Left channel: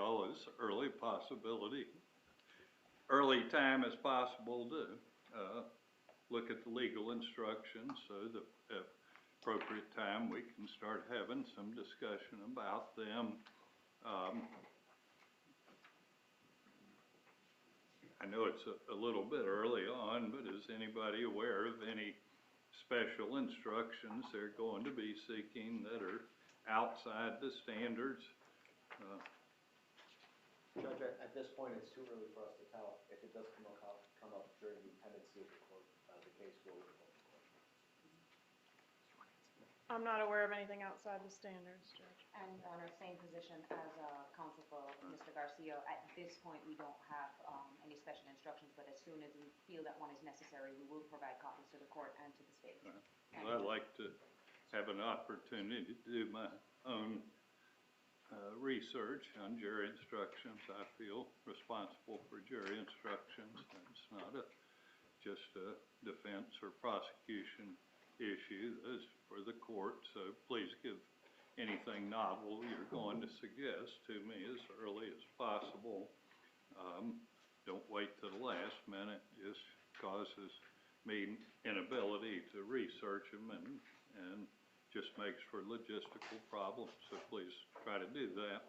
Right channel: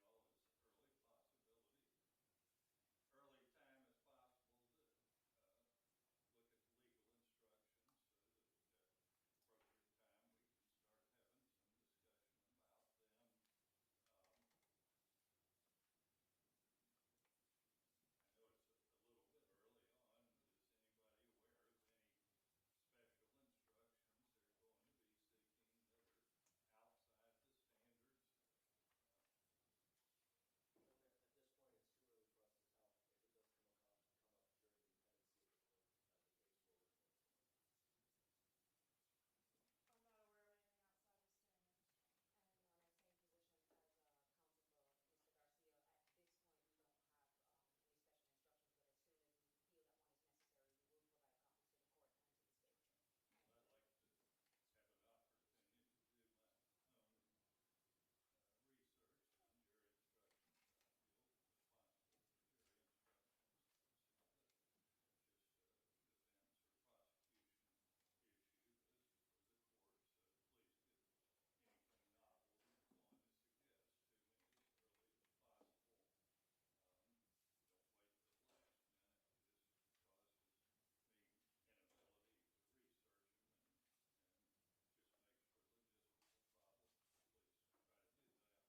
y'all as early time as possible to look at the legal instructions so that at appropriate time we can start having some discussion about them. I know it's a little bit early on, but is anybody aware of any special instructions they're going to be seeking that are outside the standards? Judge, at this point, it's too early for us to tell. If it does come up during the pendency of the court, the case will go to court. I'm not aware of anything outside the standards, Judge. And Your Honor, same position as counsel for Mr. Garcia. At this point, we don't have any special instructions, but as soon as we feel that one is necessary, we will provide copies to the court and to the state. Well, I'd like to have an opportunity to do my own research on jury instructions. I feel responsible for jury instructions. It's not just a defense or prosecution issue. That's for the court, so please give anything novel you're going to suggest to me as early as possible. Don't wait till the last minute. Just causes me inability to research them and just makes for logistical problems, so please try to do that.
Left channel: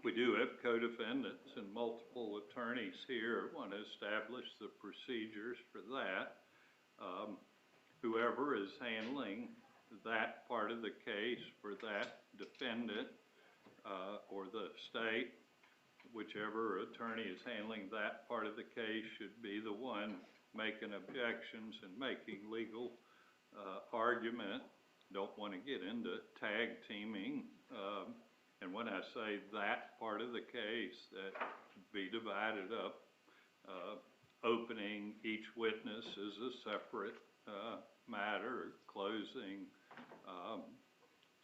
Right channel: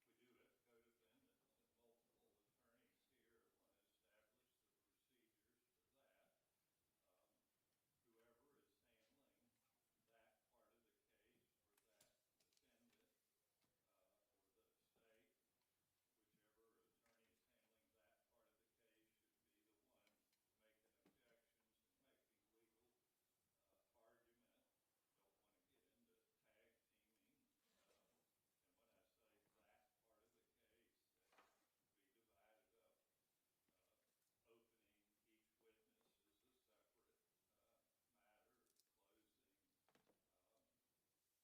We do have co-defendants and multiple attorneys here. I want to establish the procedures for that. Whoever is handling that part of the case for that defendant or the state, whichever attorney is handling that part of the case should be the one making objections and making legal argument. Don't want to get into tag teaming. And when I say that part of the case, that be divided up. Opening each witness is a separate matter, closing.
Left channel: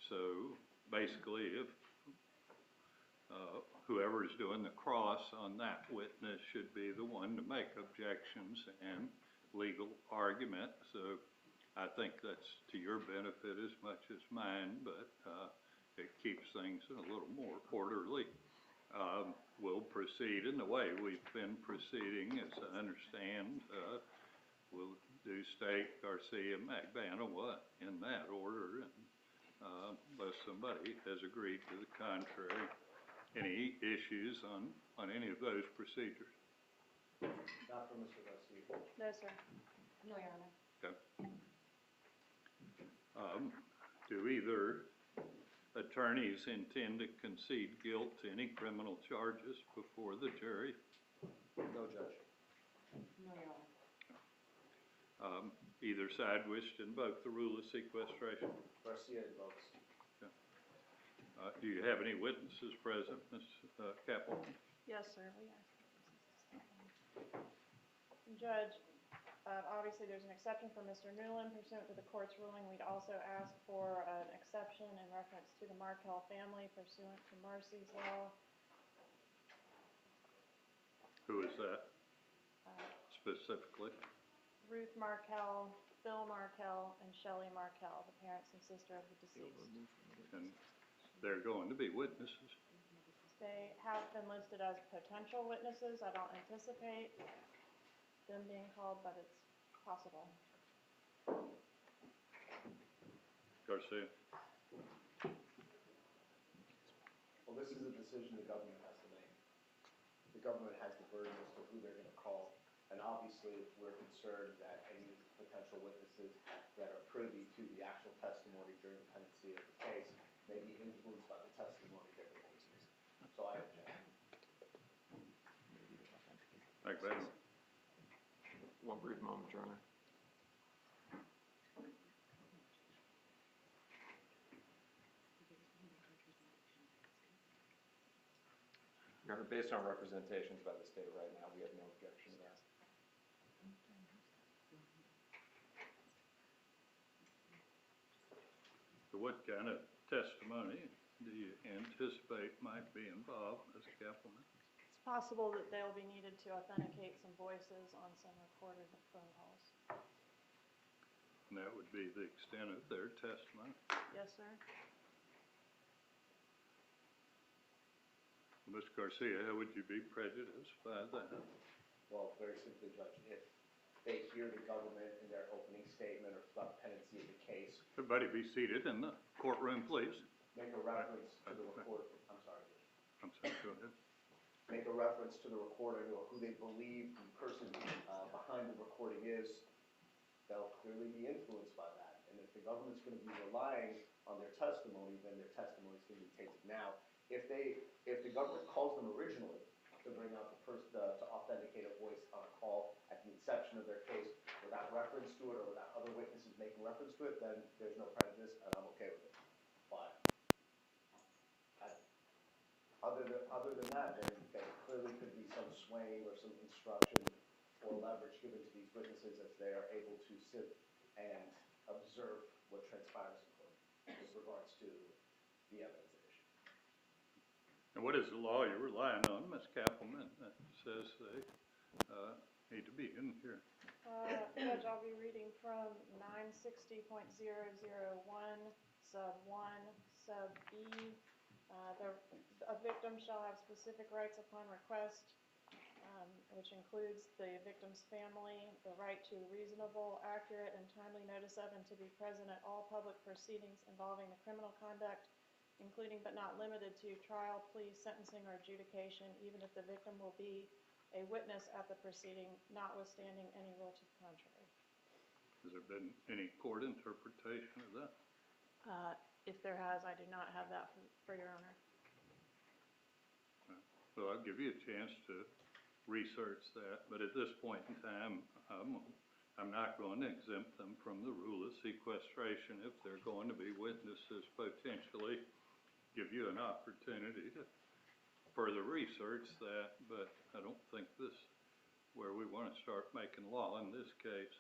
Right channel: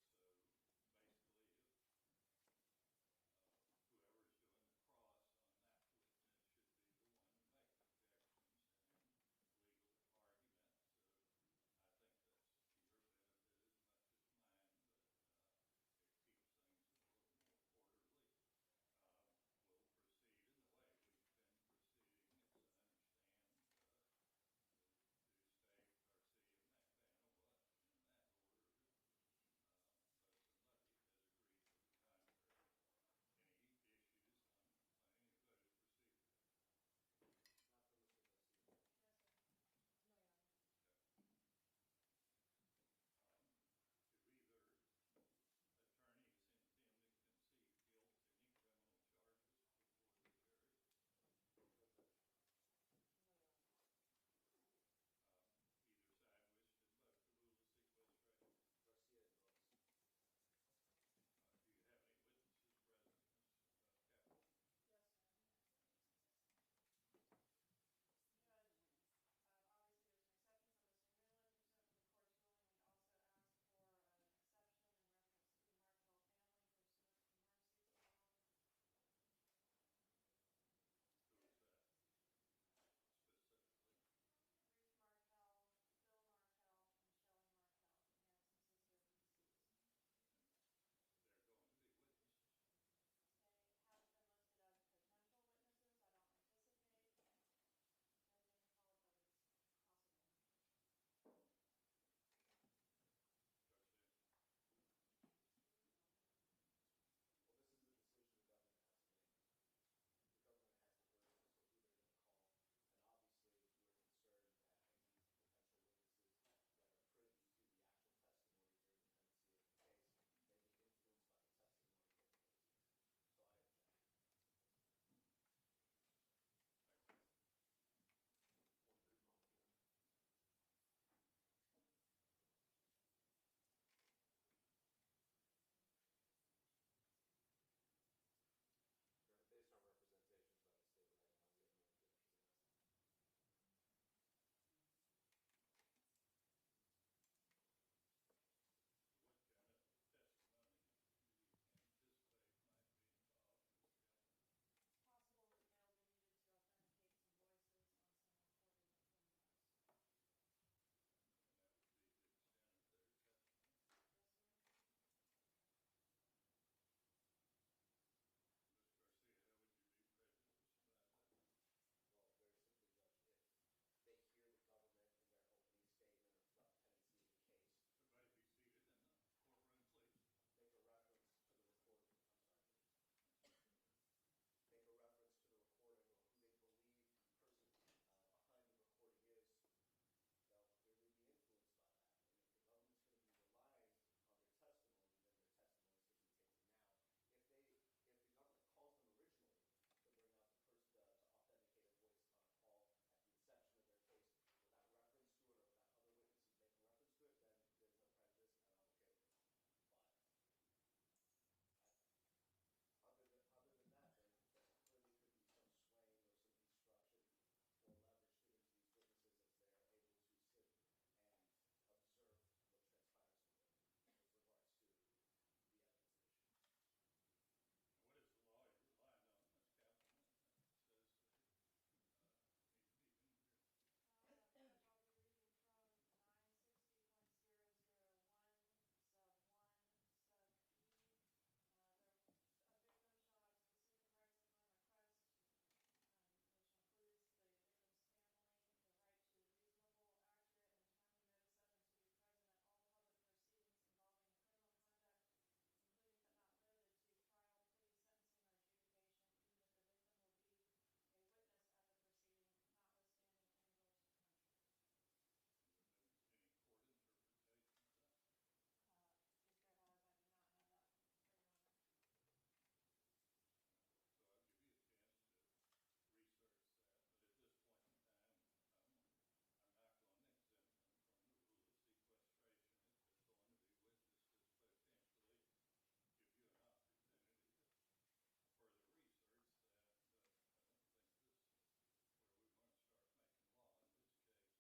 So basically, if whoever is doing the cross on that witness should be the one to make objections and legal argument. So I think that's to your benefit as much as mine, but it keeps things a little more orderly. We'll proceed in the way we've been proceeding, as I understand. We'll do State, Garcia, Magbanua in that order, and unless somebody has agreed to the contrary. Any issues on any of those procedures? Not for Mr. Garcia. No, sir. No, Your Honor. Okay. Do either attorneys intend to concede guilt to any criminal charges before the jury? No, Judge. No, Your Honor. Either side wish to invoke the rule of sequestration? Garcia invokes. Okay. Do you have any witnesses present, Ms. Kaplan? Yes, sir. Judge, obviously there's an exception for Mr. Newland pursuant to the court's ruling. We'd also ask for an exception in reference to the Markel family pursuant to Marcy's law. Who is that specifically? Ruth Markel, Bill Markel, and Shelley Markel, the parents and sister of the deceased. And they're going to be witnesses? They have been listed as potential witnesses. I don't anticipate them being called, but it's possible. Garcia? Well, this is a decision the government has to make. The government has the burden as to who they're going to call. And obviously, we're concerned that any potential witnesses that are privy to the actual testimony during the pendency of the case may be influenced by the testimony that they're using. So I object. Magbanua. One brief moment, Your Honor. Your Honor, based on representations by the state right now, we have no objection to that. So what kind of testimony do you anticipate might be involved, Ms. Kaplan? It's possible that they'll be needed to authenticate some voices on some recorded phone calls. And that would be the extent of their testimony? Yes, sir. Mr. Garcia, how would you be prejudiced by that? Well, very simply, Judge, if they hear the government in their opening statement or throughout the pendency of the case, Everybody be seated in the courtroom, please. make a reference to the record, I'm sorry, Judge. I'm sorry, go ahead. Make a reference to the recording or who they believe the person behind the recording is, they'll clearly be influenced by that. And if the government's going to be relying on their testimony, then their testimony is going to be taken. Now, if the government calls them originally to bring out the person, to authenticate a voice on a call at the inception of their case without reference to it or without other witnesses making reference to it, then there's no prejudice, and I'm okay with it. But other than that, then there clearly could be some swaying or some instruction or leverage given to these witnesses as they are able to sit and observe what transpires in court with regards to the evidence at issue. And what is the law you're relying on, Ms. Kappelman, that says they need to be in here? Judge, I'll be reading from 960.001, sub 1, sub B. A victim shall have specific rights upon request, which includes the victim's family, the right to reasonable, accurate, and timely notice of and to be present at all public proceedings involving the criminal conduct, including but not limited to trial, plea, sentencing, or adjudication, even if the victim will be a witness at the proceeding, notwithstanding any rule to the contrary. Has there been any court interpretation of that? If there has, I do not have that for Your Honor. Well, I'll give you a chance to research that, but at this point in time, I'm not going to exempt them from the rule of sequestration if they're going to be witnesses potentially. Give you an opportunity to further research that, but I don't think this is where we want to start making law in this case.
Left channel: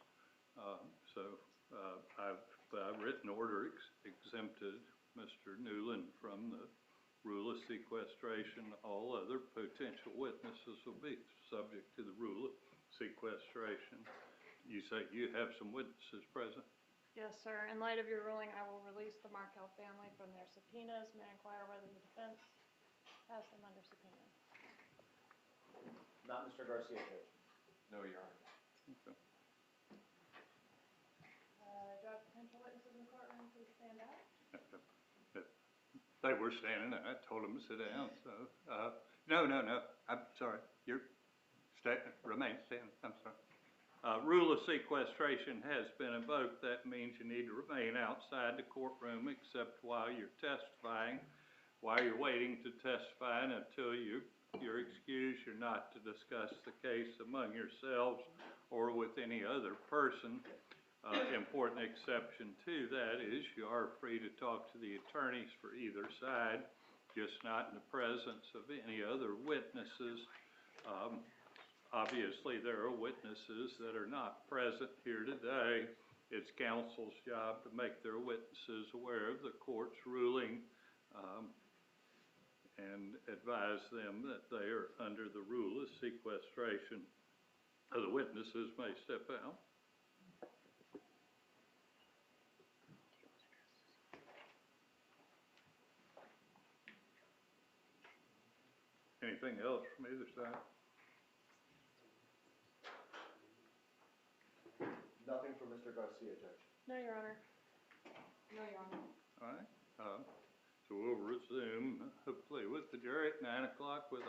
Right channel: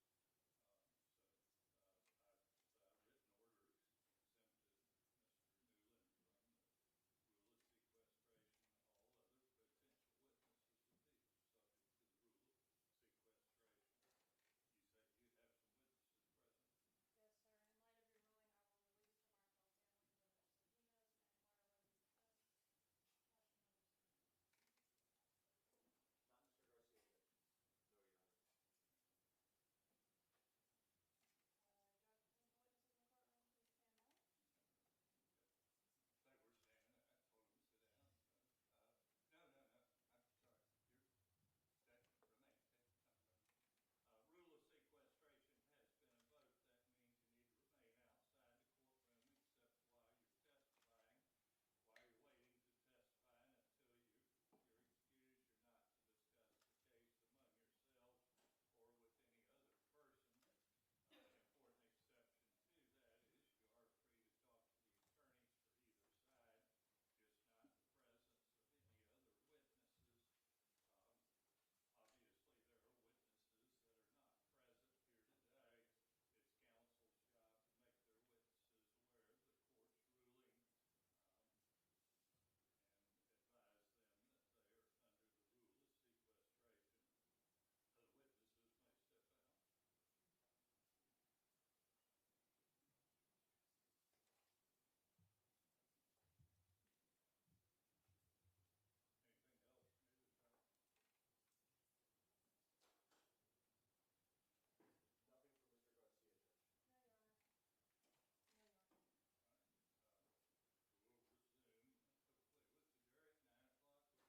I've by written order exempted Mr. Newland from the rule of sequestration. All other potential witnesses will be subject to the rule of sequestration. You say you have some witnesses present? Yes, sir. In light of your ruling, I will release the Markel family from their subpoenas. May I inquire whether the defense has them under subpoena? Not Mr. Garcia, Judge. No, Your Honor. Okay. Do I have potential witnesses in the courtroom? Please stand up. They were standing there. I told them to sit down. So, no. I'm sorry. Remain standing. I'm sorry. Rule of sequestration has been invoked. That means you need to remain outside the courtroom except while you're testifying. While you're waiting to testify and until you're excused, you're not to discuss the case among yourselves or with any other person. Important exception to that is you are free to talk to the attorneys for either side, just not in the presence of any other witnesses. Obviously, there are witnesses that are not present here today. It's counsel's job to make their witnesses aware of the court's ruling and advise them that they are under the rule of sequestration. The witnesses may step out. Anything else from either side? Nothing for Mr. Garcia, Judge. No, Your Honor. No, Your Honor. All right. So we'll resume, hopefully, with the jury at 9 o'clock with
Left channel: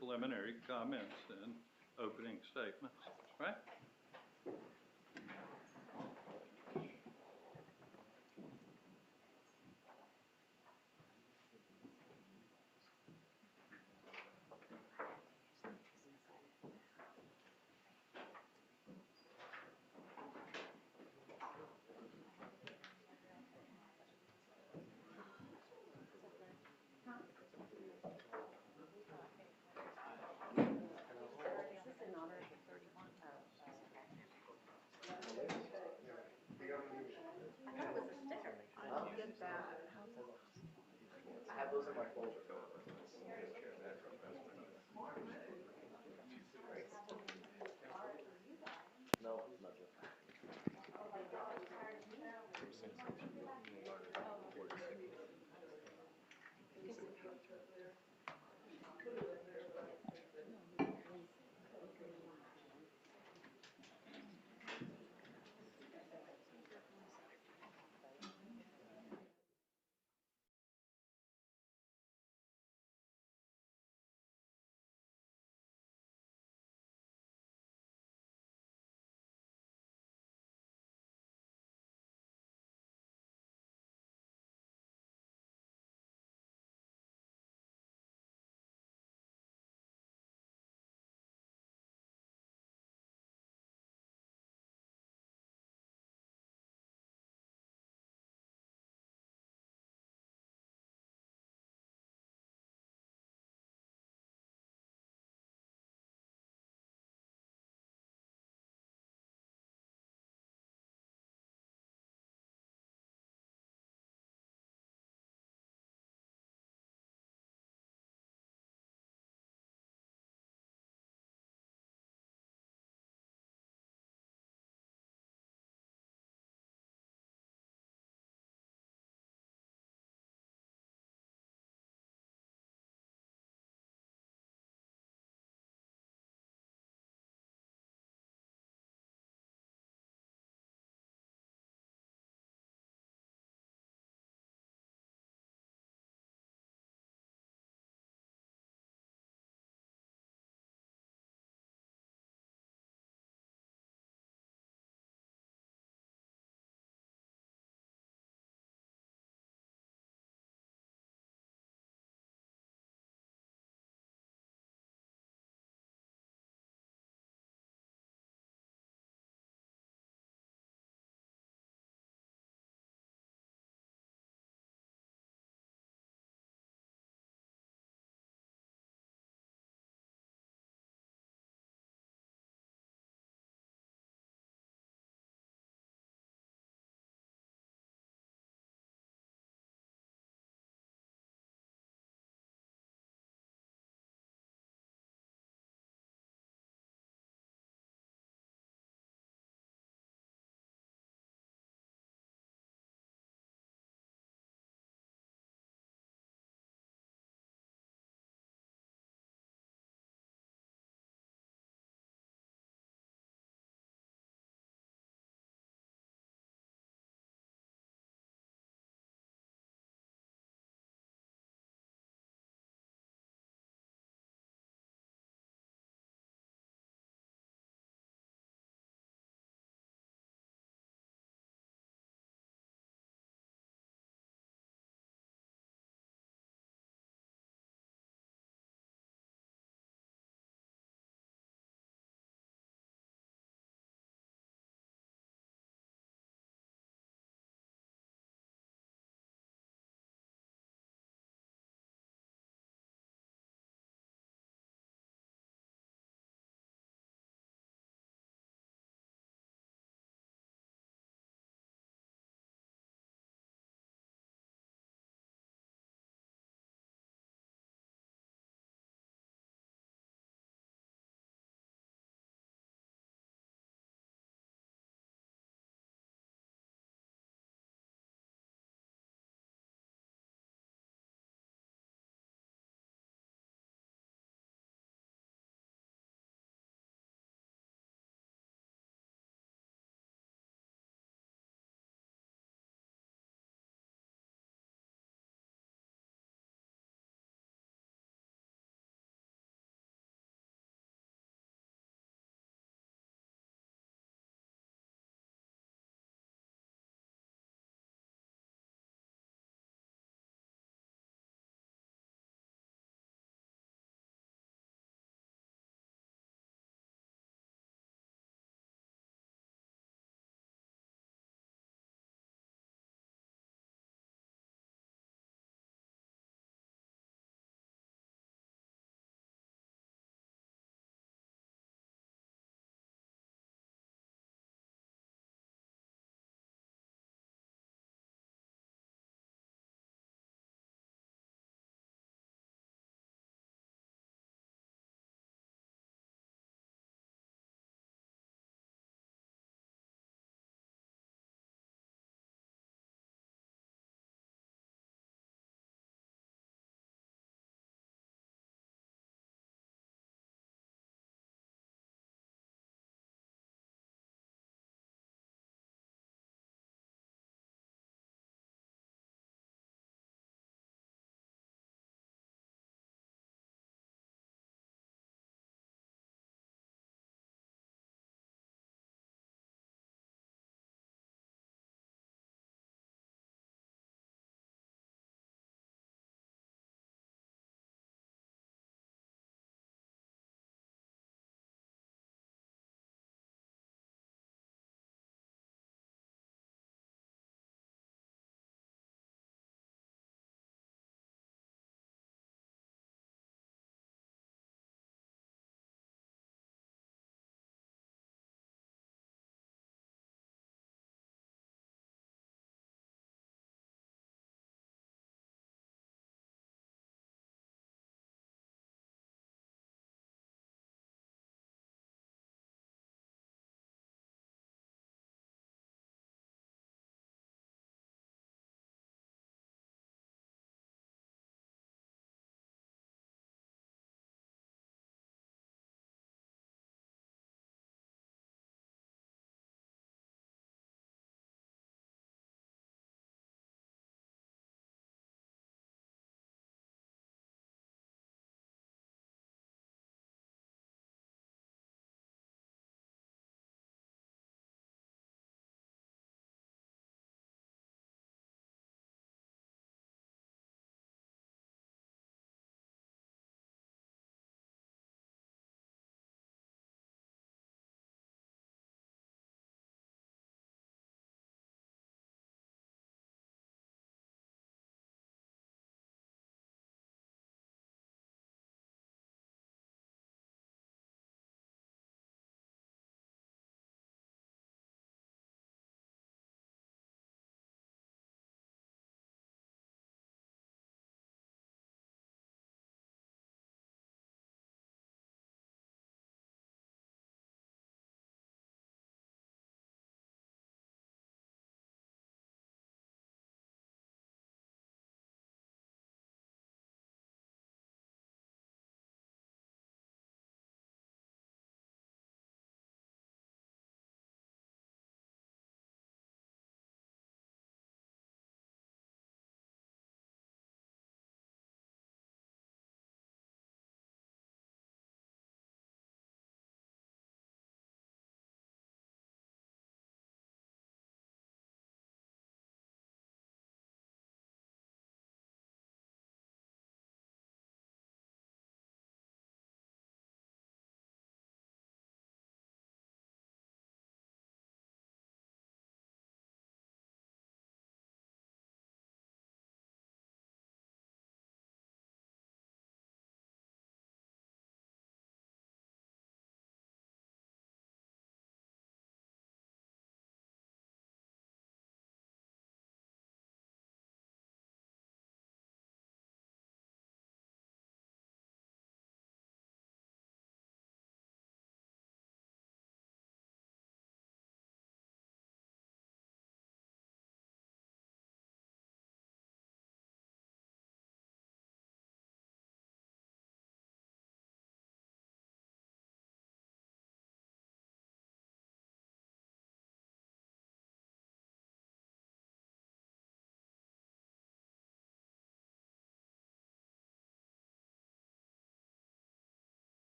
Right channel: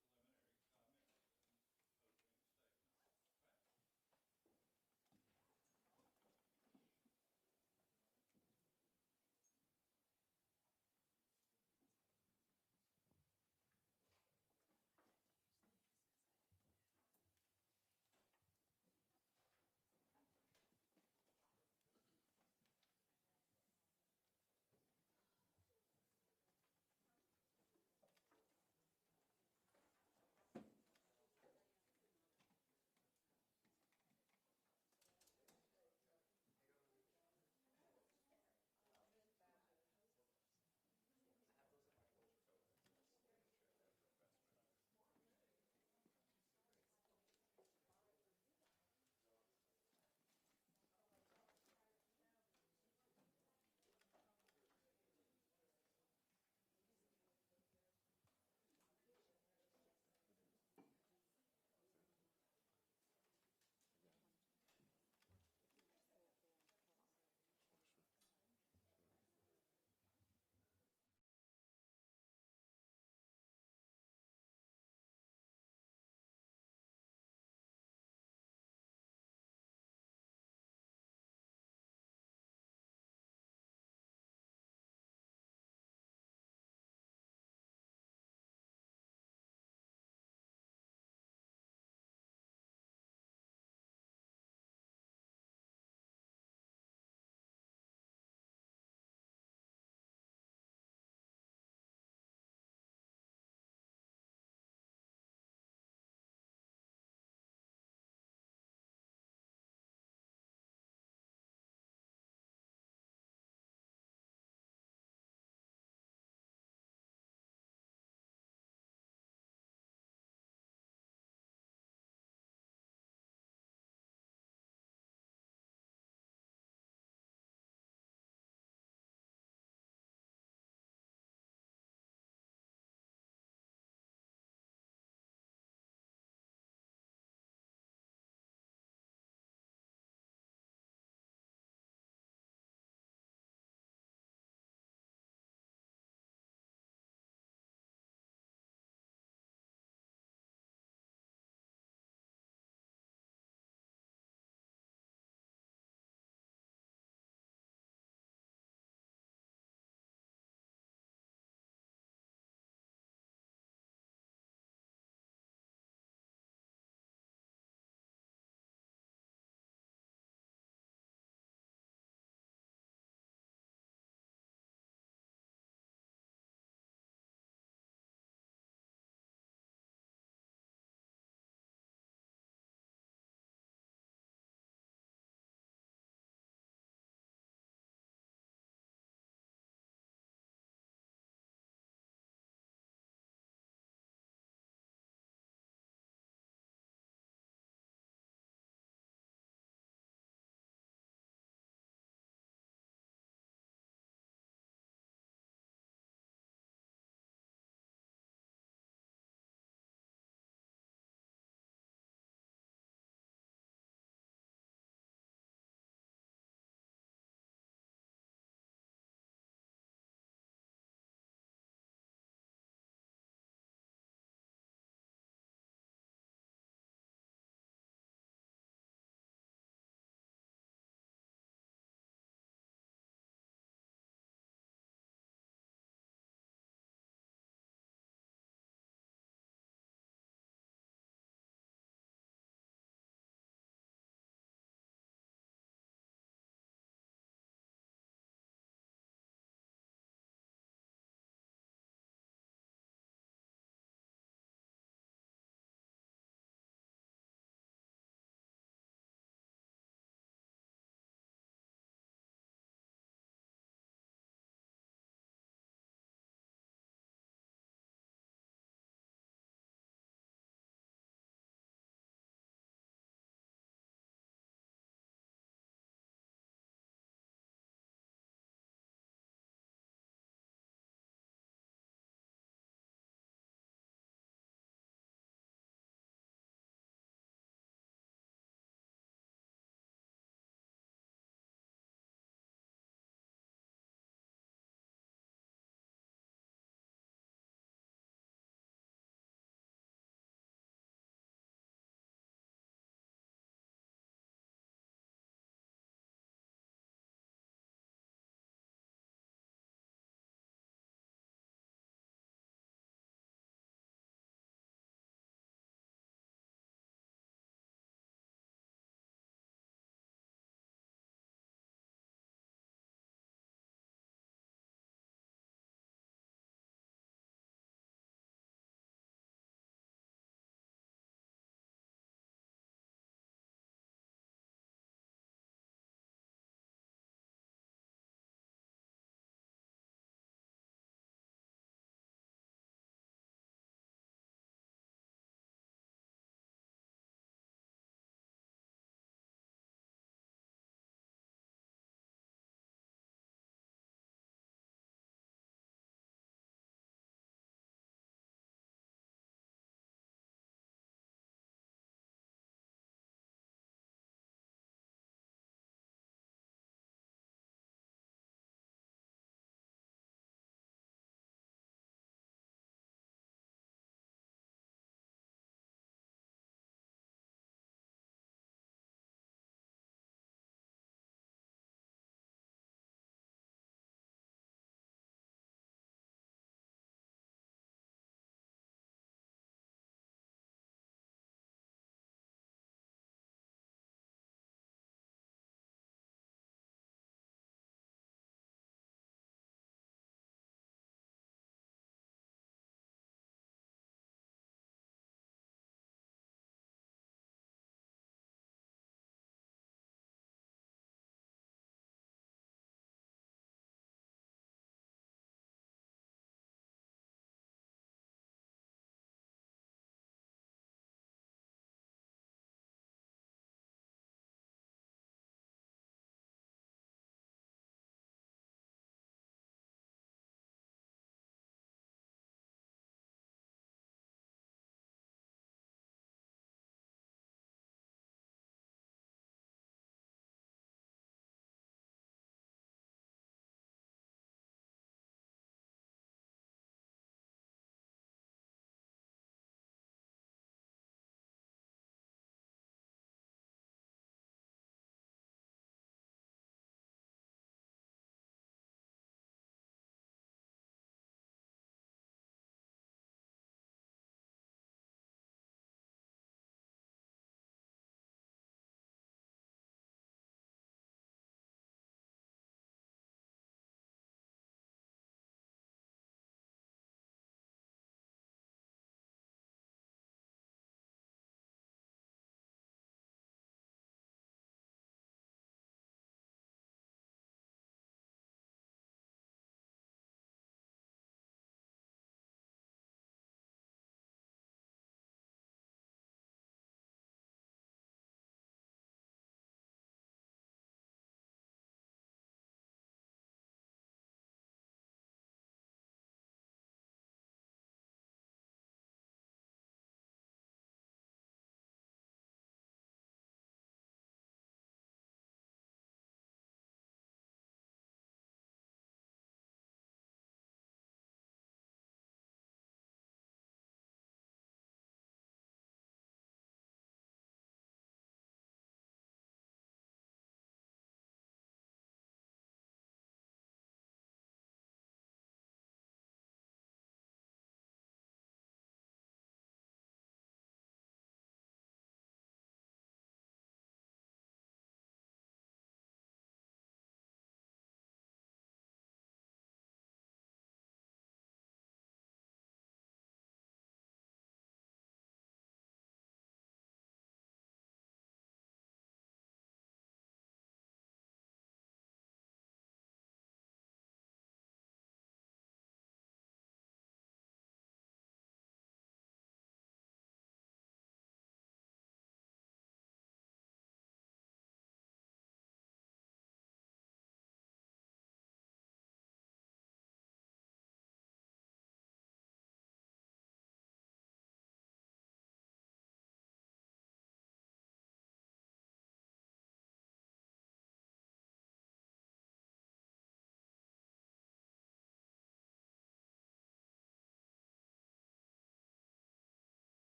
preliminary comments and opening statements. Right?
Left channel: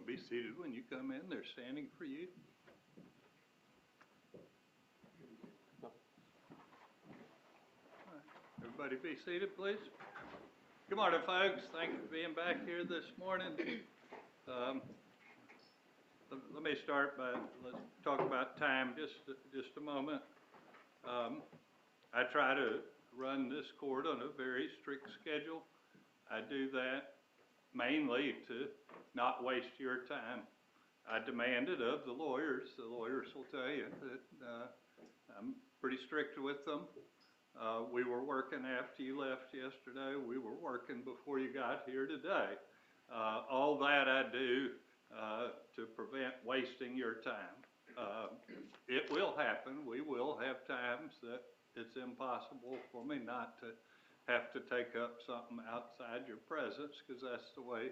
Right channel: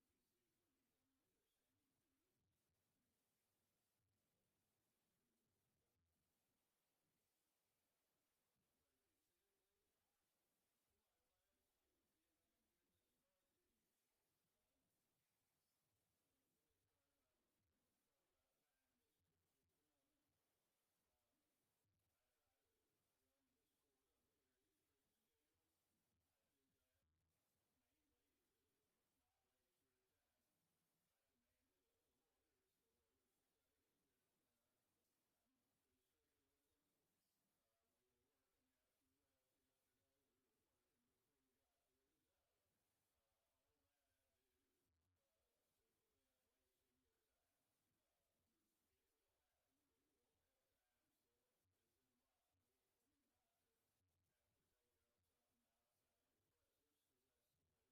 them be seated when you come in. They're standing for you. Everybody be seated, please. Good morning, folks. Thank you for being back here this morning. Let me start by, let's talk about time just a moment. I try to run this court on a very strict schedule. I do that mainly to not waste your time. I demand it of the lawyers. The lawyers will tell you that I'm pretty strict with them. We were working after you left yesterday. We were working before you got here today. All that I do to prevent wasting your time. It will happen. We will have times that it's impossible for me not to have to take up something outside your presence, because that's the way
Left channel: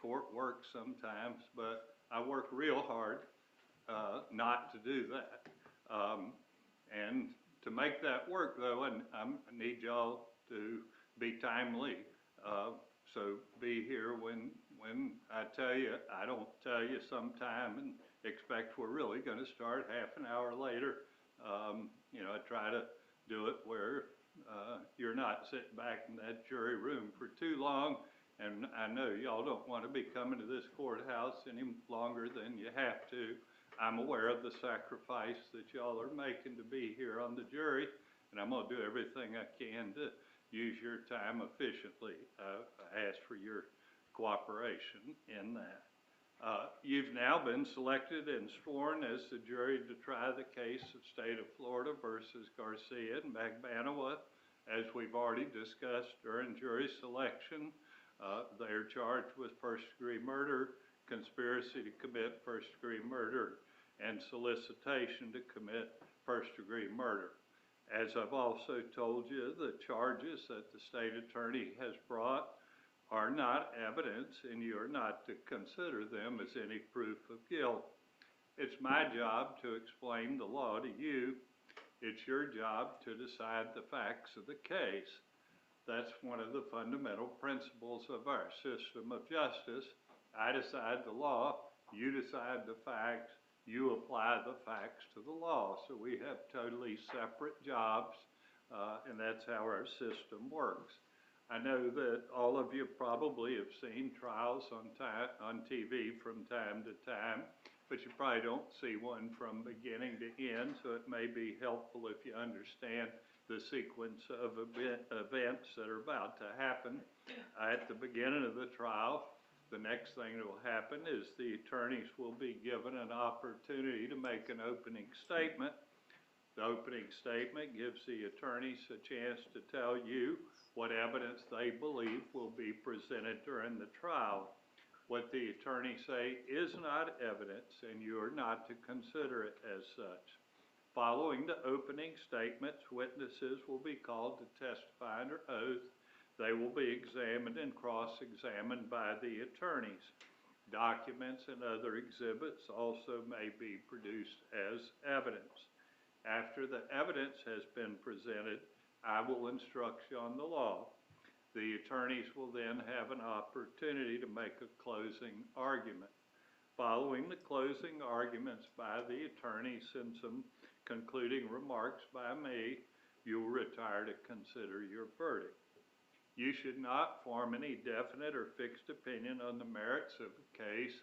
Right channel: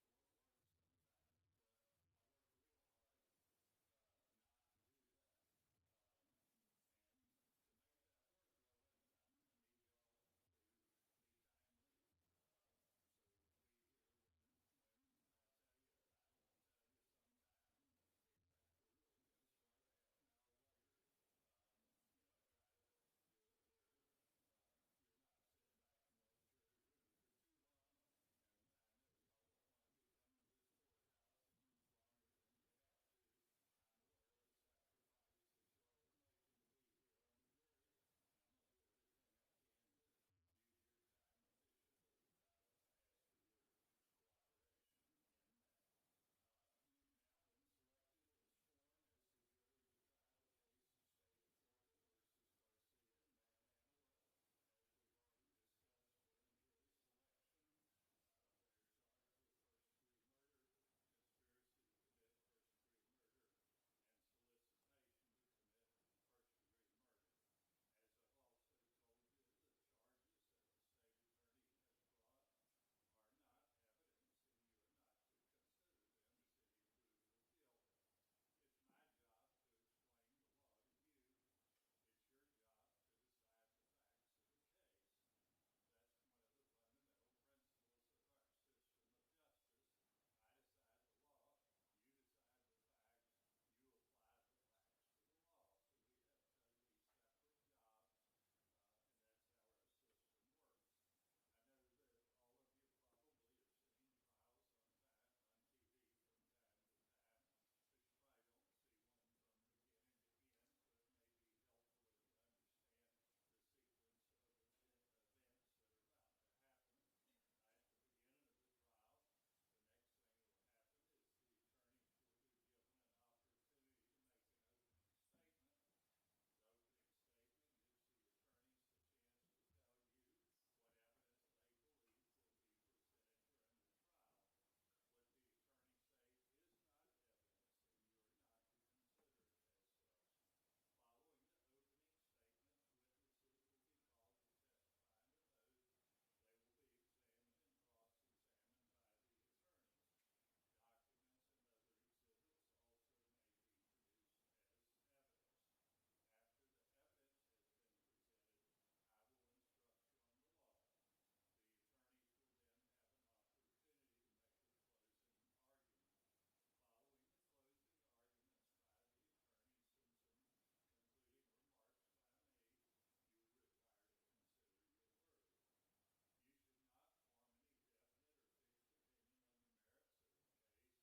court works sometimes. But I work real hard not to do that. And to make that work, though, I need y'all to be timely. So be here when I tell you. I don't tell you sometime and expect we're really going to start half an hour later. I try to do it where you're not sitting back in that jury room for too long. And I know y'all don't want to be coming to this courthouse any longer than you have to. I'm aware of the sacrifice that y'all are making to be here on the jury, and I'm going to do everything I can to use your time efficiently. I ask for your cooperation in that. You've now been selected and sworn as the jury to try the case of State of Florida versus Garcia and Magbanua. As we've already discussed during jury selection, they are charged with first-degree murder, conspiracy to commit first-degree murder, and solicitation to commit first-degree murder. As I've also told you, the charges that the state attorney has brought are not evidence, and you are not to consider them as any proof of guilt. It's my job to explain the law to you. It's your job to decide the facts of the case. That's one of the fundamental principles of our system of justice. I decide the law, you decide the facts, you apply the facts to the law. So we have totally separate jobs, and that's how our system works. I know that all of you probably have seen trials on TV from time to time, but you probably don't see one from beginning to end, so it may be helpful if you understand the sequence of events that are about to happen. At the beginning of the trial, the next thing that will happen is the attorneys will be given an opportunity to make an opening statement. The opening statement gives the attorneys a chance to tell you what evidence they believe will be presented during the trial. What the attorneys say is not evidence, and you are not to consider it as such. Following the opening statements, witnesses will be called to testify under oath. They will be examined and cross-examined by the attorneys. Documents and other exhibits also may be produced as evidence. After the evidence has been presented, I will instruct you on the law. The attorneys will then have an opportunity to make a closing argument. Following the closing arguments by the attorneys and some concluding remarks by me, you will retire to consider your verdict. You should not form any definite or fixed opinion on the merits of the case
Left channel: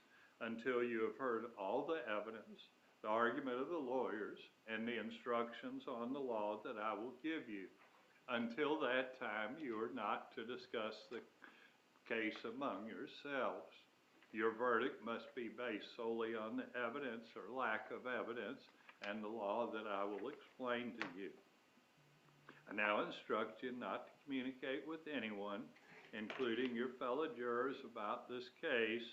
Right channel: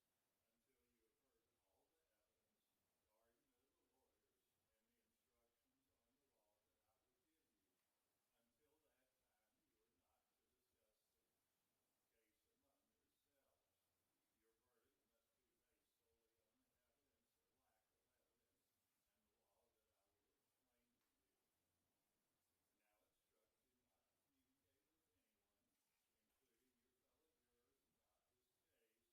until you have heard all the evidence, the argument of the lawyers, and the instructions on the law that I will give you. Until that time, you are not to discuss the case among yourselves. Your verdict must be based solely on the evidence or lack of evidence and the law that I will explain to you. I now instruct you not to communicate with anyone, including your fellow jurors, about this case.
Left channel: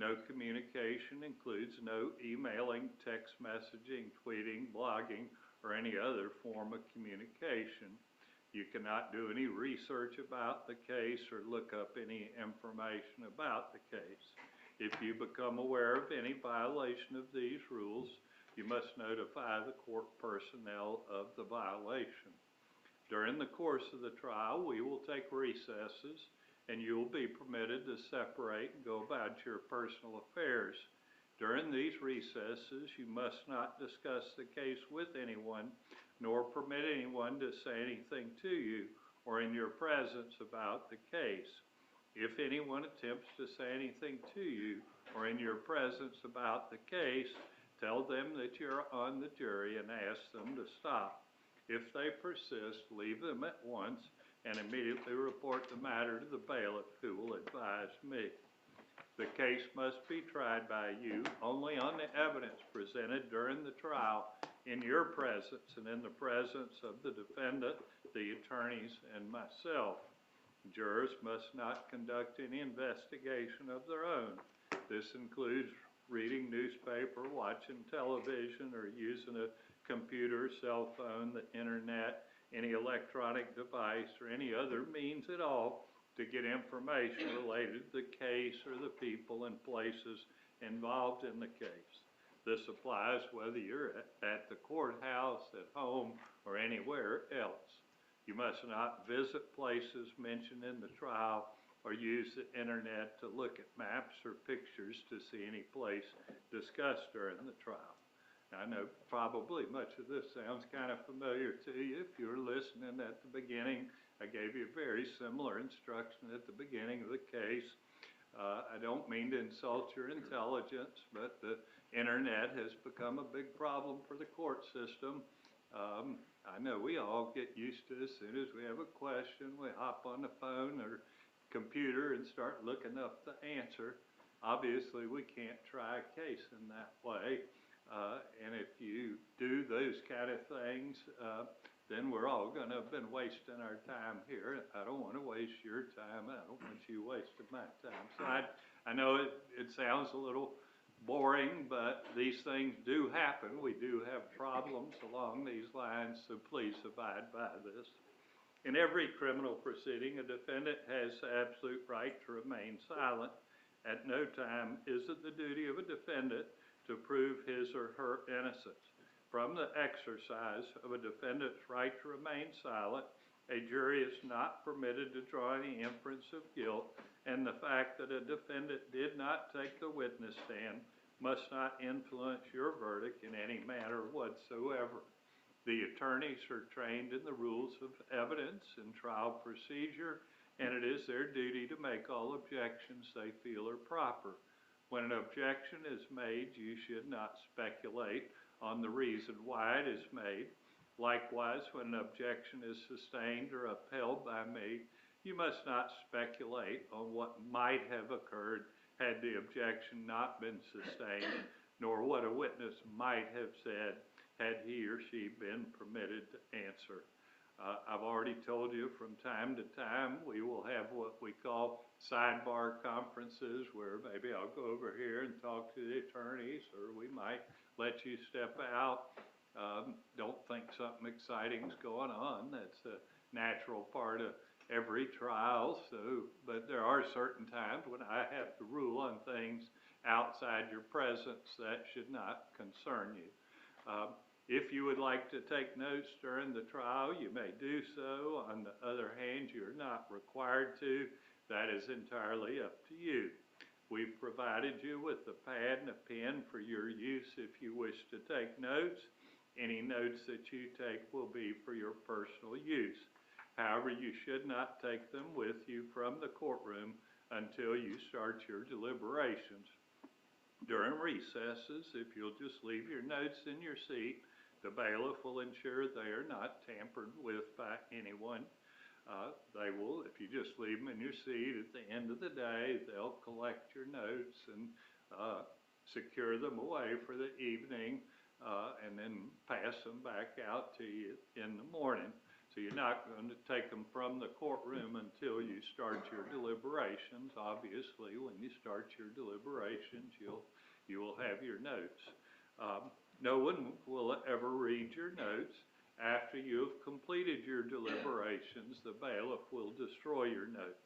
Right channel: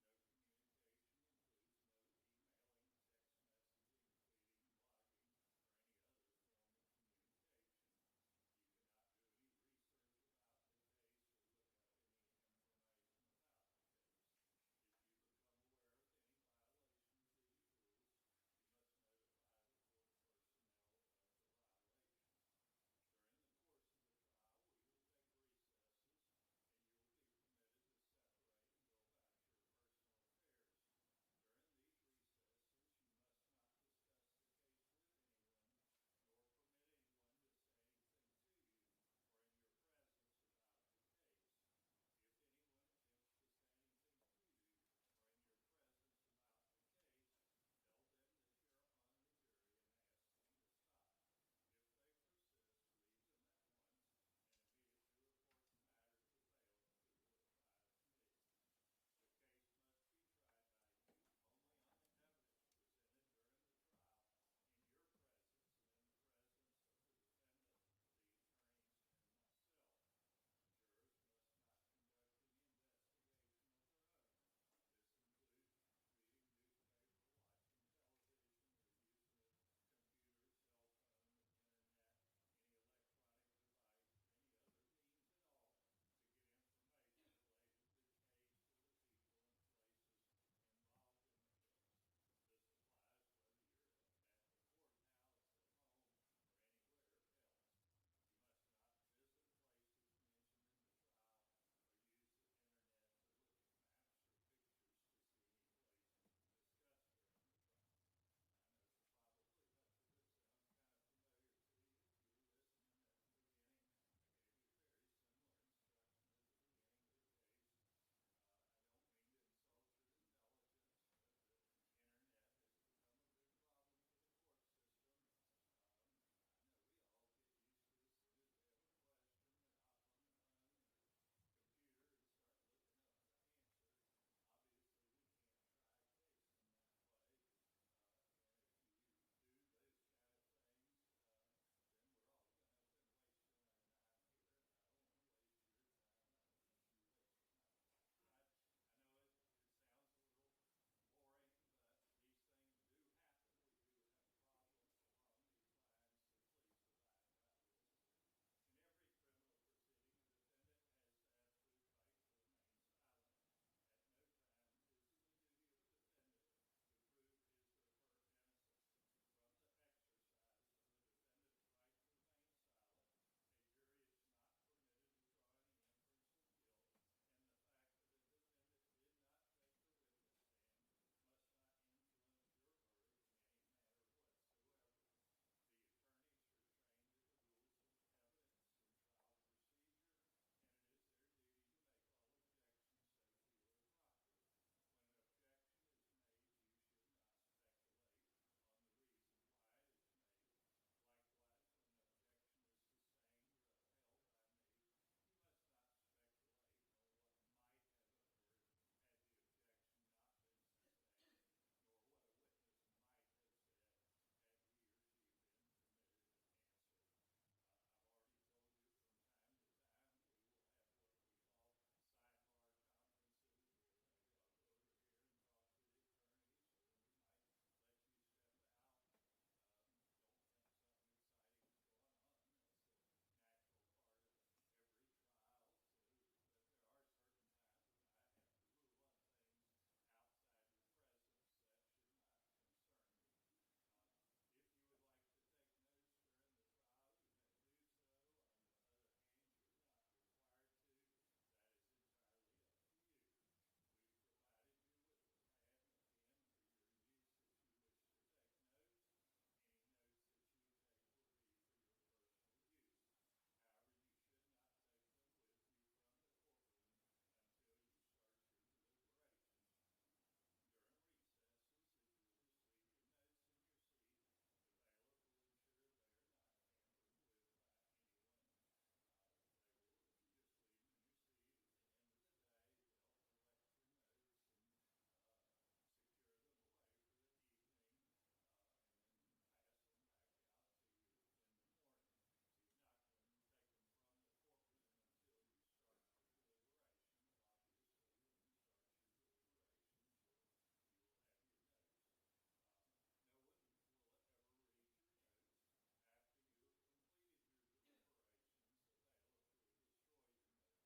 No communication includes no emailing, text messaging, tweeting, blogging, or any other form of communication. You cannot do any research about the case or look up any information about the case. If you become aware of any violation of these rules, you must notify the court personnel of the violation. During the course of the trial, we will take recesses. and you will be permitted to separate and go about your personal affairs. During these recesses, you must not discuss the case with anyone, nor permit anyone to say anything to you or in your presence about the case. If anyone attempts to say anything to you or in your presence about the case, tell them that you're on the jury and ask them to stop. If they persist, leave them at once and immediately report the matter to the bailiff, who will advise me. The case must be tried by you only on the evidence presented during the trial in your presence and in the presence of the defendant, the attorneys, and myself. Jurors must not conduct any investigation of their own. This includes reading newspaper, watching television, or using a computer, cell phone, the internet, any electronic device, or any other means at all to get information related to the case or the people and places involved in the case. This applies whether you're at the courthouse, at home, or anywhere else. You must not visit places mentioned in the trial or use the internet to look at maps or pictures to see any place discussed during the trial. Now, I know probably much of this sounds kind of familiar to you. If you were listening at the beginning, I gave you a very similar instruction at the beginning of the case. I don't mean to insult your intelligence, but the internet has become a big problem for the court system. I know we all get used to as soon as we have a question, we hop on the phone or computer and start looking up the answer. Obviously, we can't try a case in that way. And if you do those kind of things, then we're all going to have been wasting our time here. I don't want to waste your time. I don't want you wasting my time. So I know it sounds a little boring, but these things do happen. We do have problems along these lines, so please abide by this. In every criminal proceeding, a defendant has the absolute right to remain silent. At no time is it the duty of a defendant to prove his or her innocence. From the exercise of a defendant's right to remain silent, a jury is not permitted to draw any inference of guilt, and the fact that a defendant did not take the witness stand must not influence your verdict in any manner whatsoever. The attorneys are trained in the rules of evidence and trial procedure, and it is their duty to make all objections they feel are proper. When an objection is made, you should not speculate on the reason why it is made. Likewise, when an objection is sustained or upheld by me, you must not speculate on what might have occurred had the objection not been sustained, nor what a witness might have said had he or she been permitted to answer. I've already told you from time to time we will have what we call sidebar conferences where maybe I'll go over here and talk to the attorneys, or we might let you step out. Don't think something exciting's going on. That's a natural part of every trial. But there are certain times when I have to rule on things outside your presence that should not concern you. If you would like to take notes during the trial, you may do so. On the other hand, you're not required to. That is entirely up to you. We've provided you with a pad and a pen for your use if you wish to take notes. Any notes that you take will be for your personal use. However, you should not take them with you from the courtroom until you start your deliberations. During recesses, if you'll just leave your notes in your seat, the bailiff will ensure they are not tampered with by anyone. They will, if you just leave them in your seat, at the end of the day, they'll collect your notes and secure them away for the evening and then pass them back out to you in the morning. So you're not going to take them from the courtroom until you start your deliberations. Obviously, when you start your deliberations, you will have your notes. No one will ever read your notes. After you have completed your deliberations, the bailiff will destroy your notes.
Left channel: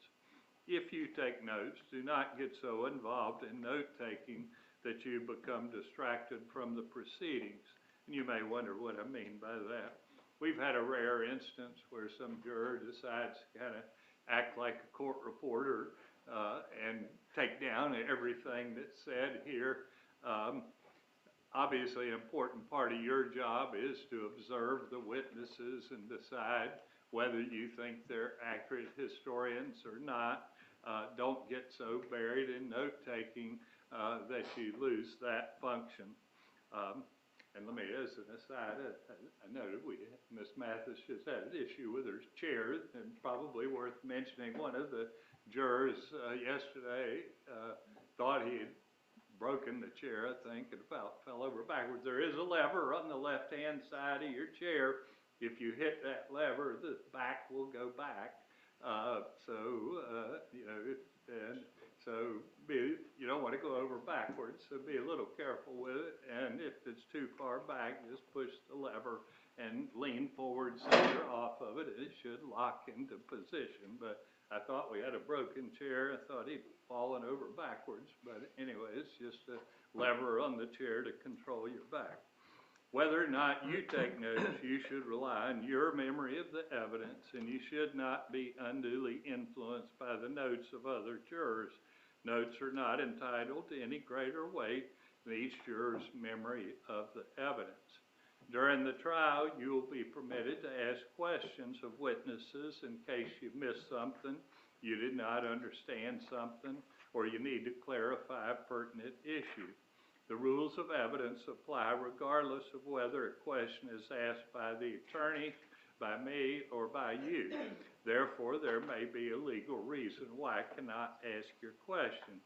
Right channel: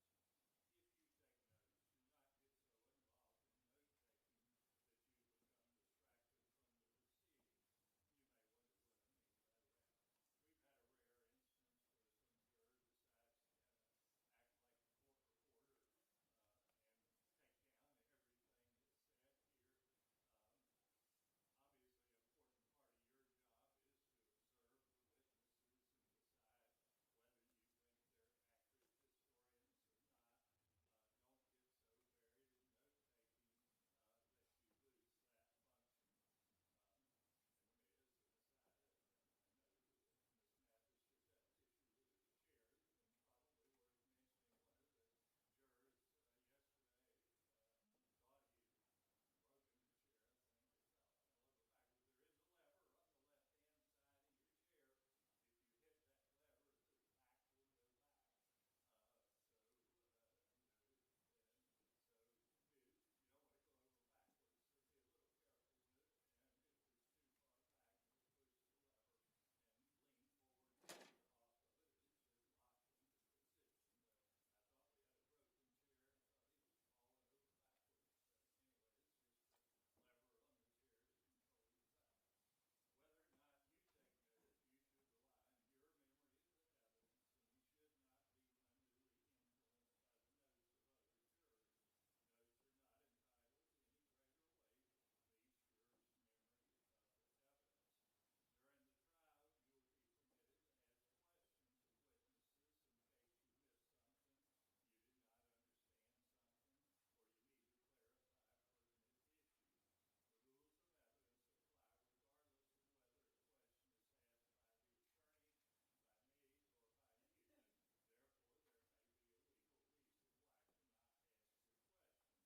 If you take notes, do not get so involved in note-taking that you become distracted from the proceedings. And you may wonder what I mean by that. We've had a rare instance where some juror decides to kind of act like a court reporter and take down everything that's said here. Obviously, an important part of your job is to observe the witnesses and decide whether you think they're accurate historians or not. Don't get so buried in note-taking that you lose that function. And let me, as an aside, I noted Ms. Mathis just had an issue with her chair, and probably worth mentioning. One of the jurors yesterday thought he had broken the chair, I think, and about fell over backwards. There is a lever on the left-hand side of your chair. If you hit that lever, the back will go back. You know, you don't want to go over backwards, so be a little careful with it. And if it's too far back, just push the lever and lean forward so you're off of it. It should lock into position. But I thought we had a broken chair. I thought he'd fallen over backwards. But anyway, it's just a lever on the chair to control your back. Whether or not you take notes, you should rely on your memory of the evidence, and you should not be unduly influenced by the notes of other jurors. Notes are not entitled to any greater weight than each juror's memory of the evidence. During the trial, you will be permitted to ask questions of witnesses in case you missed something, you did not understand something, or you need to clarify a pertinent issue. The rules of evidence apply regardless of whether a question is asked by the attorney, by me, or by you. Therefore, there may be a legal reason why I cannot ask your question.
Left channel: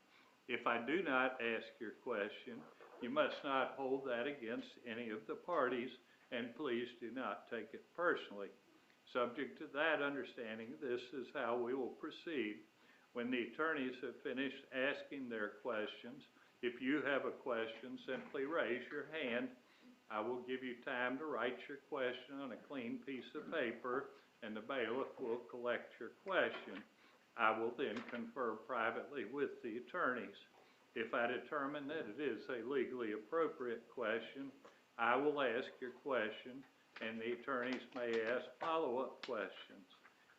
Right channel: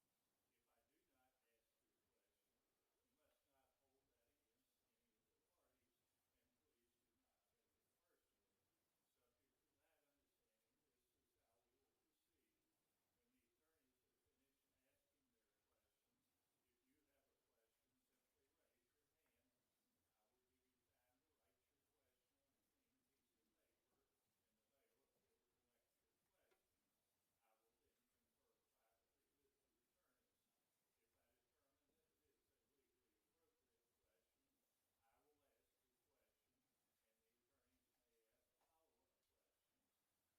If I do not ask your question, you must not hold that against any of the parties, and please do not take it personally. Subject to that understanding, this is how we will proceed. When the attorneys have finished asking their questions, if you have a question, simply raise your hand. I will give you time to write your question on a clean piece of paper, and the bailiff will collect your question. I will then confer privately with the attorneys. If I determine that it is a legally appropriate question, I will ask your question, and the attorneys may ask follow-up questions.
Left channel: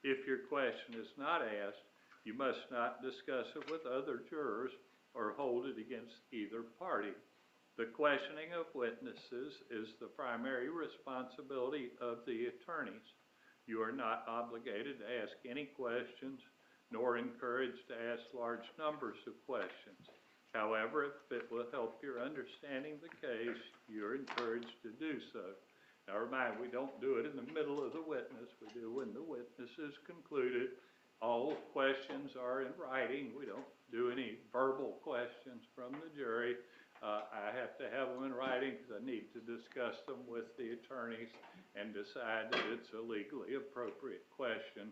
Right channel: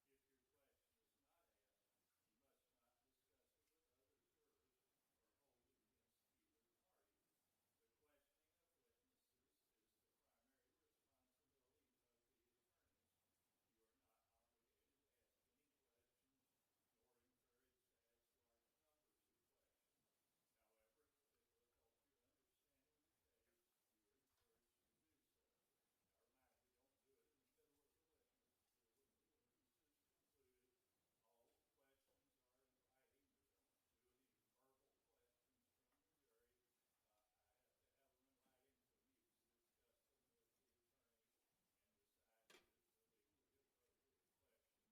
If your question is not asked, you must not discuss it with other jurors or hold it against either party. The questioning of witnesses is the primary responsibility of the attorneys. You are not obligated to ask any questions, nor encouraged to ask large numbers of questions. However, if it will help your understanding the case, you're encouraged to do so. Now remind, we don't do it in the middle of the witness. We do when the witness is concluded. All questions are in writing. We don't do any verbal questions from the jury. I have to have them in writing because I need to discuss them with the attorneys and decide that it's a legally appropriate question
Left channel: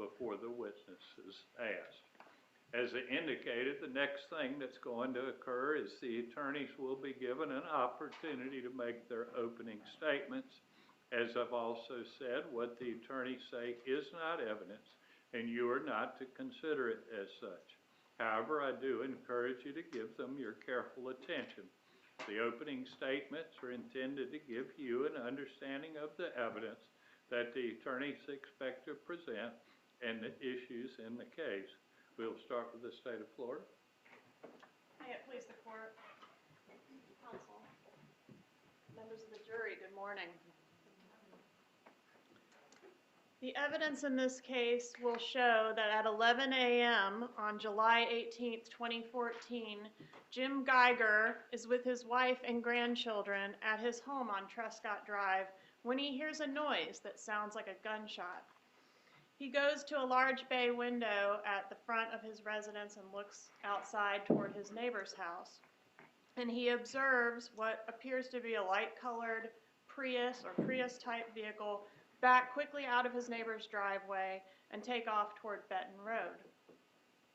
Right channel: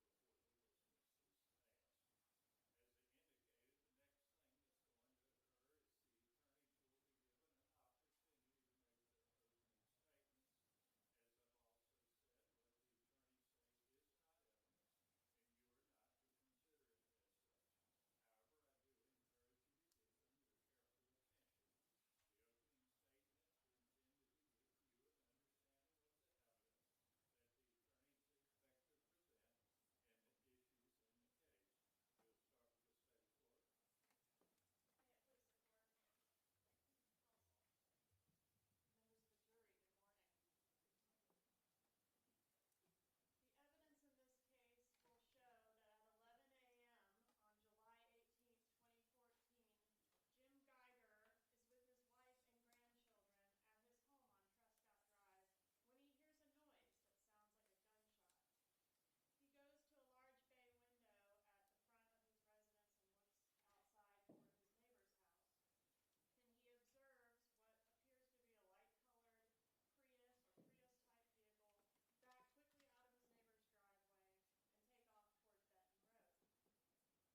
before the witness is asked. As I indicated, the next thing that's going to occur is the attorneys will be given an opportunity to make their opening statements. As I've also said, what the attorneys say is not evidence, and you are not to consider it as such. However, I do encourage you to give them your careful attention. The opening statements are intended to give you an understanding of the evidence that the attorneys expect to present and the issues in the case. We'll start with the state of Florida. May it please the court, counsel, members of the jury, good morning. The evidence in this case will show that at 11 a.m. on July 18th, 2014, Jim Geiger is with his wife and grandchildren at his home on Trescott Drive when he hears a noise that sounds like a gunshot. He goes to a large bay window at the front of his residence and looks outside toward his neighbor's house. And he observes what appears to be a light-colored Prius or Prius-type vehicle back quickly out of his neighbor's driveway and take off toward Benton Road.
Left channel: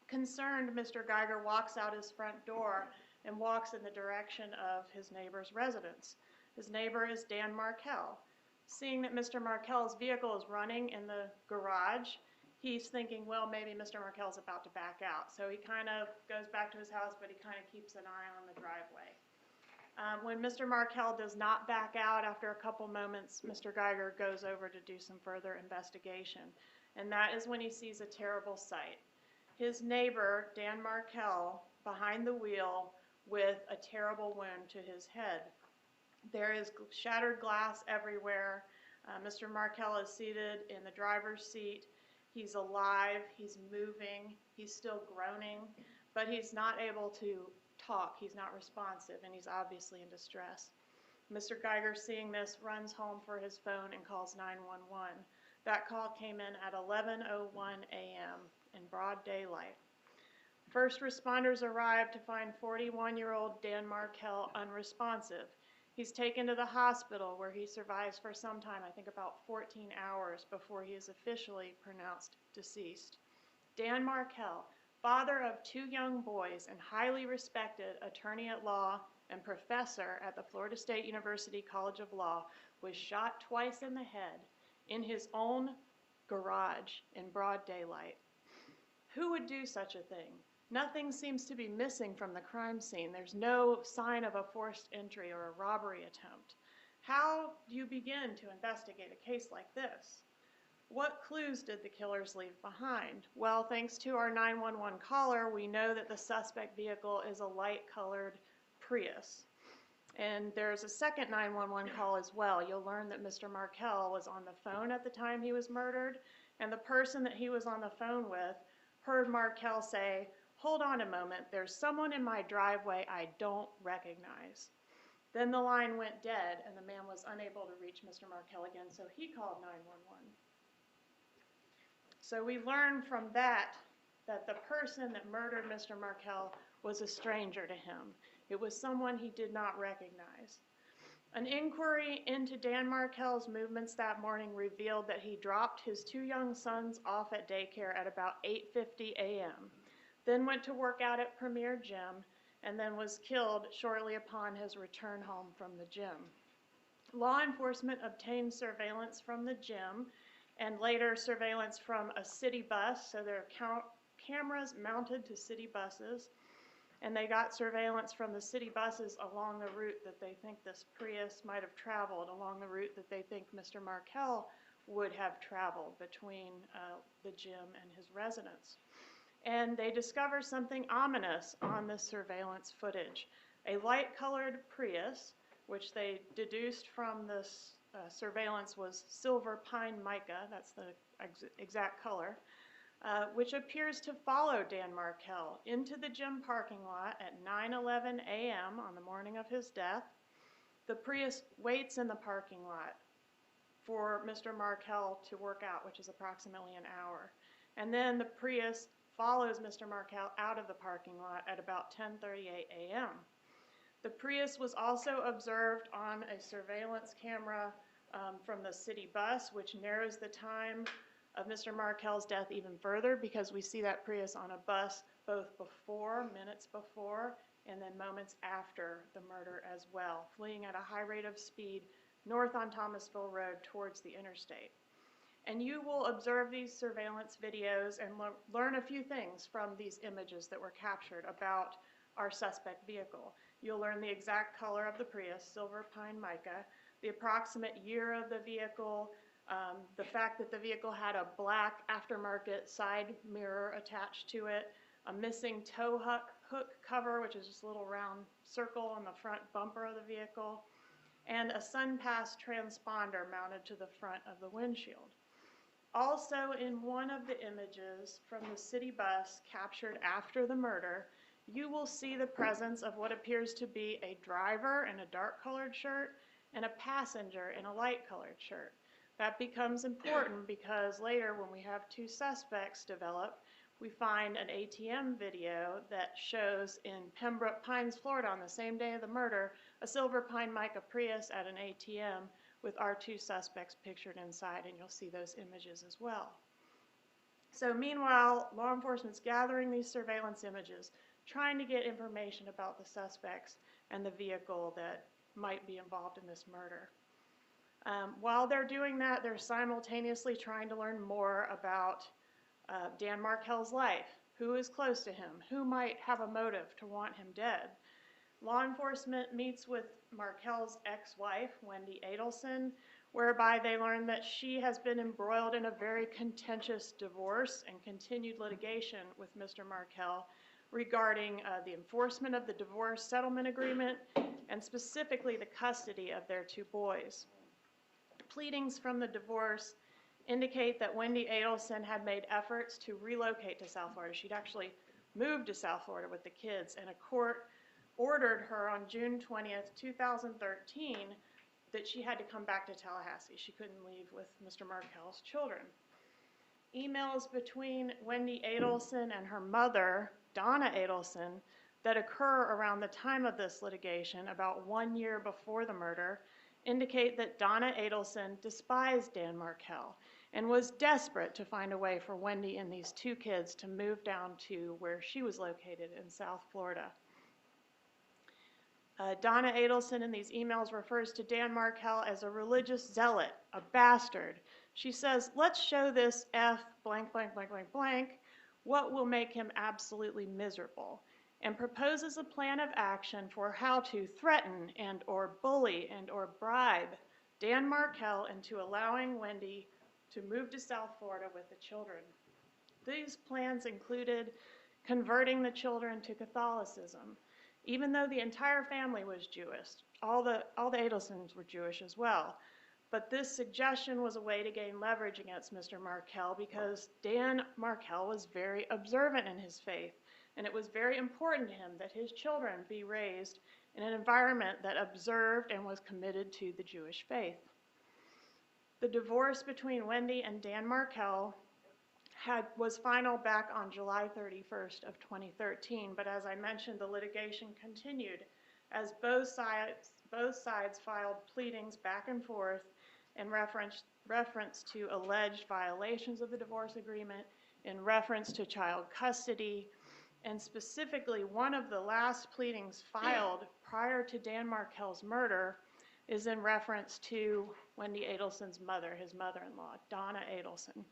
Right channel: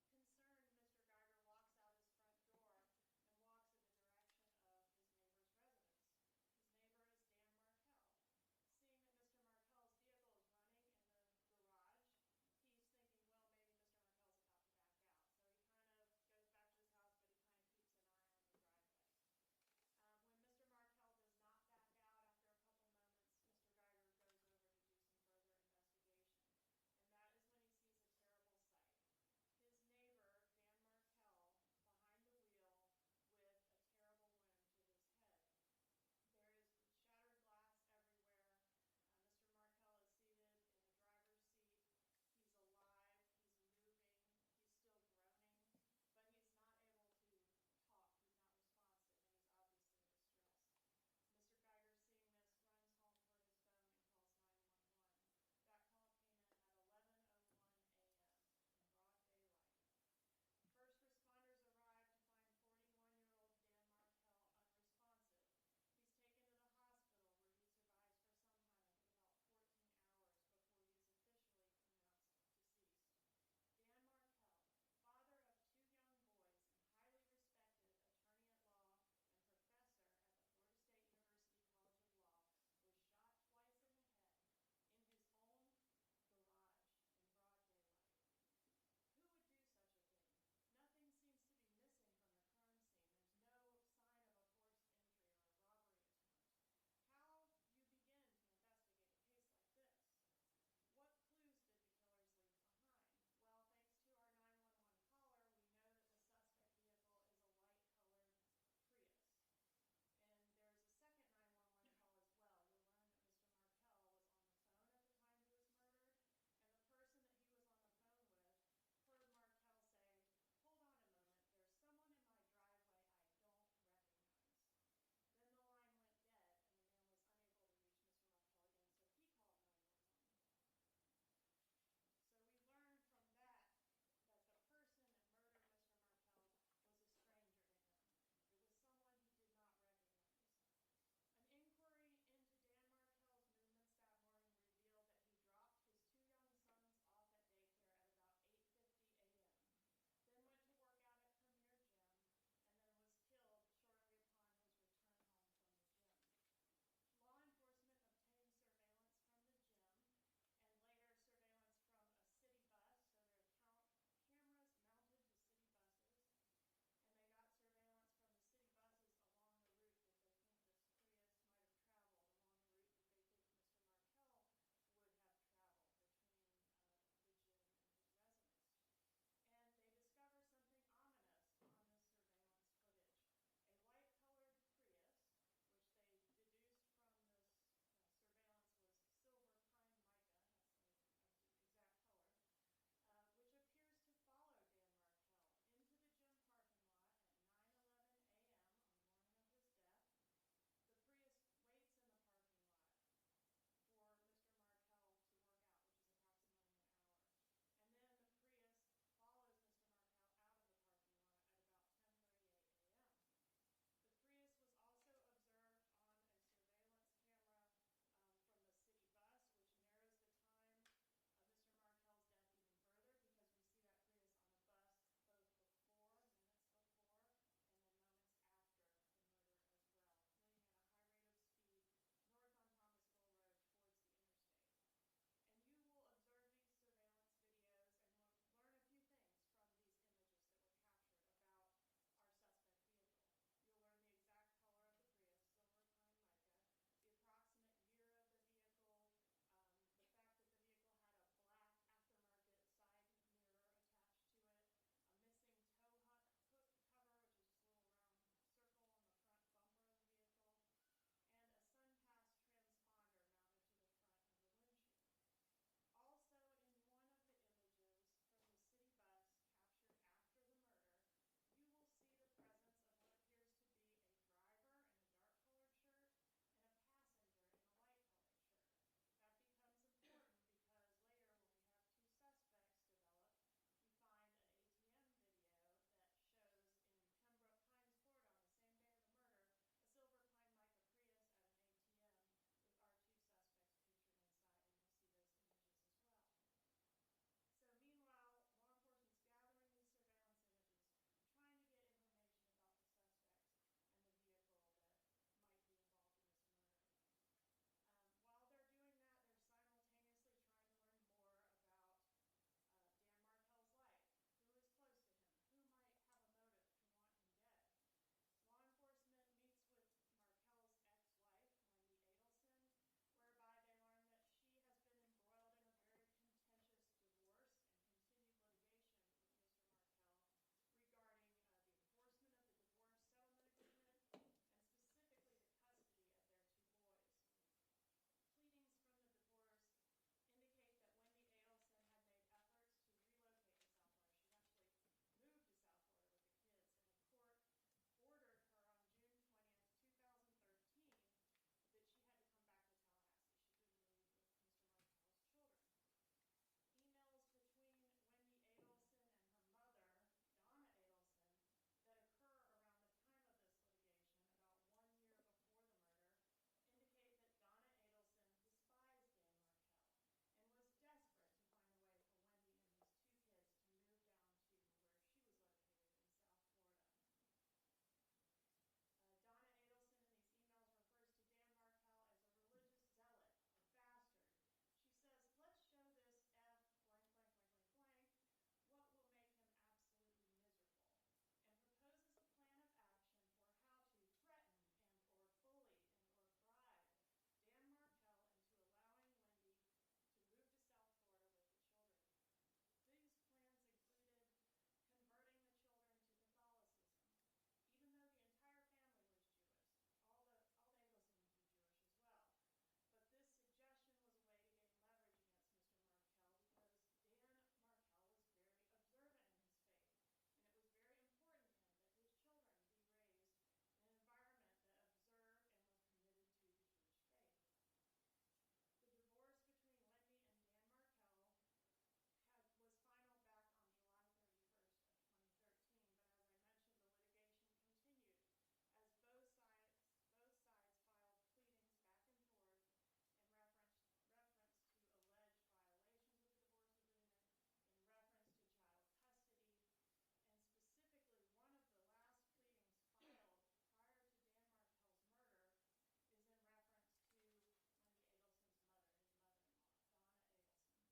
Concerned, Mr. Geiger walks out his front door and walks in the direction of his neighbor's residence. His neighbor is Dan Markel. Seeing that Mr. Markel's vehicle is running in the garage, he's thinking, well, maybe Mr. Markel's about to back out. So he kind of goes back to his house, but he kind of keeps an eye on the driveway. When Mr. Markel does not back out after a couple moments, Mr. Geiger goes over to do some further investigation. and that is when he sees a terrible sight. His neighbor, Dan Markel, behind the wheel with a terrible wound to his head. There is shattered glass everywhere. Mr. Markel is seated in the driver's seat. He's alive, he's moving, he's still groaning, but he's not able to talk, he's not responsive, and he's obviously in distress. Mr. Geiger, seeing this, runs home for his phone and calls 911. That call came in at 11:01 a.m. in broad daylight. First responders arrived to find 41-year-old Dan Markel unresponsive. He's taken to the hospital where he survives for some time, I think about 14 hours, before he is officially pronounced deceased. Dan Markel, father of 2 young boys and highly respected attorney at law and professor at the Florida State University College of Law, was shot twice in the head in his own garage in broad daylight. Who would do such a thing? Nothing seems to be missing from the crime scene. There's no sign of a forced entry or a robbery attempt. How do you begin to investigate a case like this? What clues did the killers leave behind? Well, thanks to our 911 caller, we know that the suspect vehicle is a light-colored Prius. And there's a second 911 call as well. You'll learn that Mr. Markel was on the phone at the time he was murdered, and the person that he was on the phone with heard Markel say, "Hold on a moment, there's someone in my driveway I don't recognize." Then the line went dead and the man was unable to reach Mr. Markel again, so he called 911. So we learned from that the person that murdered Mr. Markel was a stranger to him. It was someone he did not recognize. An inquiry into Dan Markel's movements that morning revealed that he dropped his 2 young sons off at daycare at about 8:50 a.m., then went to work out at Premier Gym, and then was killed shortly upon his return home from the gym. Law enforcement obtained surveillance from the gym and later surveillance from a city bus, so there are cameras mounted to city buses, and they got surveillance from the city buses along the route that they think this Prius might have traveled, along the route that they think Mr. Markel would have traveled between the gym and his residence. And they discover something ominous on this surveillance footage. A light-colored Prius, which they deduced from this surveillance was silver pine mica, that's the exact color, which appears to follow Dan Markel into the gym parking lot at 9:11 a.m. on the morning of his death. The Prius waits in the parking lot for Mr. Markel to work out, which is approximately an hour. And then the Prius follows Mr. Markel out of the parking lot at about 10:38 a.m. The Prius was also observed on a surveillance camera from the city bus, which narrows the time of Mr. Markel's death even further, because we see that Prius on a bus both before, minutes before, and then moments after the murder as well, fleeing at a high rate of speed north on Thomasville Road towards the interstate. And you will observe these surveillance videos and learn a few things from these images that were captured about our suspect vehicle. You'll learn the exact color of the Prius, silver pine mica, the approximate year of the vehicle, the fact that the vehicle had a black aftermarket side mirror attached to it, a missing tow hook cover, which is just a little round circle on the front bumper of the vehicle, and a sun-pass transponder mounted to the front of the windshield. Also, in one of the images from the city bus captured after the murder, you will see the presence of what appears to be a driver in a dark-colored shirt and a passenger in a light-colored shirt. That becomes important because later, when we have 2 suspects develop, we find an ATM video that shows in Pembroke Pines, Florida, on the same day of the murder, a silver pine mica Prius at an ATM with our 2 suspects pictured inside, and you'll see those images as well. So meanwhile, law enforcement's gathering these surveillance images, trying to get information about the suspects and the vehicle that might be involved in this murder. While they're doing that, they're simultaneously trying to learn more about Dan Markel's life. Who is close to him? Who might have a motive to want him dead? Law enforcement meets with Markel's ex-wife, Wendy Adelson, whereby they learned that she has been embroiled in a very contentious divorce and continued litigation with Mr. Markel regarding the enforcement of the divorce settlement agreement and specifically the custody of their 2 boys. Pleadings from the divorce indicate that Wendy Adelson had made efforts to relocate to South Florida. She'd actually moved to South Florida with the kids, and a court ordered her on June 20th, 2013, that she had to come back to Tallahassee. She couldn't leave with Mr. Markel's children. Emails between Wendy Adelson and her mother, Donna Adelson, that occur around the time of this litigation, about 1 year before the murder, indicate that Donna Adelson despised Dan Markel and was desperate to find a way for Wendy and these 2 kids to move down to where she was located in South Florida. Donna Adelson in these emails refers to Dan Markel as a religious zealot, a bastard. She says, let's show this F blank, blank, blank, blank, blank, what will make him absolutely miserable, and proposes a plan of action for how to threaten and or bully and or bribe Dan Markel into allowing Wendy to move to South Florida with the children. These plans included converting the children to Catholicism, even though the entire family was Jewish. All the Adelsons were Jewish as well. But this suggestion was a way to gain leverage against Mr. Markel because Dan Markel was very observant in his faith, and it was very important to him that his children be raised in an environment that observed and was committed to the Jewish faith. The divorce between Wendy and Dan Markel was final back on July 31st of 2013, but as I mentioned, the litigation continued as both sides filed pleadings back and forth in reference to alleged violations of the divorce agreement, in reference to child custody, and specifically one of the last pleadings filed prior to Dan Markel's murder is in reference to Wendy Adelson's mother, his mother-in-law, Donna Adelson.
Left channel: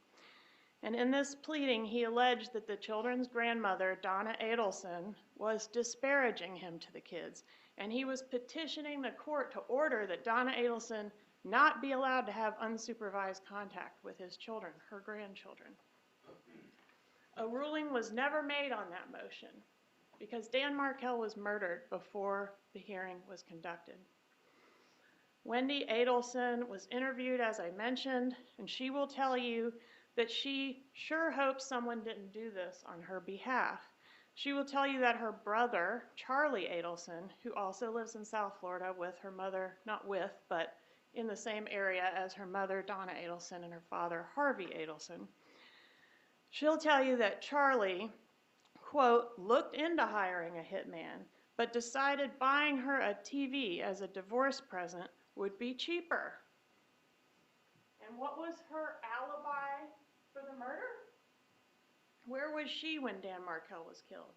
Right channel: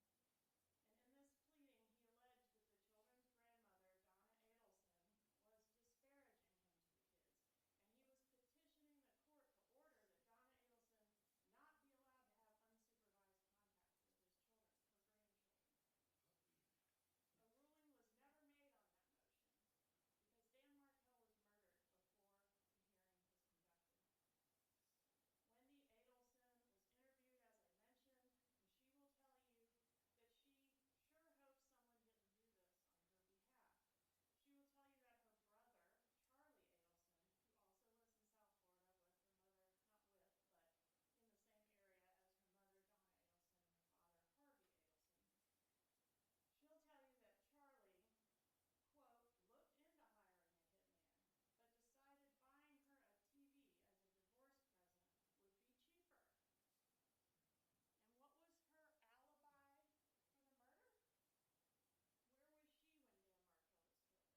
And in this pleading, he alleged that the children's grandmother, Donna Adelson, was disparaging him to the kids, and he was petitioning the court to order that Donna Adelson not be allowed to have unsupervised contact with his children, her grandchildren. A ruling was never made on that motion because Dan Markel was murdered before the hearing was conducted. Wendy Adelson was interviewed, as I mentioned, and she will tell you that she sure hopes someone didn't do this on her behalf. She will tell you that her brother, Charlie Adelson, who also lives in South Florida with her mother, not with, but in the same area as her mother, Donna Adelson, and her father, Harvey Adelson. She'll tell you that Charlie, quote, looked into hiring a hitman, but decided buying her a TV as a divorce present would be cheaper. And what was her alibi for the murder? Where was she when Dan Markel was killed?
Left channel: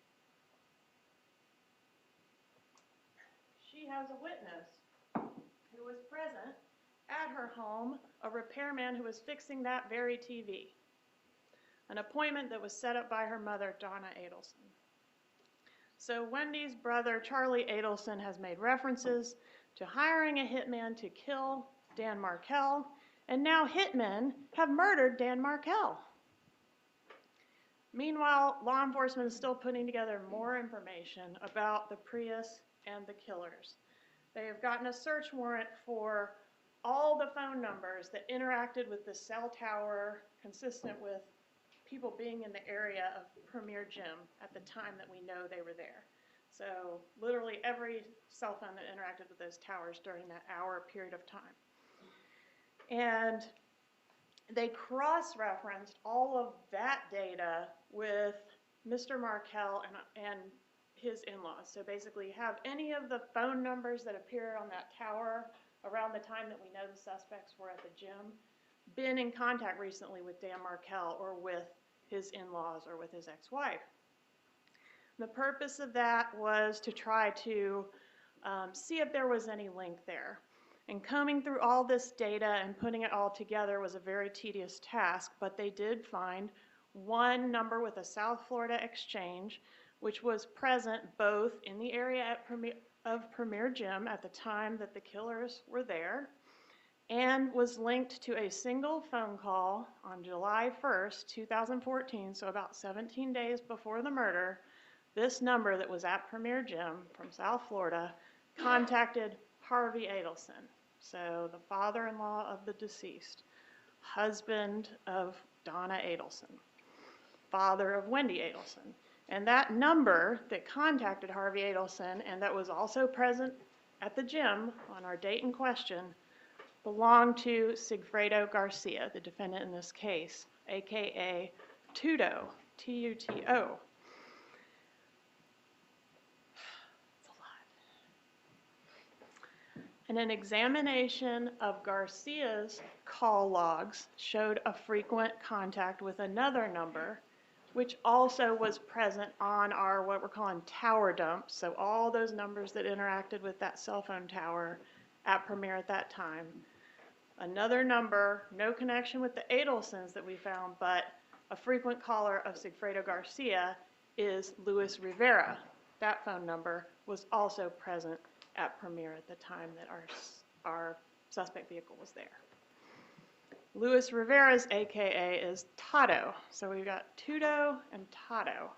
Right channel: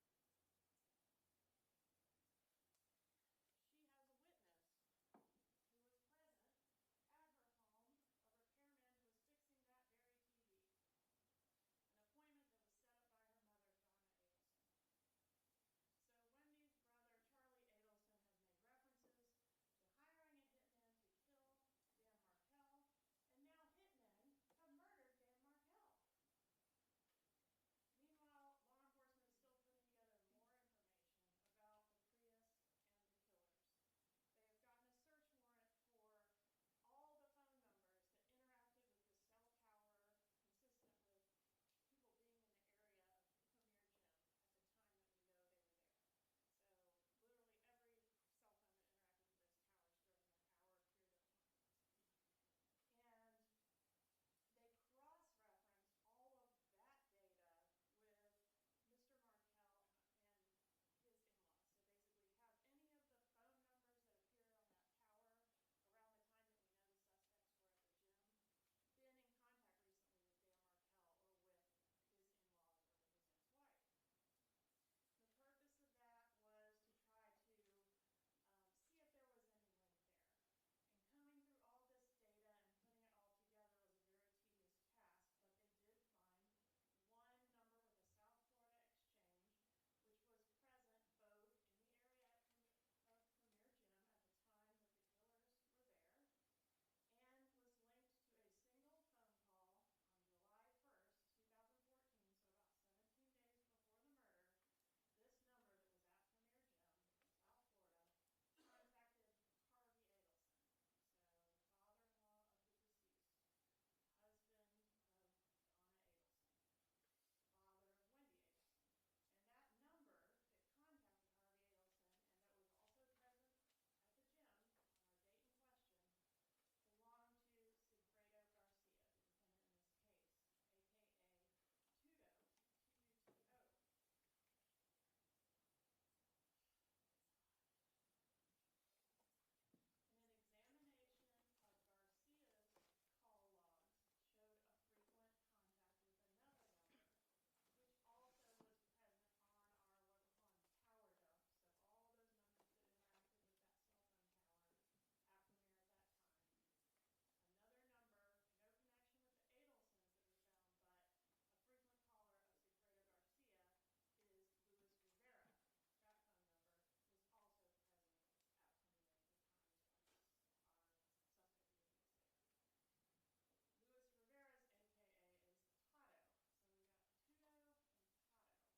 She has a witness who was present at her home, a repairman who was fixing that very TV, an appointment that was set up by her mother, Donna Adelson. So Wendy's brother, Charlie Adelson, has made references to hiring a hitman to kill Dan Markel, and now hitmen have murdered Dan Markel. Meanwhile, law enforcement is still putting together more information about the Prius and the killers. They have gotten a search warrant for all the phone numbers that interacted with the cell tower, consistent with people being in the area of Premier Gym at the time that we know they were there. So literally every cell phone that interacted with those towers during that hour period of time. And they cross-referenced all of that data with Mr. Markel and his in-laws. So basically have any of the phone numbers that appear on that tower around the time that we know the suspects were at the gym been in contact recently with Dan Markel or with his in-laws or with his ex-wife. The purpose of that was to try to see if there was any link there. And combing through all this data and putting it all together was a very tedious task, but they did find one number with a South Florida exchange, which was present both in the area of Premier Gym at the time that the killers were there, and was linked to a single phone call on July 1st, 2014, so about 17 days before the murder. This number that was at Premier Gym from South Florida contacted Harvey Adelson, so the father-in-law of the deceased, husband of Donna Adelson, father of Wendy Adelson. And that number that contacted Harvey Adelson and that was also present at the gym on our date in question belonged to Sigfredo Garcia, the defendant in this case, aka Tuto, T-U-T-O. And an examination of Garcia's call logs showed a frequent contact with another number, which also was present on our, what we're calling tower dumps. So all those numbers that interacted with that cell phone tower at Premier at that time. Another number, no connection with the Adelsons that we found, but a frequent caller of Sigfredo Garcia is Luis Rivera. That phone number was also present at Premier at the time that our suspect vehicle was there. Luis Rivera's AKA is Tato. So we've got Tuto and Tato.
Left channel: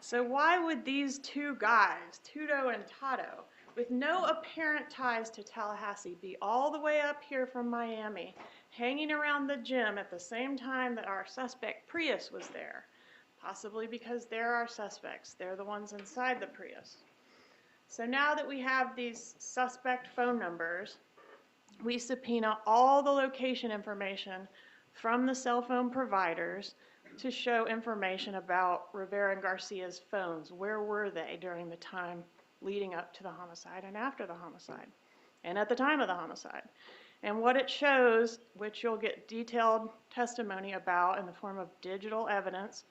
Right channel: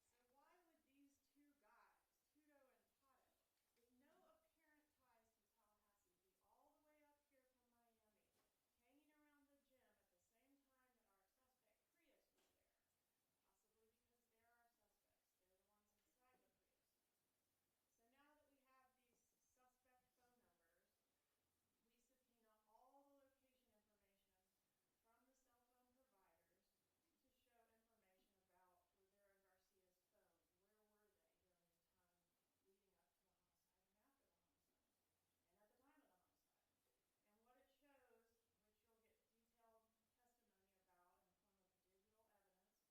So why would these two guys, Tuto and Tato, with no apparent ties to Tallahassee, be all the way up here from Miami, hanging around the gym at the same time that our suspect Prius was there? Possibly because they're our suspects. They're the ones inside the Prius. So now that we have these suspect phone numbers, we subpoena all the location information from the cell phone providers to show information about Rivera and Garcia's phones. Where were they during the time leading up to the homicide and after the homicide, and at the time of the homicide? And what it shows, which you'll get detailed testimony about in the form of digital evidence,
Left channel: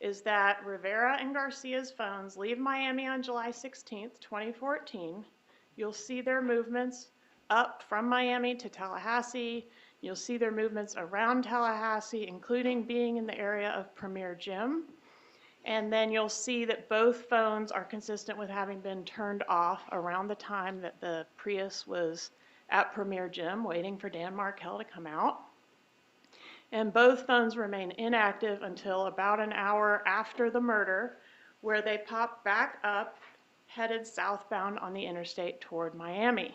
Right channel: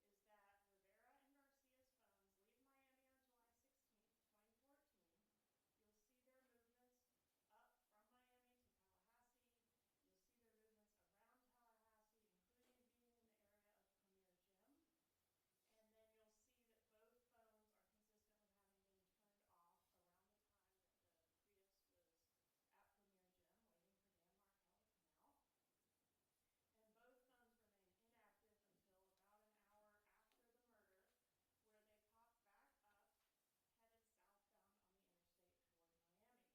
is that Rivera and Garcia's phones leave Miami on July 16th, 2014. You'll see their movements up from Miami to Tallahassee. You'll see their movements around Tallahassee, including being in the area of Premier Gym. And then you'll see that both phones are consistent with having been turned off around the time that the Prius was at Premier Gym waiting for Dan Markel to come out. And both phones remain inactive until about an hour after the murder, where they pop back up, headed southbound on the interstate toward Miami.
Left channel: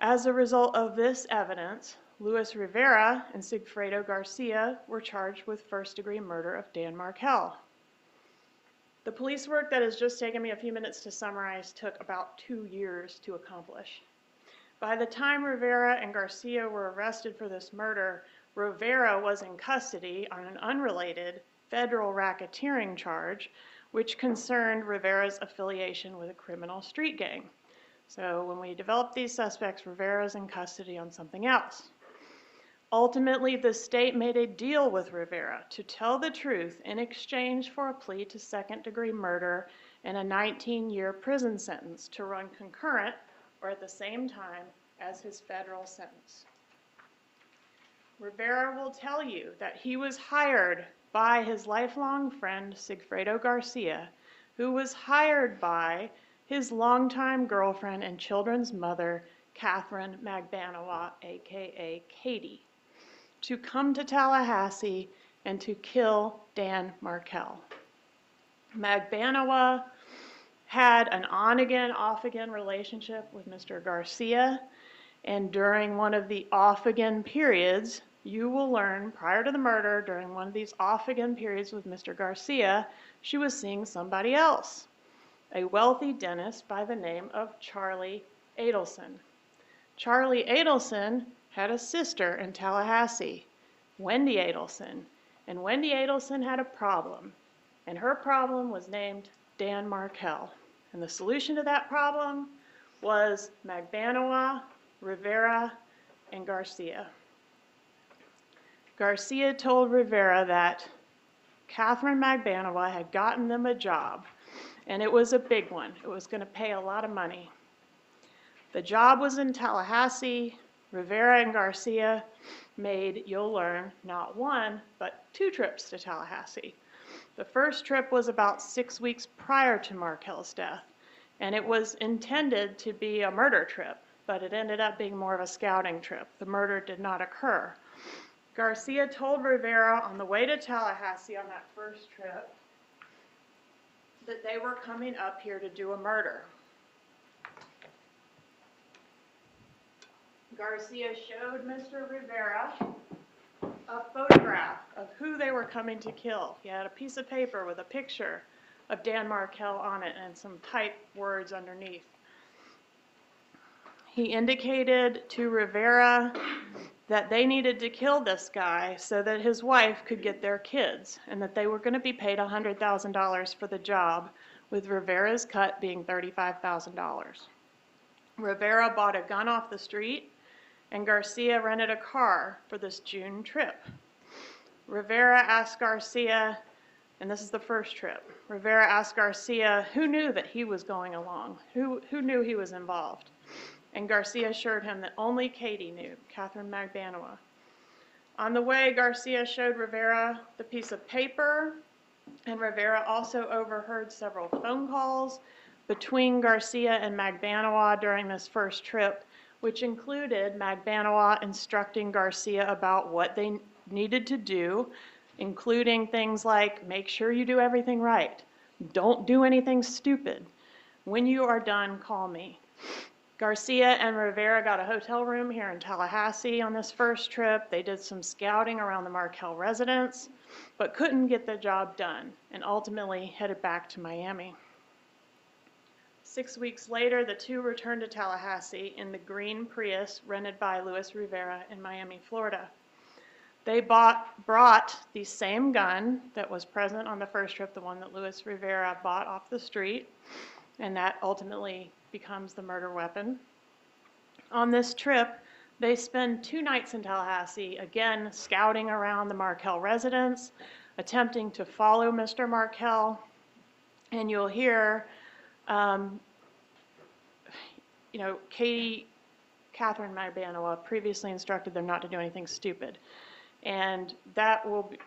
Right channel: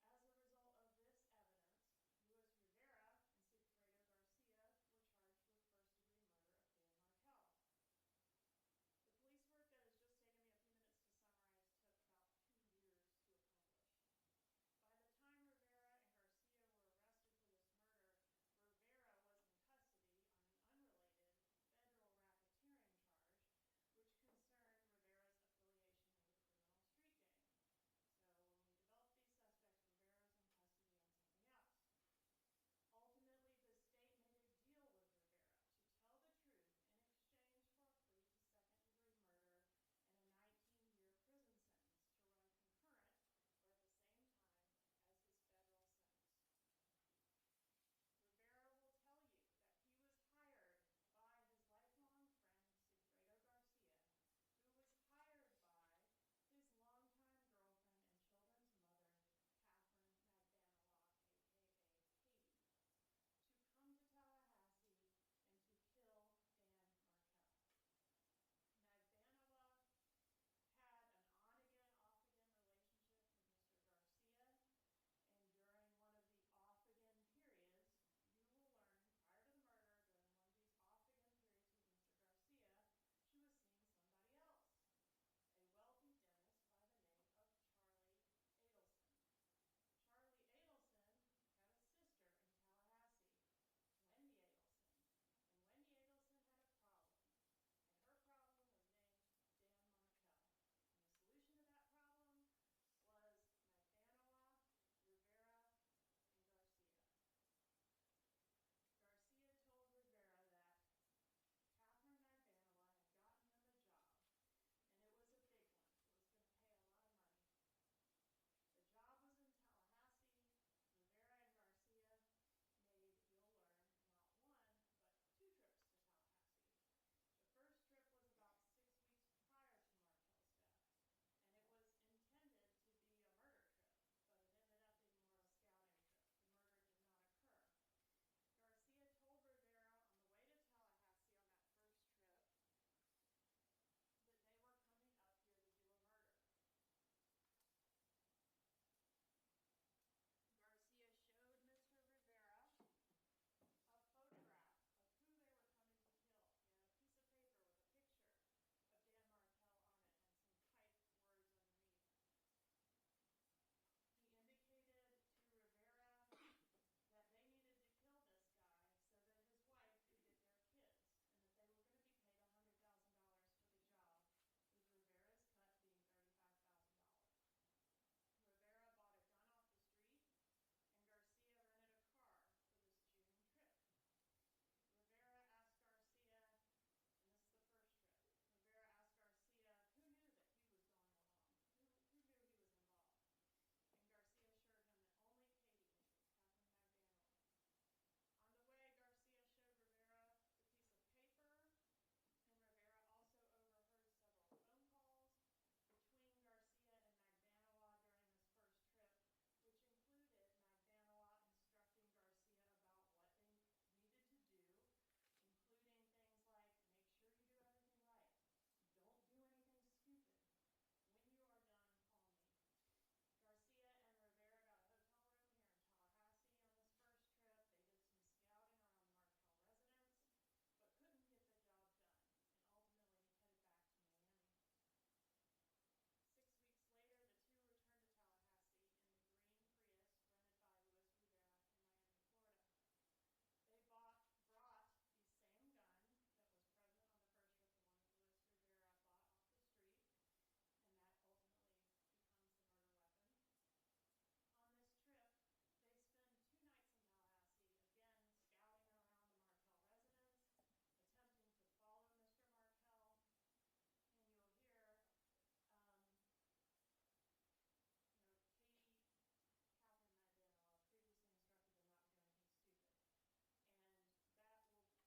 As a result of this evidence, Luis Rivera and Sigfredo Garcia were charged with first-degree murder of Dan Markel. The police work that has just taken me a few minutes to summarize took about 2 years to accomplish. By the time Rivera and Garcia were arrested for this murder, Rivera was in custody on an unrelated federal racketeering charge, which concerned Rivera's affiliation with a criminal street gang. So when we developed these suspects, Rivera's in custody on something else. Ultimately, the state made a deal with Rivera to tell the truth in exchange for a plea to second-degree murder and a 19-year prison sentence to run concurrent or at the same time as his federal sentence. Rivera will tell you that he was hired by his lifelong friend Sigfredo Garcia, who was hired by his longtime girlfriend and children's mother, Katherine Magbanua, aka Katie, to come to Tallahassee and to kill Dan Markel. Magbanua had an on-again, off-again relationship with Mr. Garcia, and during one of the off-again periods, you will learn, prior to the murder, during one of these off-again periods with Mr. Garcia, she was seeing somebody else, a wealthy dentist by the name of Charlie Adelson. Charlie Adelson had a sister in Tallahassee, Wendy Adelson, and Wendy Adelson had a problem, and her problem was named Dan Markel. And the solution to that problem was Magbanua, Rivera, and Garcia. Garcia told Rivera that Katherine Magbanua had gotten them a job, and it was a big one. It was going to pay a lot of money. The job was in Tallahassee. Rivera and Garcia made, you'll learn, not one, but 2 trips to Tallahassee. The first trip was about 6 weeks prior to Markel's death, and it was intended to be a murder trip. but it ended up being more of a scouting trip. The murder did not occur. Garcia told Rivera on the way to Tallahassee on that first trip that they were coming up here to do a murder. Garcia showed Mr. Rivera a photograph of who they were coming to kill. He had a piece of paper with a picture of Dan Markel on it and some typed words underneath. He indicated to Rivera that they needed to kill this guy so that his wife could get their kids, and that they were going to be paid $100,000 for the job, with Rivera's cut being $35,000. Rivera bought a gun off the street, and Garcia rented a car for this June trip. Rivera asked Garcia, and this is the first trip, Rivera asked Garcia who knew that he was going along, who knew he was involved. And Garcia assured him that only Katie knew, Katherine Magbanua. On the way, Garcia showed Rivera the piece of paper, and Rivera also overheard several phone calls between Garcia and Magbanua during this first trip, which included Magbanua instructing Garcia about what they needed to do, including things like, make sure you do everything right. Don't do anything stupid. When you are done, call me. Garcia and Rivera got a hotel room here in Tallahassee on this first trip. They did some scouting around the Markel residence, but couldn't get the job done, and ultimately headed back to Miami. 6 weeks later, the two returned to Tallahassee in the green Prius rented by Luis Rivera in Miami, Florida. They brought the same gun that was present on the first trip, the one that Luis Rivera bought off the street, and that ultimately becomes the murder weapon. On this trip, they spend 2 nights in Tallahassee, again scouting around the Markel residence, attempting to follow Mr. Markel, and you'll hear, Katherine Magbanua previously instructed them not to do anything stupid. And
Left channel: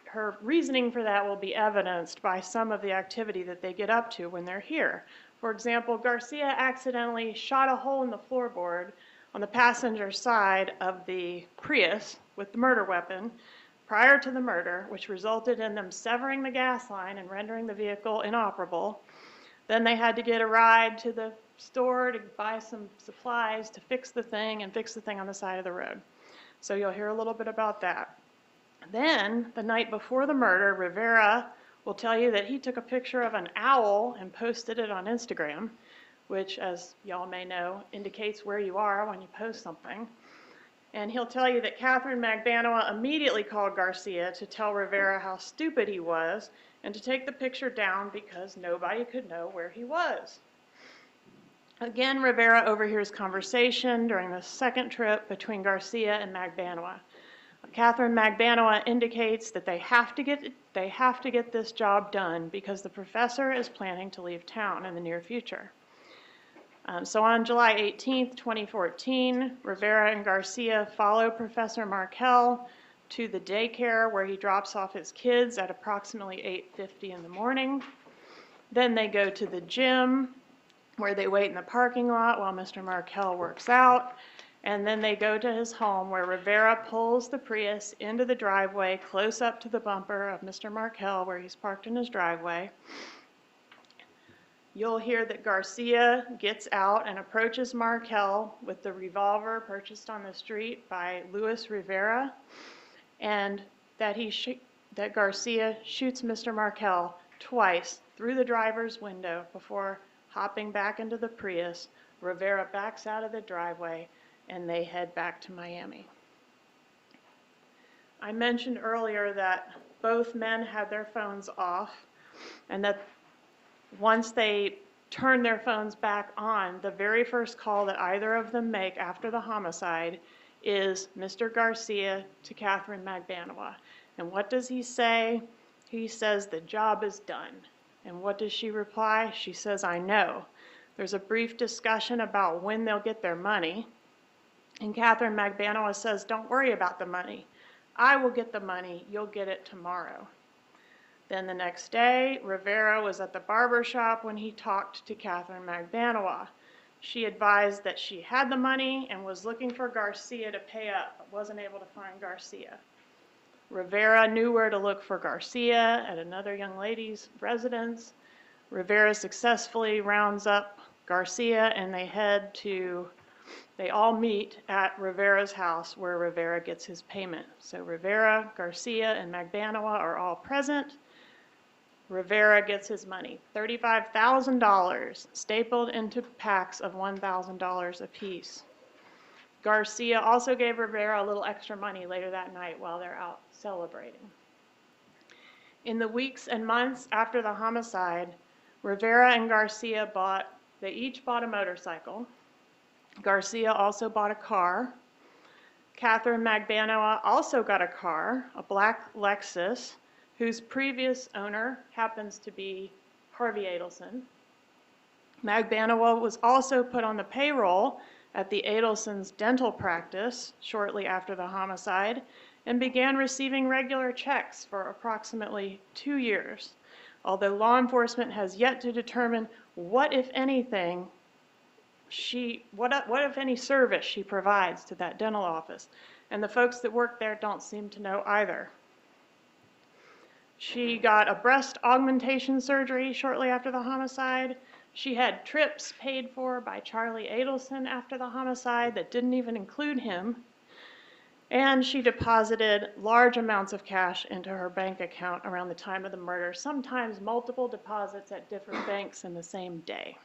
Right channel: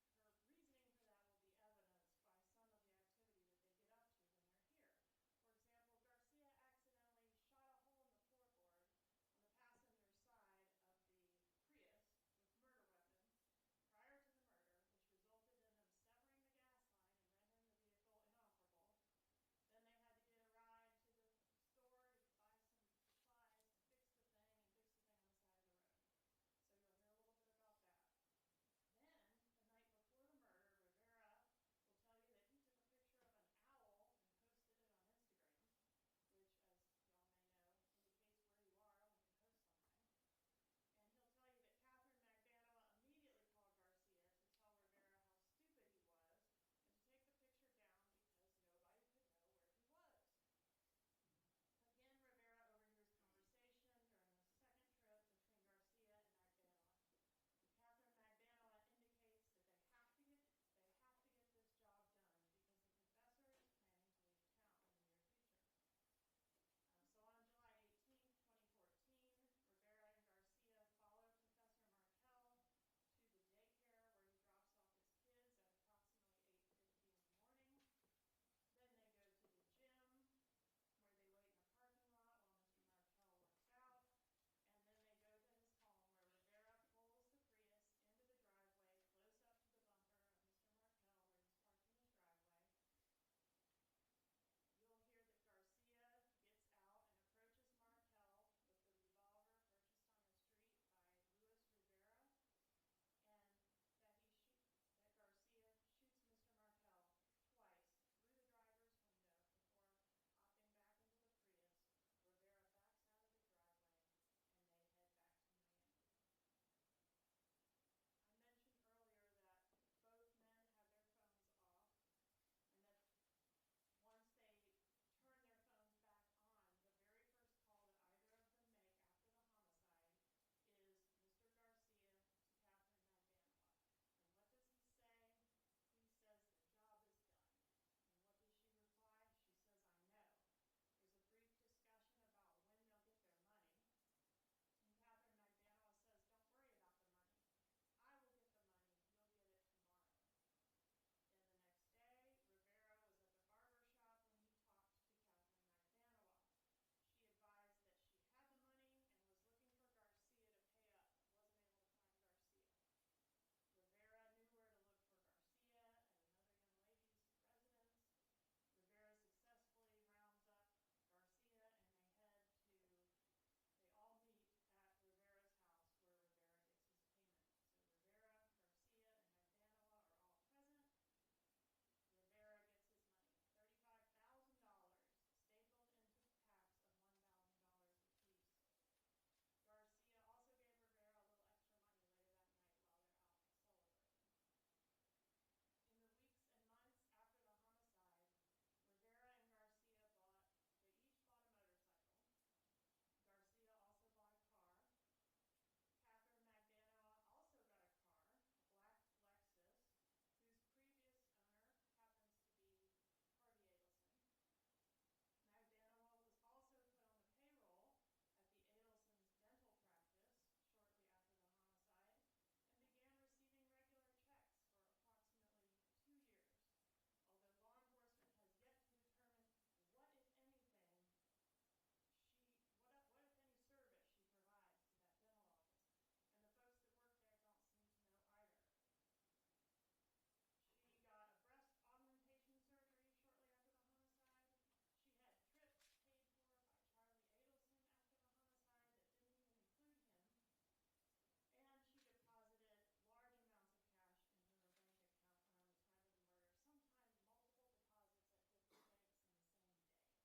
her reasoning for that will be evidenced by some of the activity that they get up to when they're here. For example, Garcia accidentally shot a hole in the floorboard on the passenger side of the Prius with the murder weapon prior to the murder, which resulted in them severing the gas line and rendering the vehicle inoperable. Then they had to get a ride to the store to buy some supplies to fix the thing and fix the thing on the side of the road. So you'll hear a little bit about that. Then, the night before the murder, Rivera will tell you that he took a picture of an owl and posted it on Instagram, which, as y'all may know, indicates where you are when you post something. And he'll tell you that Katherine Magbanua immediately called Garcia to tell Rivera how stupid he was and to take the picture down because nobody could know where he was. Again, Rivera overhears conversation during the second trip between Garcia and Magbanua. Katherine Magbanua indicates that they have to get this job done because the professor is planning to leave town in the near future. So on July 18th, 2014, Rivera and Garcia follow Professor Markel to the daycare where he drops off his kids at approximately 8:50 in the morning. Then they go to the gym where they wait in the parking lot while Mr. Markel works out. And then they go to his home where Rivera pulls the Prius into the driveway close up to the bumper of Mr. Markel where he's parked in his driveway. You'll hear that Garcia gets out and approaches Markel with the revolver purchased on the street by Luis Rivera, and that Garcia shoots Mr. Markel twice through the driver's window before hopping back into the Prius. Rivera backs out of the driveway and they head back to Miami. I mentioned earlier that both men had their phones off, and that once they turn their phones back on, the very first call that either of them make after the homicide is Mr. Garcia to Katherine Magbanua. And what does he say? He says, "The job is done." And what does she reply? She says, "I know." There's a brief discussion about when they'll get their money. And Katherine Magbanua says, "Don't worry about the money. I will get the money. You'll get it tomorrow." Then the next day, Rivera was at the barber shop when he talked to Katherine Magbanua. She advised that she had the money and was looking for Garcia to pay up, but wasn't able to find Garcia. Rivera knew where to look for Garcia at another young lady's residence. Rivera successfully rounds up Garcia and they all meet at Rivera's house where Rivera gets his payment. So Rivera, Garcia, and Magbanua are all present. Rivera gets his money, $35,000, stapled into packs of $1,000 apiece. Garcia also gave Rivera a little extra money later that night while they're out celebrating. In the weeks and months after the homicide, Rivera and Garcia each bought a motorcycle. Garcia also bought a car. Katherine Magbanua also got a car, a black Lexus, whose previous owner happens to be Harvey Adelson. Magbanua was also put on the payroll at the Adelsons' dental practice shortly after the homicide and began receiving regular checks for approximately 2 years, although law enforcement has yet to determine what, if anything, what if any service she provides to that dental office. And the folks that work there don't seem to know either. She got a breast augmentation surgery shortly after the homicide. She had trips paid for by Charlie Adelson after the homicide that didn't even include him. And she deposited large amounts of cash into her bank account around the time of the murder, sometimes multiple deposits at different banks in the same day.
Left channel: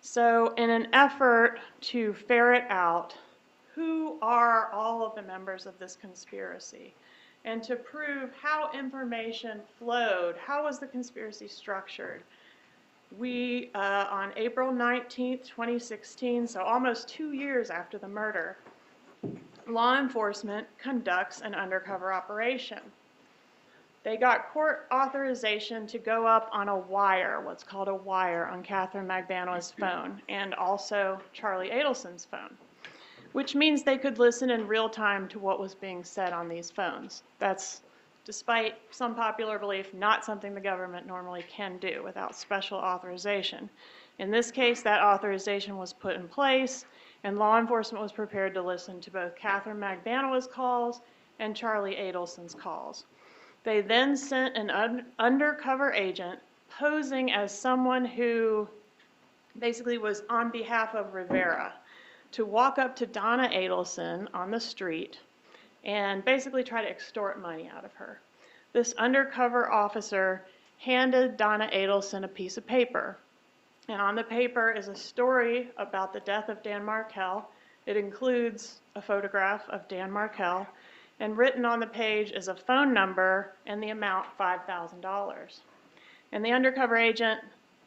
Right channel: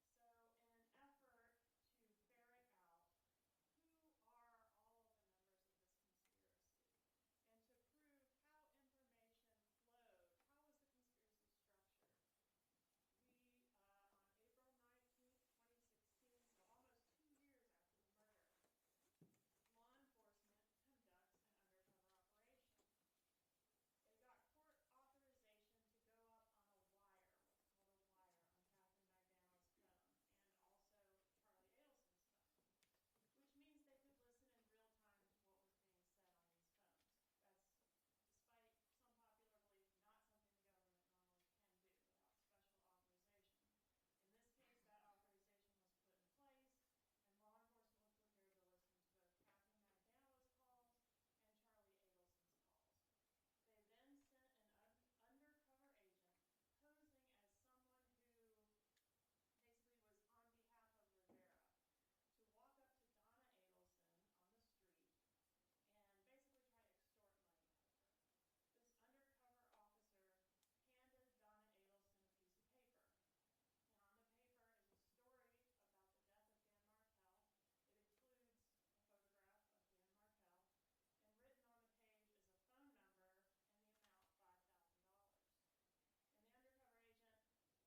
So in an effort to ferret out who are all of the members of this conspiracy, and to prove how information flowed, how was the conspiracy structured, we, on April 19th, 2016, so almost 2 years after the murder, law enforcement conducts an undercover operation. They got court authorization to go up on a wire, what's called a wire, on Katherine Magbanua's phone, and also Charlie Adelson's phone, which means they could listen in real time to what was being said on these phones. That's, despite some popular belief, not something the government normally can do without special authorization. In this case, that authorization was put in place, and law enforcement was prepared to listen to both Katherine Magbanua's calls and Charlie Adelson's calls. They then sent an undercover agent posing as someone who basically was on behalf of Rivera to walk up to Donna Adelson on the street and basically try to extort money out of her. This undercover officer handed Donna Adelson a piece of paper. And on the paper is a story about the death of Dan Markel. It includes a photograph of Dan Markel, and written on the page is a phone number and the amount $5,000. And the undercover agent,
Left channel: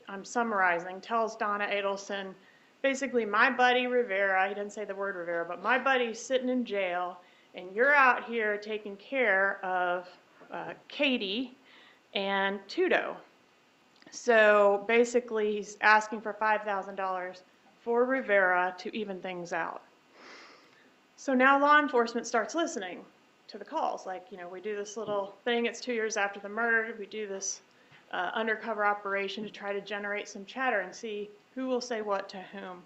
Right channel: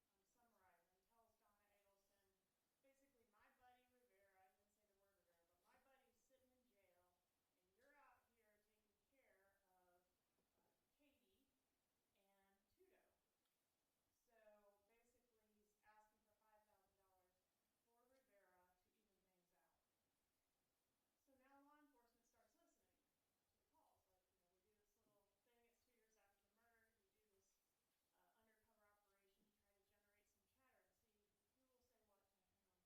I'm summarizing, tells Donna Adelson, basically, my buddy Rivera, he didn't say the word Rivera, but my buddy's sitting in jail, and you're out here taking care of Katie and Tudo. So basically, he's asking for $5,000 for Rivera to even things out. So now law enforcement starts listening to the calls. Like, we do this little thing, it's 2 years after the murder, we do this undercover operation to try to generate some chatter and see who will say what to whom.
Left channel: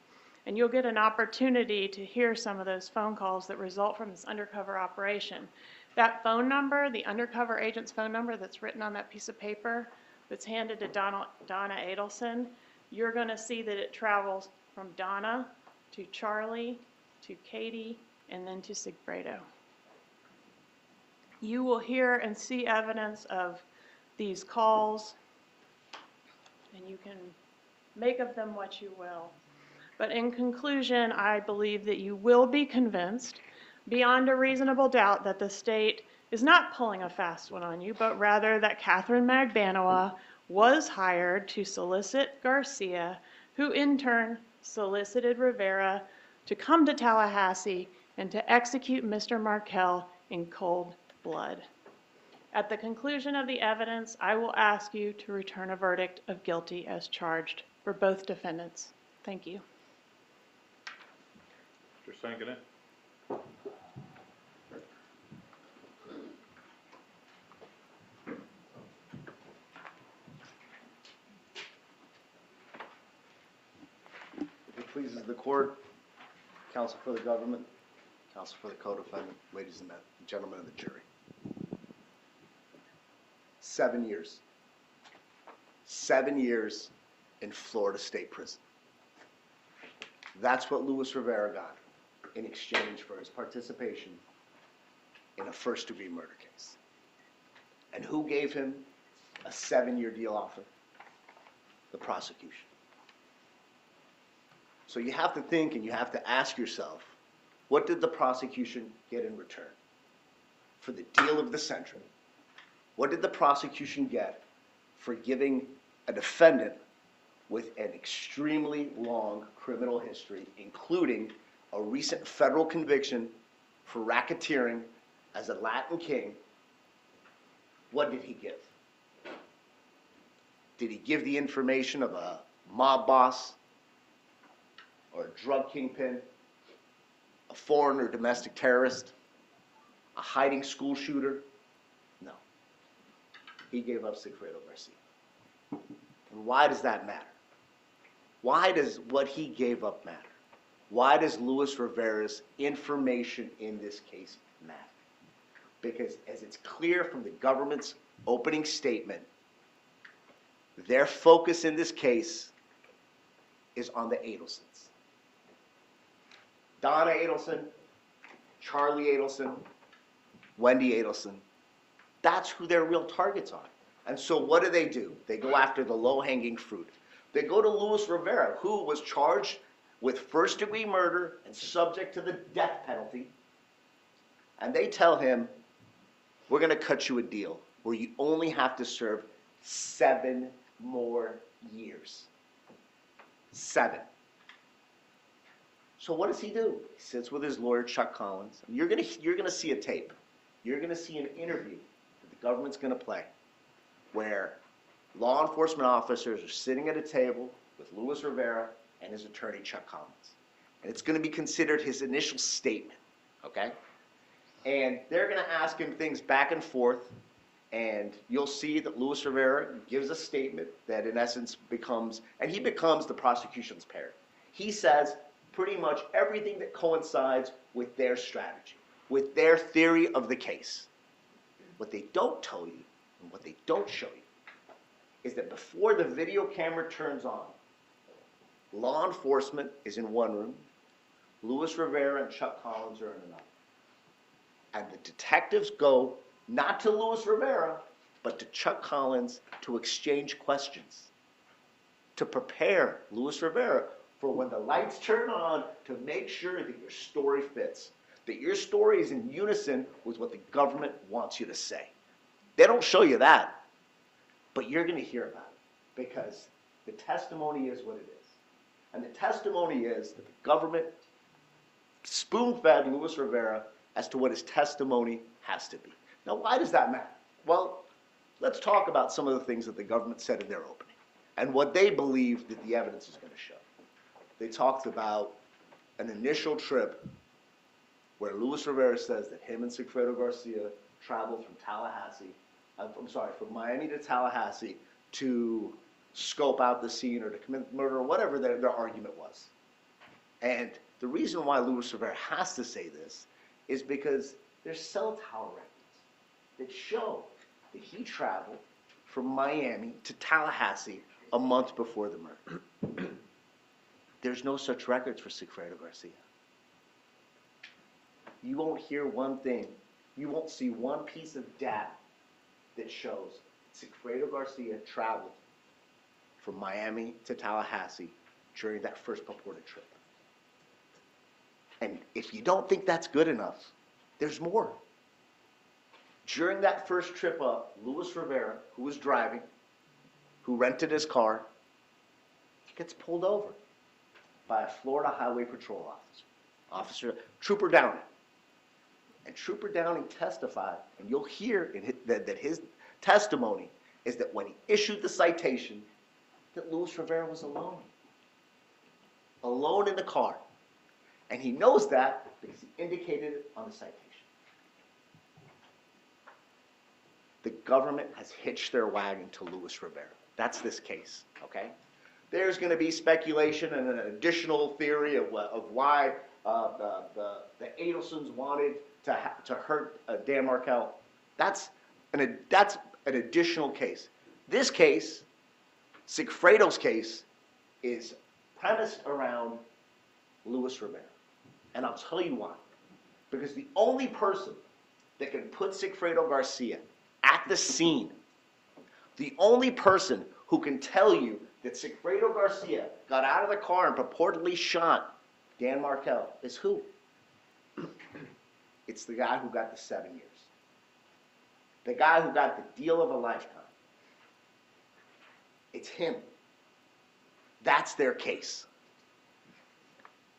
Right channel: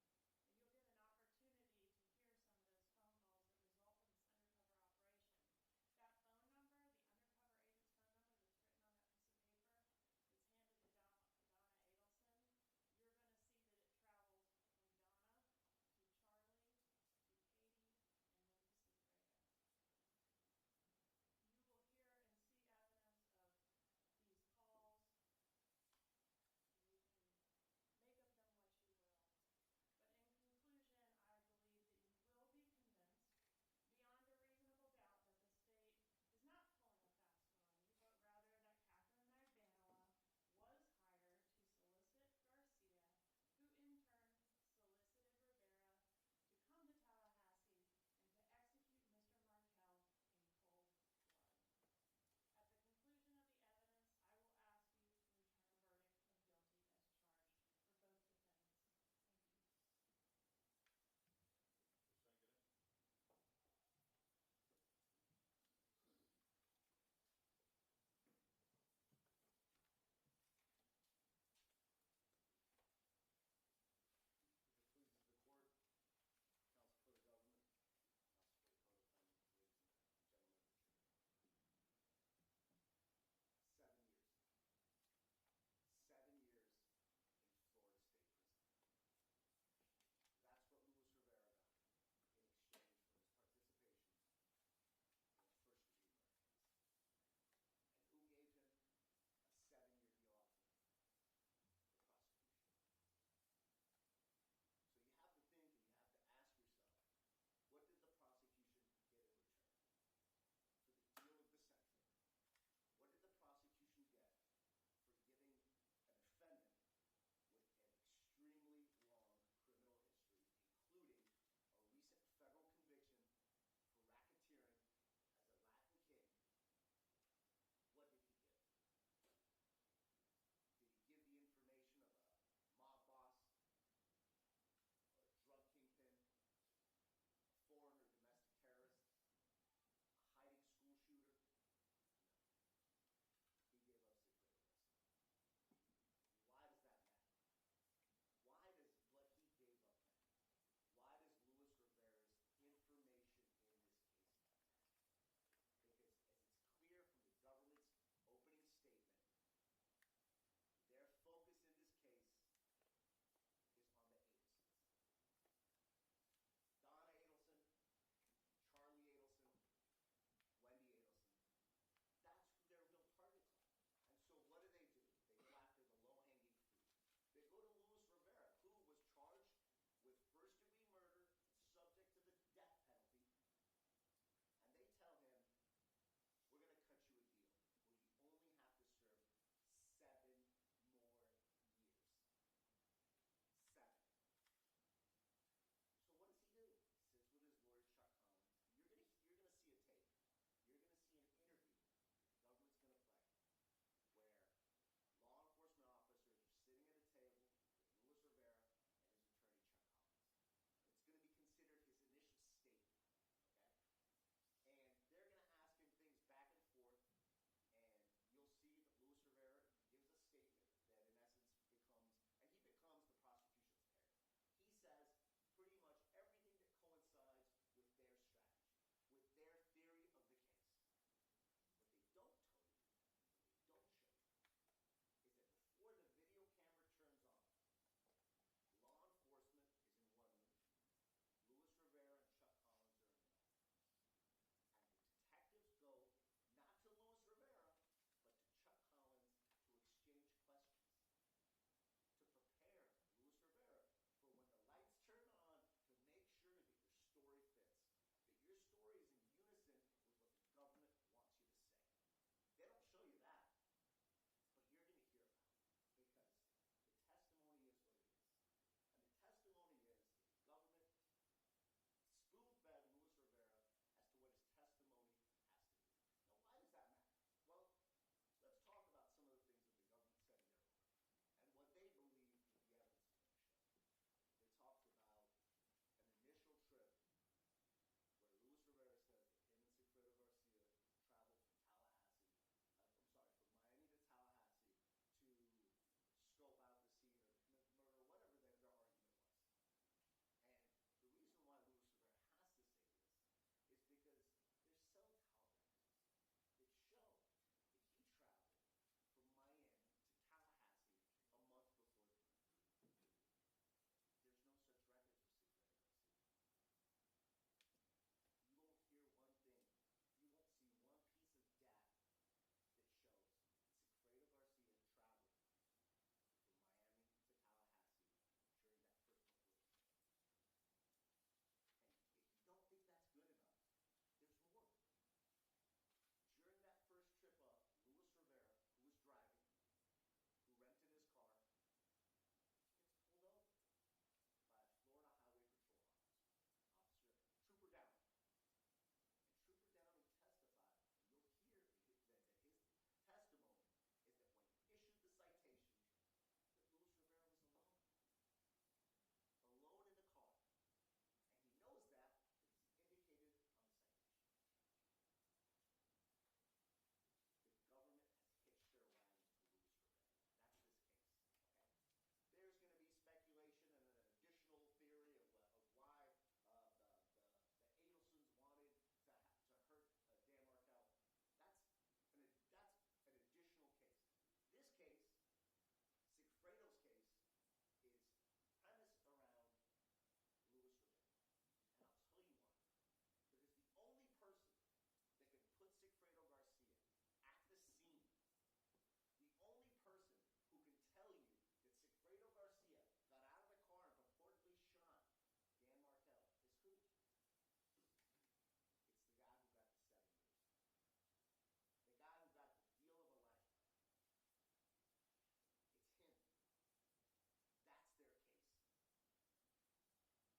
And you'll get an opportunity to hear some of those phone calls that result from this undercover operation. That phone number, the undercover agent's phone number that's written on that piece of paper that's handed to Donna Adelson, you're going to see that it travels from Donna to Charlie to Katie and then to Sigfredo. You will hear and see evidence of these calls, and you can make of them what you will. But in conclusion, I believe that you will be convinced beyond a reasonable doubt that the state is not pulling a fast one on you, but rather that Katherine Magbanua was hired to solicit Garcia, who in turn solicited Rivera to come to Tallahassee and to execute Mr. Markel in cold blood. At the conclusion of the evidence, I will ask you to return a verdict of guilty as charged for both defendants. Thank you. Mr. Sankanen? pleases the court, counsel for the government, counsel for the co-defendant, ladies and gentlemen of the jury. 7 years. 7 years in Florida State Prison. That's what Luis Rivera got in exchange for his participation in a first-degree murder case. And who gave him a 7-year deal offer? The prosecution. So you have to think and you have to ask yourself, what did the prosecution get in return for the deal of the century? What did the prosecution get for giving a defendant with an extremely long criminal history, including a recent federal conviction for racketeering as a Latin king? What did he give? Did he give the information of a mob boss or a drug kingpin, a foreign or domestic terrorist, a hiding school shooter? No. He gave up Sigfredo Garcia. And why does that matter? Why does what he gave up matter? Why does Luis Rivera's information in this case matter? Because as it's clear from the government's opening statement, their focus in this case is on the Adelsons. Donna Adelson, Charlie Adelson, Wendy Adelson. That's who their real targets are. And so what do? They go after the low-hanging fruit. They go to Luis Rivera, who was charged with first-degree murder and subject to the death penalty. And they tell him, we're going to cut you a deal where you only have to serve 7 more years. 7. So what does he do? He sits with his lawyer, Chuck Collins. You're gonna see a tape. You're gonna see an interview that the government's gonna play, where law enforcement officers are sitting at a table with Luis Rivera and his attorney, Chuck Collins. And it's gonna be considered his initial statement, okay? And they're gonna ask him things back and forth, and you'll see that Luis Rivera gives a statement that in essence becomes the prosecution's parrot. He says pretty much everything that coincides with their strategy, with their theory of the case. What they don't tell you and what they don't show you is that before the video camera turns on, law enforcement is in one room, Luis Rivera and Chuck Collins are in another. And the detectives go not to Luis Rivera, but to Chuck Collins to exchange questions, to prepare Luis Rivera for when the lights turn on, to make sure that your story fits, that your story is in unison with what the government wants you to say. They don't show you that, but you're going to hear about it because the testimony is what it is. And the testimony is that the government spoon-fed Luis Rivera as to what his testimony has to be. Now, why does that matter? Well, let's talk about some of the things that the government said in their opening and what they believe that the evidence is going to show. They talked about an initial trip where Luis Rivera says that him and Sigfredo Garcia traveled from from Miami to Tallahassee to scope out the scene or to commit murder or whatever their argument was. And the reason why Luis Rivera has to say this is because there's cell tower records that show that he traveled from Miami to Tallahassee a month before the murder. There's no such records for Sigfredo Garcia. You won't hear one thing. You won't see one piece of data that shows Sigfredo Garcia traveled from Miami to Tallahassee during that first purported trip. And if you don't think that's good enough, there's more. During that first trip up, Luis Rivera, who was driving, who rented his car, gets pulled over by a Florida Highway Patrol officer, Trooper Downing. And Trooper Downing testified, and you'll hear that his testimony is that when he issued the citation, that Luis Rivera was alone in the car. And he knows that because he indicated it on the citation. The government has hitched their wagon to Luis Rivera. That's this case, okay? there's going to be speculation and an additional theory of why the Adelsons wanted to hurt Dan Markel. That's an additional case. This case, Sigfredo's case, is premised around Luis Rivera. And I'll tell you why. Because the only person that can put Sigfredo Garcia at the scene, the only person who can tell you that Sigfredo Garcia got out of the car and purportedly shot Dan Markel is who? It's the guy who got the 7 years. The guy who got the deal of a lifetime. It's him. That's their case.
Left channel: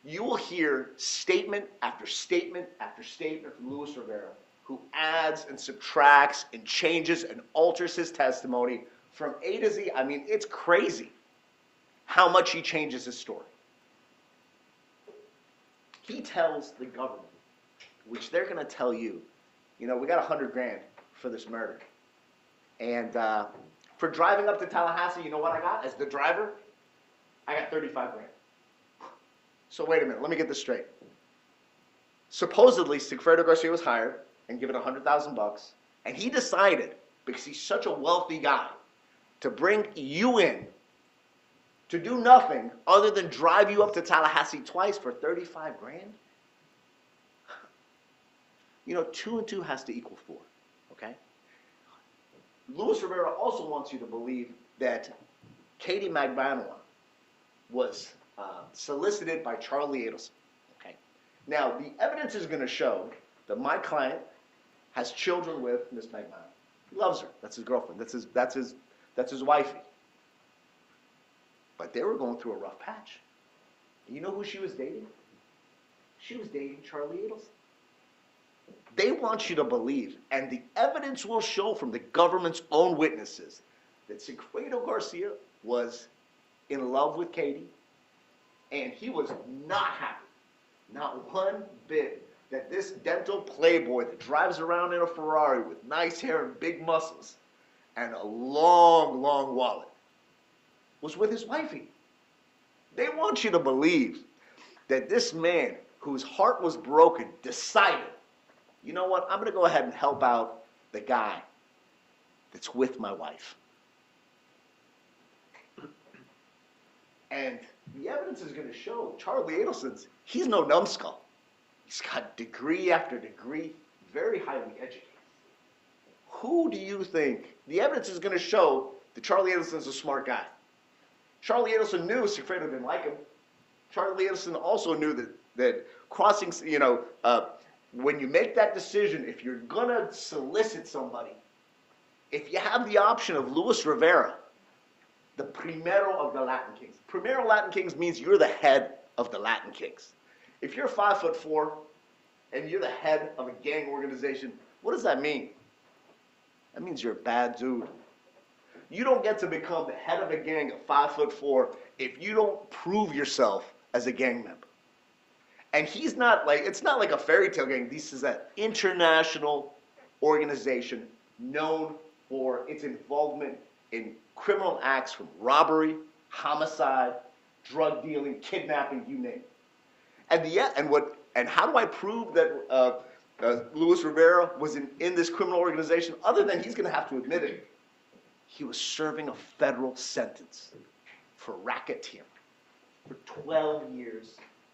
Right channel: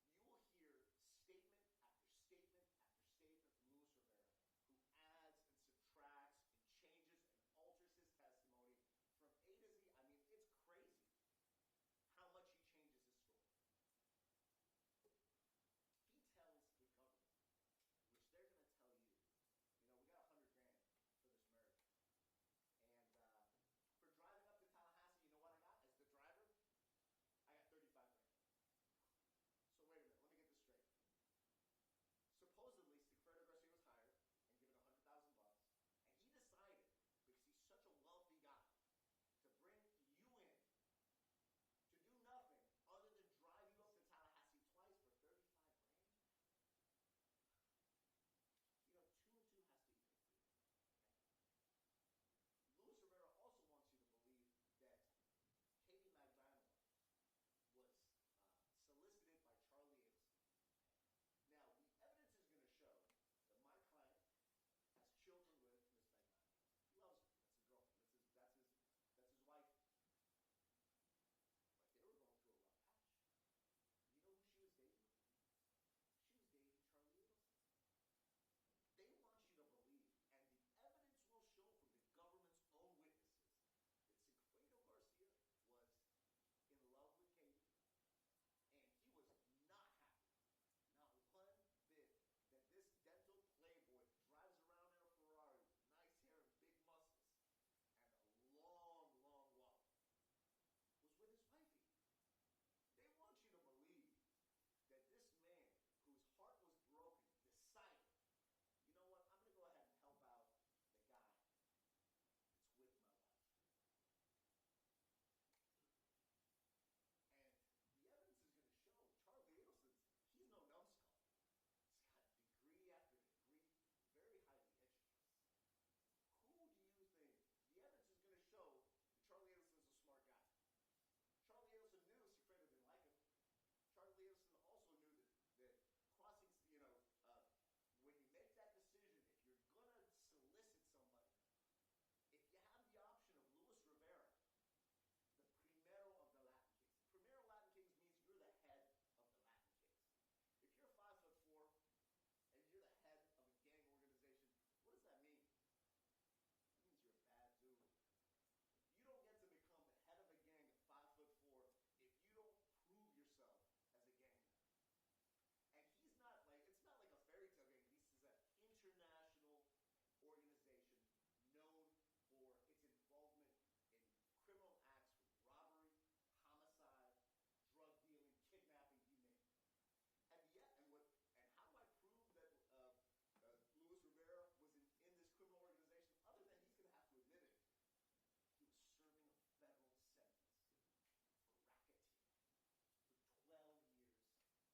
You will hear statement after statement after statement from Luis Rivera, who adds and subtracts and changes and alters his testimony from A to Z. I mean, it's crazy how much he changes his story. He tells the government, which they're going to tell you, you know, we got $100 grand for this murder. And for driving up to Tallahassee, you know what I got as the driver? I got 35 grand. So wait a minute, let me get this straight. Supposedly, Sigfredo Garcia was hired and given $100,000, and he decided, because he's such a wealthy guy, to bring you in to do nothing other than drive you up to Tallahassee twice for 35 grand? You know, 2 and 2 has to equal 4, okay? Luis Rivera also wants you to believe that Katherine Magbanua was solicited by Charlie Adelson, okay? Now, the evidence is going to show that my client has children with Miss Magbanua. He loves her. That's his girlfriend. That's his wifey. But they were going through a rough patch. You know who she was dating? She was dating Charlie Adelson. They want you to believe, and the evidence will show from the government's own witnesses, that Sigfredo Garcia was in love with Katie, and he was not happy, not one bit, that this dental playboy that drives around in a Ferrari with nice hair and big muscles and a long, long wallet was with his wifey. They want you to believe that this man, whose heart was broken, decided, you know what, I'm going to go ahead and help out the guy that's with my wife. And the evidence is going to show Charlie Adelson's, he's no numbskull. He's got degree after degree, very highly educated. Who do you think? The evidence is going to show that Charlie Adelson's a smart guy. Charlie Adelson knew Sigfredo didn't like him. Charlie Adelson also knew that crossing, you know, when you make that decision, if you're going to solicit somebody, if you have the option of Luis Rivera, the primero of the Latin Kings. Primero Latin Kings means you're the head of the Latin Kings. If you're 5'4" and you're the head of a gang organization, what does that mean? That means you're a bad dude. You don't get to become the head of a gang at 5'4" if you don't prove yourself as a gang member. And he's not like, it's not like a fairy tale gang. This is an international organization known for its involvement in criminal acts from robbery, homicide, drug dealing, kidnapping, you name it. And how do I prove that Luis Rivera was in this criminal organization, other than he's going to have to admit it? He was serving a federal sentence for racketeering for 12 years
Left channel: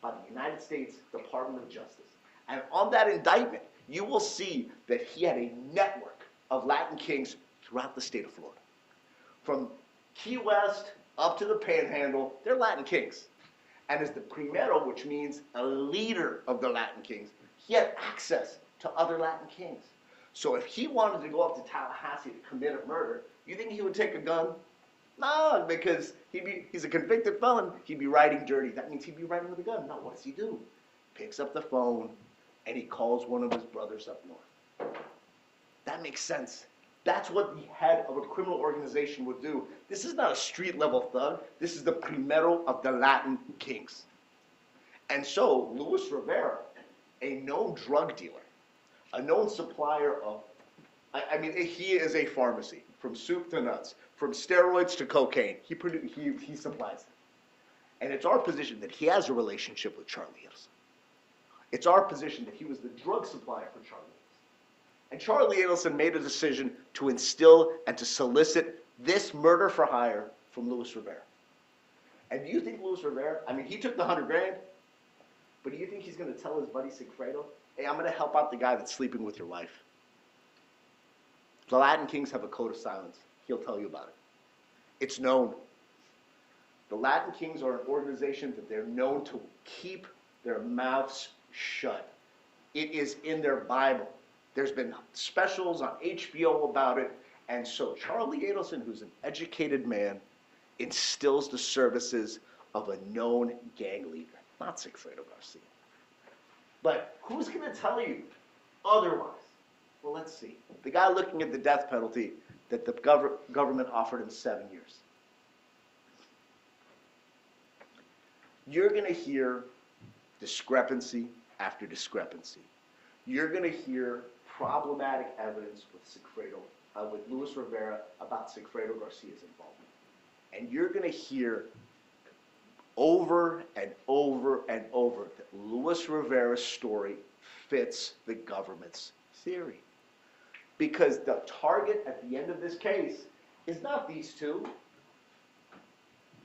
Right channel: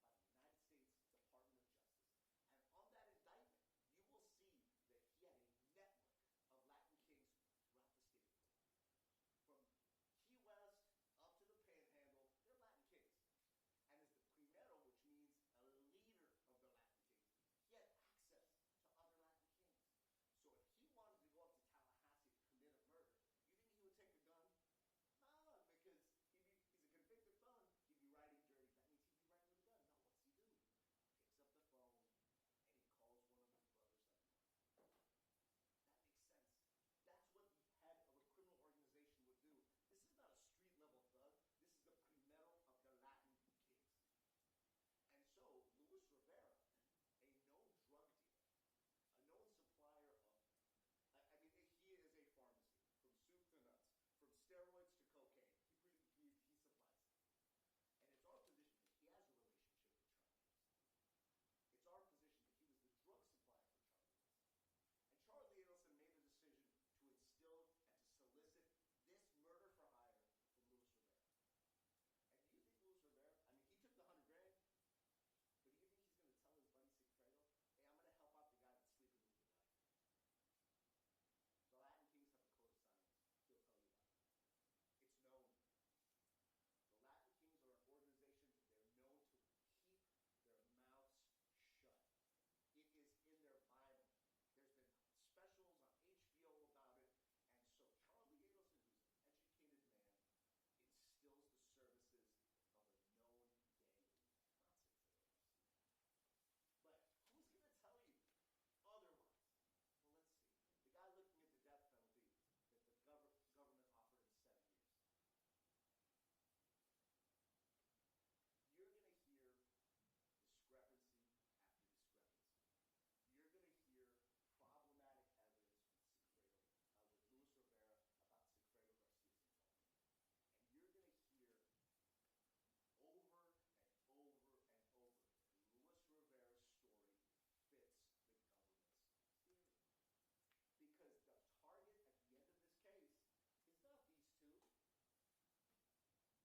by the United States Department of Justice. And on that indictment, you will see that he had a network of Latin Kings throughout the state of Florida. From Key West up to the Panhandle, they're Latin Kings. And as the primero, which means a leader of the Latin Kings, he had access to other Latin Kings. So if he wanted to go up to Tallahassee to commit a murder, you think he would take a gun? No, because he's a convicted felon. He'd be riding dirty. That means he'd be riding with a gun. No, what does he do? Picks up the phone, and he calls one of his brothers up north. That makes sense. That's what the head of a criminal organization would do. This is not a street-level thug. This is the primero of the Latin Kings. And so, Luis Rivera, a known drug dealer, a known supplier of, I mean, he is a pharmacy, from soup to nuts, from steroids to cocaine. He supplies it. And it's our position that he has a relationship with Charlie Adelson. It's our position that he was the drug supplier for Charlie Adelson. And Charlie Adelson made a decision to instill and to solicit this murder for hire from Luis Rivera. And do you think Luis Rivera, I mean, he took the $100 grand, but do you think he's going to tell his buddy Sigfredo, hey, I'm going to help out the guy that's sleeping with your wife? The Latin Kings have a code of silence. He'll tell you about it. It's known. The Latin Kings are an organization that they're known to keep their mouths shut. It is in their Bible. There's been specials on HBO about it. And so Charlie Adelson, who's an educated man, instills the services of a known gang leader, not Sigfredo Garcia. But who's going to tell you otherwise? Well, let's see. The guy looking at the death penalty that the government offered him 7 years. You're going to hear discrepancy after discrepancy. You're going to hear problematic evidence with Luis Rivera about Sigfredo Garcia's involvement. And you're going to hear over and over and over that Luis Rivera's story fits the government's theory. Because the target at the end of this case is not these two.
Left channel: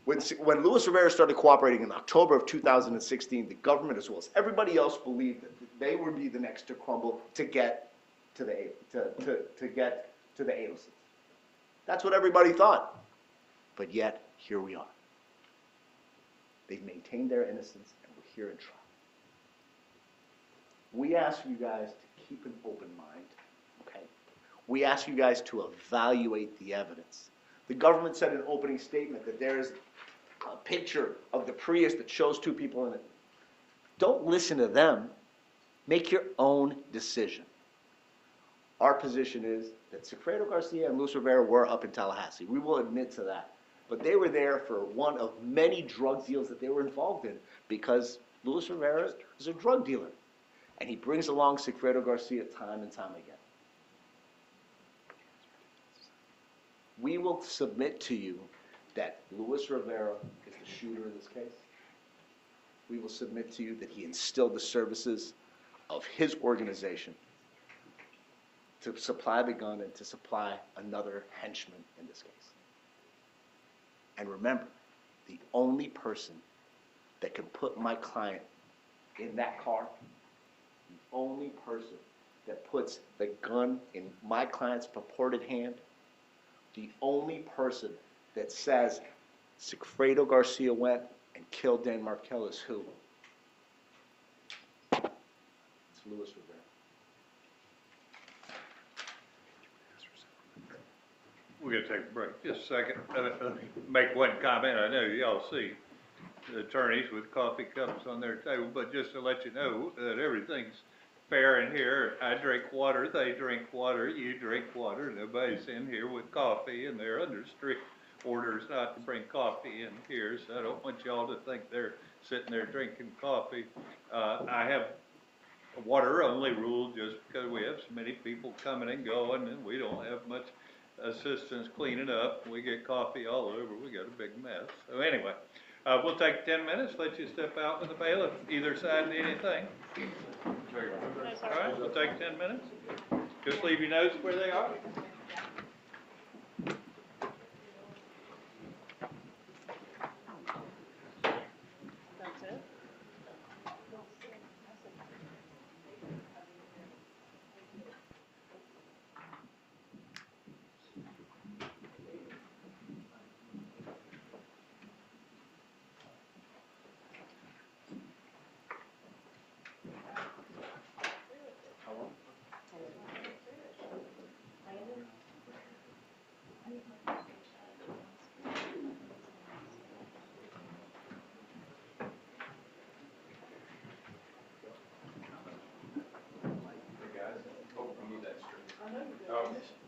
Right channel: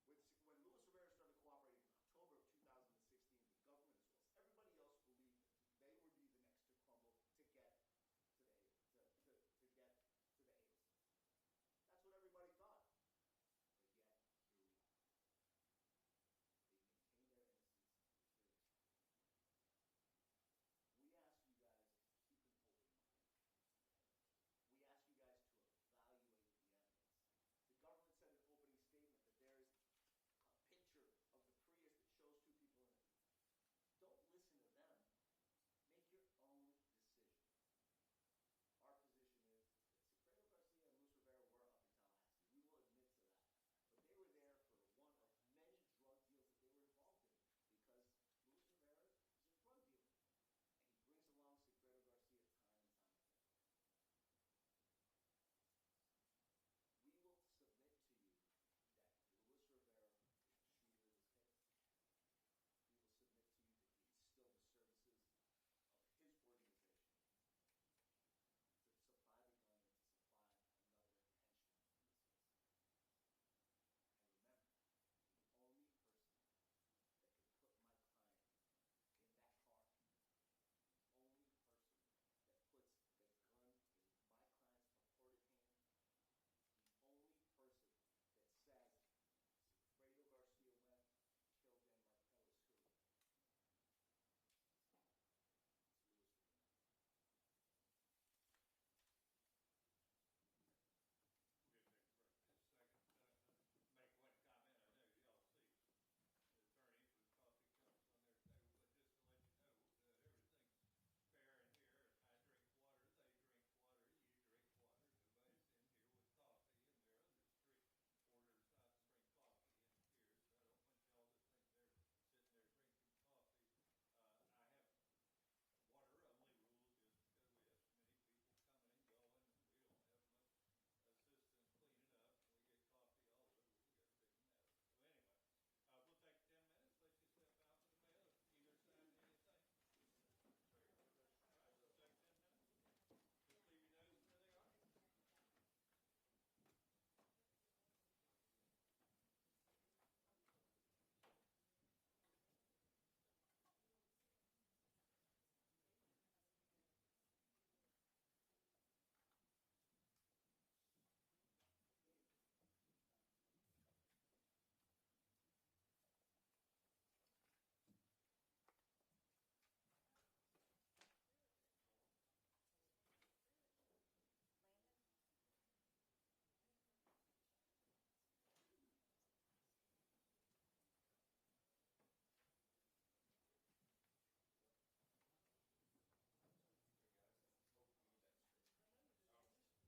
When Luis Rivera started cooperating in October of 2016, the government, as well as everybody else, believed that they would be the next to crumble to get to the Adelsons. That's what everybody thought. But yet, here we are. They've maintained their innocence, and we're here in trial. We ask you guys to keep an open mind, okay? We ask you guys to evaluate the evidence. The government said in an opening statement that there is a picture of the Prius that shows two people in it. Don't listen to them. Make your own decision. Our position is that Sigfredo Garcia and Luis Rivera were up in Tallahassee. We will admit to that. But they were there for one of many drug deals that they were involved in because Luis Rivera is a drug dealer. And he brings along Sigfredo Garcia time and time again. We will submit to you that Luis Rivera is the shooter in this case. We will submit to you that he instilled the services of his organization to supply the gun and to supply another henchman in this case. And remember, the only person that can put my client in that car, the only person that puts the gun in my client's purported hand, the only person that says Sigfredo Garcia went and killed Dan Markel is who? It's Luis Rivera. We're going to take a break just a second. Let me make one comment. I know y'all see the attorneys with coffee cups on their table, but just to let you know that everything's fair in here. I drink water, they drink water, you drink water. Nobody's in here with coffee, and they're under strict orders not to bring coffee in here, so I don't want y'all to think they're sitting there drinking coffee. I have a water-only rule just because we have so many people coming and going, and we don't have much assistance cleaning up. We get coffee all over. We got a big mess. So anyway, we'll take 10 minutes, let you step out with the bailiff. Either side need anything? All right, we'll take 10 minutes. Just leave your notes where they are. That's it?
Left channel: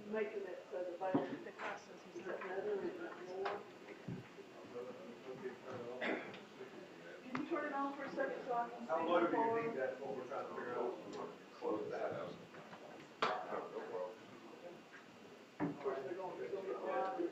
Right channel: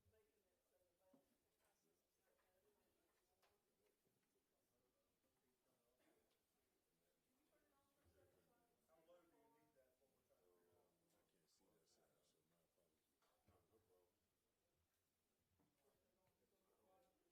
Making it so the bailiff can pick houses and stuff. Can you turn it on for a second so I can see? How low do you need that before we're trying to figure out? Close that out. Of course, they're gonna get quiet.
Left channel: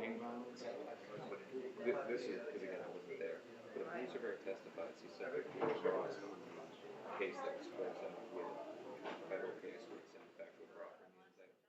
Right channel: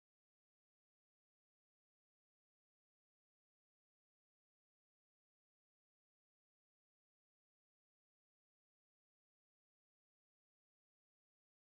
gang violence. This is, because again, I wasn't there, but a police officer testified, he said that he was lost on the case that was closed out with a federal case with some factual proffer in the indictment.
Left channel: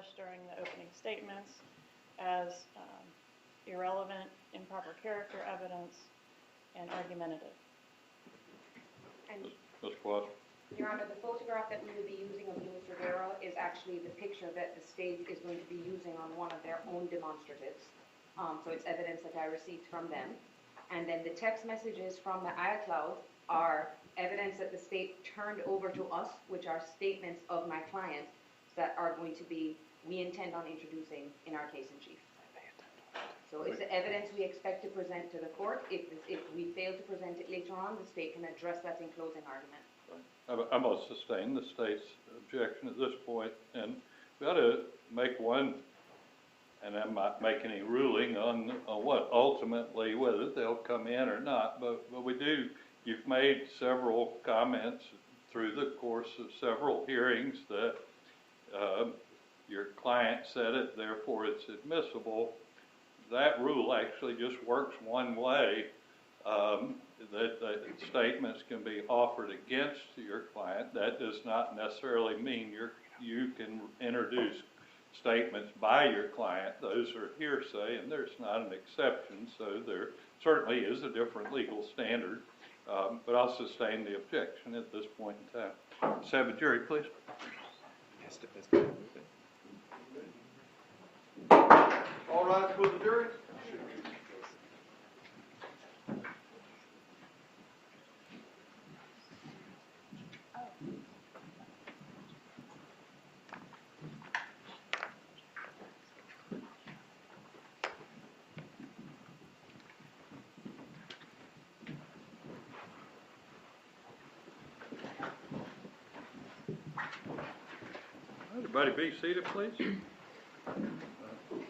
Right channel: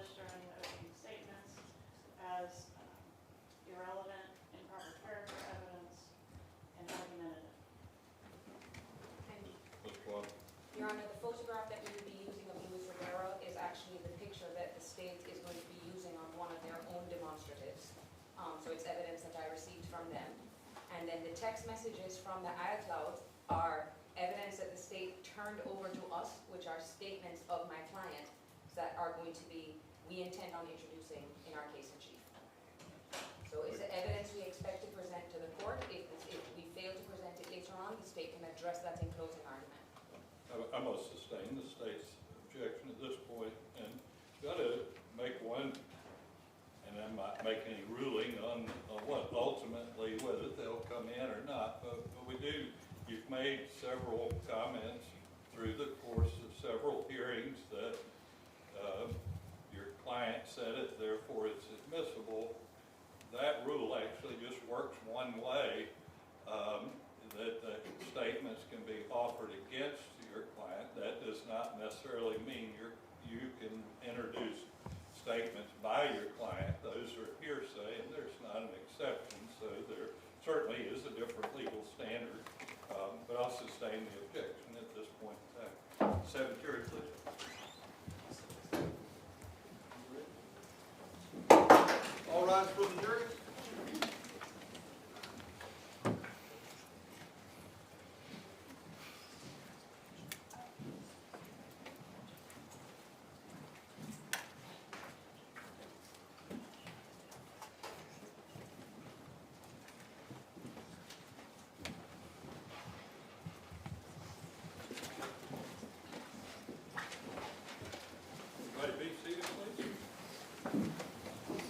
established during the opening statements as irrelevant, improper character evidence, and argumentative. And Ms. What? Your Honor, the photograph that we will be using of Luis Rivera is actually the picture that the state is going to be using on one of their own demonstratives. So it's evidence that I received from them. And then the text messages from the iCloud are evidence that the state turned over to us, which are statements of my client that are going to be, we intend on introducing in our case in chief. So it's the evidence we expect to present to the court. If we fail to present it later on, the state can address that in closing argument. I'm going to sustain the state's objection at this point, and we ought to make one, and I'm not making any ruling on what ultimately, whether they'll come in or not, but we do, you've made several comments through the course of several hearings that your client said it, therefore it's admissible. That rule actually just works one way, that statements can be offered against your client. That does not necessarily mean you can introduce statements by your client. Those are hearsay, and there's not an exception, so there certainly is a different legal standard, but I'll sustain the objection at this point in time. Seventh jury, please. All rise for the jury. Everybody be seated, please.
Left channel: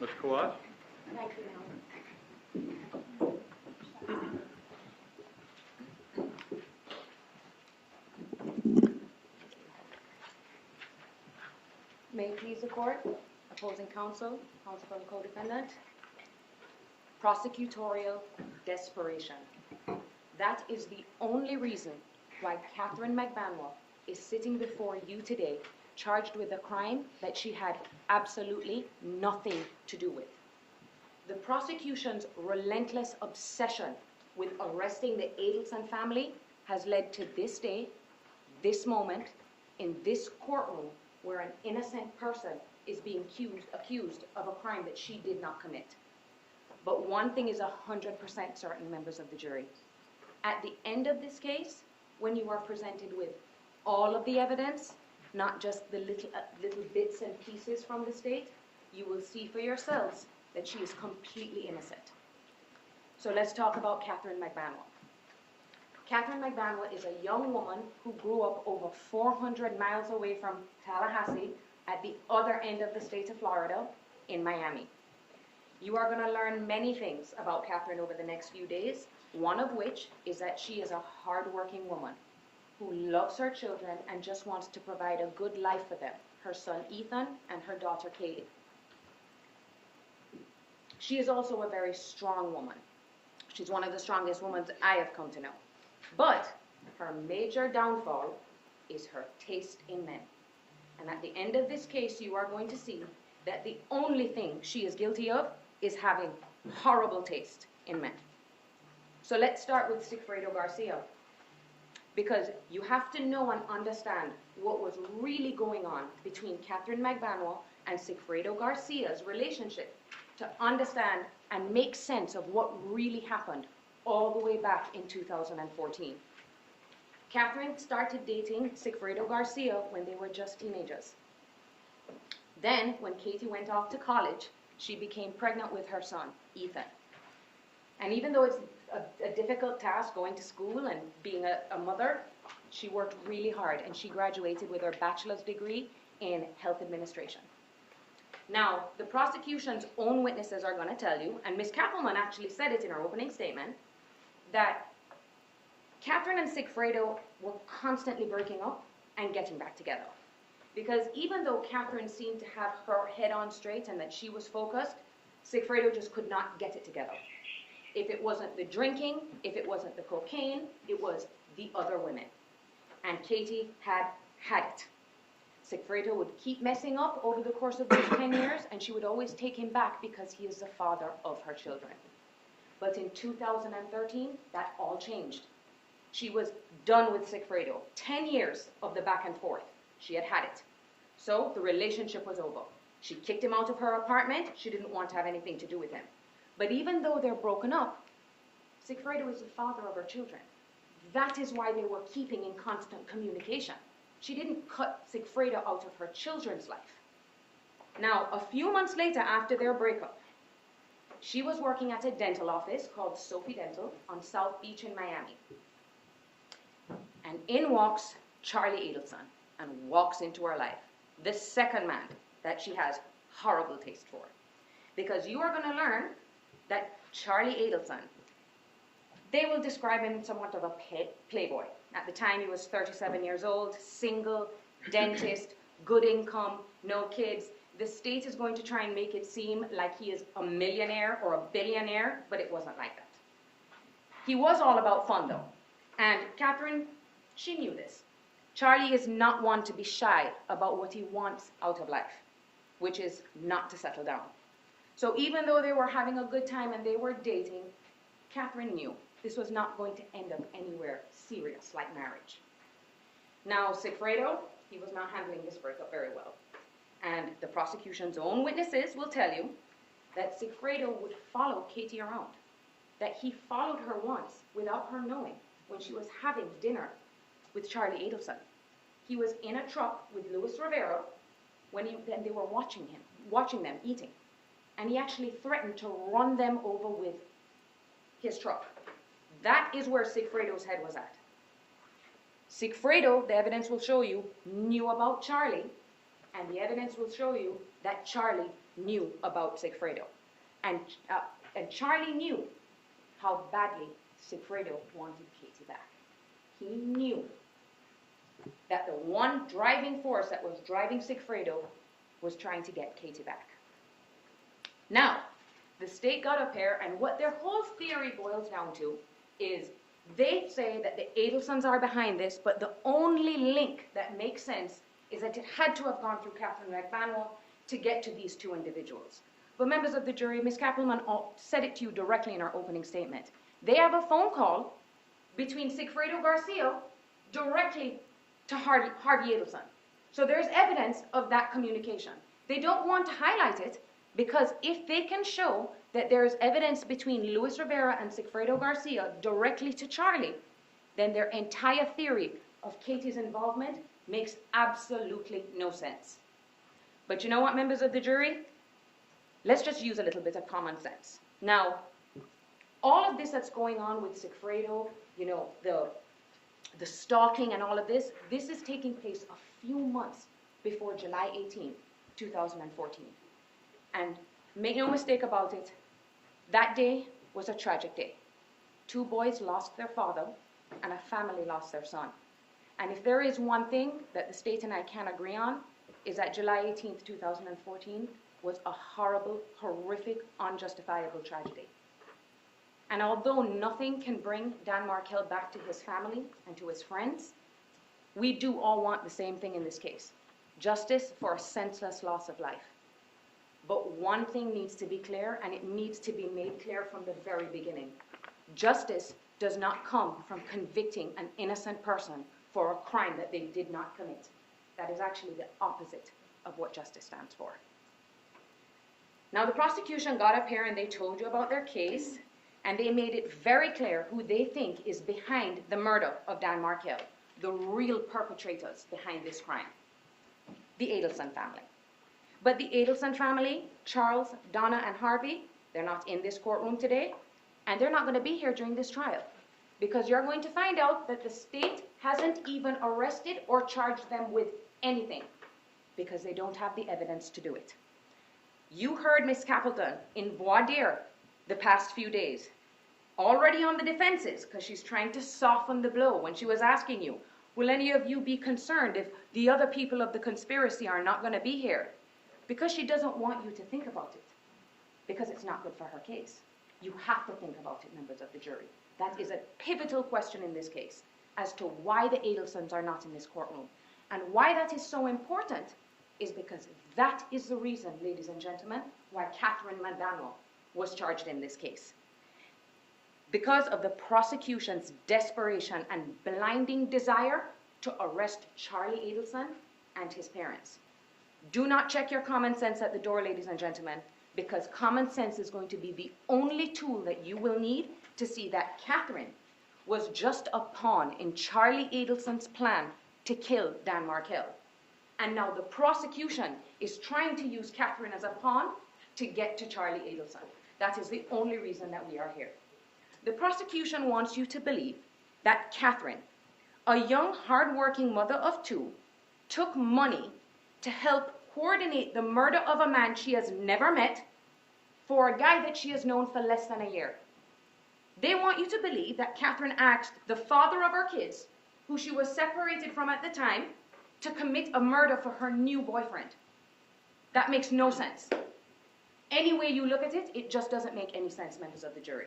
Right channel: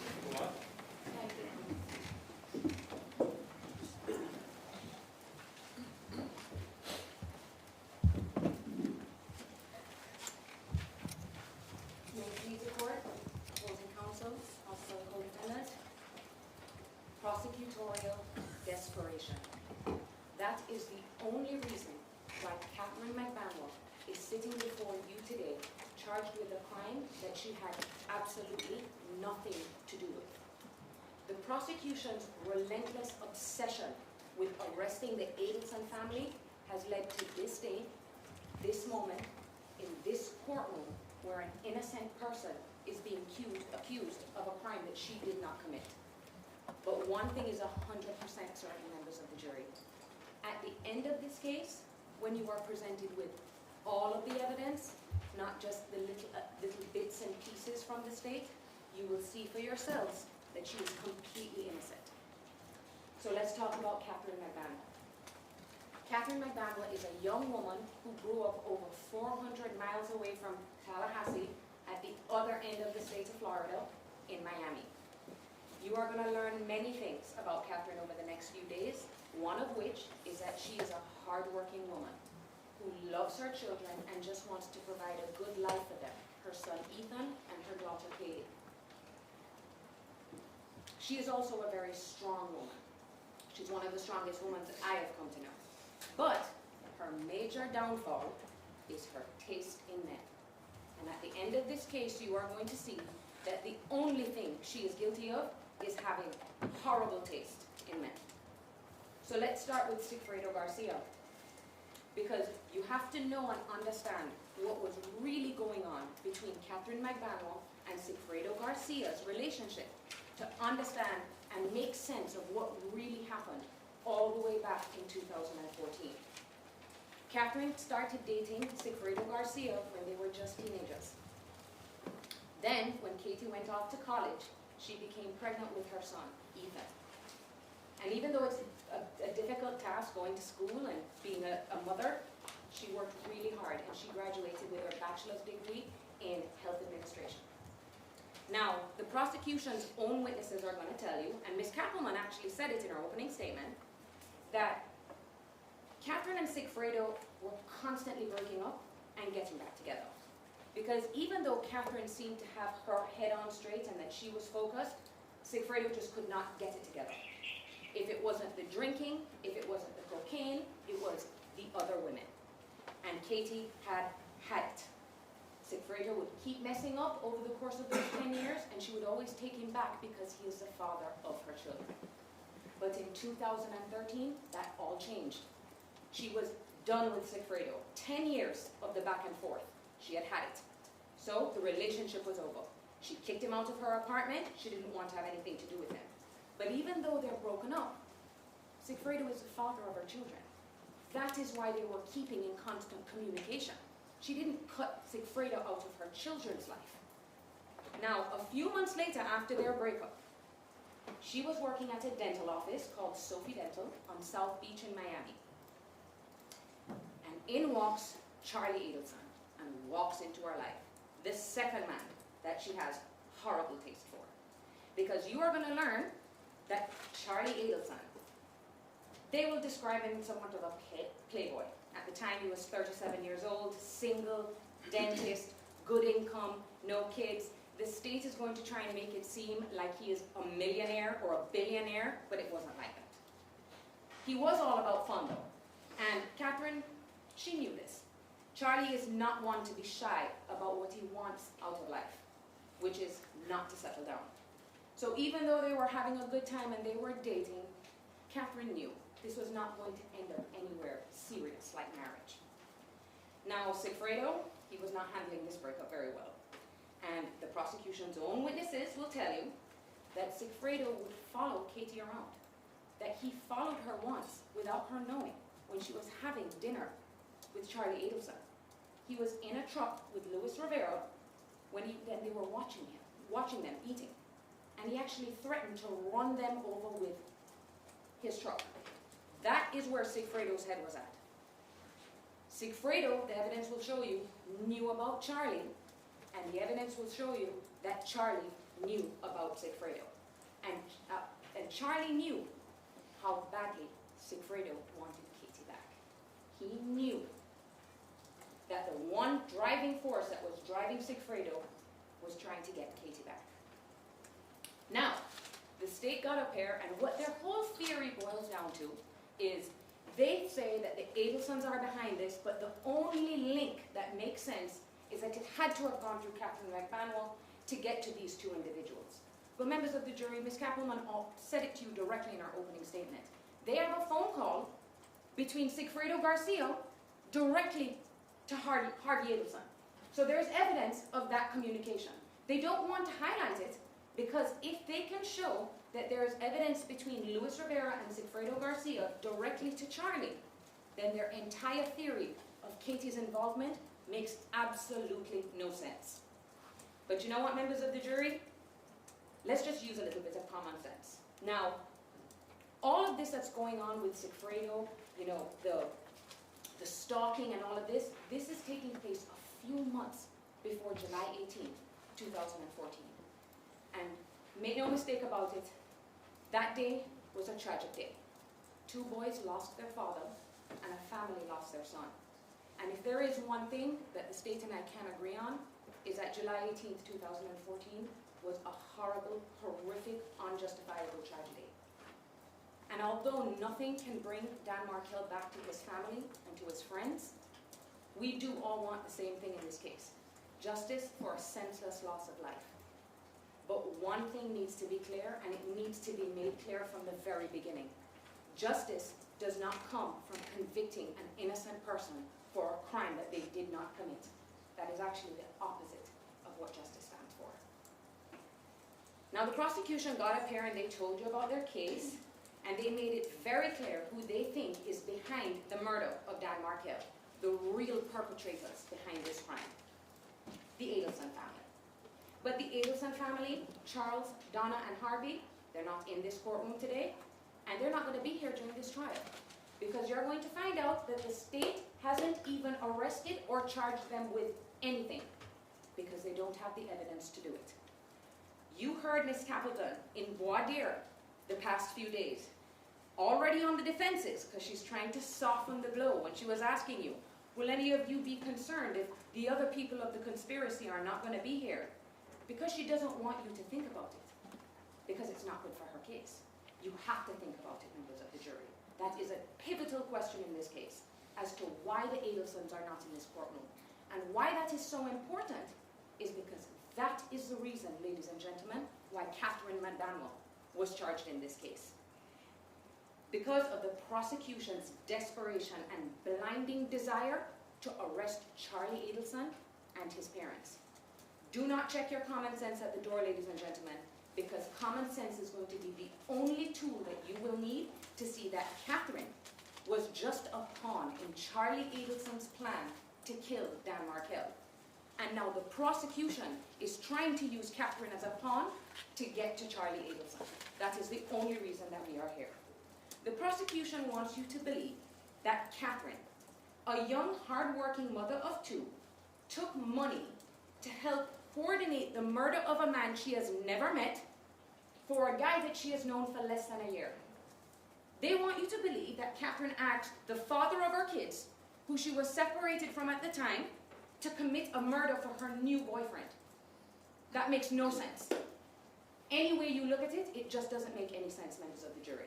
Ms. Kawat. Thank you. May it please the court, opposing counsel, counsel for the co-defendant. Prosecutorial desperation. That is the only reason why Katherine Magbanua is sitting before you today, charged with a crime that she had absolutely nothing to do with. The prosecution's relentless obsession with arresting the Adelson family has led to this day, this moment, in this courtroom, where an innocent person is being accused of a crime that she did not commit. But one thing is 100% certain, members of the jury. At the end of this case, when you are presented with all of the evidence, not just the little bits and pieces from the state, you will see for yourselves that she is completely innocent. So let's talk about Katherine Magbanua. Katherine Magbanua is a young woman who grew up over 400 miles away from Tallahassee at the other end of the state of Florida in Miami. You are going to learn many things about Katherine over the next few days, one of which is that she is a hardworking woman who loves her children and just wants to provide a good life for them, her son Ethan and her daughter Katie. She is also a very strong woman. She's one of the strongest women I have come to know. But her major downfall is her taste in men. And at the end of this case, you are going to see that the only thing she is guilty of is having horrible taste in men. So let's start with Sigfredo Garcia, because you have to know and understand what was really going on between Katherine Magbanua and Sigfredo Garcia's relationship to understand and make sense of what really happened all the way back in 2014. Katherine started dating Sigfredo Garcia when they were just teenagers. Then, when Katie went off to college, she became pregnant with her son, Ethan. And even though it's a difficult task going to school and being a mother, she worked really hard, and she graduated with her bachelor's degree in health administration. Now, the prosecution's own witnesses are going to tell you, and Ms. Kappelman actually said it in her opening statement, that Katherine and Sigfredo were constantly breaking up and getting back together. Because even though Katherine seemed to have her head on straight and that she was focused, Sigfredo just could not get it together. If it wasn't the drinking, if it wasn't the cocaine, it was the other women. And Katie had it. Sigfredo would keep messing up over the course of those 10 years, and she would always take him back because he is the father of her children. But in 2013, that all changed. She was done with Sigfredo. 10 years of the back and forth. She had had it. So the relationship was over. She kicked him out of her apartment. She didn't want to have anything to do with him. But even though they're broken up, Sigfredo is the father of her children. That is why they were keeping in constant communication. She didn't cut Sigfredo out of her children's life. Now, a few months later, after their breakup, she was working at a dental office called Sophie Dental on South Beach in Miami. And in walks Charlie Adelson and walks into her life. The second man that she has horrible taste for. Because you are going to learn that Charlie Adelson, they will describe him somewhat of a playboy. At the time, he was 37 years old, single, dentist, good income, no kids. The state is going to try and make it seem like he is a millionaire or a billionaire, but it wasn't like that. He was all about fun, though. And Katherine, she knew this. Charlie is not one to be shy about what he wants out of life, which is not to settle down. So even though they were having a good time and they were dating, Katherine knew this was not going to end up anywhere serious like marriage. Now, Sigfredo, he was not handling this breakup very well. And the prosecution's own witnesses will tell you that Sigfredo would follow Katie around, that he followed her once without her knowing when she was having dinner with Charlie Adelson. He was in a truck with Luis Rivera when they were watching them eating. And he actually threatened to run them over with his truck. That is where Sigfredo's head was at. Sigfredo, the evidence will show you, knew about Charlie, and the evidence will show you that Charlie knew about Sigfredo. And Charlie knew how badly Sigfredo wanted Katie back. He knew that the one driving force that was driving Sigfredo was trying to get Katie back. Now, the state got up here, and what their whole theory boils down to is they say that the Adelsons are behind this, but the only link that makes sense is that it had to have gone through Katherine Magbanua to get to these two individuals. But members of the jury, Ms. Kappelman said it to you directly in our opening statement. They have a phone call between Sigfredo Garcia directly to Harvey Adelson. So there's evidence of that communication. They don't want to highlight it because if they can show that there is evidence between Luis Rivera and Sigfredo Garcia directly to Charlie, then their entire theory of Katie's involvement makes absolutely no sense. But you know what, members of the jury? Let's just use a little bit of common sense. Now, all of this that's going on with Sigfredo, you know, the stalking and all of this, this is taking place a few months before July 18th, 2014. And make no mistake about it, that day was a tragic day. 2 boys lost their father, and a family lost their son. And if there is one thing that the state and I can agree on, is that July 18th, 2014 was a horrible, horrific, unjustifiable tragedy. And although nothing can bring Dan Markel back to his family and to his friends, we do all want the same thing in this case: justice for a senseless loss of life. But one thing needs to be clear, and it needs to be made clear from the very beginning. Justice does not come from convicting an innocent person for a crime that they did not commit. That is actually the opposite of what justice stands for. Now, the prosecution got up here and they told you about their case, and they made it very clear who they think is behind the murder of Dan Markel, the real perpetrators behind this crime: the Adelson family. But the Adelson family, Charles, Donna, and Harvey, they're not in this courtroom today, and they're not going to be here during this trial, because you're going to find out that the state hasn't even arrested or charged them with anything, because they don't have the evidence to do it. You heard Ms. Capleton in voir dire the past few days, already on the defenses, because she's trying to soften the blow when she was asking you, will any of you be concerned if the other people of the conspiracy are not going to be here? Because she doesn't want you to think about it, because it's not good for her case. You have to think about it, members of the jury. That is a pivotal question in this case, as to why the Adelsons are not in this courtroom. And why that is so important is because that is the reason, ladies and gentlemen, why Katherine Magbanua was charged in this case. Because of the prosecution's desperation and blinding desire to arrest Charlie Adelson and his parents. Do not check your common sense at the door, ladies and gentlemen, because common sense is going to be the only tool that you will need to see that Katherine was just a pawn in Charlie Adelson's plan to kill Dan Markel. And now the prosecution is trying to use Katherine as a pawn to get to Charlie Adelson. That is the only reason that we are here. The prosecution wants you to believe that Katherine, a young, hard-working mother of two, took money to help coordinate the murder of a man she has never met for a guy that she has known for less than a year. They want you to believe that Katherine asked the father of her kids, who she was separated from at the time, to commit a murder for her new boyfriend. That makes no sense. Any way you look at it, it just doesn't make any sense, members of the jury.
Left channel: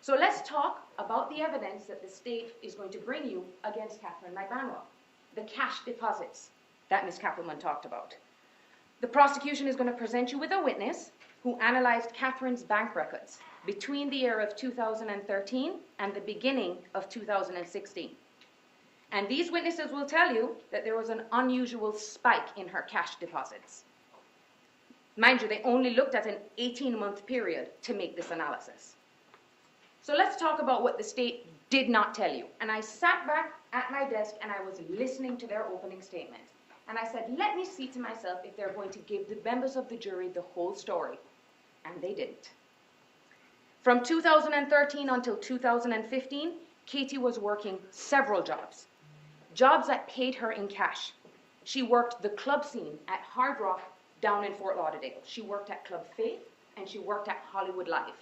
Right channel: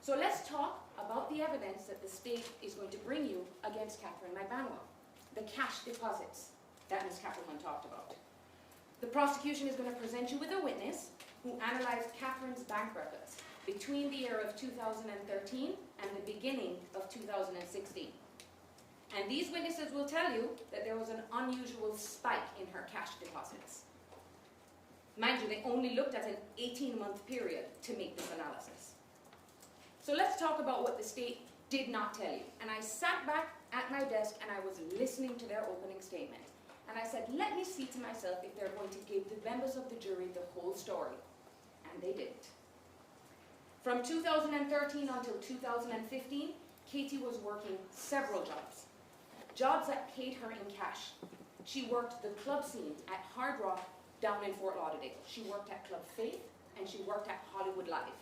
So let's talk about the evidence that the state is going to bring you against Katherine Magbanua, the cash deposits that Ms. Kappelman talked about. The prosecution is going to present you with a witness who analyzed Katherine's bank records between the year of 2013 and the beginning of 2016. And these witnesses will tell you that there was an unusual spike in her cash deposits. Mind you, they only looked at an 18-month period to make this analysis. So let's talk about what the state did not tell you. And I sat back at my desk and I was listening to their opening statement. And I said, let me see to myself if they're going to give the members of the jury the whole story. And they didn't. From 2013 until 2015, Katie was working several jobs. Jobs that paid her in cash. She worked the club scene at Hard Rock down in Fort Lauderdale. She worked at Club Faith and she worked at Hollywood Live.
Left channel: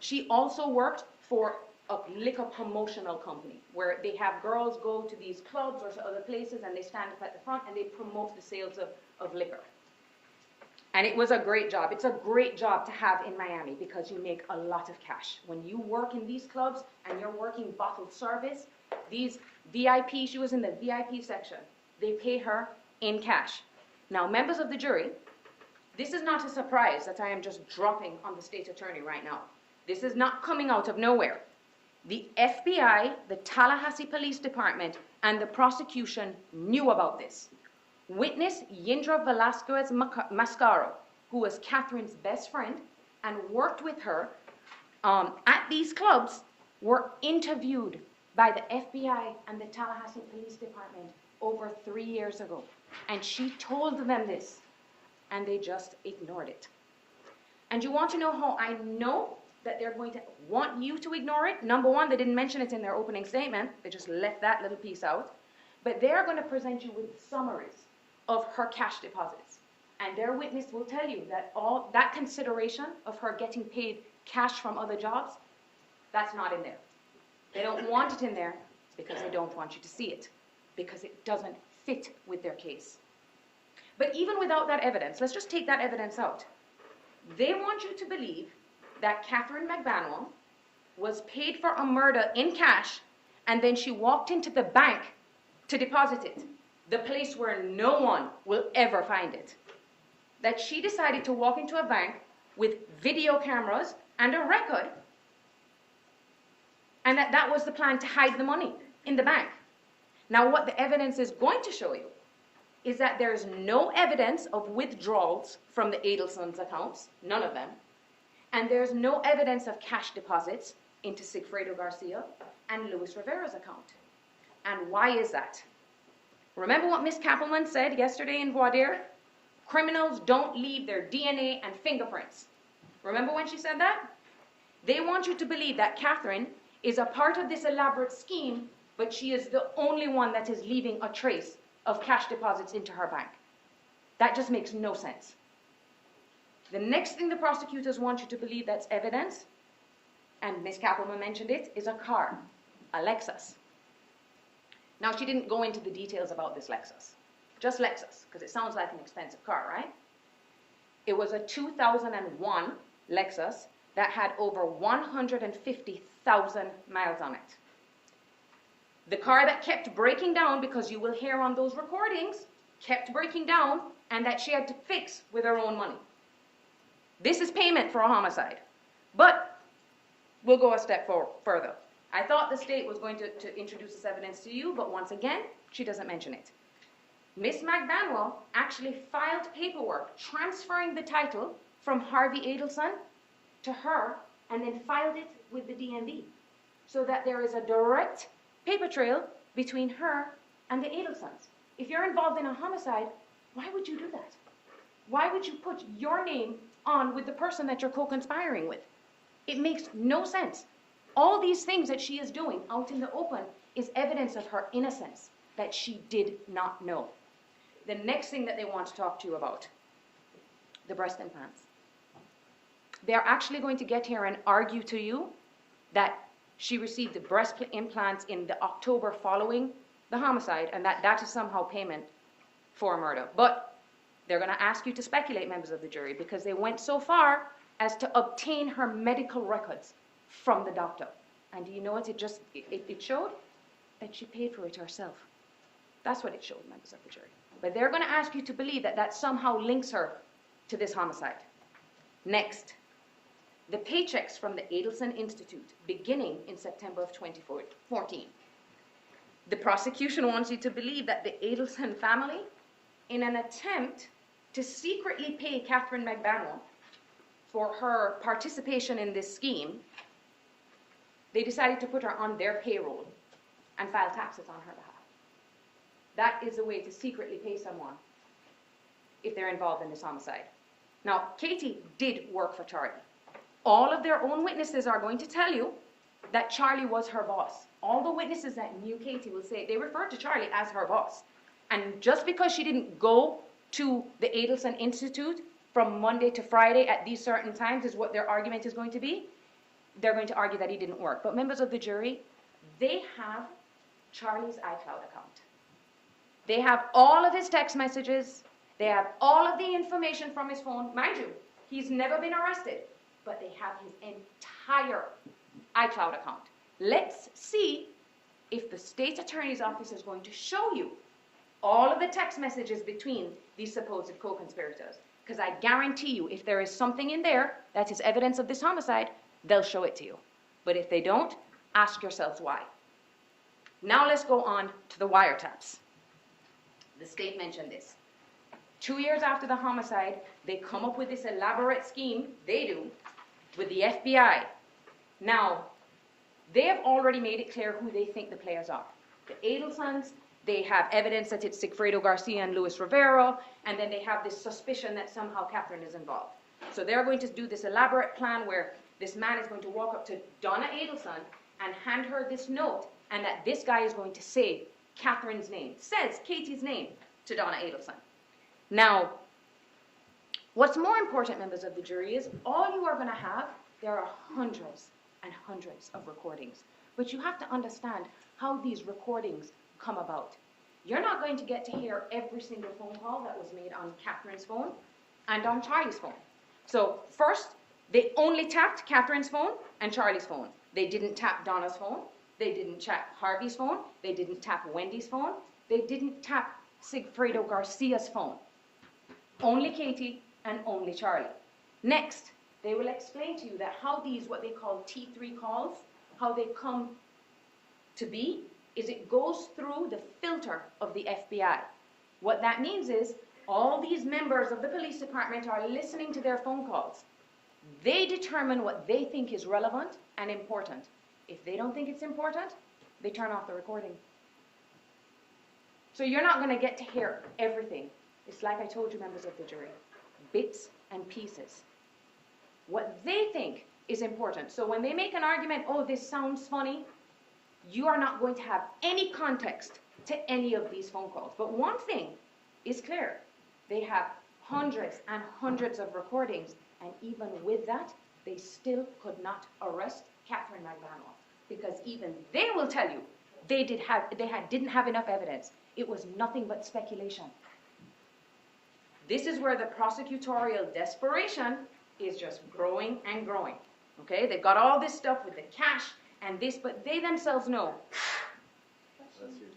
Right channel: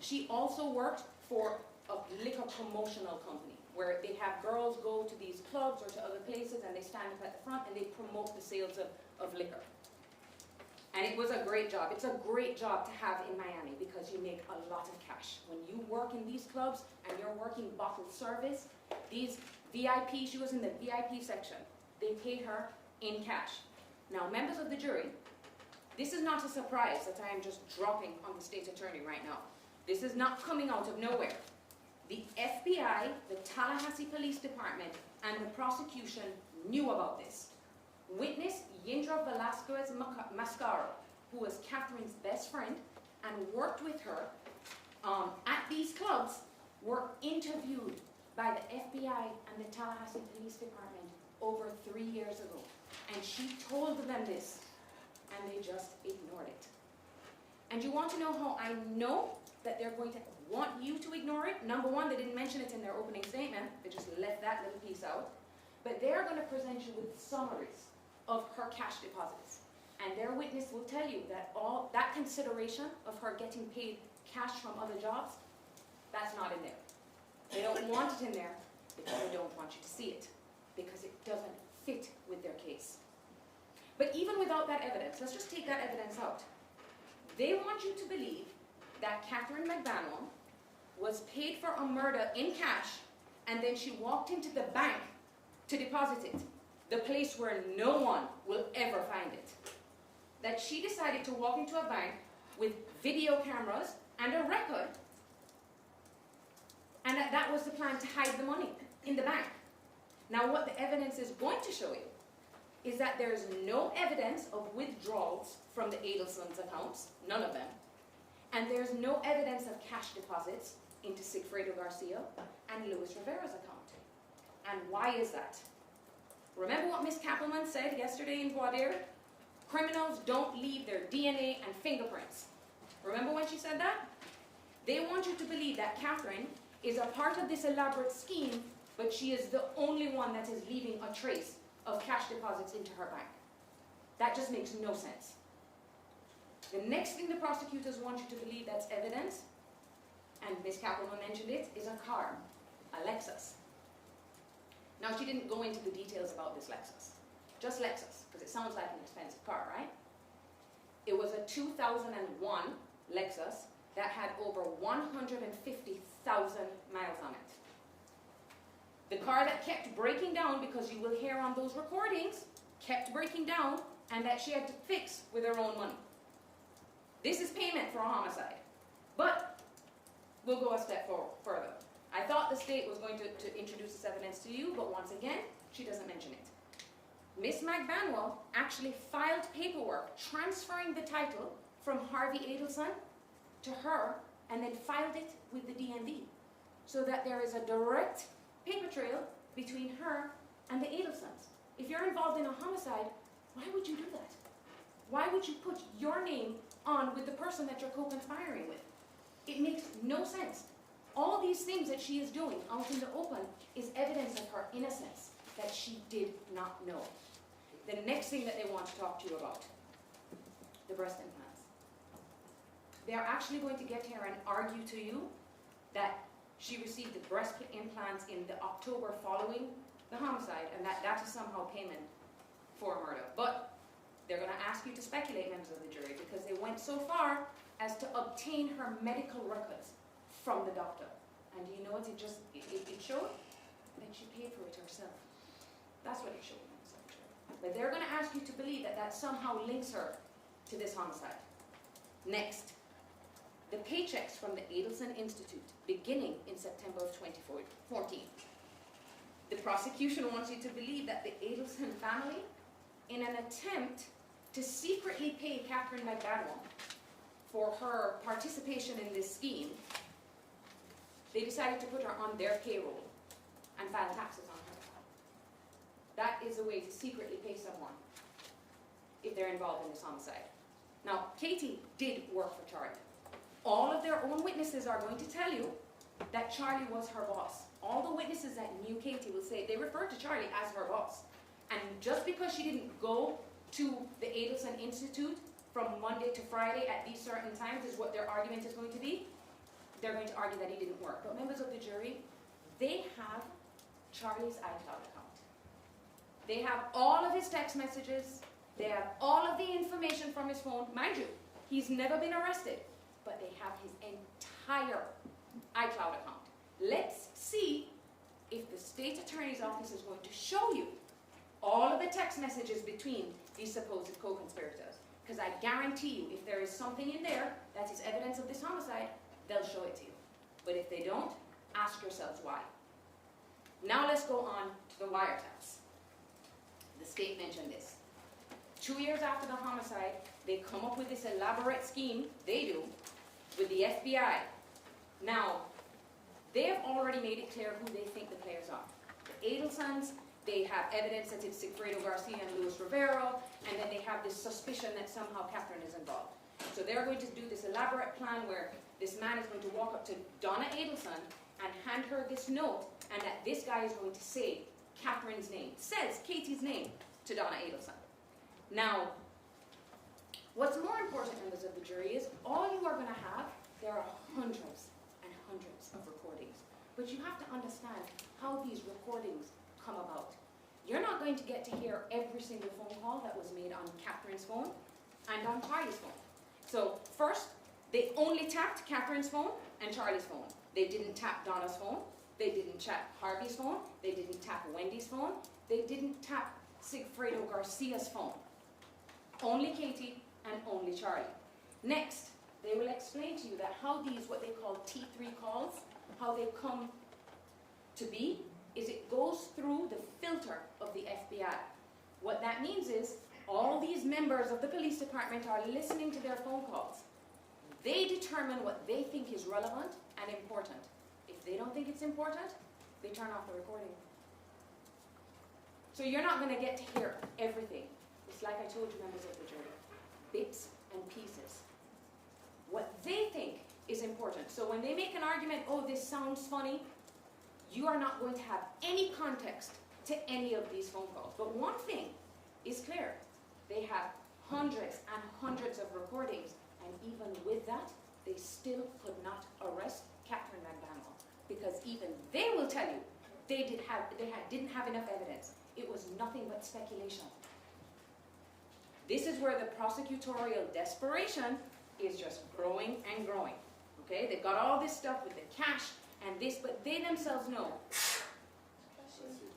She also worked for a liquor promotional company where they have girls go to these clubs or to other places and they stand up at the front and they promote the sales of liquor. And it was a great job. It's a great job to have in Miami because you make a lot of cash. When you work in these clubs and you're working bottle service, these VIP, she was in the VIP section. They pay her in cash. Now, members of the jury, this is not a surprise that I am just dropping on the state attorney right now. This is not coming out of nowhere. The FBI, the Tallahassee Police Department, and the prosecution knew about this. Witness Yindra Velasquez Mascaro, who was Katherine's best friend and worked with her at these clubs, were interviewed by the FBI and the Tallahassee Police Department over 3 years ago. And she told them this, and they just ignored it. And you want to know how I know that they're going to want you to ignore it? Number one, they didn't mention it in their opening statement. They just left that little piece out. But they're going to present you with summaries of her cash deposits. And their witness will tell you that all that consideration of her getting paid cash from other jobs, that's not in there. They don't want it in there because they don't want you to see it, because it doesn't fit with their case. But even without that evidence, let's just take that evidence out. They want you to believe that Katherine Magbanua was paid for a murder in cash and then she walked into the bank to deposit it, the place where no one will ever find it. That she decided to walk into a bank with video cameras and a record, and that was the plan to hide the money in the bank. Now what the evidence is going to show you is that there's no evidence of withdrawals from the Adelsons' accounts, none of them, and there's no evidence of cash deposits into Sigfredo Garcia and Luis Rivera's account. And why is that? Remember what Ms. Kappelman said yesterday in voir dire? Criminals don't leave their DNA and fingerprints. Remember when she said that? They want you to believe that Katherine is a part of this elaborate scheme, but she is the only one that is leaving a trace of cash deposits into her bank. That just makes no sense. The next thing the prosecutors want you to believe that's evidence, and Ms. Kappelman mentioned it, is a car, a Lexus. Now, she didn't go into the details about this Lexus. Just Lexus, because it sounds like an expensive car, right? It was a 2001 Lexus that had over 150,000 miles on it. The car that kept breaking down, because you will hear on those recordings, kept breaking down, and that she had to fix with her own money. This is payment for a homicide. But we'll go a step further. I thought the state was going to introduce this evidence to you, but once again, she doesn't mention it. Miss Magbanua actually filed paperwork transferring the title from Harvey Adelson to her, and then filed it with the DMV, so that there is a direct paper trail between her and the Adelsons. If you're involved in a homicide, why would you do that? Why would you put your name on with the person that you're co-conspiring with? It makes no sense. All these things that she is doing out in the open is evidence of her innocence, that she did not know. The next thing that they want to talk to you about, the breast implants. They're actually going to get here and argue to you that she received the breast implants in the October following the homicide, and that is somehow payment for murder. But they're going to ask you to speculate, members of the jury, because they went so far as to obtain her medical records from the doctor. And do you know what it showed? That she paid for it herself. That's what it showed, members of the jury. But they're going to ask you to believe that somehow links her to this homicide. Next, the paychecks from the Adelson Institute beginning in September of 2014. The prosecution wants you to believe that the Adelson family, in an attempt to secretly pay Katherine Magbanua for her participation in this scheme, they decided to put her on their payroll and file taxes on her behalf. That is a way to secretly pay someone if they're involved in this homicide. Now, Katie did work for Charlie. All of their own witnesses are going to tell you that Charlie was her boss. All the witnesses that knew Katie will say they referred to Charlie as her boss. And just because she didn't go to the Adelson Institute from Monday to Friday at these certain times is what their argument is going to be, they're going to argue that he didn't work. But members of the jury, they have Charlie's iCloud account. They have all of his text messages. They have all of the information from his phone. Mind you, he's never been arrested, but they have his entire iCloud account. Let's see if the state attorney's office is going to show you all of the text messages between these supposed co-conspirators. Because I guarantee you, if there is something in there that is evidence of this homicide, they'll show it to you. But if they don't, ask yourselves why. Now let's go on to the wiretaps. The state mentioned this. 2 years after the homicide, they come up with this elaborate scheme, they do, with the FBI. Now, they have already made it clear who they think the players are. The Adelsons, they have evidence that it's Sigfredo Garcia and Luis Rivera, and then they have this suspicion that somehow Katherine is involved. So they're going to do this elaborate plan where this man is going to walk up to Donna Adelson and hand her this note, and that this guy is going to say Katherine's name, says Katie's name to Donna Adelson. Now, what's more important, members of the jury, is all you are going to have, there are hundreds and hundreds of recordings. But you have to understand how these recordings come about. You're not going to get to hear every single phone call that was made on Katherine's phone and on Charlie's phone. So first, they only tapped Katherine's phone and Charlie's phone. They didn't tap Donna's phone. They didn't tap Harvey's phone. They didn't tap Wendy's phone. They didn't tap Sigfredo Garcia's phone. Only Katie and only Charlie. Next, they will explain to you that how these, what they call T3 calls, how they come to be, is it goes through the filter of the FBI. What that means is all these members of the police department are listening to their phone calls. They determine what they think is relevant and important. If they don't think it's important, they turn off the recording. So you're not going to get to hear everything. It's like I told you, members of the jury, bits and pieces. What they think is important. So when they make an argument, oh, this sounds funny, you are not going to have any context to any of these phone calls. But one thing is clear. They have hundreds and hundreds of recordings, and even with that, they still could not arrest Katherine Magbanua, because even they will tell you they didn't have enough evidence. It was nothing but speculation. This is where the prosecutorial desperation is just growing and growing. Okay, they've got all this stuff with the cash and this, but they themselves know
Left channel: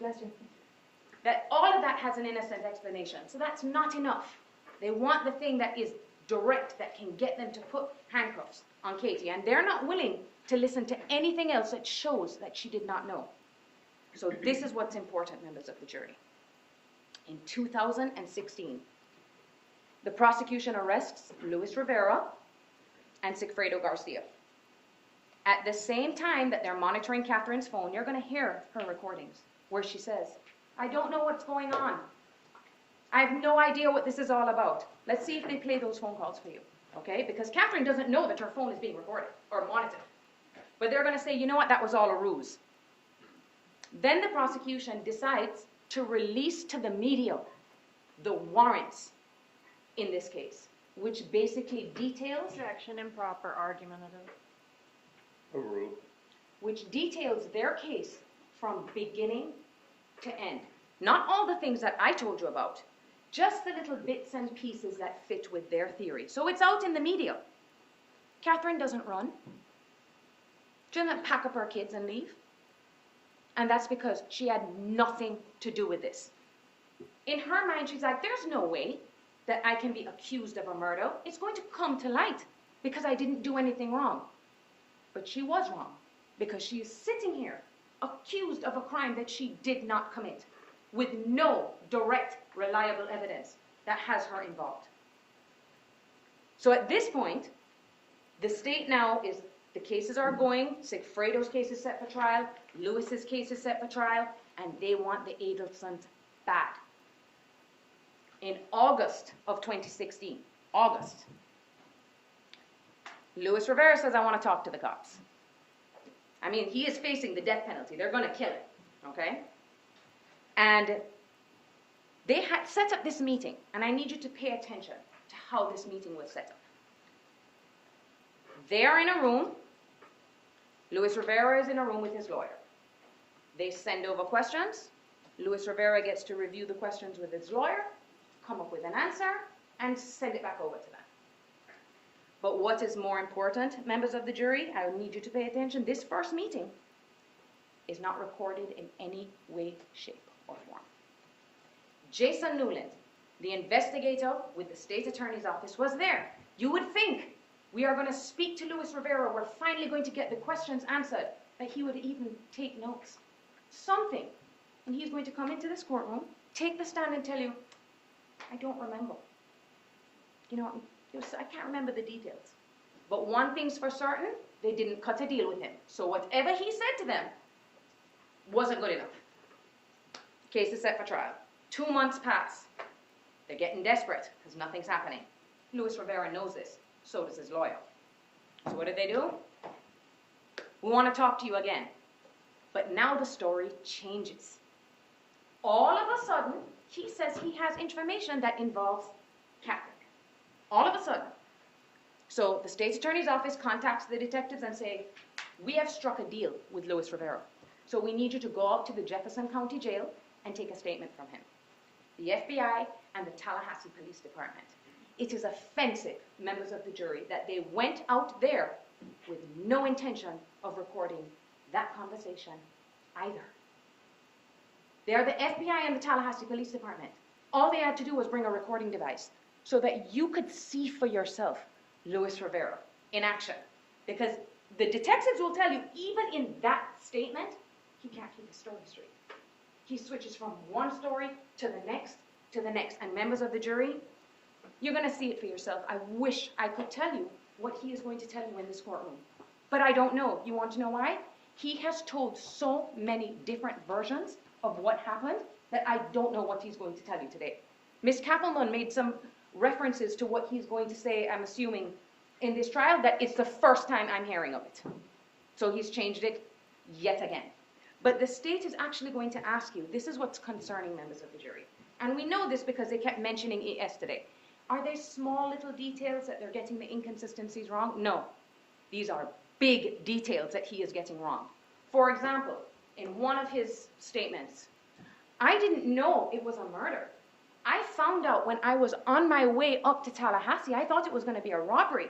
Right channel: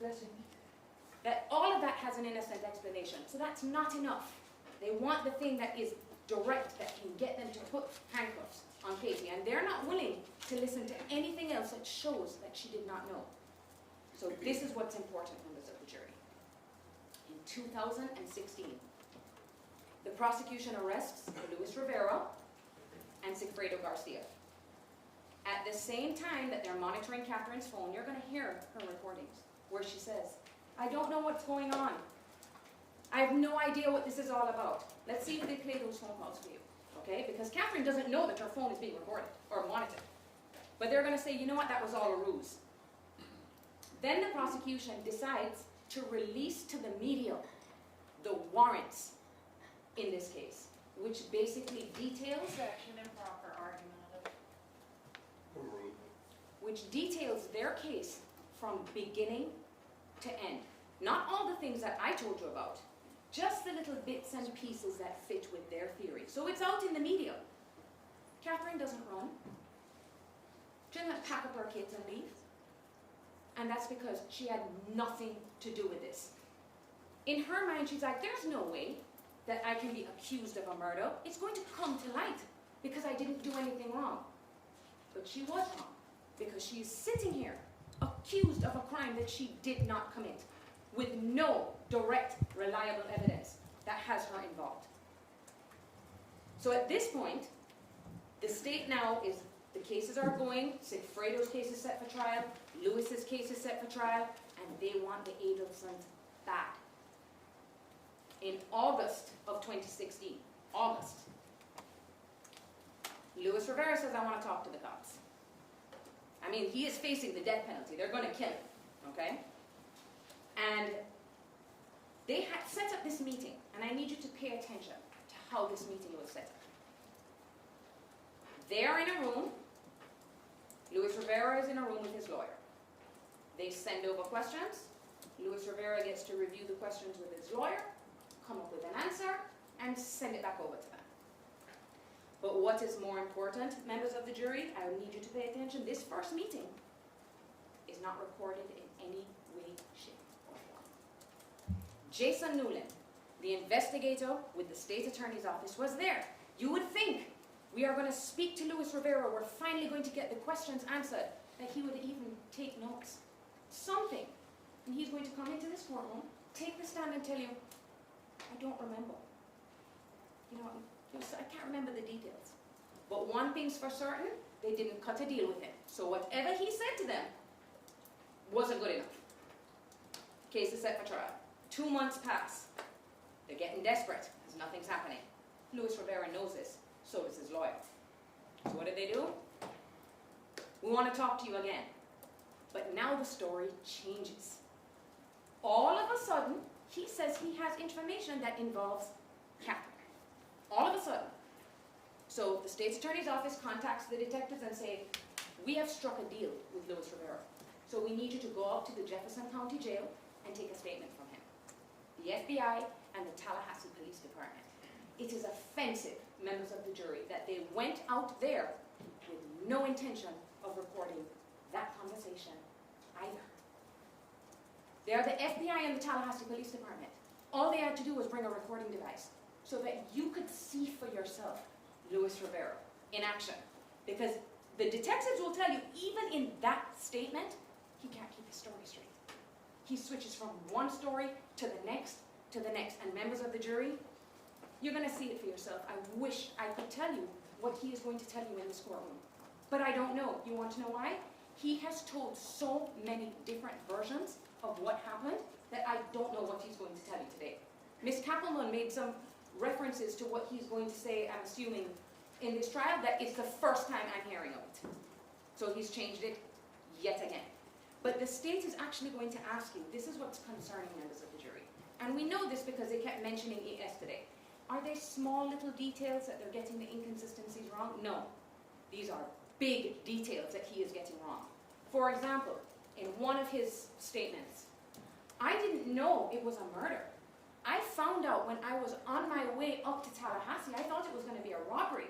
bless you, that all of that has an innocent explanation. So that's not enough. They want the thing that is direct, that can get them to put handcuffs on Katie. And they're not willing to listen to anything else that shows that she did not know. So this is what's important, members of the jury. In 2016, the prosecution arrests Luis Rivera and Sigfredo Garcia. At the same time that they're monitoring Katherine's phone, you're going to hear her recordings where she says, I don't know what's going on. I have no idea what this is all about. Let's see if they play those phone calls for you, okay? Because Katherine doesn't know that her phone is being recorded or monitored. But they're going to say, you know what, that was all a ruse. Then the prosecution decides to release to the media the warrants in this case, which basically details Objection, improper argumentative. Overruled. which details their case from beginning to end. Not all the things that I told you about, just the little bits and pieces that fit with their theory. So it's out in the media. Katherine doesn't run. She doesn't pack up her kids and leave. And that's because she had nothing to do with this. In her mind, she's like, there's no way that I can be accused of a murder. It's going to come to light because I didn't do anything wrong. But she was wrong because she is sitting here accused of a crime that she did not commit with no direct, reliable evidence that has her involved. So at this point, the state now is, the cases are going, Sigfredo's case is set for trial, Lewis's case is set for trial, and they want the Adelsons bad. In August of 2016, August, Luis Rivera says, I want to talk to the cops. I mean, he is facing the death penalty. They're going to kill him, okay? And they had set up this meeting, and I need you to pay attention to how this meeting was set up. They are in a room. Luis Rivera is in a room with his lawyer. They send over questions. Luis Rivera gets to review the questions with his lawyer, come up with an answer, and send it back over to them. But what is more important, members of the jury, I need you to pay attention. This first meeting is not recorded in any way, shape, or form. Jason Newland, the investigator with the state attorney's office, was there. You would think we are going to speak to Luis Rivera, we're finally going to get the questions answered, that he would even take notes. Something. And he's going to come into this courtroom, take the stand and tell you, I don't remember. You know, I can't remember the details. But one thing's for certain, they didn't cut a deal with him. So whatever he said to them wasn't good enough. Case is set for trial. 2 months pass. They're getting desperate because nothing's happening. Luis Rivera knows this. So does his lawyer. So what do? We want to talk to you again. But now the story changes. All of a sudden, he says he has information that involves Katherine. All of a sudden. So the state's attorney's office contacts the detectives and say, we have struck a deal with Luis Rivera. So we need you to go out to the Jefferson County Jail and take a statement from him. The FBI and the Tallahassee Police Department. It is offensive, members of the jury, that they went out there with no intention of recording that conversation either. They are the FBI and the Tallahassee Police Department. All they had to do was bring a recording device so that you could see for yourself Luis Rivera in action. Because the detectives will tell you, even in that statement, he can't keep his story straight. He switches from one story to the next, and members of the jury, you're going to see it for yourself. I wish I could tell you what he is going to tell you in this courtroom. But I don't know. You want to know why? He has told so many different versions of what happened that I don't know what he's going to tell you today. Ms. Kappelman made some references to what he's going to say, I'm assuming, in this trial, that it's the first time I'm hearing of it. So he's changed it yet again. But the state is actually going to ask you, this is what's concerning members of the jury. And we know this because they kept mentioning ES today. Are there small little details that they're getting the inconsistencies wrong? No. These are big details that he is getting wrong. For example, in one of his statements, I didn't know it was a murder. I found out when I was on my way up to Tallahassee, I thought it was going to be a robbery.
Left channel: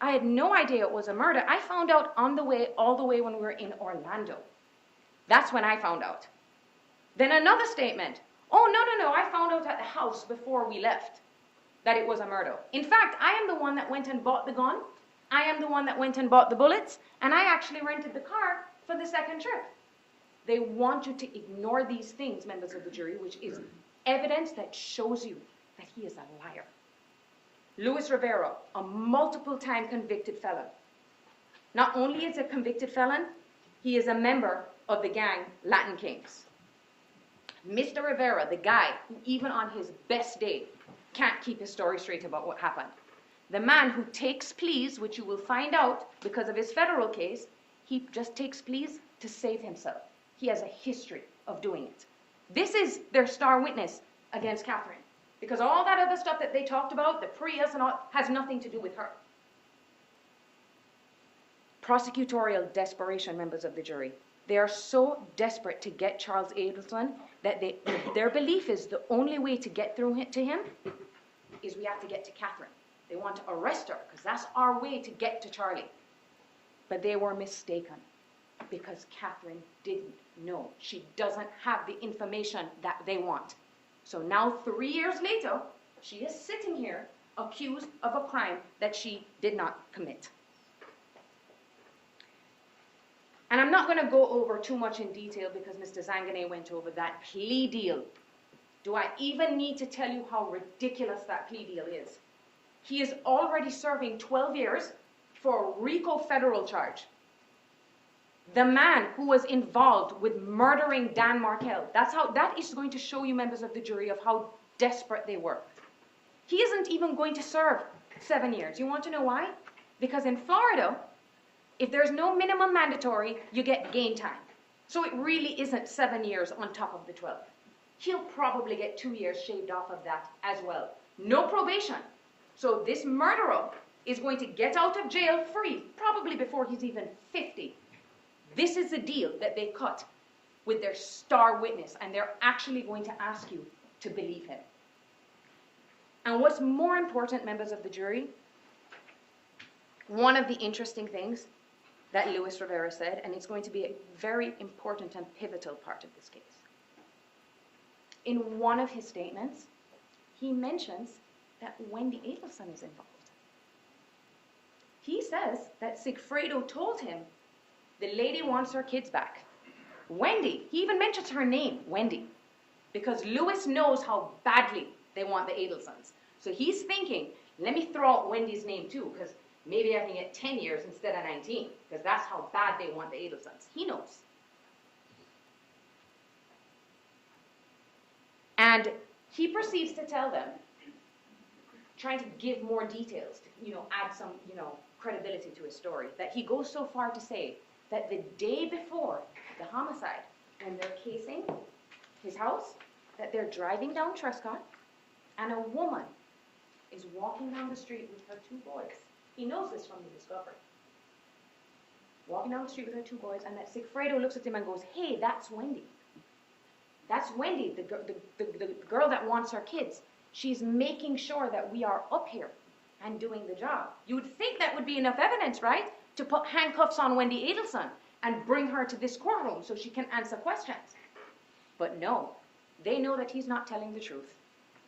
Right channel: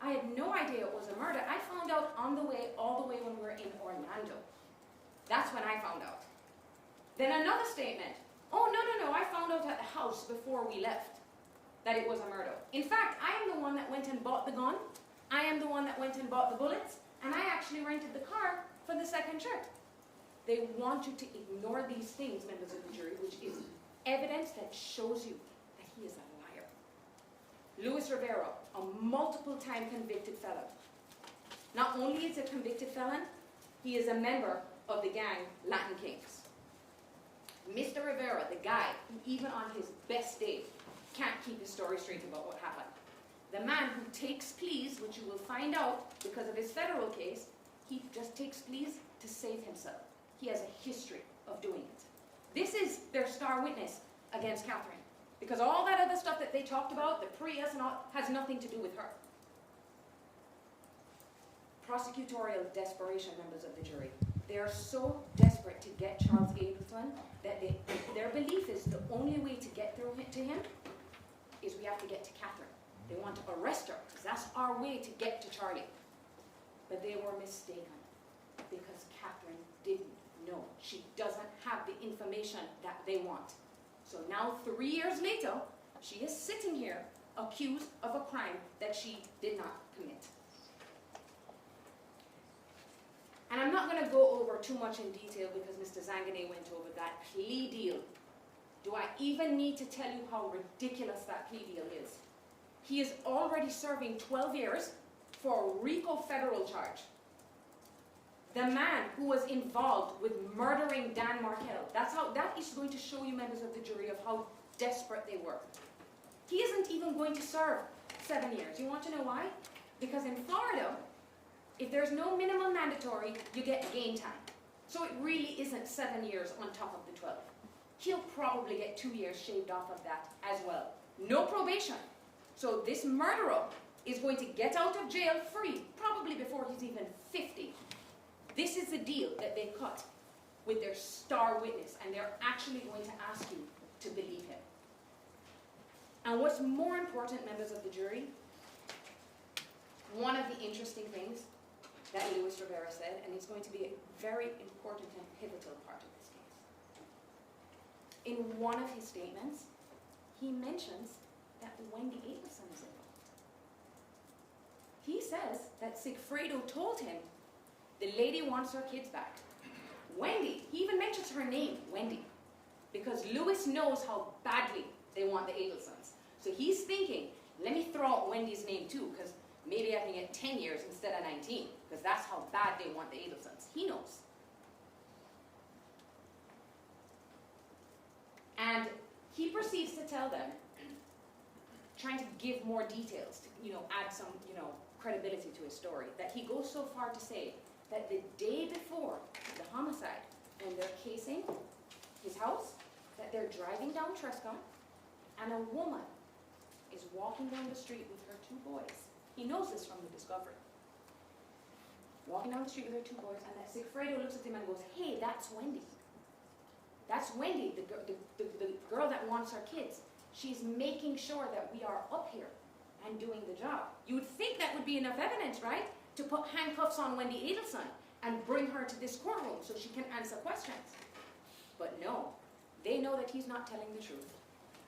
I had no idea it was a murder. I found out on the way, all the way when we were in Orlando. That's when I found out. Then another statement. Oh, no, I found out at the house before we left that it was a murder. In fact, I am the one that went and bought the gun. I am the one that went and bought the bullets. And I actually rented the car for the second trip. They want you to ignore these things, members of the jury, which is evidence that shows you that he is a liar. Luis Rivera, a multiple-time convicted felon. Not only is he a convicted felon, he is a member of the gang Latin Kings. Mr. Rivera, the guy who even on his best day can't keep his story straight about what happened. The man who takes pleas, which you will find out because of his federal case, he just takes pleas to save himself. He has a history of doing it. This is their star witness against Katherine, because all that other stuff that they talked about, the Prius and all, has nothing to do with her. Prosecutorial desperation, members of the jury. They are so desperate to get Charles Adelson that their belief is the only way to get through to him is we have to get to Katherine. They want to arrest her because that's our way to get to Charlie. But they were mistaken because Katherine didn't know. She doesn't have the information that they want. So now 3 years later, she is sitting here accused of a crime that she did not commit. And I'm not going to go over too much in detail because Mr. Zangané went over that plea deal. Do I even need to tell you how ridiculous that plea deal is? He is already serving 12 years for a RICO federal charge. The man who was involved with murdering Dan Markel, that is going to show you, members of the jury, of how desperate they were. He isn't even going to serve 7 years. You want to know why? Because in Florida, if there's no minimum mandatory, you get gain time. So it really isn't 7 years on top of the 12. He'll probably get 2 years shaved off of that as well. No probation. So this murderer is going to get out of jail free, probably before he's even 50. This is the deal that they cut with their star witness, and they're actually going to ask you to believe him. And what's more important, members of the jury, one of the interesting things that Luis Rivera said, and it's going to be a very important and pivotal part of this case. In one of his statements, he mentions that Wendy Adelson is involved. He says that Sigfredo told him the lady wants her kids back. Wendy, he even mentions her name, Wendy, because Luis knows how badly they want the Adelsons. So he's thinking, let me throw out Wendy's name too, because maybe I can get 10 years instead of 19, because that's how bad they want the Adelsons. He knows. And he proceeds to tell them, trying to give more details, add some, credibility to his story, that he goes so far to say that the day before the homicide, when they're casing his house, that they're driving down Trescott, and a woman is walking down the street with her 2 boys. He knows this from the discovery. Walking down the street with her 2 boys, and that Sigfredo looks at him and goes, hey, that's Wendy. That's Wendy, the girl that wants our kids. She's making sure that we are up here and doing the job. You would think that would be enough evidence, right? To put handcuffs on Wendy Adelson and bring her to this courtroom so she can answer questions. But no, they know that he's not telling the truth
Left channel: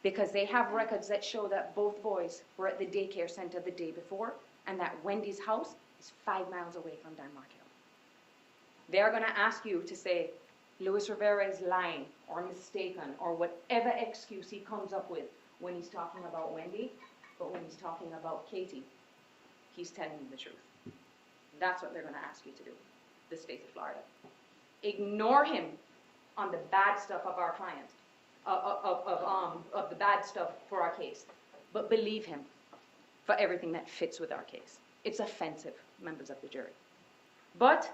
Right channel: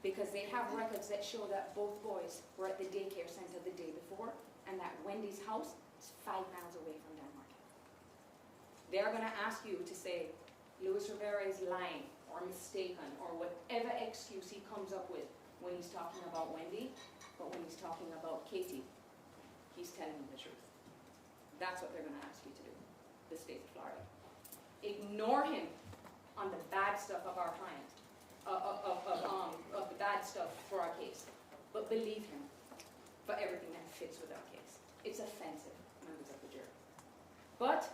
because they have records that show that both boys were at the daycare center the day before and that Wendy's house is 5 miles away from Dan Markel. They're going to ask you to say, Luis Rivera is lying or mistaken or whatever excuse he comes up with when he's talking about Wendy, but when he's talking about Katie, he's telling you the truth. That's what they're going to ask you to do, the state of Florida. Ignore him on the bad stuff of our client, of the bad stuff for our case, but believe him for everything that fits with our case. It's offensive, members of the jury. But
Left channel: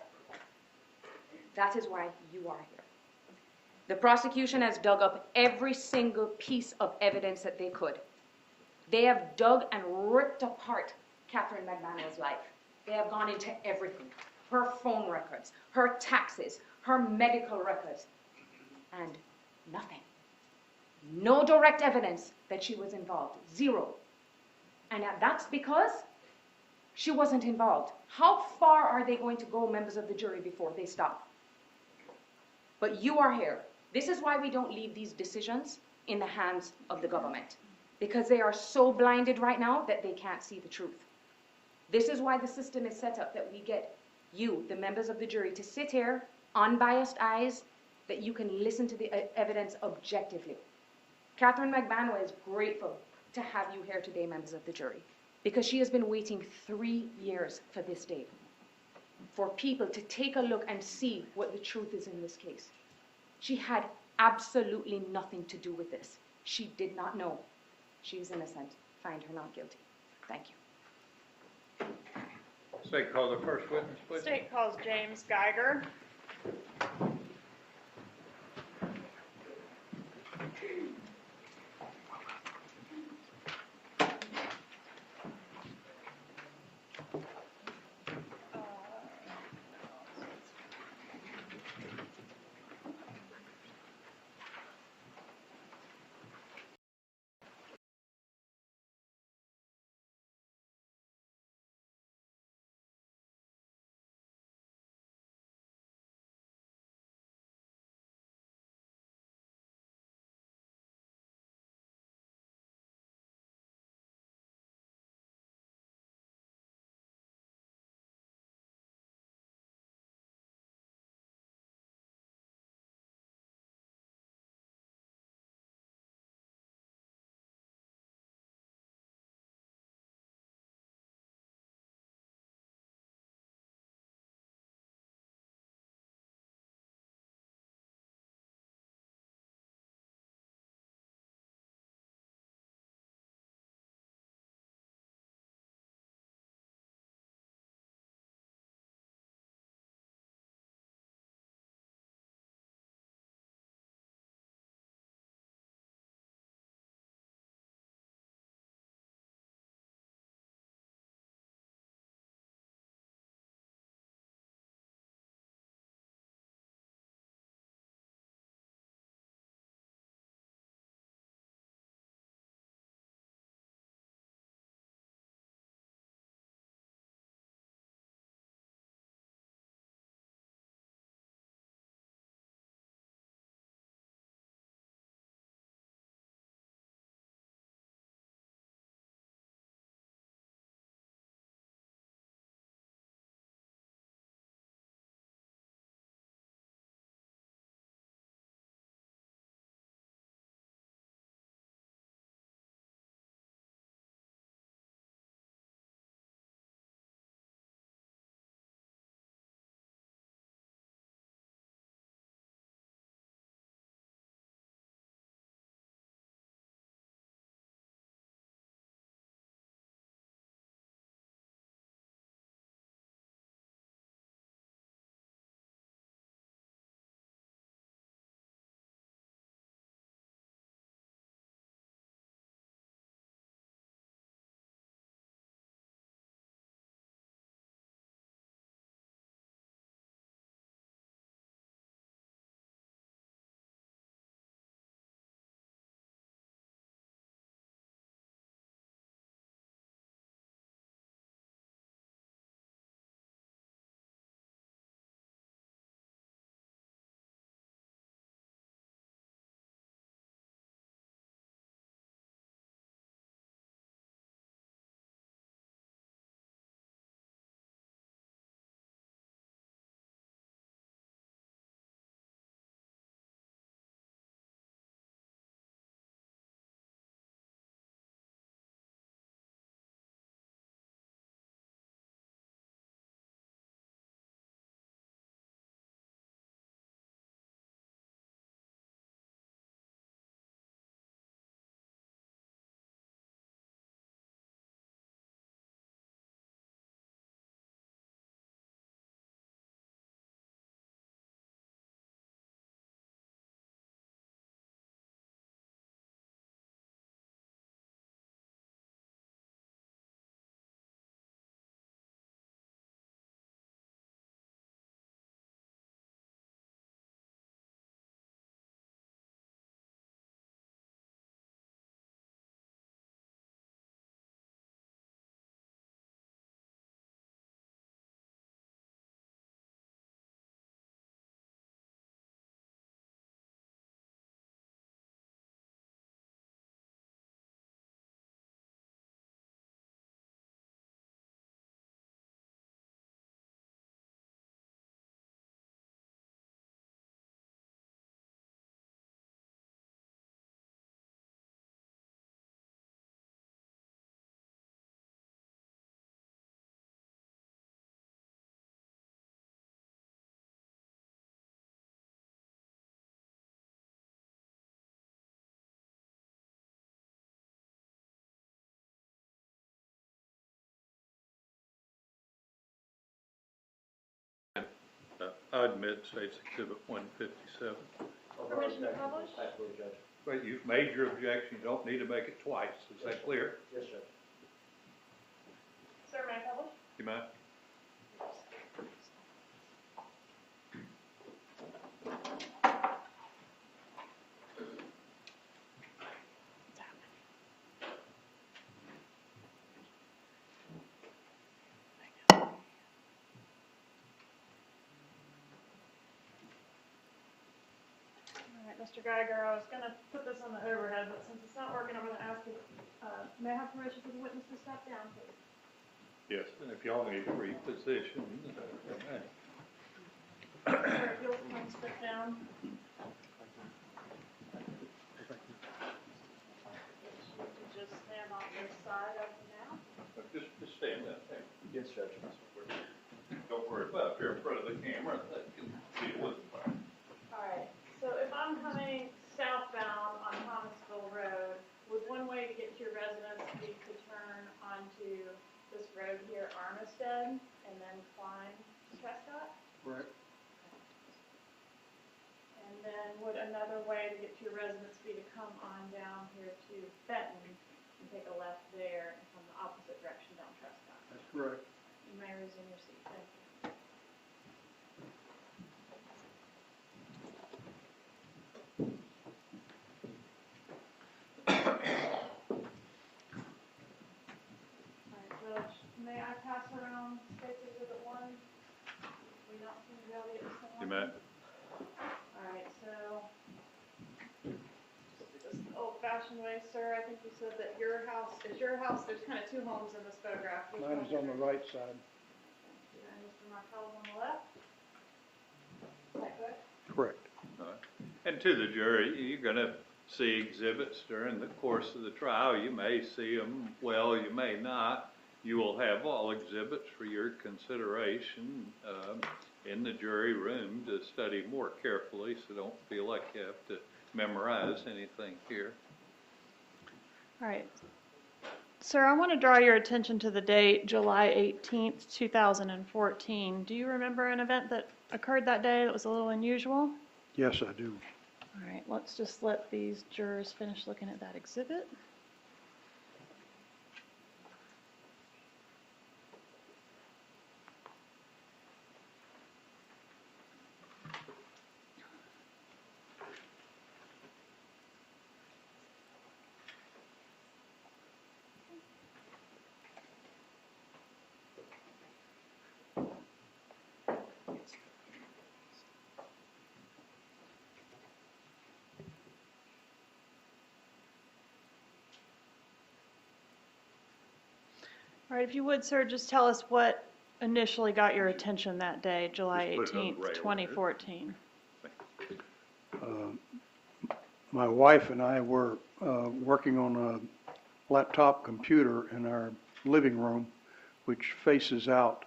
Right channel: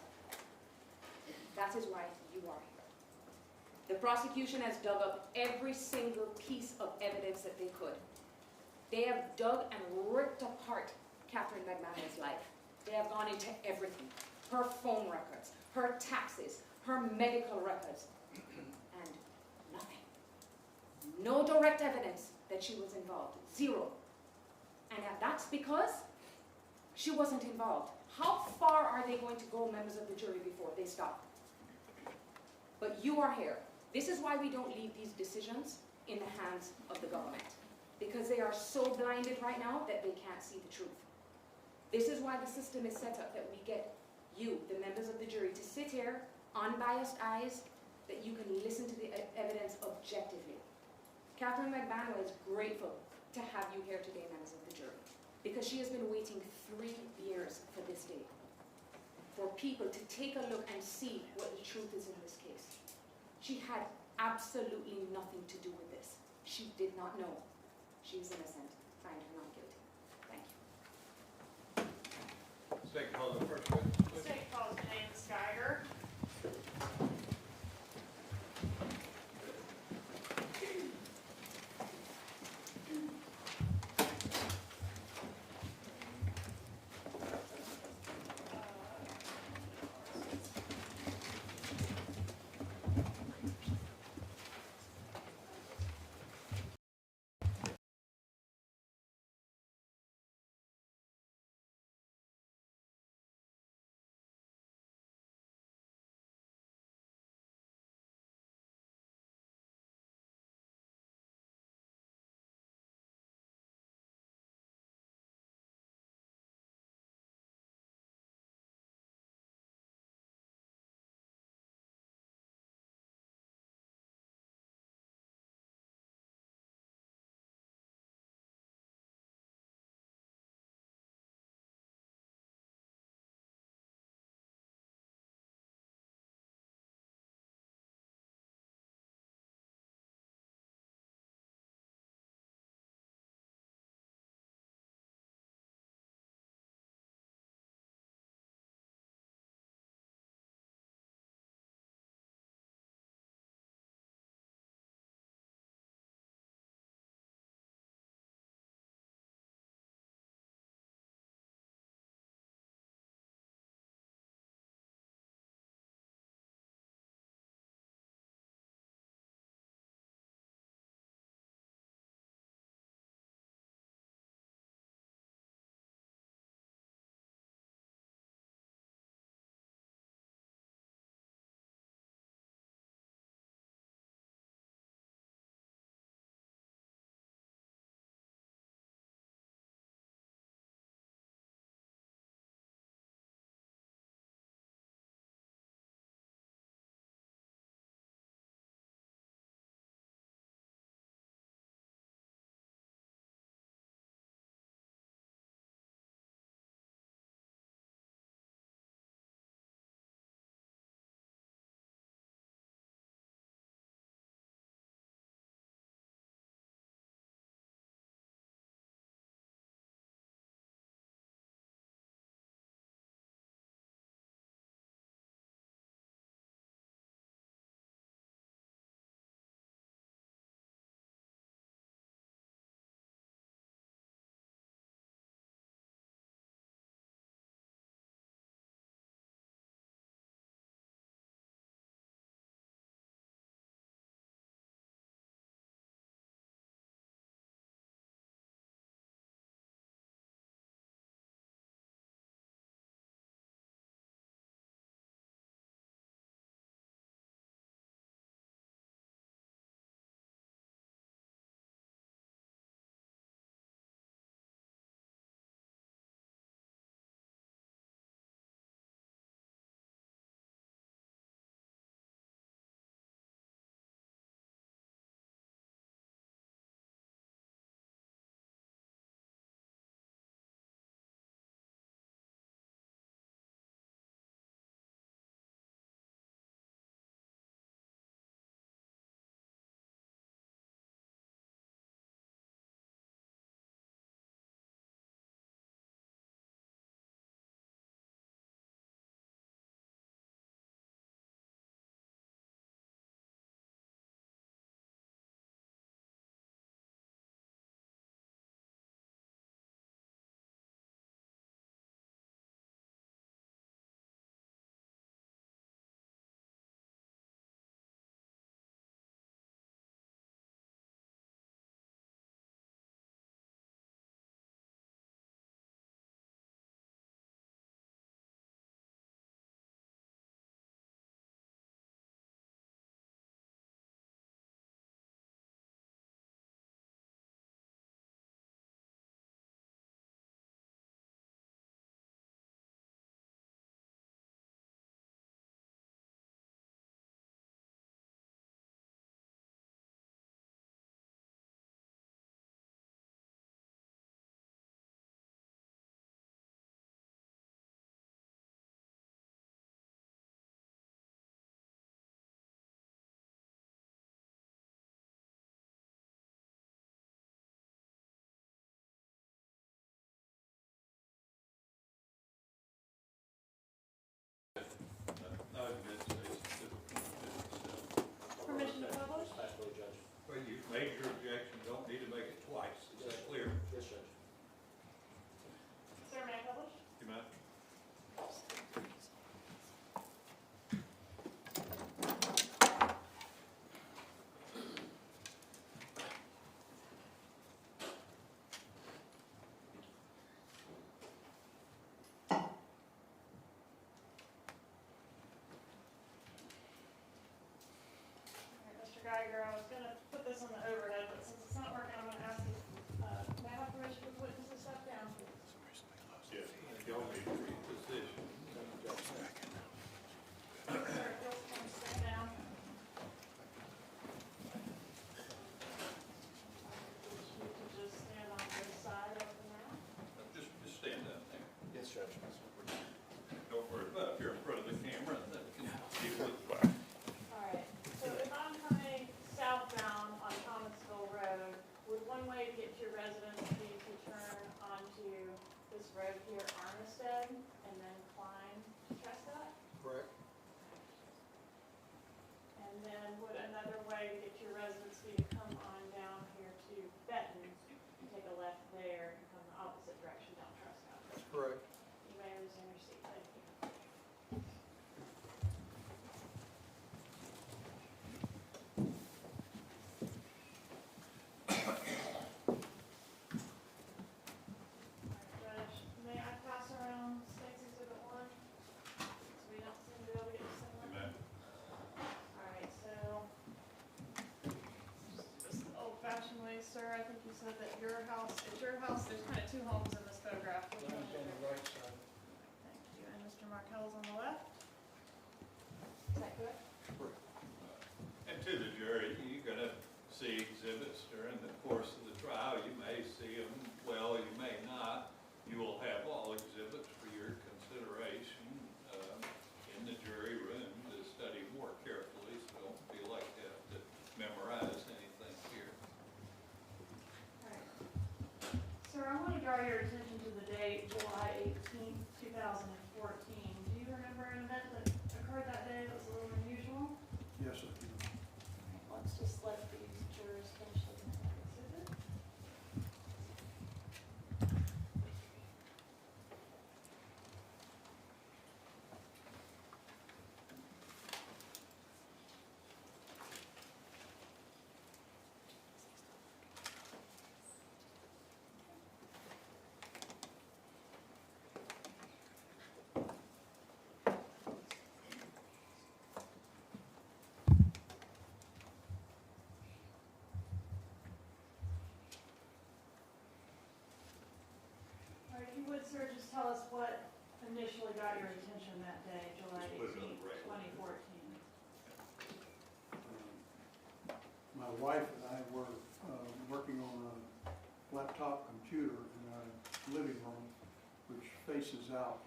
that is why you are here. The prosecution has dug up every single piece of evidence that they could. They have dug and ripped apart Katherine Magbanua's life. They have gone into everything. Her phone records, her taxes, her medical records, and nothing. No direct evidence that she was involved. 0. And that's because she wasn't involved. How far are they going to go, members of the jury, before they stop? But you are here This is why we don't leave these decisions in the hands of the government, because they are so blinded right now that they can't see the truth. This is why the system is set up, that we get you, the members of the jury, to sit here, unbiased eyes, that you can listen to the evidence objectively. Katherine Magbanua is grateful to have you here today, members of the jury, because she has been waiting 3 years for this day, for people to take a look and see what the truth is in this case. She had absolutely nothing to do with this. She did not know. She is innocent. Find her not guilty. Thank you. State, call the first witness, please. State calls James Geiger. I admit State's Exhibit 157. Permission to publish? Absolutely, Judge. But you've made your objection, you don't need to make it twice, is that clear? Yes, Judge. Sir, may I publish? You mind? All right, Mr. Geiger, I was gonna put this on the overhead, but since it's not working, I'm gonna ask you, may I have permission for the witness to step down, please? Yes, and if y'all need to reposition. Sir, if you'll come step down. You can just stand on this side of it now. Just stand up there. Yes, Judge. Don't worry about if you're in front of the camera, that can be looked by. All right, so if I'm coming southbound on Thomasville Road, would one way to get to your residence be to turn onto this road here, Armistead, and then climb to Trescott? Correct. And then would another way to get to your residence be to come on down here to Benton and take a left there and come the opposite direction down Trescott? That's correct. You may resume your seat, thank you. All right, Judge, may I pass around State's Exhibit 1? So we don't seem to have it similar. You may. All right, so, just this old-fashioned way, sir, I think you said that your house, at your house, there's kind of two homes in this photograph. Which Mine one is on the right side. Thank you, and Mr. Markel's on the left? Is that correct? Correct. And to the jury, you're gonna see exhibits during the course of the trial. You may see them well, you may not. You will have all exhibits for your consideration in the jury room to study more carefully, so don't feel like you have to memorize anything here. All right. Sir, I want to draw your attention to the date, July 18th, 2014. Do you remember an event that occurred that day that was a little unusual? Yes, I do. All right, let's just let these jurors finish looking at that exhibit. All right, if you would, sir, just tell us what initially got your attention that day, July Just put it on 18th, the 2014. My wife and I were working on a laptop computer in our living room, which faces out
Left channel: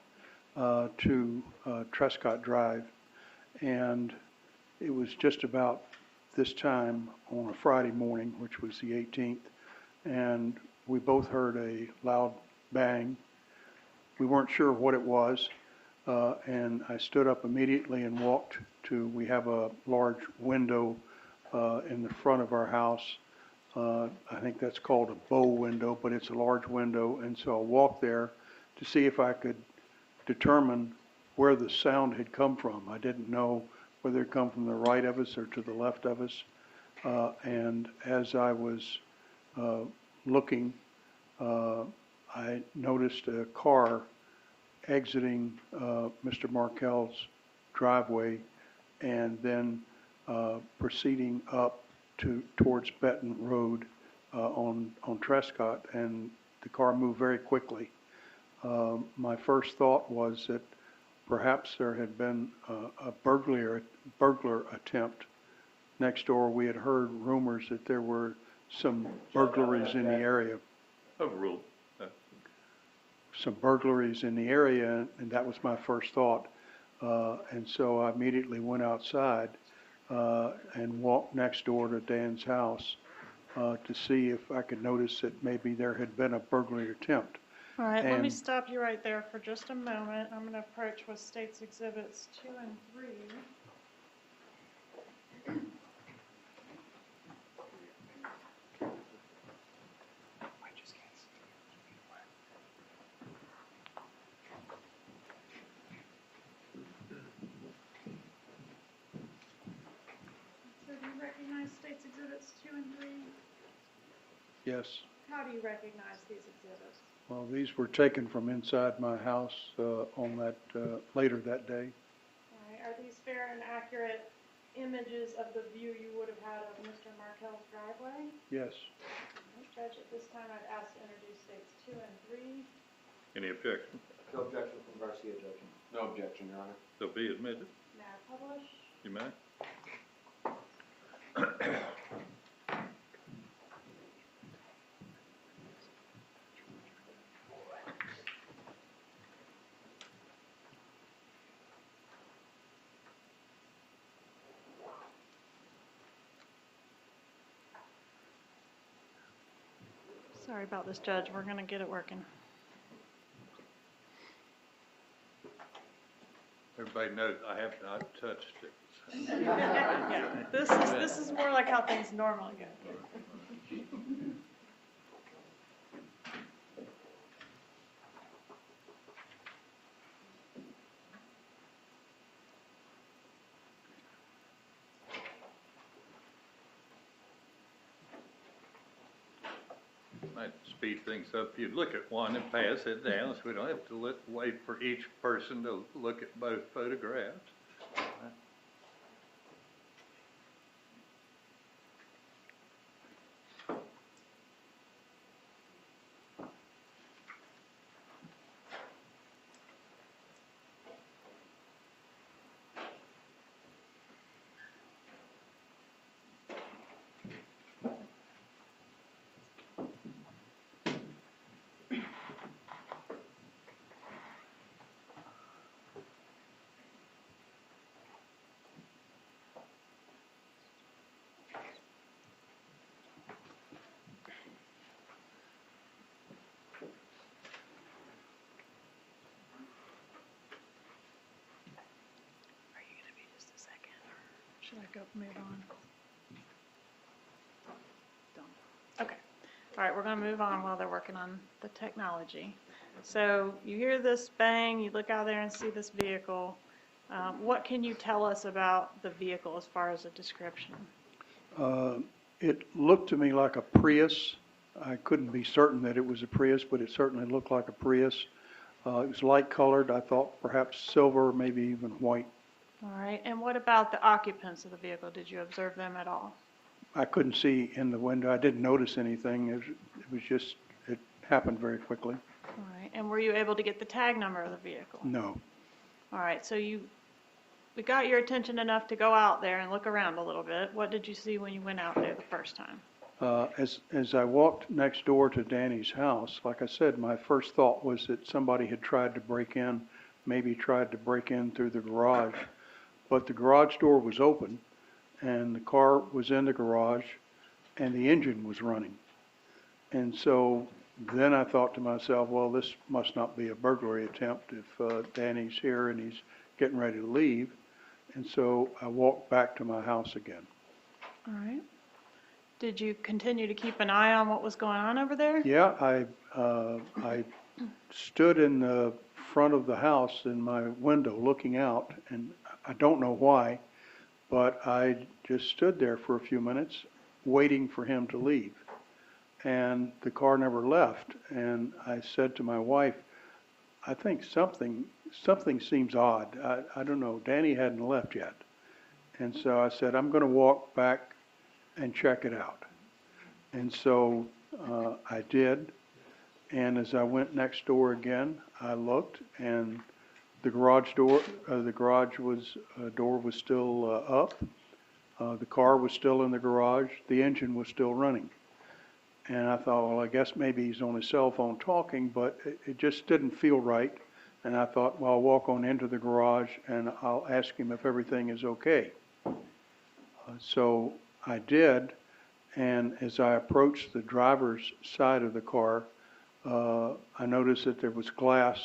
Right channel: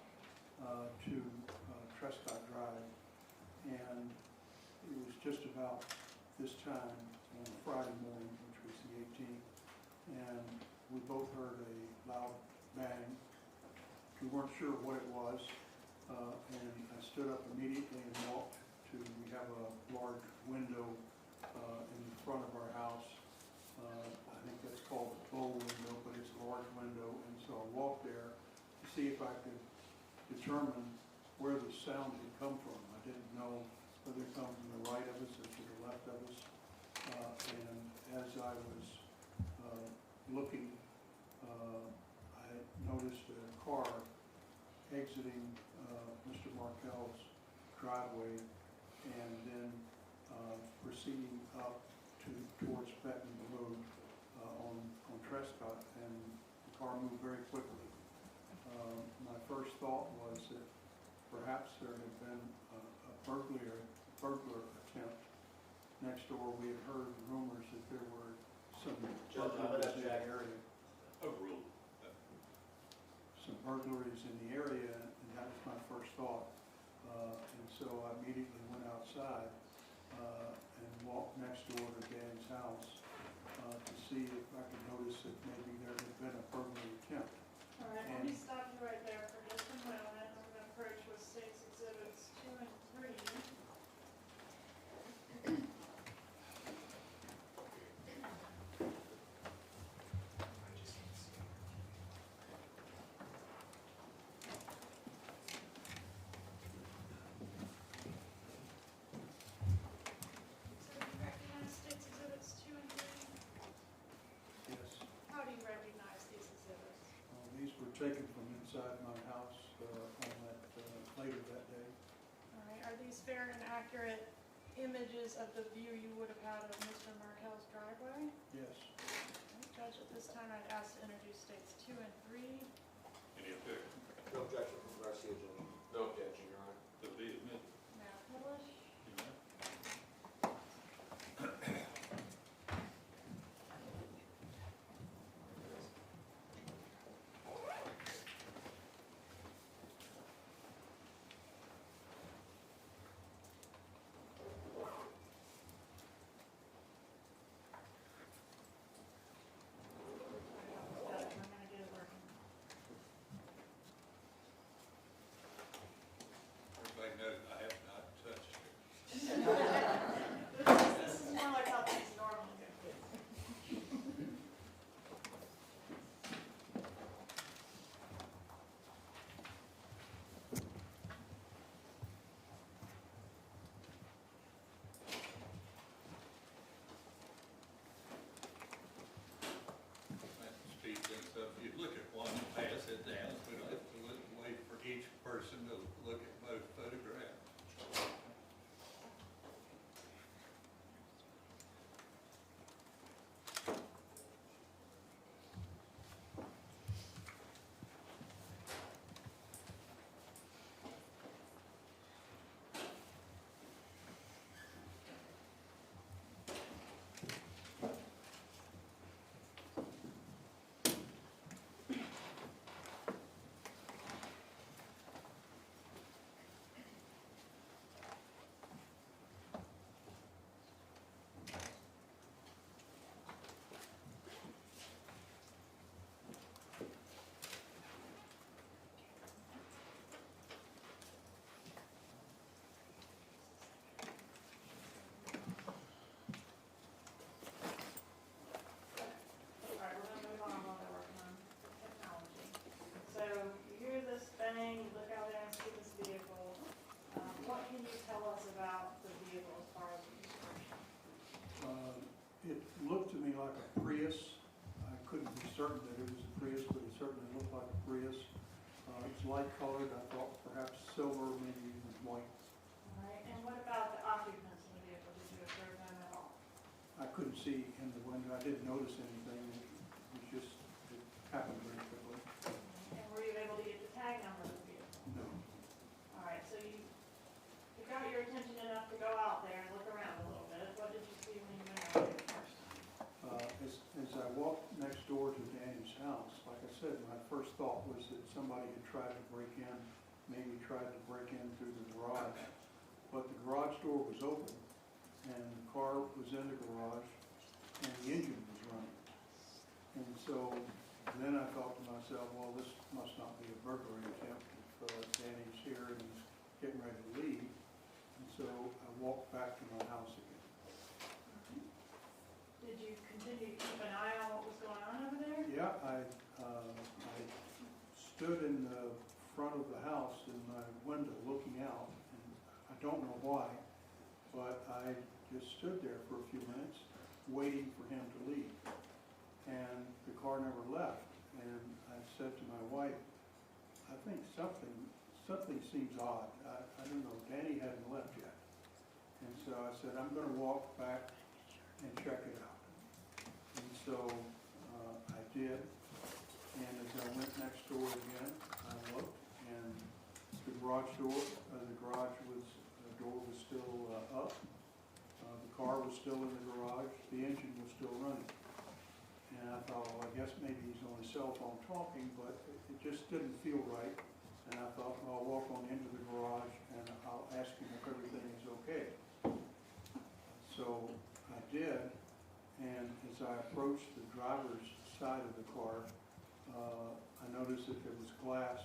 to Trescott Drive. And it was just about this time on a Friday morning, which was the 18th, and we both heard a loud bang. We weren't sure what it was, and I stood up immediately and walked to, we have a large window in the front of our house. I think that's called a bow window, but it's a large window, and so I walked there to see if I could determine where the sound had come from. I didn't know whether it come from the right of us or to the left of us. And as I was looking, I noticed a car exiting Mr. Markel's driveway and then proceeding up towards Benton Road on Trescott, and the car moved very quickly. My first thought was that perhaps there had been a burglar attempt next door. We had heard rumors that there were some burglaries in the area. Overruled. Some burglaries in the area, and that was my first thought. And so I immediately went outside and walked next door to Dan's house to see if I could notice that maybe there had been a burglary attempt. All right, let me And- stop you right there for just a moment. I'm going to approach with States Exhibits 2 and 3. So do you recognize States Exhibits 2 and 3? Yes. How do you recognize these exhibits? Well, these were taken from inside my house on that, later that day. All right, are these fair and accurate images of the view you would have had of Mr. Markel's driveway? Yes. Judge, at this time, I'd ask to introduce States 2 and 3. Any objection? No objection from Garcia, Judge. No objection, Your Honor. They'll be admitted. May I publish? You may. Sorry about this, Judge. We're going to get it working. Everybody knows I have not touched it. Yeah, this is more like how things normally go. Might speed things up. If you look at one and pass it down, so we don't have to wait for each person to look at both photographs. Should I go move on? Okay. All right, we're going to move on while they're working on the technology. So you hear this bang, you look out there and see this vehicle. What can you tell us about the vehicle as far as a description? It looked to me like a Prius. I couldn't be certain that it was a Prius, but it certainly looked like a Prius. It was light colored. I thought perhaps silver, maybe even white. All right, and what about the occupants of the vehicle? Did you observe them at all? I couldn't see in the window. I didn't notice anything. It was just, it happened very quickly. All right, and were you able to get the tag number of the vehicle? No. All right, so we got your attention enough to go out there and look around a little bit. What did you see when you went out there the first time? As I walked next door to Danny's house, like I said, my first thought was that somebody had tried to break in, maybe tried to break in through the garage. But the garage door was open, and the car was in the garage, and the engine was running. And so then I thought to myself, well, this must not be a burglary attempt if Danny's here and he's getting ready to leave. And so I walked back to my house again. All right. Did you continue to keep an eye on what was going on over there? Yeah, I stood in the front of the house in my window looking out, and I don't know why, but I just stood there for a few minutes waiting for him to leave. And the car never left. And I said to my wife, I think something seems odd. I don't know. Danny hadn't left yet. And so I said, I'm going to walk back and check it out. And so I did. And as I went next door again, I looked, and the garage door was still up. The car was still in the garage. The engine was still running. And I thought, well, I guess maybe he's on his cell phone talking, but it just didn't feel right. And I thought, well, I'll walk on into the garage and I'll ask him if everything is okay. So I did, and as I approached the driver's side of the car, I noticed that there was glass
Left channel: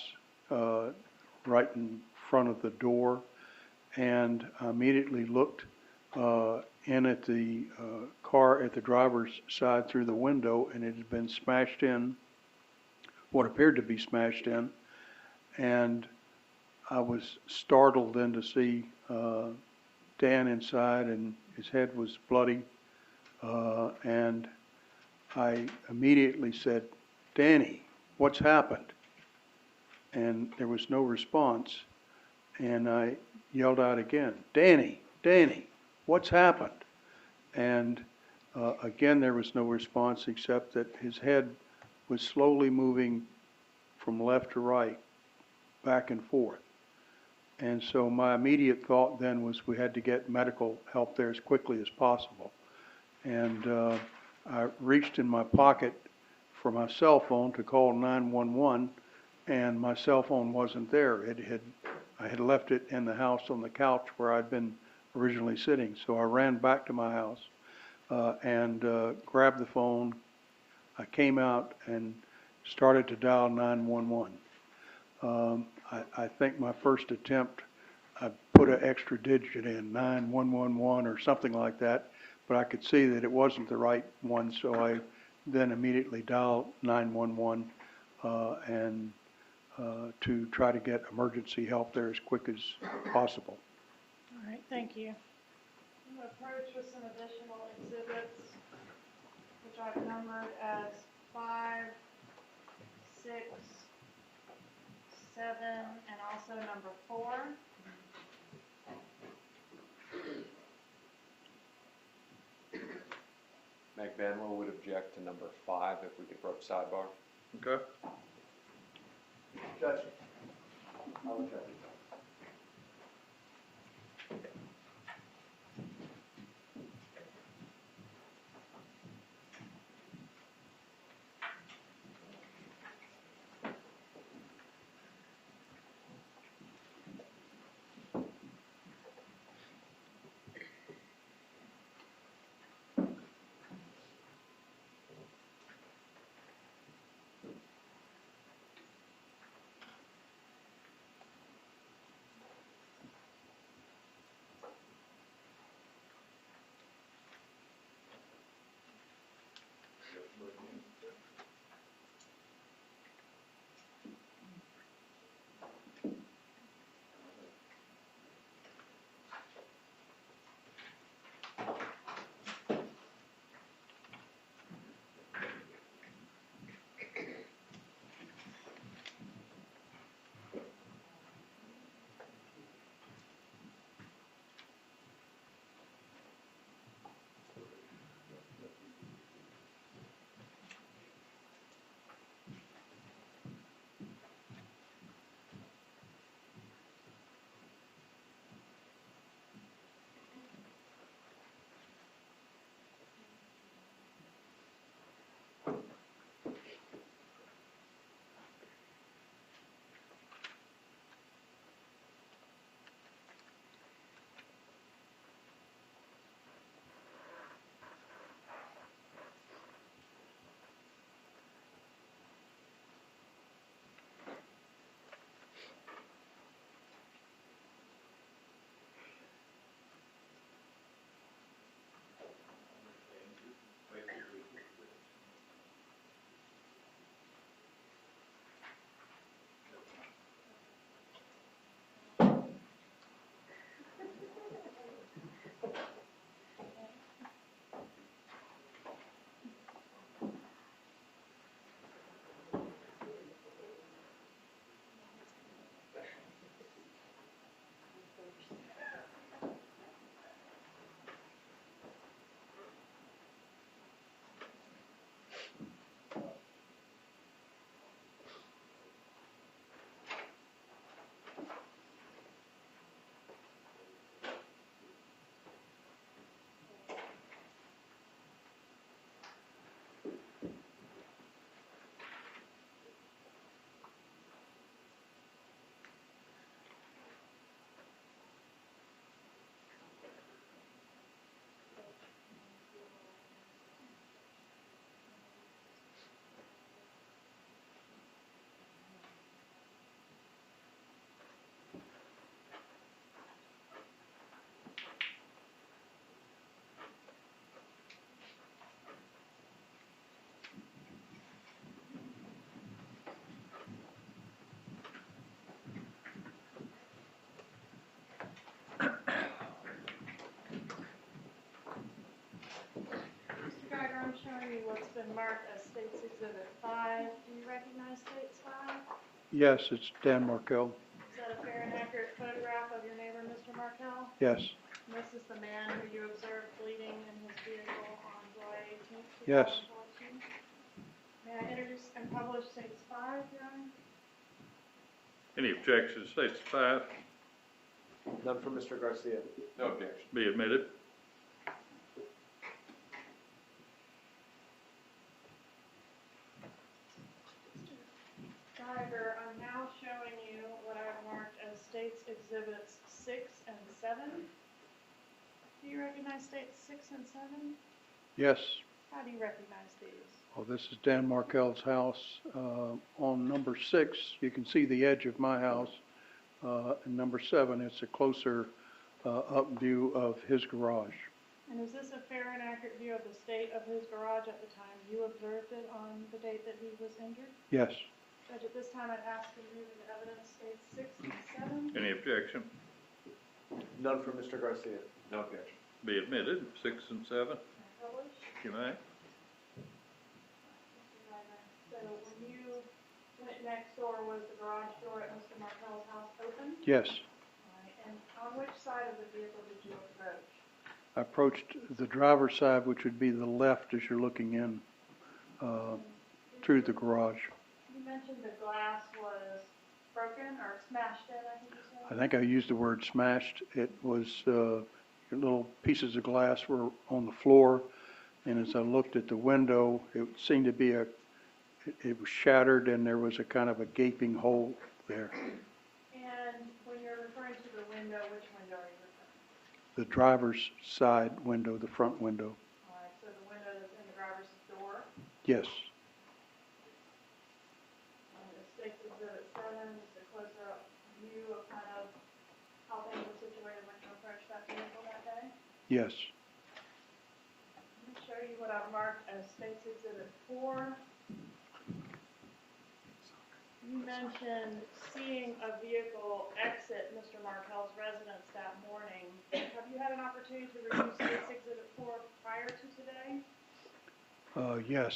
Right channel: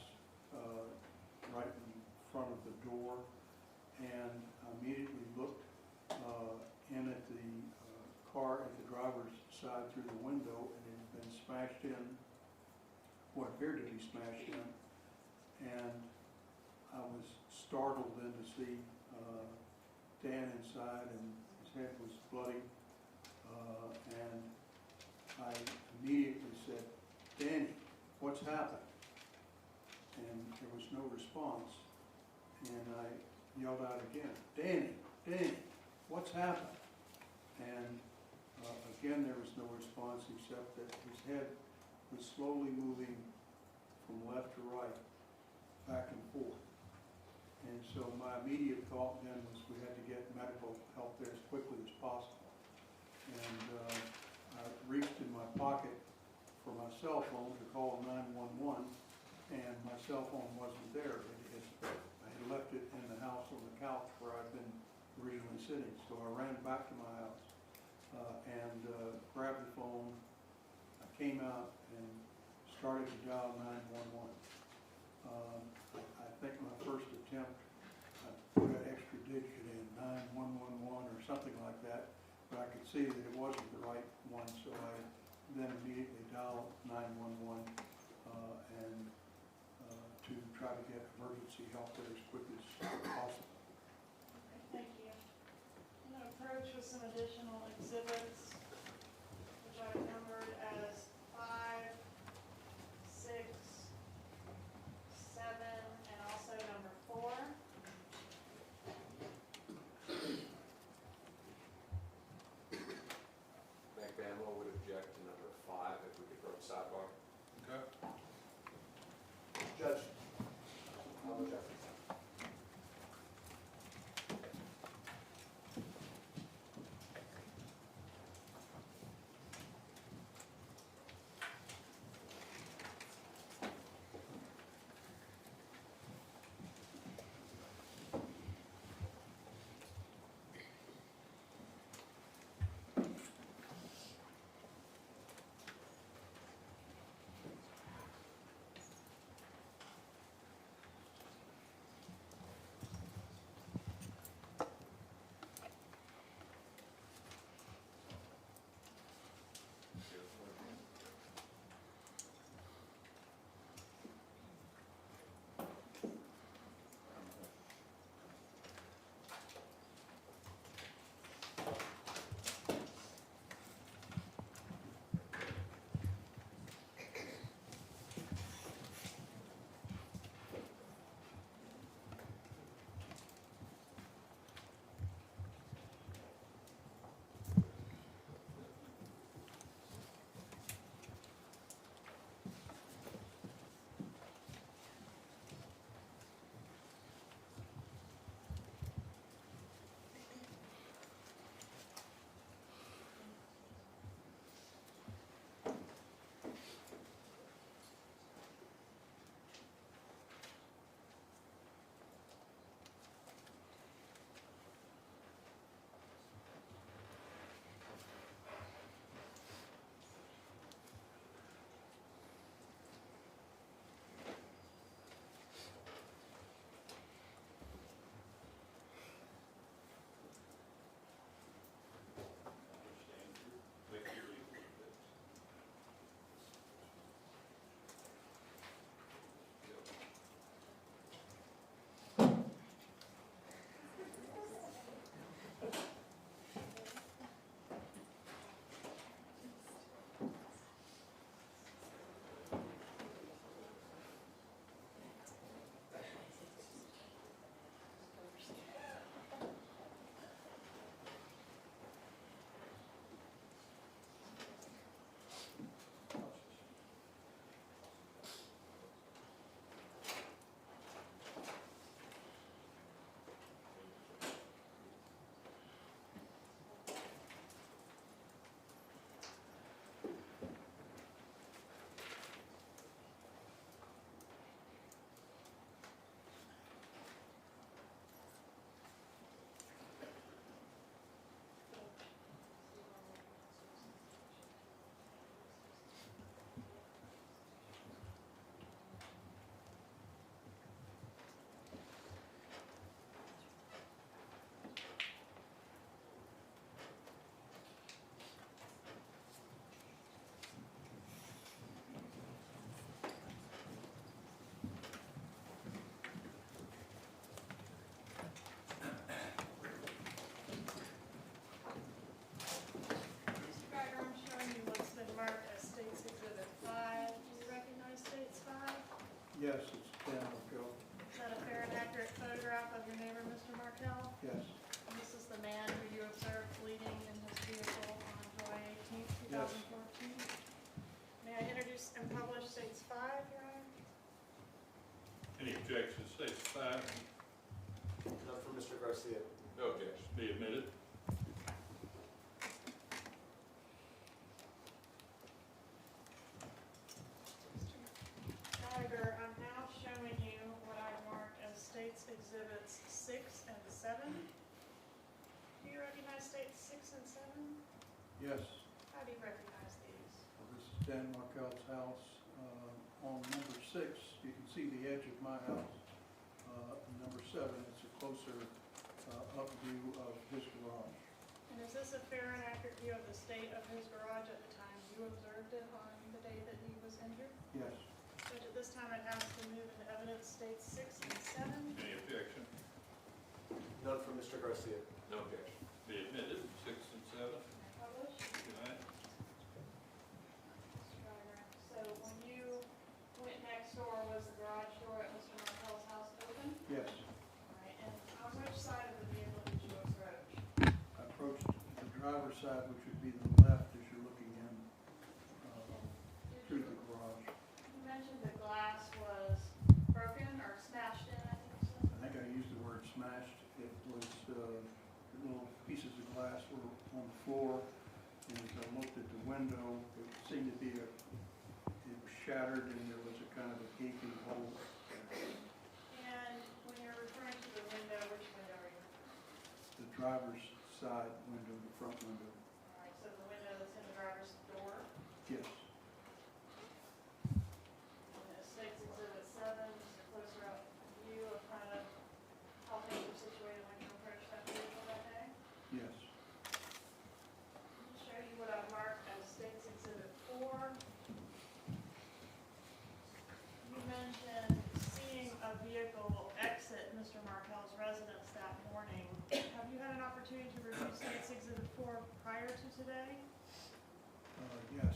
right in front of the door, and I immediately looked in at the car at the driver's side through the window, and it had been smashed in, what appeared to be smashed in, and I was startled then to see Dan inside, and his head was bloody, and I immediately said, "Danny, what's happened?" And there was no response, and I yelled out again, "Danny, Danny, what's happened?" And again, there was no response except that his head was slowly moving from left to right, back and forth. And so my immediate thought then was we had to get medical help there as quickly as possible. And I reached in my pocket for my cell phone to call 911, and my cell phone wasn't there. I had left it in the house on the couch where I'd been originally sitting. So I ran back to my house and grabbed the phone. I came out and started to dial 911. I think my first attempt, I put an extra digit in, 9111 or something like that, but I could see that it wasn't the right one, so I then immediately dialed 911 and to try to get emergency help there as quick as possible. All right, thank you. I'm going to approach with some additional exhibits, which I've numbered as 5, 6, 7, and also number 4. Magbanua would object to number 5 if we could throw up sidebar. Okay. Judge, I'll address it. Yes, it's Dan Markel. Is that a fair and accurate photograph of your neighbor, Mr. Markel? Yes, This is the man who you observed bleeding in his vehicle on July 18th, Yes. 2014? May I introduce and publish States 5, Your Honor? Any objections, states 5 None for Mr. Garcia. No objection. be admitted. Driver, I'm now showing you what I've marked as States Exhibits 6 and 7. Do you recognize States 6 and 7? yes. How do you recognize these? Well, this is Dan Markel's house. On number 6, you can see the edge of my house. And number 7, it's a closer up view of his garage. And is this a fair and accurate view of the state of his garage at the time you observed it on the date that he was injured? Yes, Judge, at this time I'd ask to move into evidence States 6 and 7. Any objection, None for Mr. Garcia. No objection. be admitted. 6 and 7, May I publish? you may. So when you went next door, was the garage door at Mr. Markel's house open? yes. All right, and on which side of the vehicle did you approach? I approached the driver's side, which would be the left as you're looking in through the garage. You mentioned the glass was broken or smashed in, I think you said? I think I used the word smashed. It was, little pieces of glass were on the floor, and as I looked at the window, it seemed to be it was shattered, and there was a kind of a gaping hole there. And when you're referring to the window, which window are you referring to? The driver's side window, the front window, All right, so the window that's in the driver's door, yes. States Exhibit 7, just a closer up view of kind of how things were situated when you approached that vehicle that day. Yes, Let me show you what I've marked as States Exhibit 4. You mentioned seeing a vehicle exit Mr. Markel's residence that morning. Have you had an opportunity to review States Exhibit 4 prior to today? yes,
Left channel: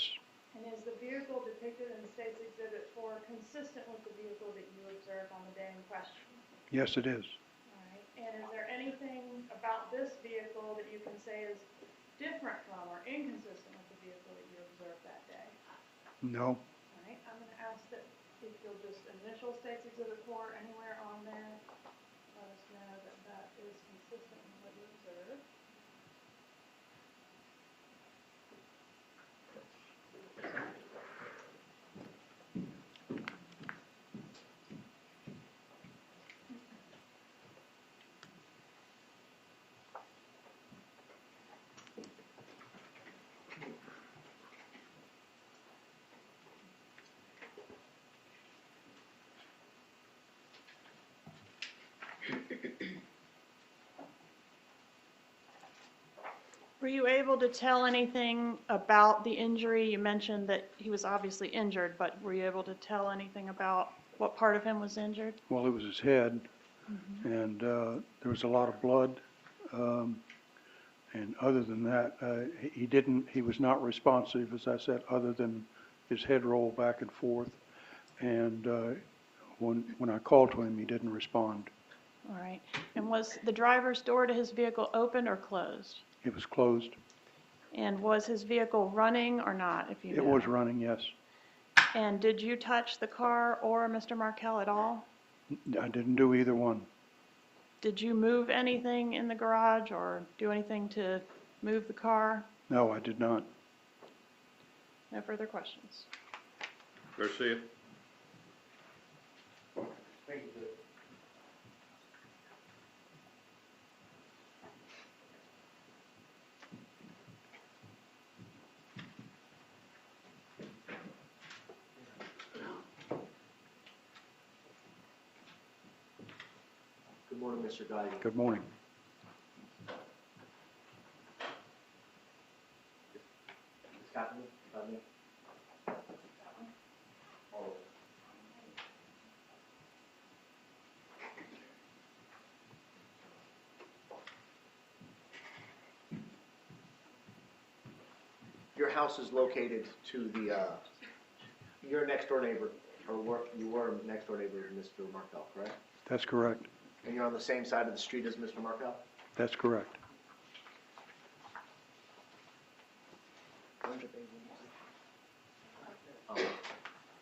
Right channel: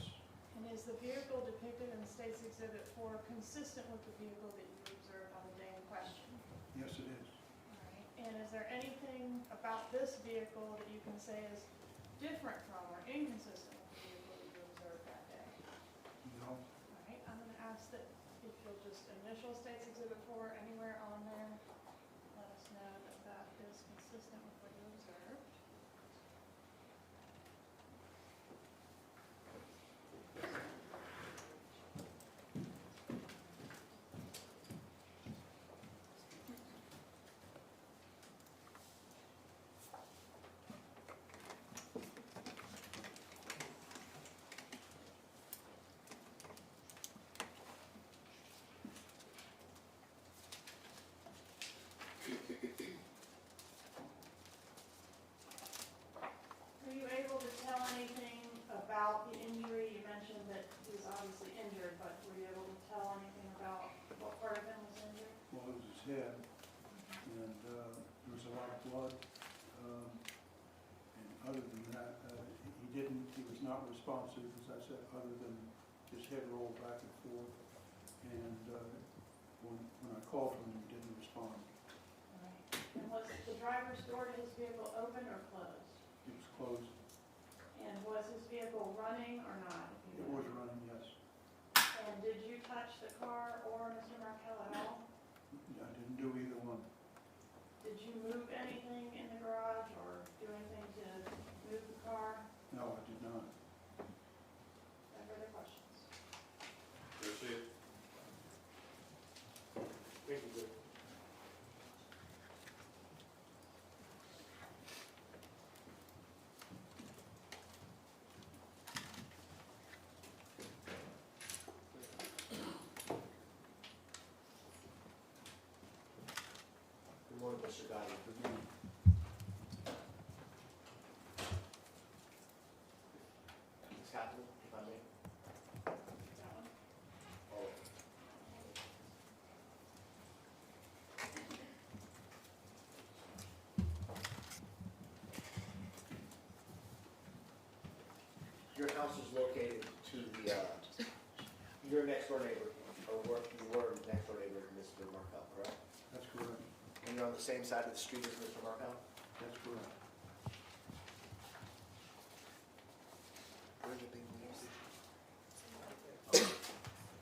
And is the vehicle depicted in States Exhibit 4 consistent with the vehicle that you observed on the day in question? yes it is. All right. And is there anything about this vehicle that you can say is different from or inconsistent with the vehicle that you observed that day? No, All right, I'm going to ask that if you'll just initial States Exhibit 4 anywhere on there, let us know that that is consistent with what you observed. Were you able to tell anything about the injury? You mentioned that he was obviously injured, but were you able to tell anything about what part of him was injured? well, it was his head, and there was a lot of blood. And other than that, he was not responsive, as I said, other than his head rolled back and forth. And when I called to him, he didn't respond. All right. And was the driver's door to his vehicle open or closed? It was closed. And was his vehicle running or not, if you know? It was running, yes. And did you touch the car or Mr. Markel at all? I didn't do either one. Did you move anything in the garage or do anything to move the car? No, I did not. No further questions. Garcia? Thank you, Judge. Good morning, Mr. Guy. Good morning. Ms. Katherine, if I may. Oh. Your house is located to the, your next door neighbor you were next door neighbor to Mr. Markel, correct? That's correct. And you're on the same side of the street as Mr. Markel? That's correct.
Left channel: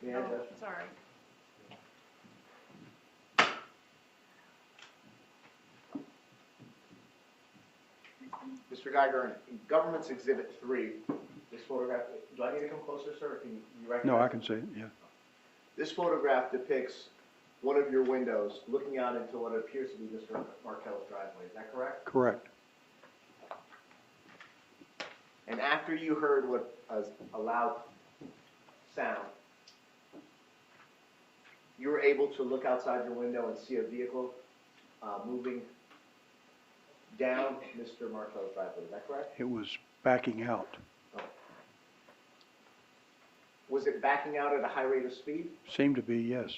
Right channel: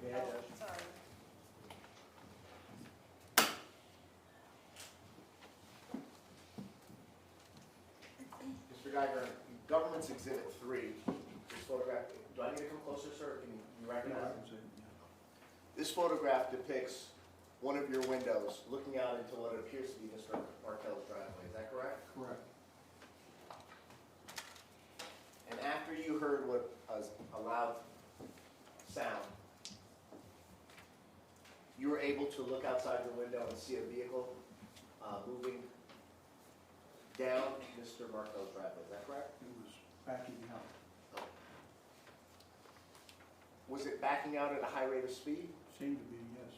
Yeah, Oh, sorry. Mr. Geiger, in Government's Exhibit 3, this photograph, do I need to come closer, sir, or can you recognize? No, I can see it, yeah. This photograph depicts one of your windows looking out into what appears to be Mr. Markel's driveway, is that correct? Correct. And after you heard what a loud sound, you were able to look outside your window and see a vehicle moving down Mr. Markel's driveway, is that correct? It was backing out. Was it backing out at a high rate of speed? Seemed to be, yes.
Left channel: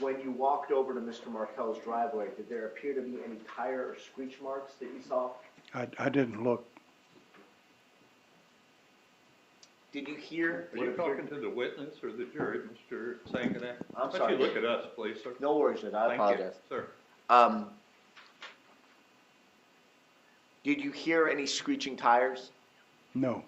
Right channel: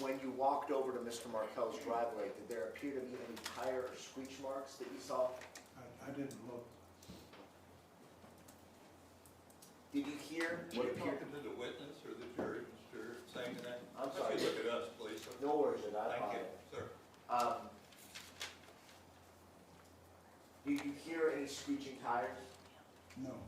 When you walked over to Mr. Markel's driveway, did there appear to be any tire or screech marks that you saw? I didn't look. Did you hear? Are you talking to the witness or the jury, Mr. Sanganak? I'm Why sorry. don't you look at us, please, sir? No worries, Judge, I Thank you, apologize. sir. Did you hear any screeching tires? No.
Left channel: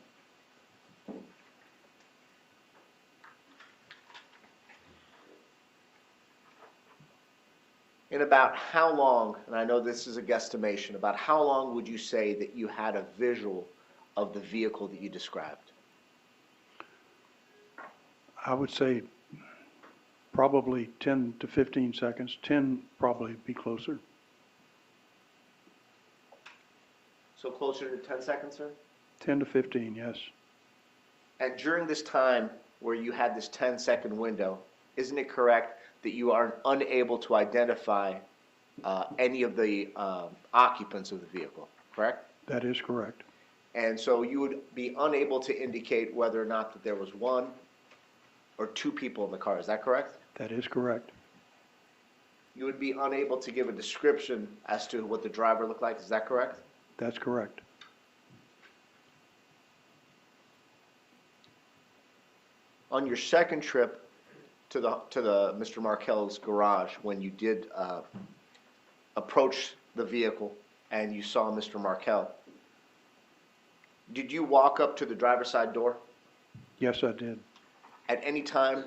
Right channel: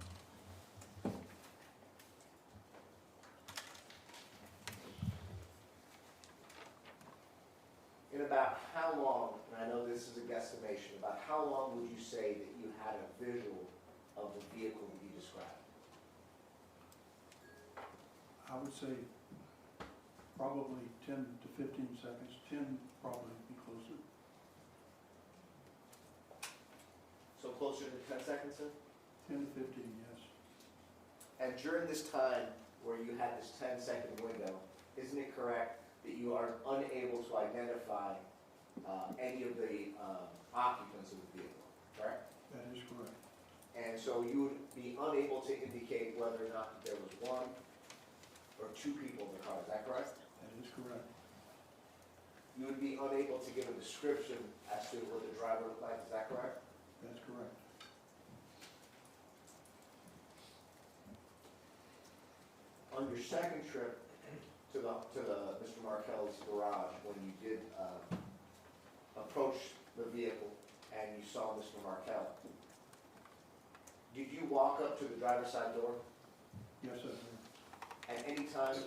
In about how long, and I know this is a guesstimation, about how long would you say that you had a visual of the vehicle that you described? I would say probably 10 to 15 seconds. 10 probably be closer. So closer to 10 seconds, sir? 10 to 15, yes. And during this time where you had this 10-second window, isn't it correct that you are unable to identify any of the occupants of the vehicle, correct? That is correct. And so you would be unable to indicate whether or not that there was one or two people in the car, is that correct? That is correct. You would be unable to give a description as to what the driver looked like, is that correct? That's correct. On your second trip to the Mr. Markel's garage, when you did approach the vehicle and you saw Mr. Markel, did you walk up to the driver's side door? Yes, I did. At any time,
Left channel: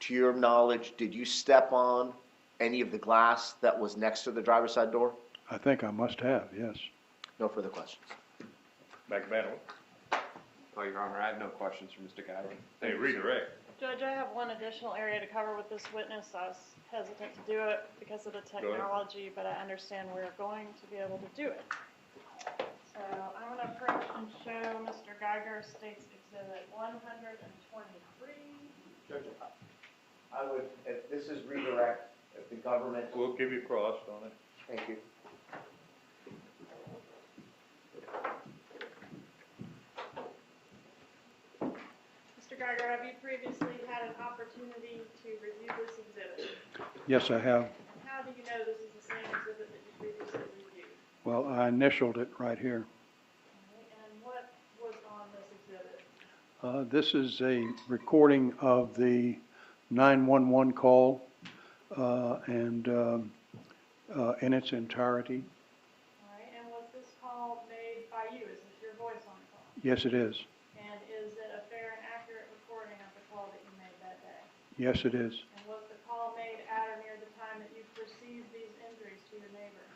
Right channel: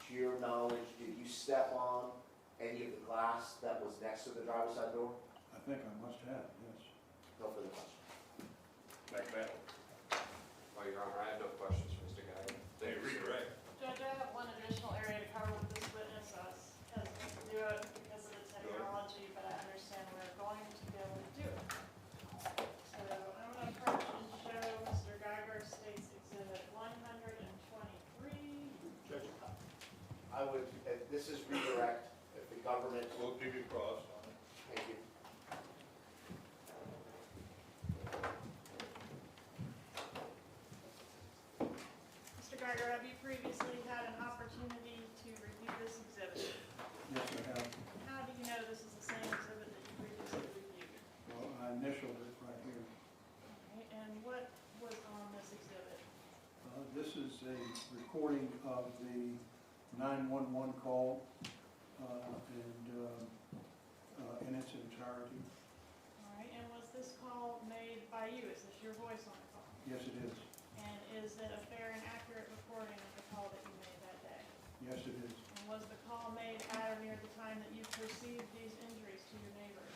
to your knowledge, did you step on any of the glass that was next to the driver's side door? I think I must have, yes. No further questions. Magbanua, Oh, Your Honor, I have no questions for Mr. Geiger. they redirect. Judge, I have one additional area to cover with this witness. I was hesitant to do it because of the technology, but I understand we're going to be able to do it. So I'm going to approach and show Mr. Geiger State's Exhibit 123. Judge, I would, if this is redirect, if the government, We'll give you cross on it. thank you. Mr. Geiger, have you previously had an opportunity to review this exhibit? Yes, I have. How do you know this is the same exhibit that you previously reviewed? Well, I initialed it right here. All right, and what was on this exhibit? This is a recording of the 911 call and in its entirety. All right, and was this call made by you? Is this your voice on the call? Yes, it is. And is it a fair and accurate recording of the call that you made that day? Yes, it is. And was the call made at or near the time that you perceived these injuries to your neighbor?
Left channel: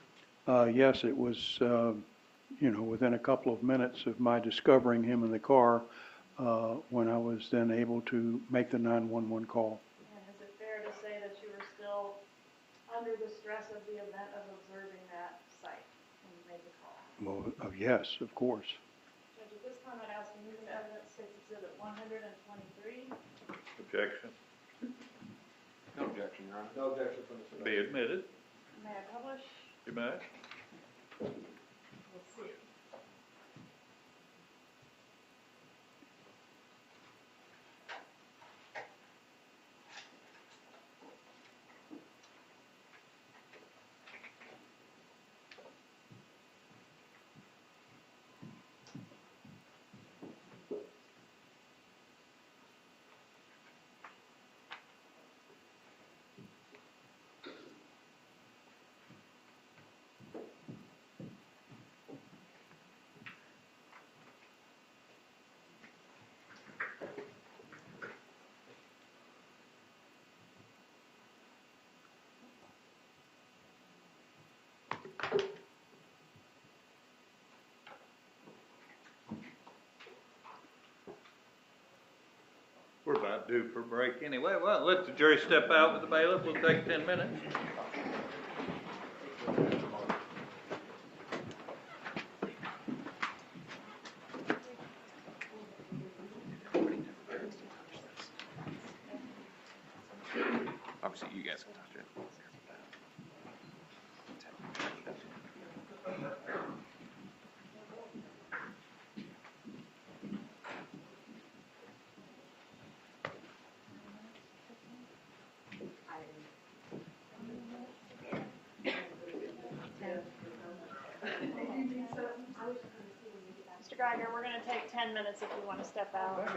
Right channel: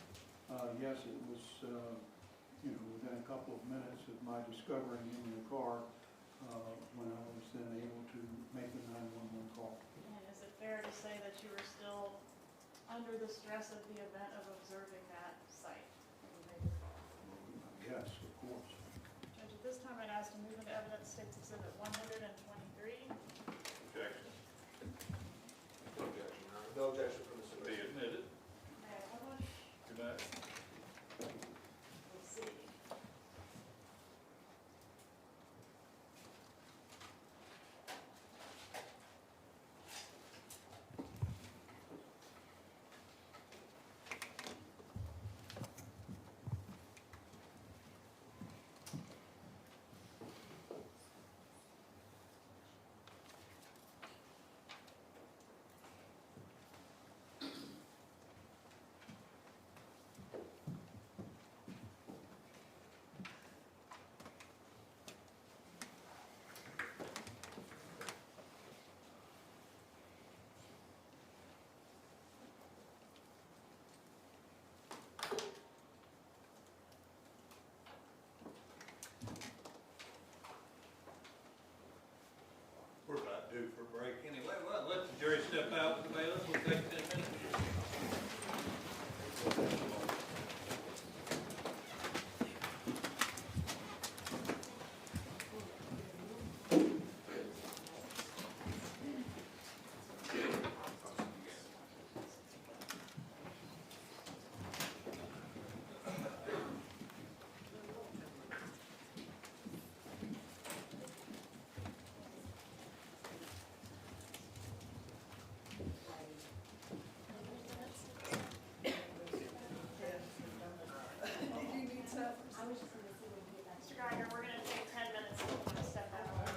Yes, it was, within a couple of minutes of my discovering him in the car when I was then able to make the 911 call. And is it fair to say that you were still under the stress of the event of observing that site when you made the call? Well, yes, of course. Judge, at this time, I'd ask to move into evidence State's Exhibit 123. Objection. No objection, Your Honor. No objection from the Be admitted. May I publish? You may. We'll see. about due for a break anyway. Well, let the jury step out with the bailiff. We'll take 10 minutes. Obviously, you guys can talk to it. Mr. Geiger, we're gonna take 10 minutes if you wanna step out.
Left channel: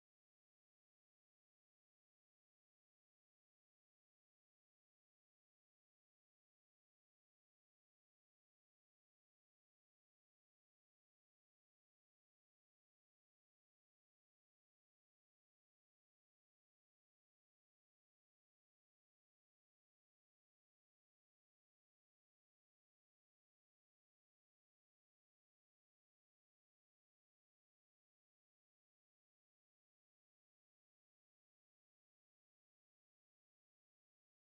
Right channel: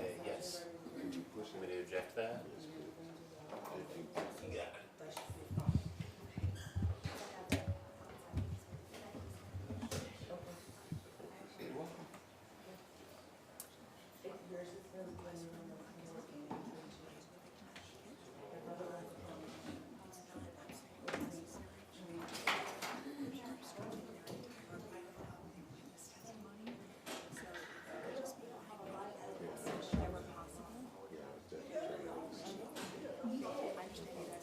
Yes. Somebody object to that? You got it.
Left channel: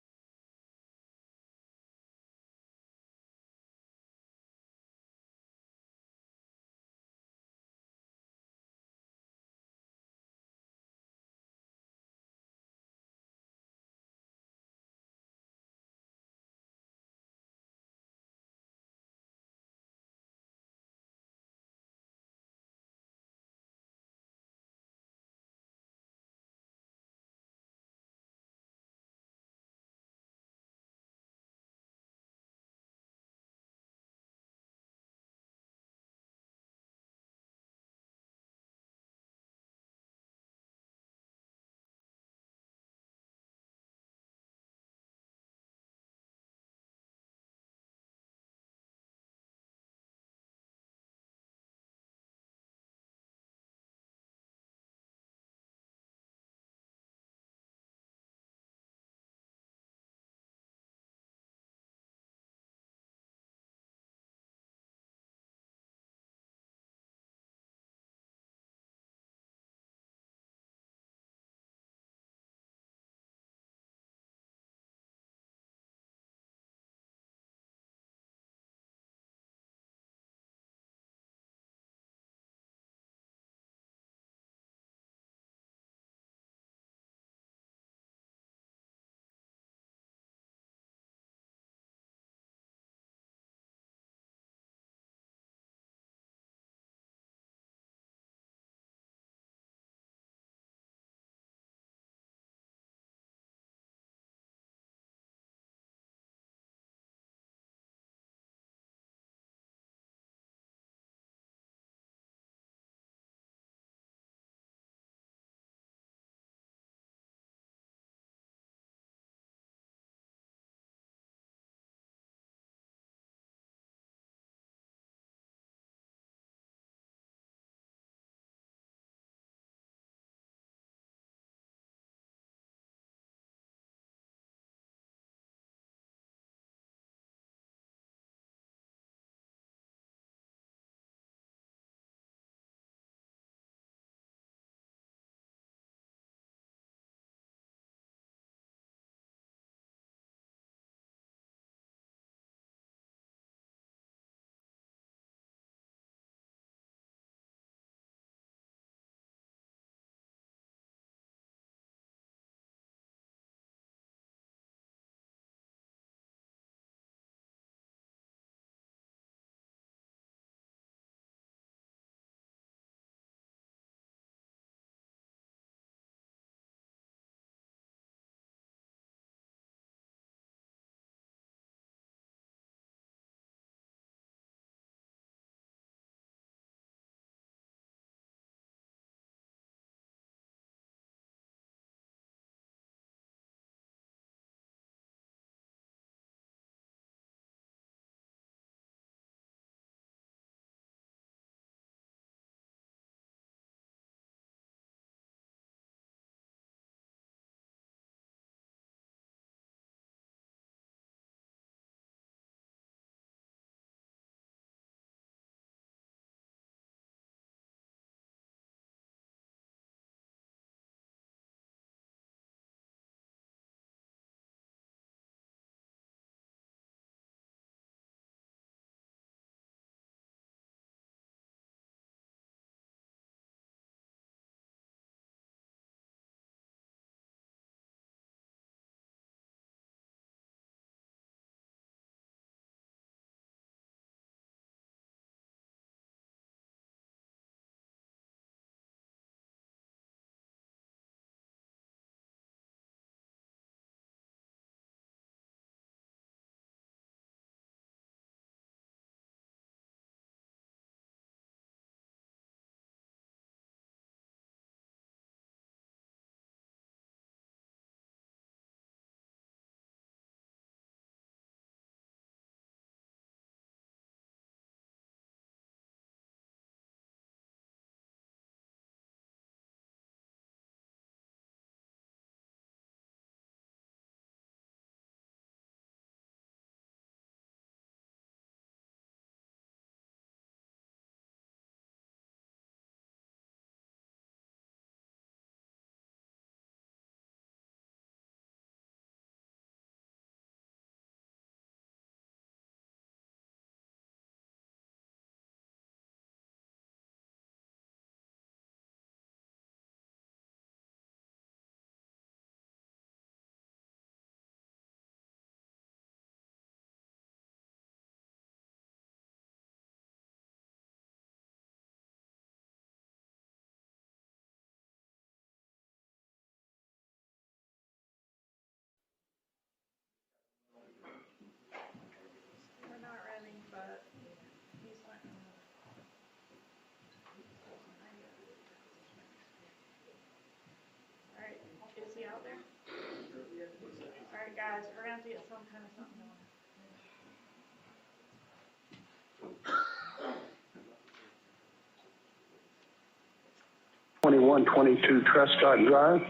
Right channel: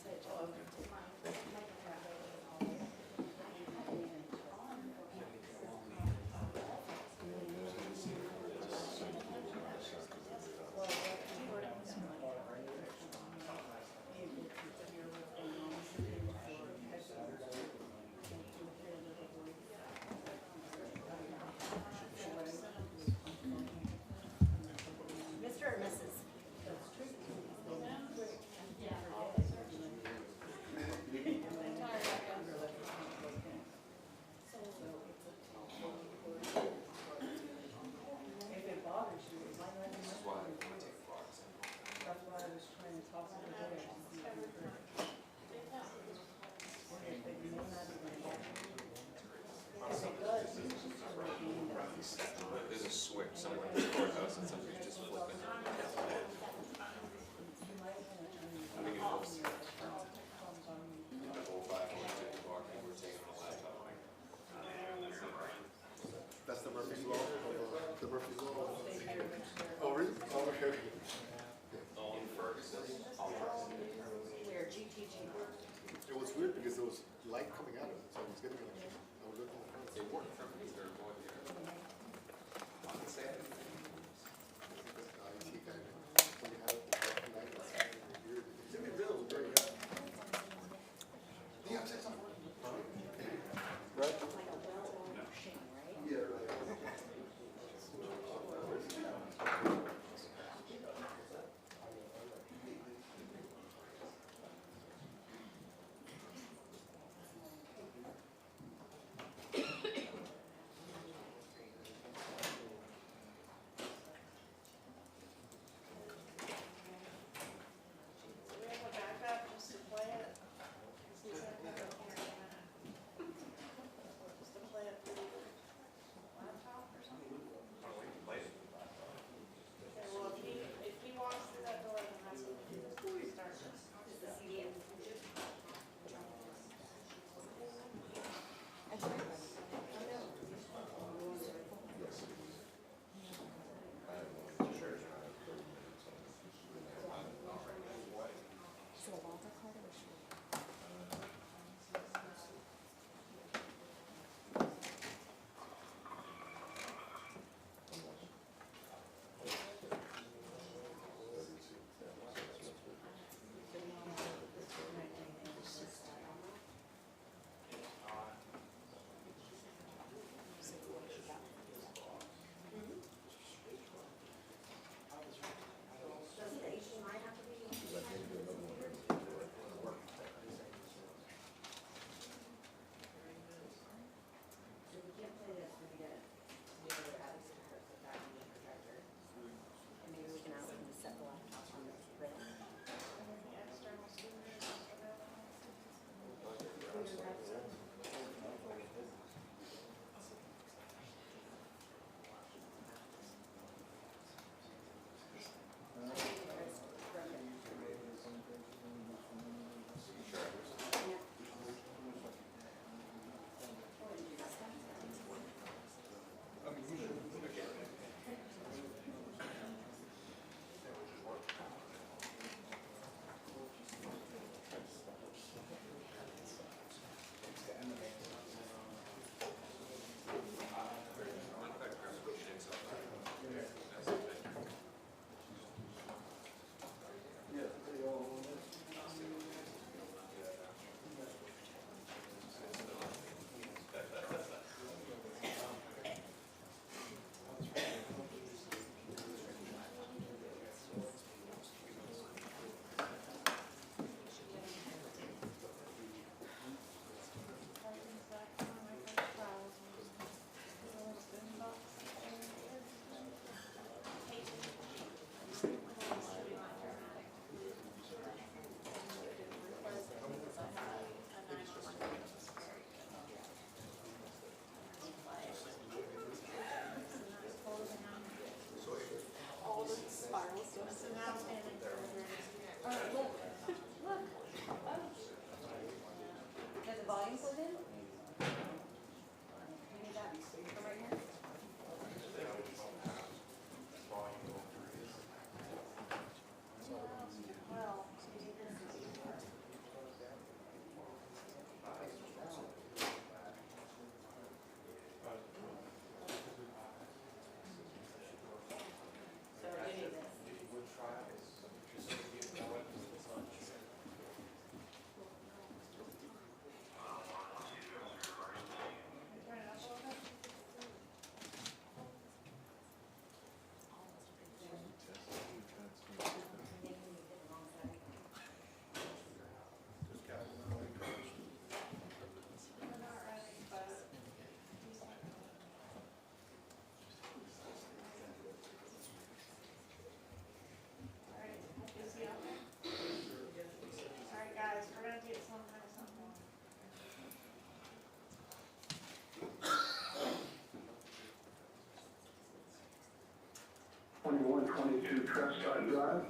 2122 Trescott Drive.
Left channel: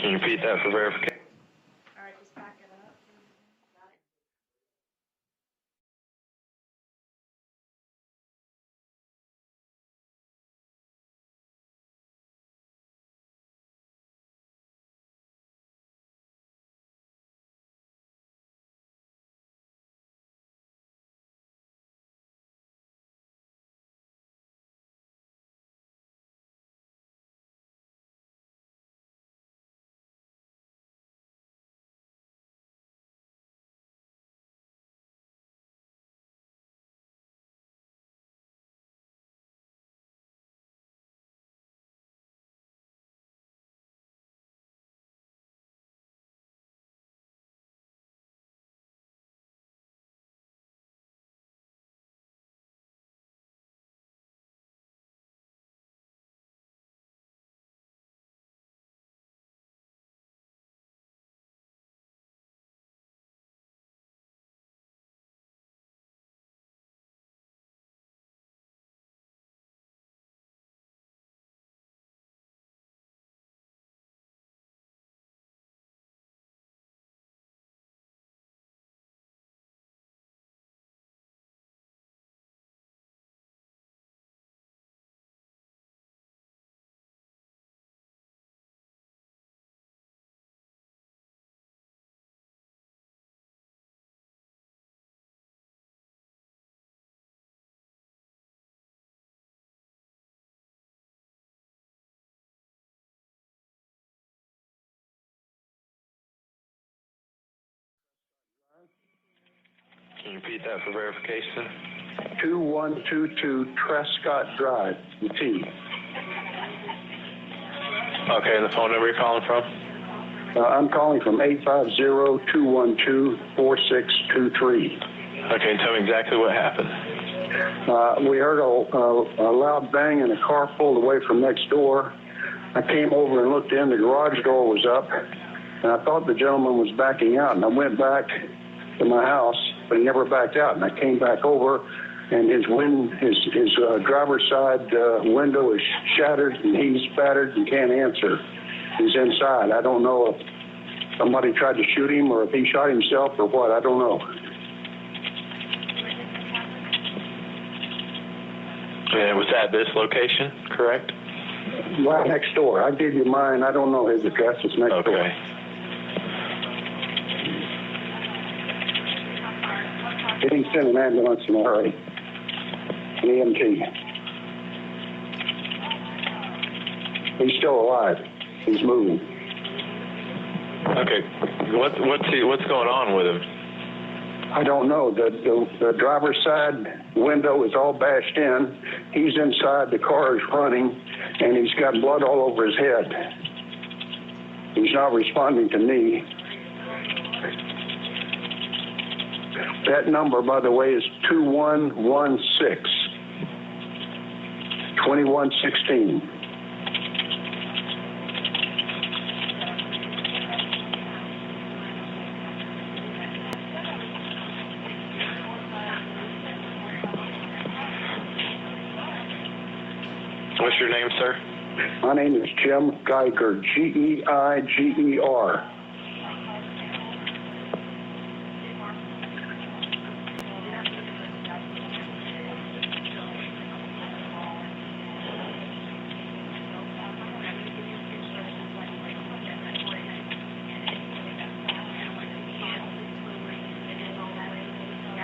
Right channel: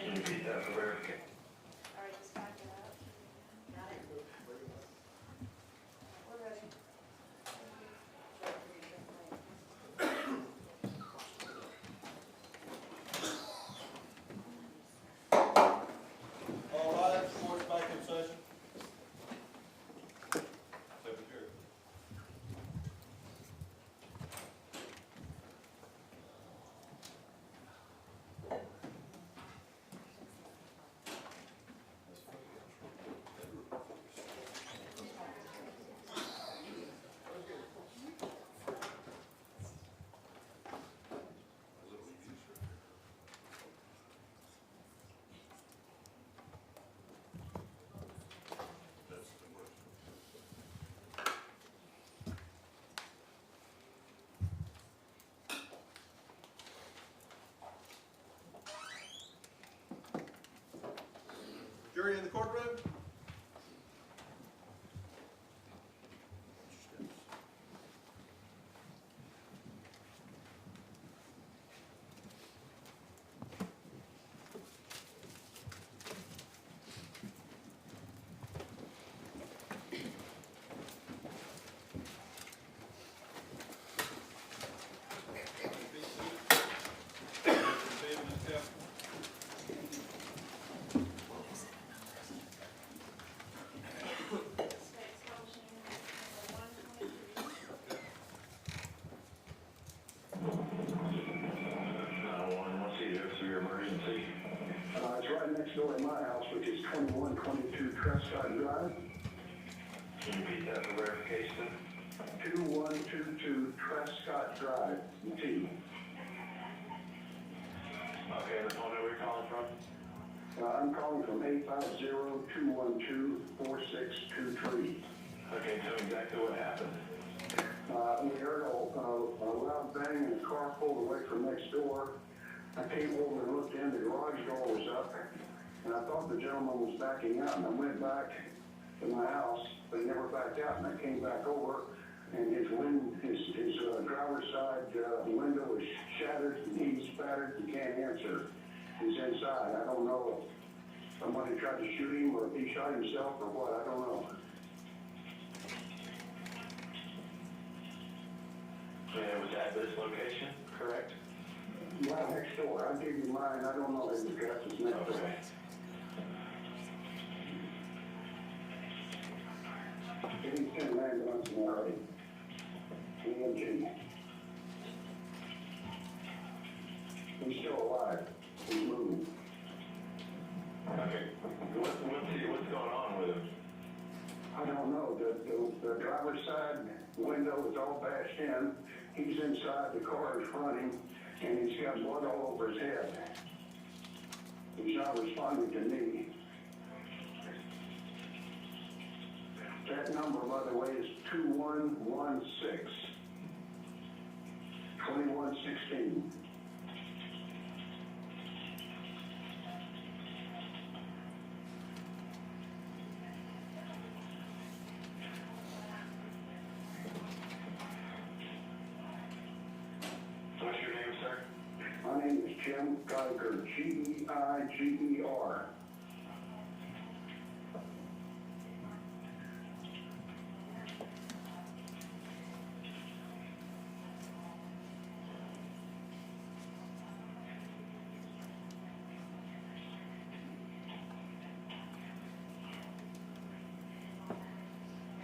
Can you repeat that for verification? All right, just back it up. We're ready. All right, court's back in session. Secretary. Jury in the courtroom? It's right next door to my house, which is 2122 Trescott Drive. Can you repeat that for verification? 2122 Trescott Drive, with T. Okay, and the phone number you're calling from? I'm calling from 850-212-4623. Okay, tell me exactly what happened. We heard a loud bang and a car pulled away from next door. I came over and looked in, the garage door was up, and I thought the gentleman was backing out, and I went back to my house, but he never backed out, and I came back over, and his driver's side window is shattered, and he's battered and can't answer. He's inside. I don't know if somebody tried to shoot him or if he shot himself or what, I don't know. And it was at this location, correct? Right next door. I gave you mine. I don't know his address. It's next door. Okay. He didn't send an ambulance in a hurry. An EMT. He's still alive. He's moving. Okay. What's going on with him? I don't know. The driver's side window is all bashed in. He's inside. The car is running, and he's got blood all over his head. He's not responding to me. That number, by the way, is 2116 2116. What's your name, sir? My name is Jim Geiger, Geiger.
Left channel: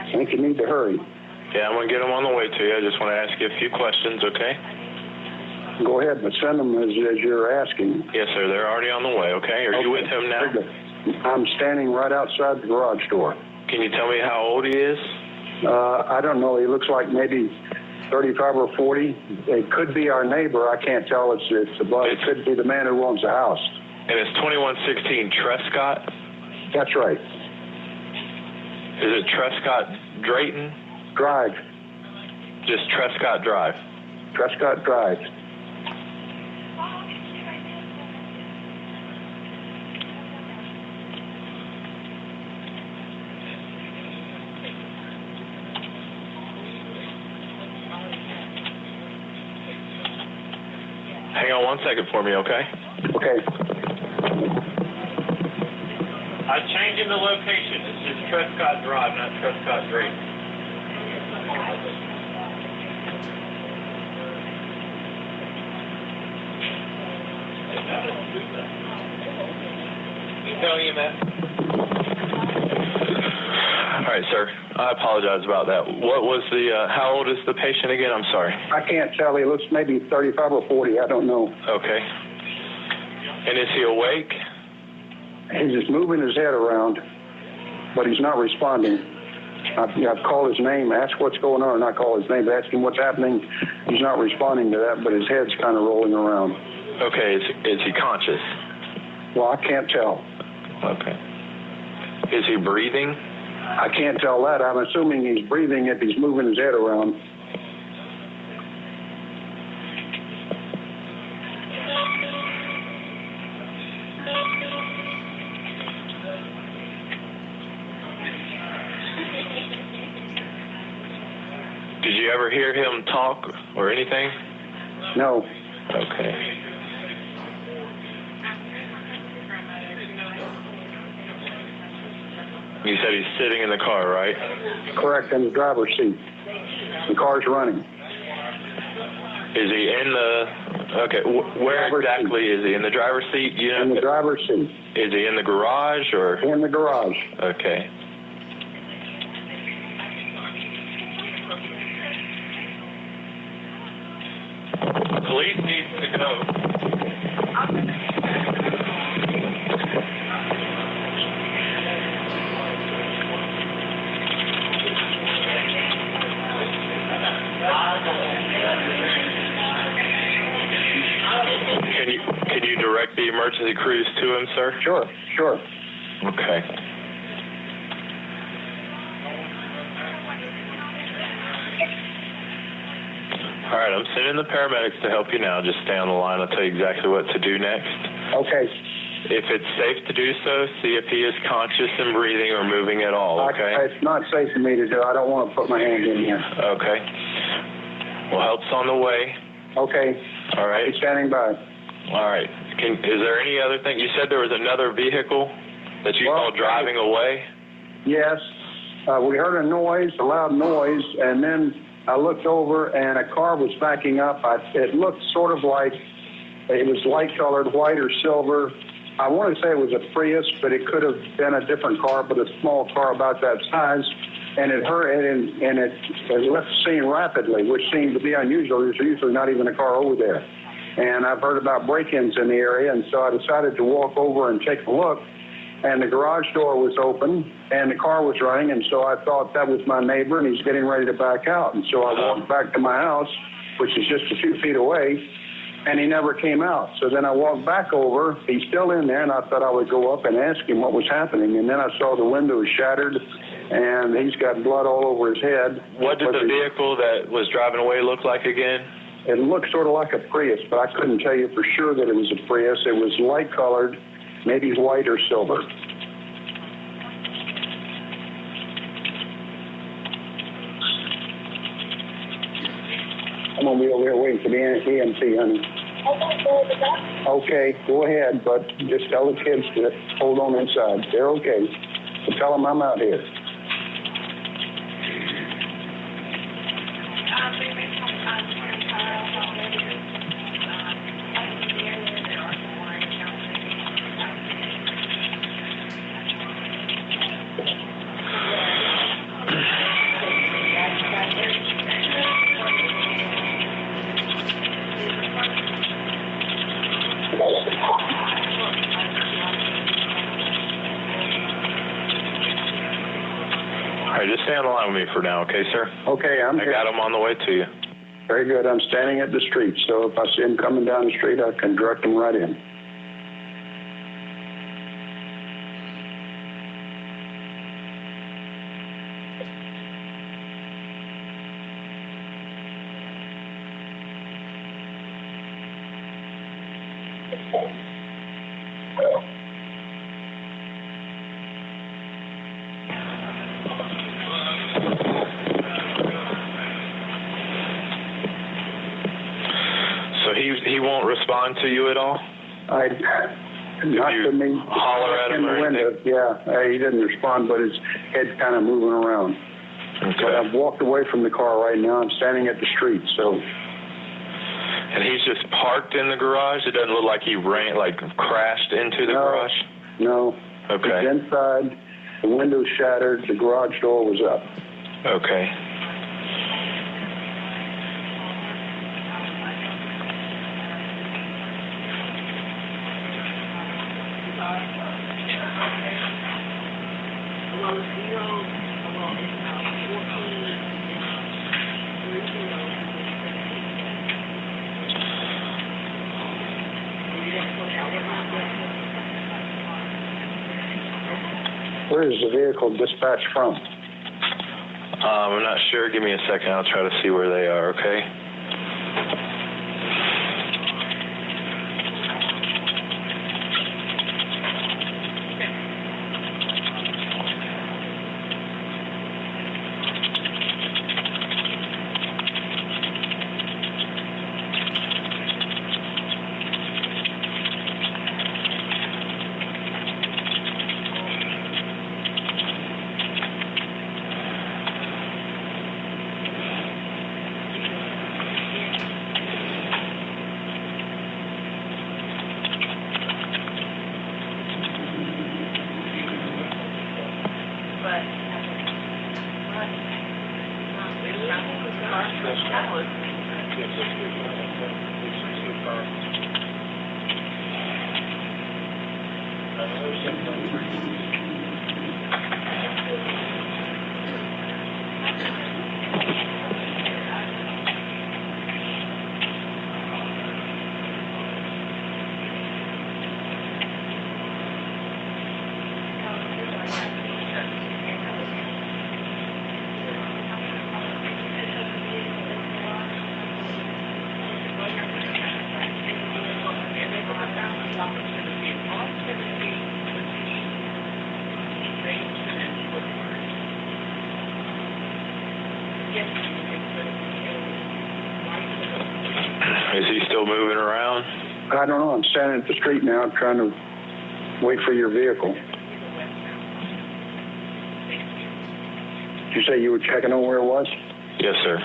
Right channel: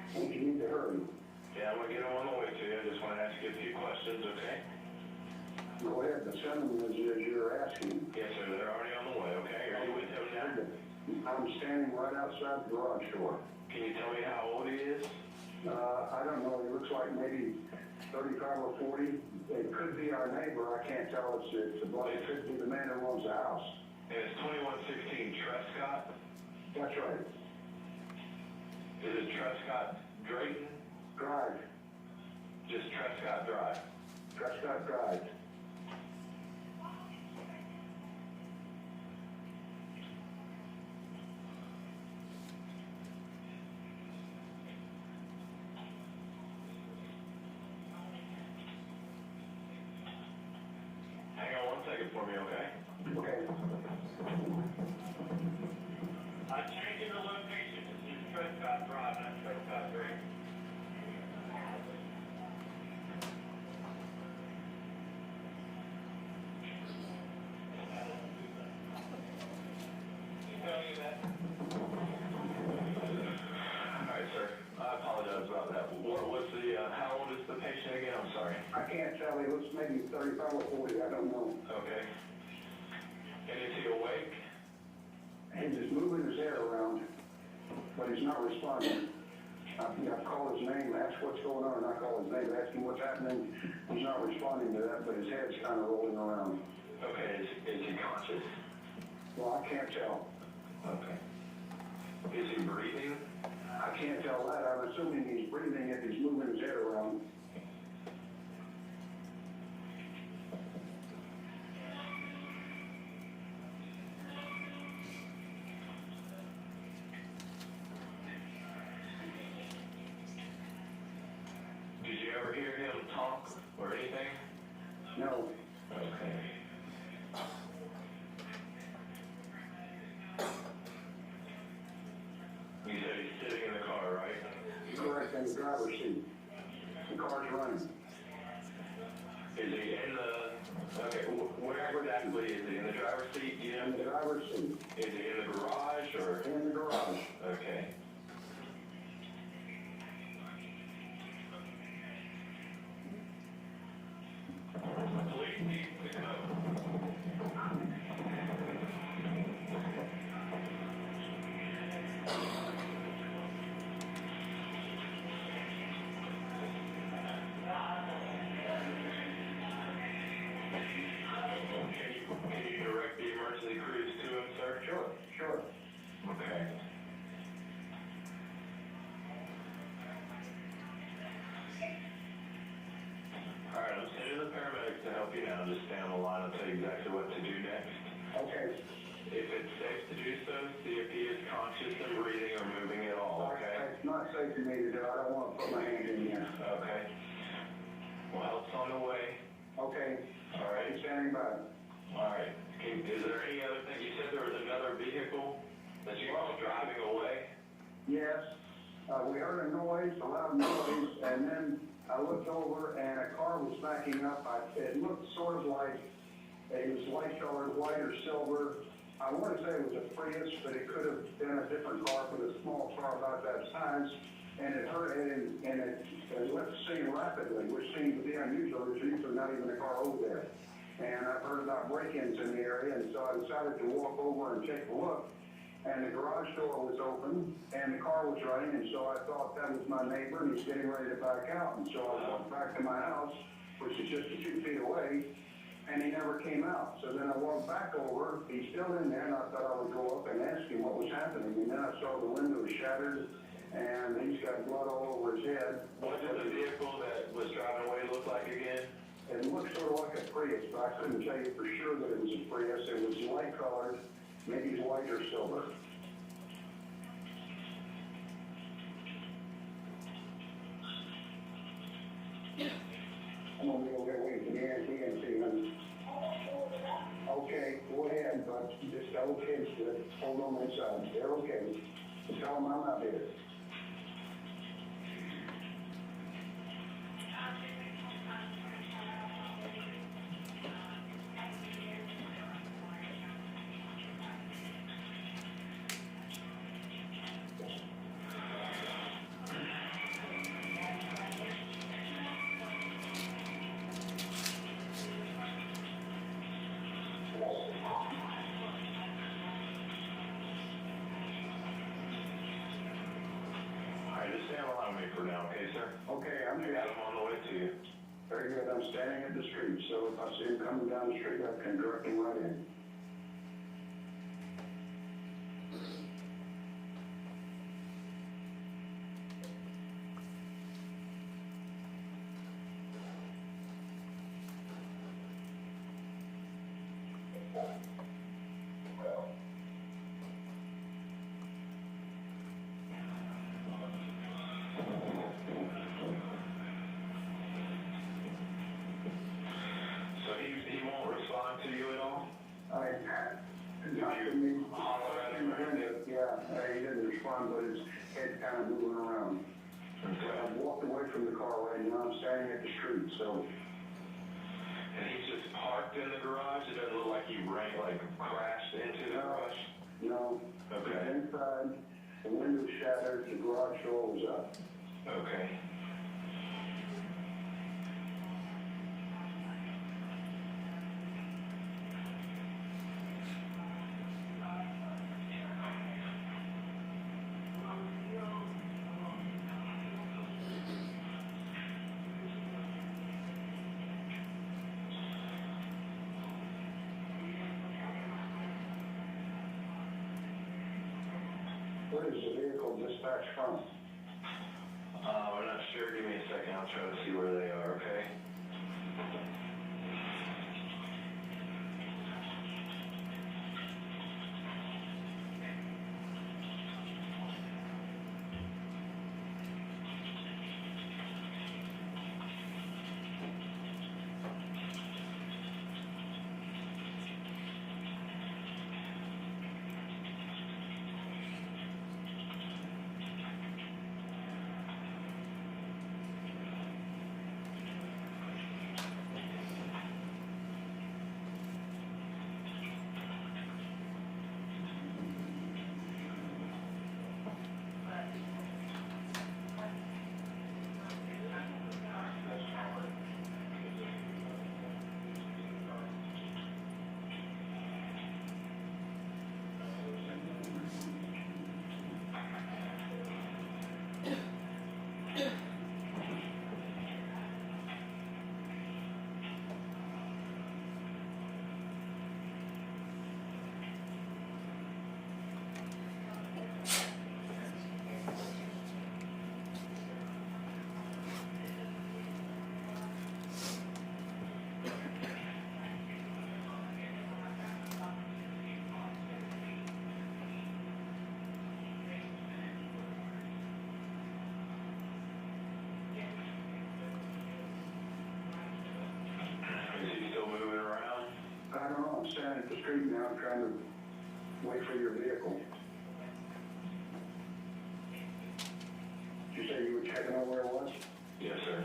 I think you need to hurry. Yeah, I'm going to get him on the way to you. I just want to ask you a few questions, okay? Go ahead, but send them as you're asking. Yes, sir. They're already on the way, okay? Are you with him now? I'm standing right outside the garage door. Can you tell me how old he is? I don't know. He looks like maybe 35 or 40. It could be our neighbor. I can't tell. It could be the man who owns the house. And it's 2116 Trescott? That's right. Is it Trescott Drayton? Drive. Just Trescott Drive? Trescott Drive. Hang on 1 second for me, okay? Okay. I'm changing the location. It's just Trescott Drive, not Trescott Street. Tell you, man. All right, sir. I apologize about that. What was the, how old is the patient again? I'm sorry. I can't tell. He looks maybe 35 or 40. I don't know. Okay. And is he awake? He's just moving his head around, but he's not responding. I've called his name, asked what's going on, or not call his name, but ask him what's happening. He's not responding to that, but his head's kind of rolling around. Okay. Is he conscious? Well, I can't tell. Okay. Is he breathing? I can't tell that. I'm assuming he's breathing if he's moving his head around. Did you ever hear him talk or anything? No. Okay. You said he's sitting in the car, right? Correct, in the driver's seat. The car's running. Is he in the... Okay, where exactly is he? In the driver's seat? You know, In the driver's seat. Is he in the garage or... In the garage. Okay. Police needs to go. Can you direct the emergency crews to him, sir? Sure. Okay. All right, I'm sending the paramedics to help you now. Just stay on the line. I'll tell you exactly what to do next. Okay. If it's safe to do so, see if he is conscious and breathing or moving at all, okay? It's not safe for me to do. I don't want to put my hand in here. Okay. Well, help's on the way. Okay. All right. He's standing by. All right. Is there any other thing? You said there was another vehicle that you saw driving away? Yes. We heard a noise, a loud noise, and then I looked over and a car was backing up. It looked sort of like it was light-colored, white or silver. I want to say it was a Prius, but it could have been a different car, but a small car about that size. And it left the scene rapidly, which seemed to be unusual. There's usually not even a car over there. And I've heard about break-ins in the area, and so I decided to walk over and take a look. And the garage door was open, and the car was running, and so I thought that was my neighbor, and he's getting ready to back out. And so I walked back to my house, which is just a few feet away, and he never came out. So then I walked back over. He's still in there, and I thought I would go up and ask him what was happening. And then I saw the window shattered, and he's got blood all over his head. What did the vehicle that was driving away look like again? It looked sort of like a Prius, but I couldn't tell you for sure that it was a Prius. It was light-colored, maybe white or silver. I'm going to be over here waiting for the EMT, honey. Okay, go ahead, but just tell the kids to hold on inside. They're okay. So tell them I'm out here. All right, just stay on the line with me for now, okay, sir? Okay, I'm here. I got him on the way to you. Very good. I'm standing at the street, so if I see him coming down the street, I can direct him right in. So he won't respond respond to you at all? Not you to me. holler at him in the or window. anything? Yeah, he didn't respond, but his head's kind of moving around. But Okay. I've walked away from the car right now. I'm standing at the street, so And he's just parked in the garage? It doesn't look like he crashed into the No. garage? no. Okay. He's inside. The window's shattered. The garage door was up. Okay. Where is the vehicle dispatched from? I'm not sure. Give me a second. I'll try to see where they are, okay? Is he still moving around? I don't know. I'm standing at the street now. I'm trying to wait for your vehicle. Did you say you were checking on where it was? Yes, sir.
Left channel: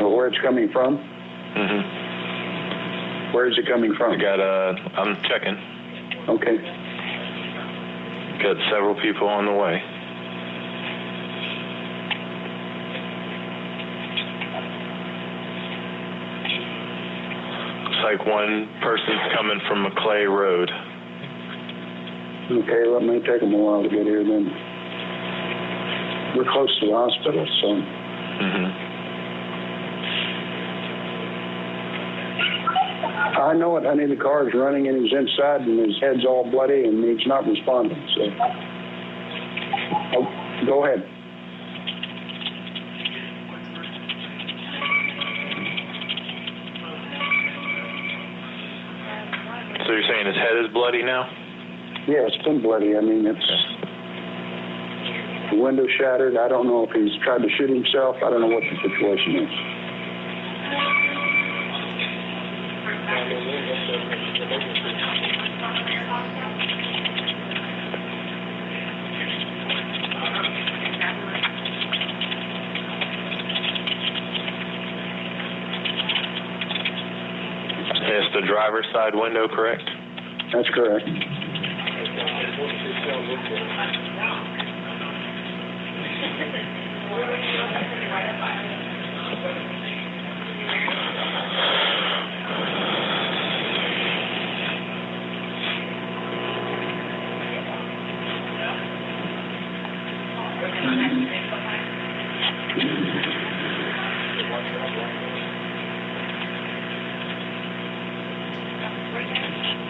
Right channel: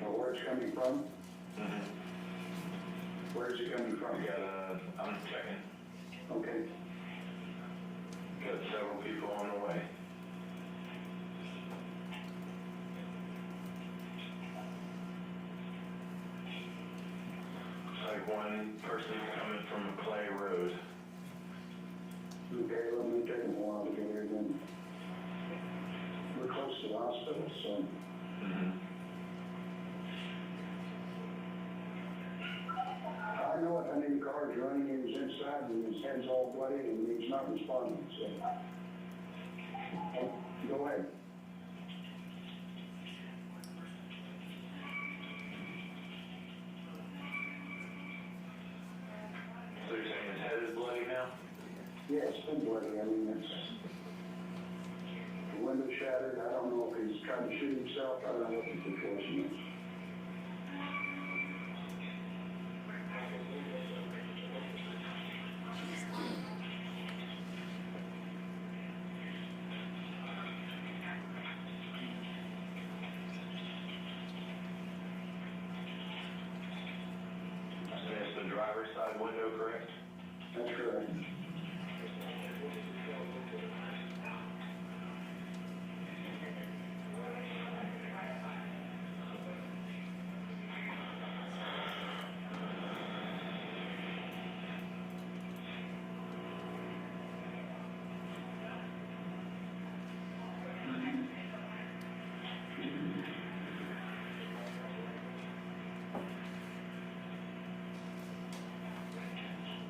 Or where it's coming from? Mm-hmm. Where is it coming from? I'm checking. Okay. Got several people on the way. Looks like one person's coming from McClay Road. Okay, well, it may take them a while to get here then. We're close to the hospital, so. Mm-hmm. I know it, honey. The car's running and he's inside and his head's all bloody and he's not responding, so. Oh, go ahead. So you're saying his head is bloody now? Yeah, it's been bloody. I mean, it's the window shattered. I don't know if he's tried to shoot himself. I don't know what the situation is. It's the driver's side window, correct? That's correct.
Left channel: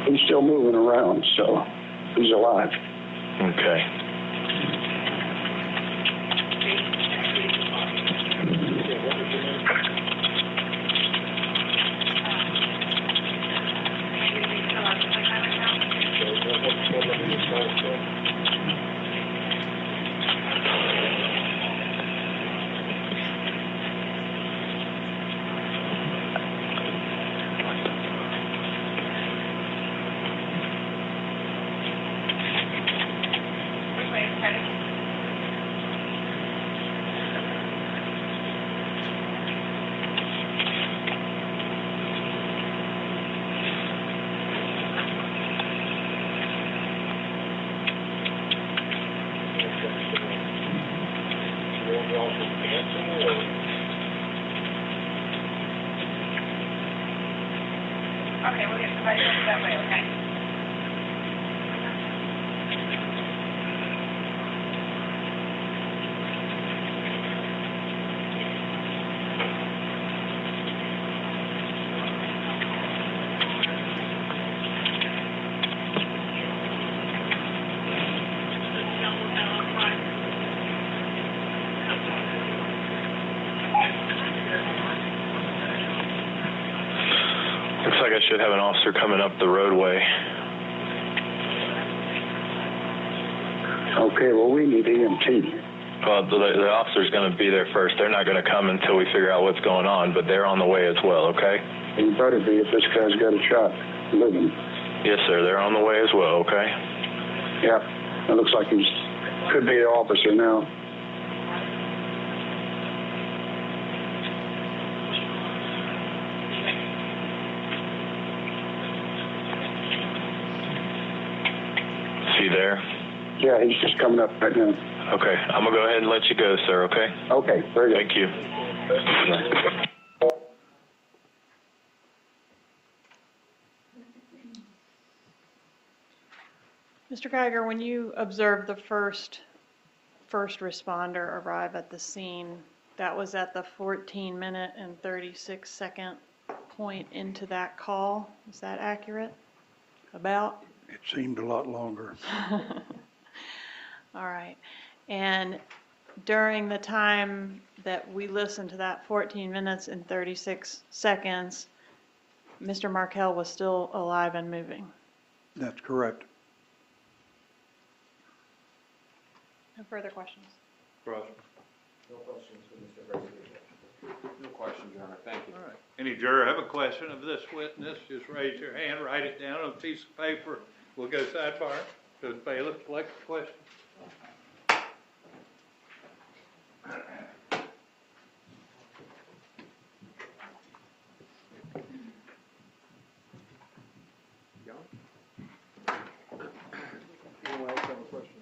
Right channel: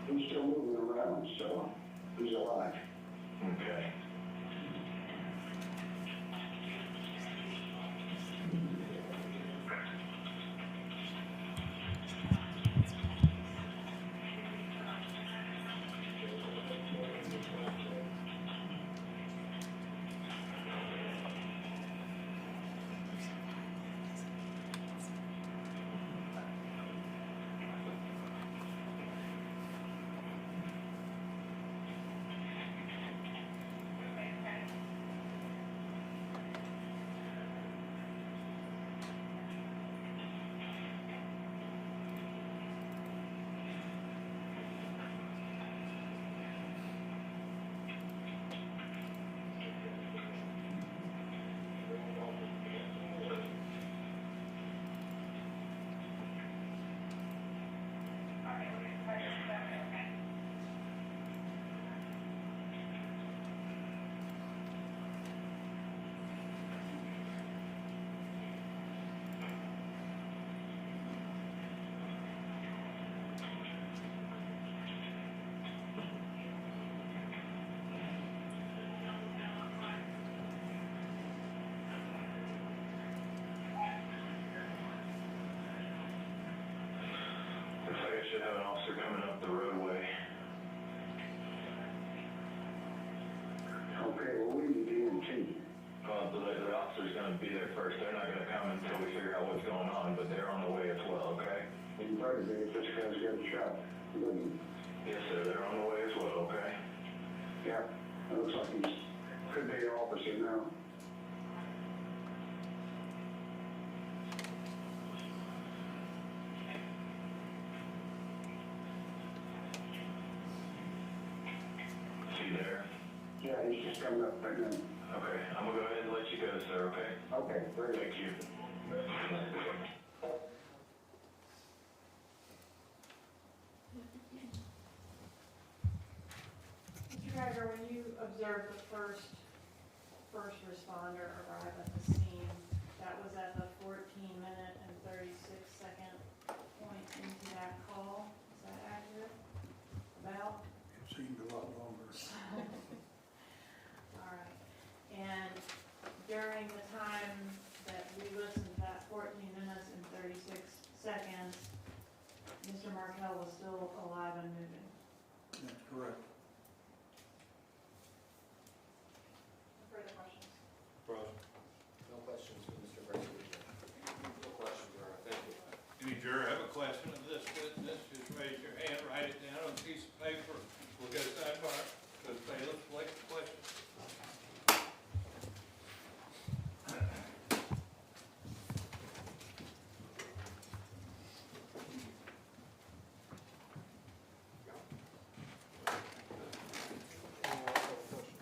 He's still moving around, so he's alive. Okay. Okay, we'll get somebody else that way, okay? Looks like I should have an officer coming up the roadway. Okay, well, we need EMT. Well, the officer's going to be there first. They're not going to come until we figure out what's going on, but they're on the way as well, okay? You better be if this guy's got a shot living. Yes, sir. They're on the way as well, okay? Yeah, it looks like he's could be an officer now. Is he there? Yeah, he's just coming up right now. Okay. I'm going to go ahead and let you go, sir, okay? Okay, very good. Thank you. Mr. Geiger, when you observed the first responder arrive at the scene, that was at the 14-minute and 36-second point into that call. Is that accurate? About? It seemed a lot longer. All right. And during the time that we listened to that 14 minutes and 36 seconds, Mr. Markel was still alive and moving. That's correct. No further questions? Ross? No questions for Mr. Garcia. No questions, Your Honor. Thank you. All right. Any juror have a question of this witness, just raise your hand, write it down on a piece of paper. We'll go sidebar to the bailiff, select the question. Anyone else have a question?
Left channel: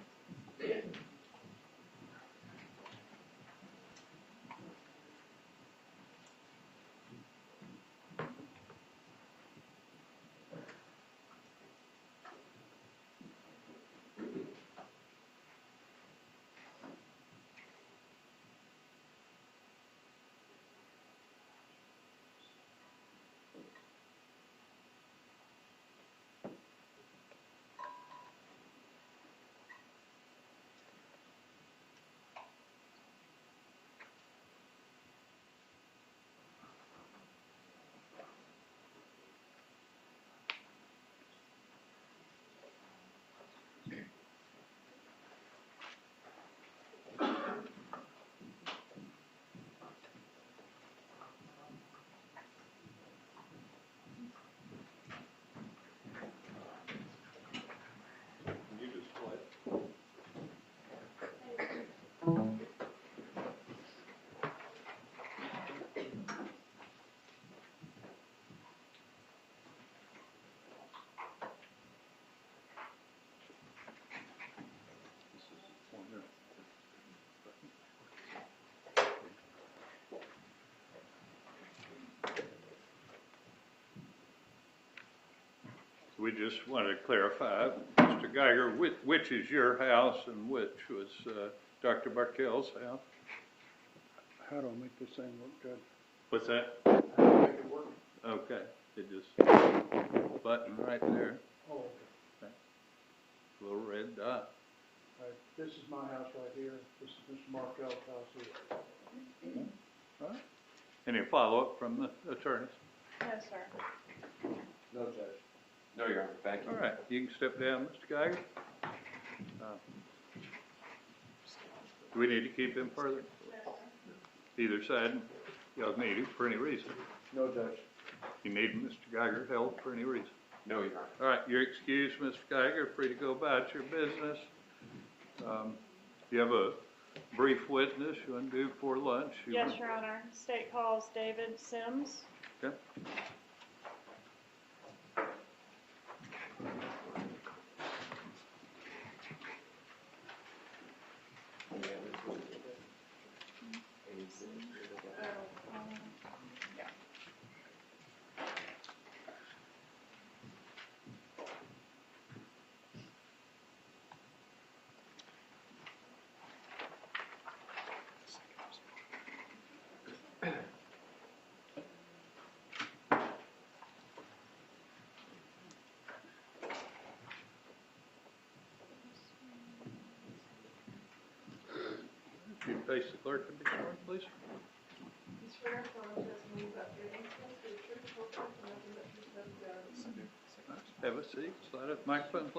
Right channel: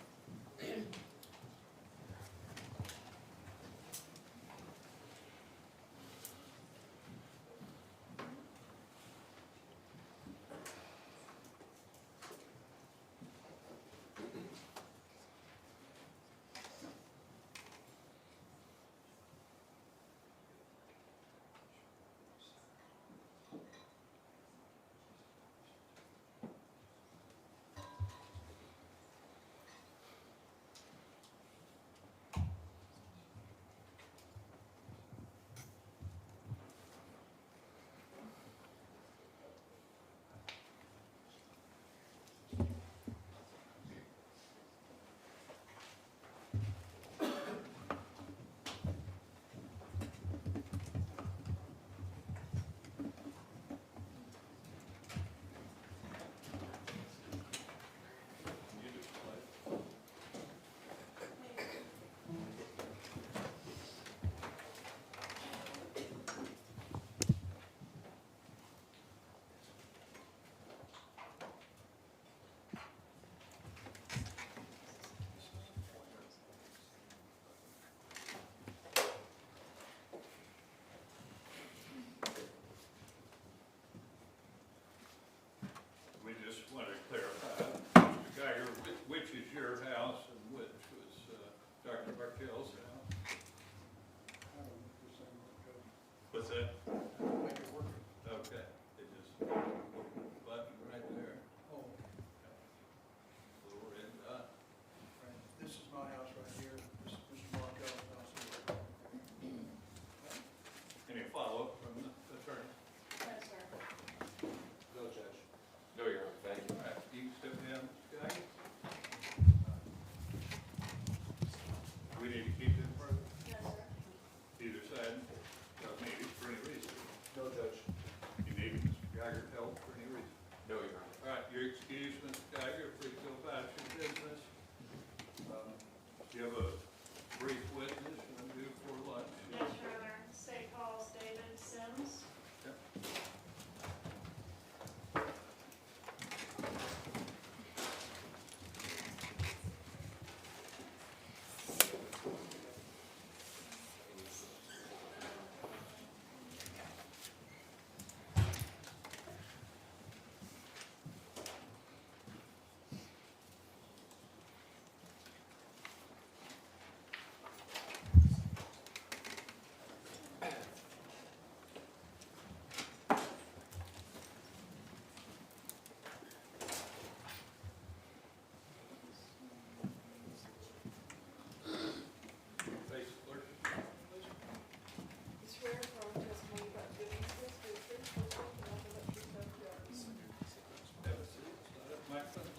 We just wanted to clarify, Mr. Geiger, which is your house and which was Dr. Markel's house? How do I make this thing look good? What's that? Okay, it just, button right there, Oh, little red dot. right. This is my house right here. This is Mr. Markel's house here. Any follow-up from the attorneys? No, sir. No, Judge. No, Your Honor. Thank you. All right, you can step down, Mr. Geiger. Do we need to keep him further? No, sir. Either side, y'all need him for any reason. No, Judge. You need Mr. Geiger held for any reason. No, Your Honor. All right, you're excused, Mr. Geiger, free to go about your business. You have a brief witness you want to do before lunch? Yes, Your Honor. State calls David Sims. Okay.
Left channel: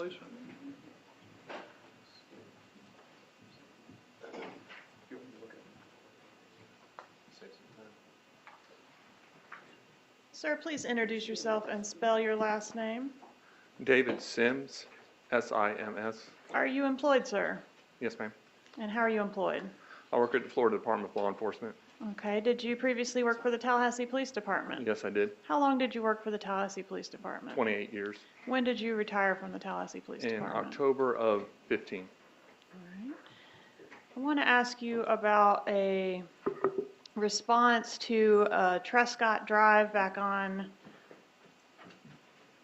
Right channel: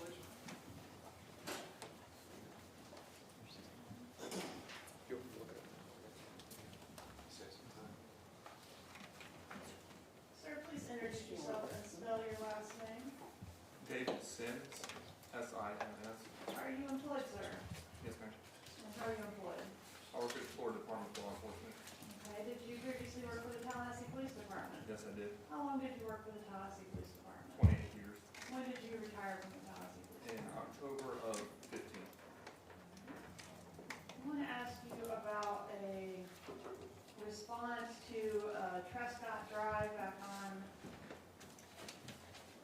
please. Sir, please introduce yourself and spell your last name. David Sims, S-I-M-S. Are you employed, sir? Yes, ma'am. And how are you employed? I work at the Florida Department of Law Enforcement. Okay, did you previously work for the Tallahassee Police Department? Yes, I did. How long did you work for the Tallahassee Police Department? 28 years. When did you retire from the Tallahassee Police In Department? October of 15. Alright. I want to ask you about a response to Trescott Drive back on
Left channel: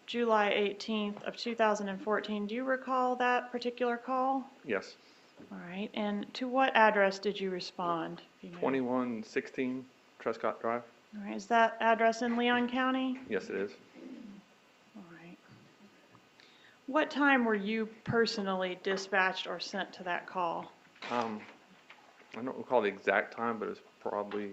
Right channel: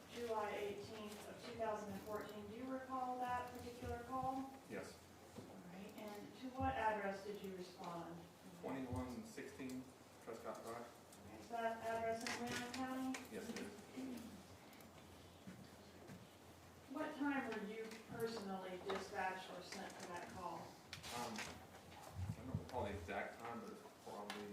July 18th of 2014. Do you recall that particular call? Yes. All right, and to what address did you respond? if you may? 2116 Trescott Drive. All right, is that address in Leon County? Yes, it is. All right. What time were you personally dispatched or sent to that call? I don't recall the exact time, but it's probably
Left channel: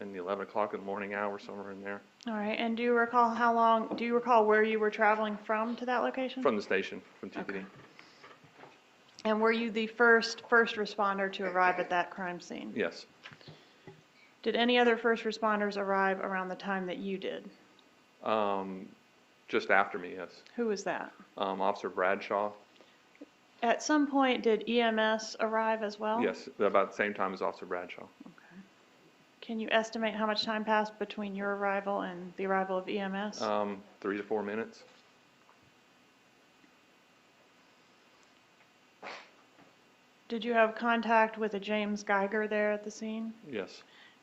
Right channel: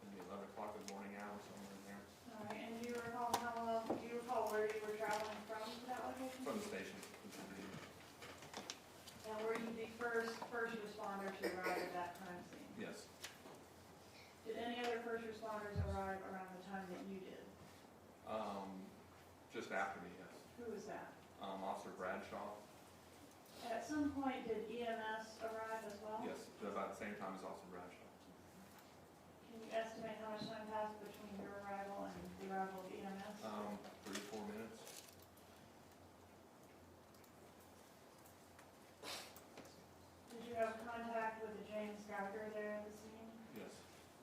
in the 11 o'clock in the morning hour, somewhere in there. All right, and do you recall where you were traveling from to that location? From the station, from TPD. Okay. And were you the first responder to arrive at that crime scene? Yes. Did any other first responders arrive around the time that you did? Just after me, yes. Who was that? Officer Bradshaw. At some point, did EMS arrive as well? Yes, about the same time as Officer Bradshaw. Can you estimate how much time passed between your arrival and the arrival of EMS? 3 to 4 minutes. Did you have contact with a James Geiger there at the scene? Yes.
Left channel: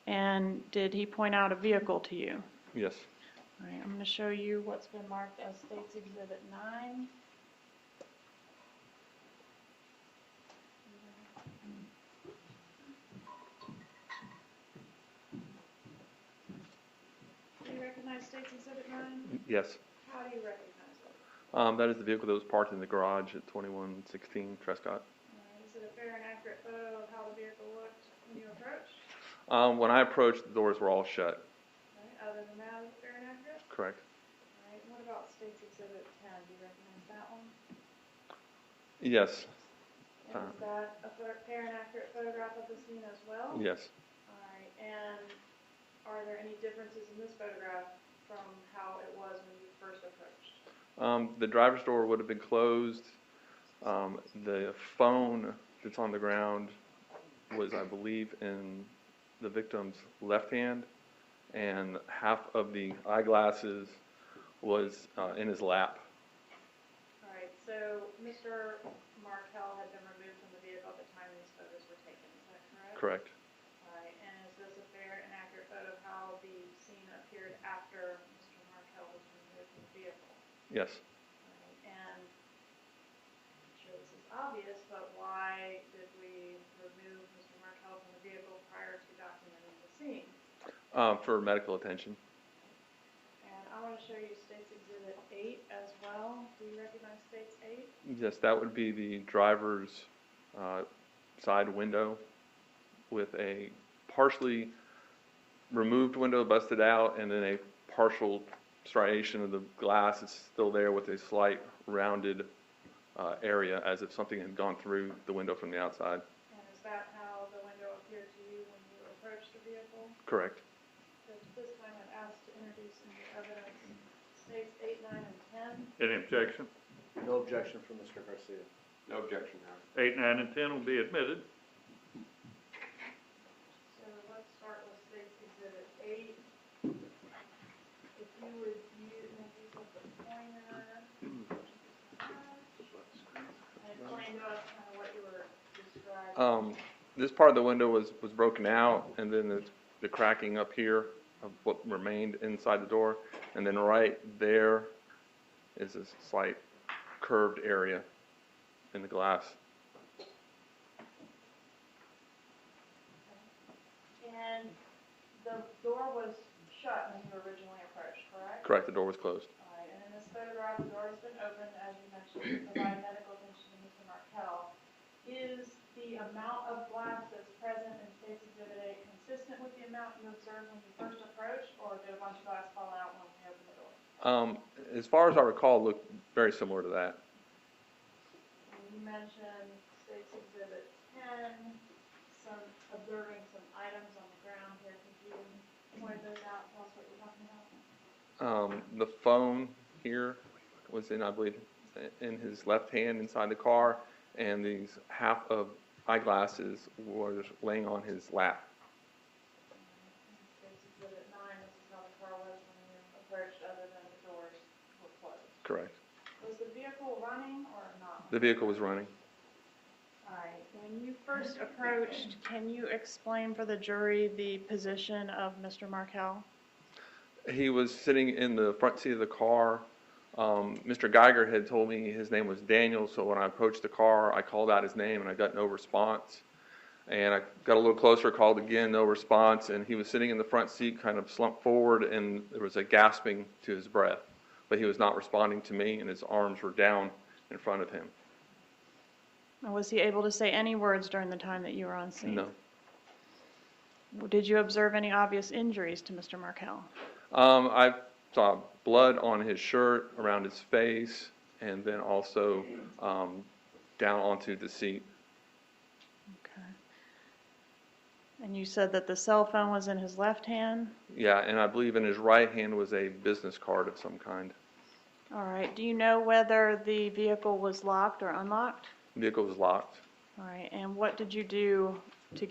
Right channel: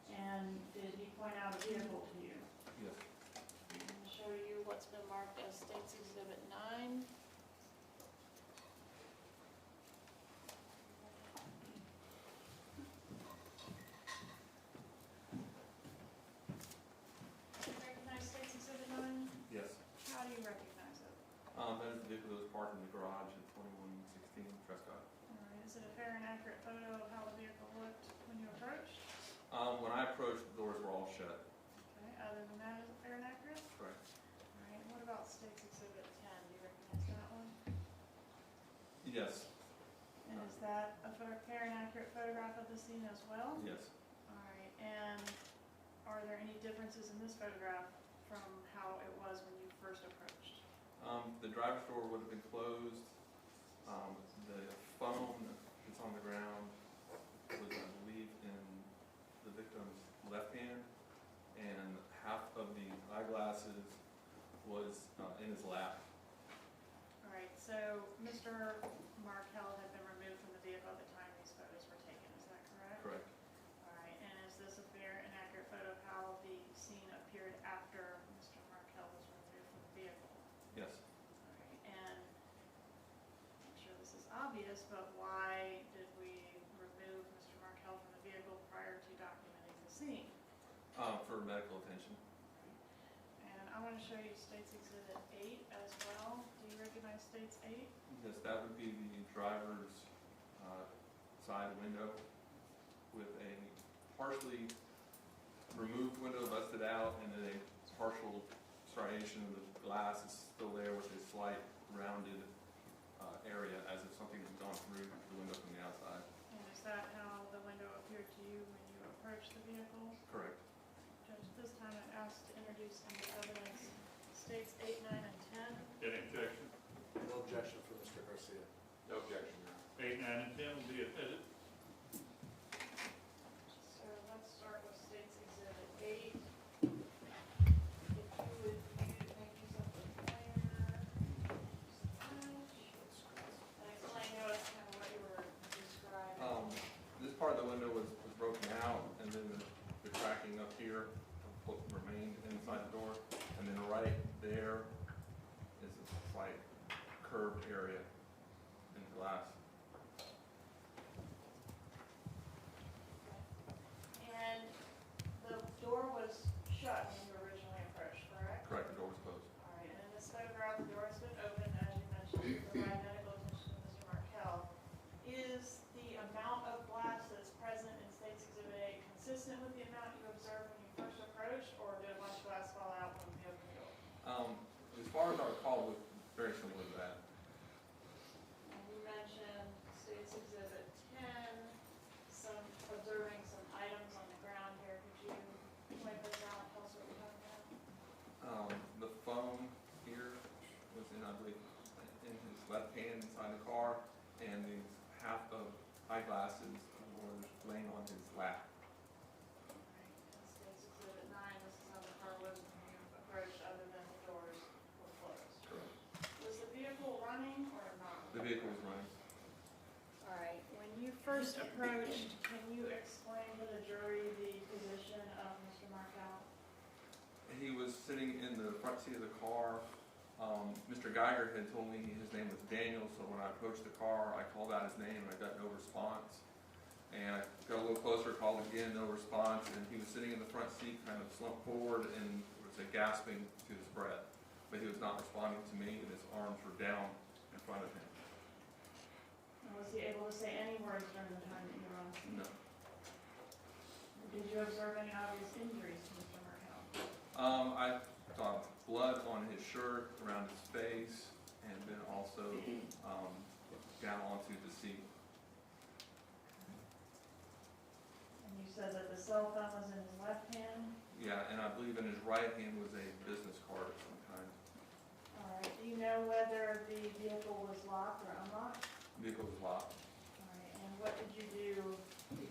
And did he point out a vehicle to you? Yes. All right, I'm going to show you what's been marked as State's Exhibit 9. Do you recognize State's Exhibit 9? Yes. How do you recognize it? That is the vehicle that was parked in the garage at 2116 Trescott. All right, is it a fair and accurate photo of how the vehicle looked when you approached? When I approached, the doors were all shut. Okay, other than that, is it fair and accurate? Correct. All right, what about State's Exhibit 10? Do you recognize that one? Yes. And is that a fair and accurate photograph of the scene as well? Yes. All right, and are there any differences in this photograph from how it was when you first approached? The driver's door would have been closed. The phone that's on the ground was, I believe, in the victim's left hand, and half of the eyeglasses was in his lap. All right, so Mr. Markel had been removed from the vehicle at the time these photos were taken, is that correct? Correct. All right, and is this a fair and accurate photo of how the scene appeared after Mr. Markel was removed from the vehicle? Yes. Okay, and I'm sure this is obvious, but why did we remove Mr. Markel from the vehicle prior to documenting the scene? For medical attention. And I want to show you State's Exhibit 8 as well. Do you recognize State's 8? Yes, that would be the driver's side window with a partially removed window busted out, and then a partial striation of the glass is still there with a slight rounded area as if something had gone through the window from the outside. And is that how the window appeared to you when you approached the vehicle? Correct. Judge, this time I'd ask to introduce into evidence States 8, 9, and 10. Any objection? No objection from Mr. Garcia. No objection now. 8, 9, and 10 will be admitted. So let's start with State's Exhibit 8. If you would make use of the pointer. And explain to us kind of what you were describing. This part of the window was broken out, and then the cracking up here of what remained inside the door, and then right there is a slight curved area in the glass. And the door was shut when you originally approached, correct? Correct, the door was closed. All right, and in this photograph, the door has been opened, as you mentioned, to provide medical attention to Mr. Markel. Is the amount of glass that's present in State's Exhibit 8 consistent with the amount you observed when you first approached, or did a bunch of glass fall out when you opened the door? As far as I recall, it looked very similar to that. mention State's Exhibit 10, some, observing some items on the ground here. Could you point those out and tell us what you're talking about? The phone here was in, I believe, in his left hand inside the car, and these half of eyeglasses was laying on his lap. In State's Exhibit 9, this is how the car was when you approached, other than the doors were closed. Correct. Was the vehicle running or not? The vehicle was running. All right, when you first approached, can you explain for the jury the position of Mr. Markel? He was sitting in the front seat of the car. Mr. Geiger had told me his name was Daniel, so when I approached the car, I called out his name and I got no response. And I got a little closer, called again, no response, and he was sitting in the front seat, kind of slumped forward, and there was a gasping to his breath. But he was not responding to me, and his arms were down in front of him. Was he able to say any words during the time that you were on scene? No. Did you observe any obvious injuries to Mr. Markel? I saw blood on his shirt, around his face, and then also down onto the seat. Okay. And you said that the cell phone was in his left hand? Yeah, and I believe in his right hand was a business card of some kind. All right. Do you know whether the vehicle was locked or unlocked? The vehicle was locked. All right. And what did you do to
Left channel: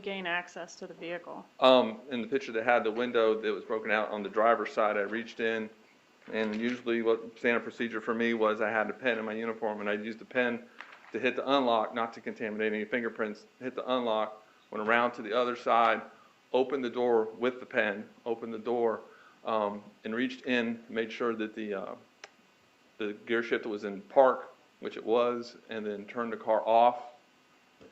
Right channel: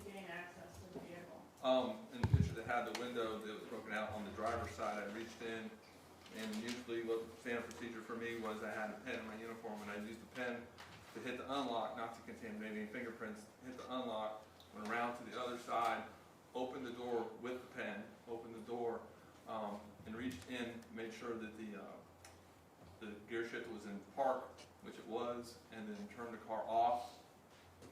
gain access to the vehicle? In the picture that had the window that was broken out on the driver's side, I reached in, and usually what standard procedure for me was I had a pen in my uniform, and I'd use the pen to hit the unlock, not to contaminate any fingerprints, hit the unlock, went around to the other side, opened the door with the pen, opened the door, and reached in, made sure that the gear shifter was in park, which it was, and then turned the car off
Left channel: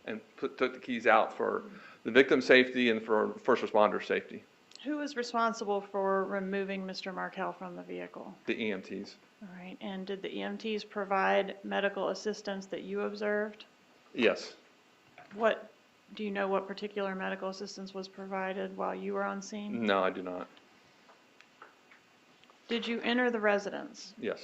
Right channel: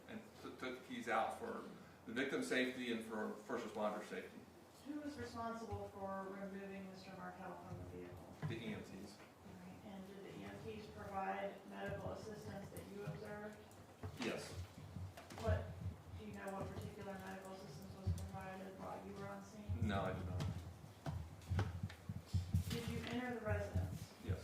and took the keys out for the victim's safety and for first responder safety. Who was responsible for removing Mr. Markel from the vehicle? The EMTs. All right. And did the EMTs provide medical assistance that you observed? Yes. Do you know what particular medical assistance was provided while you were on scene? No, I do not. Did you enter the residence? Yes.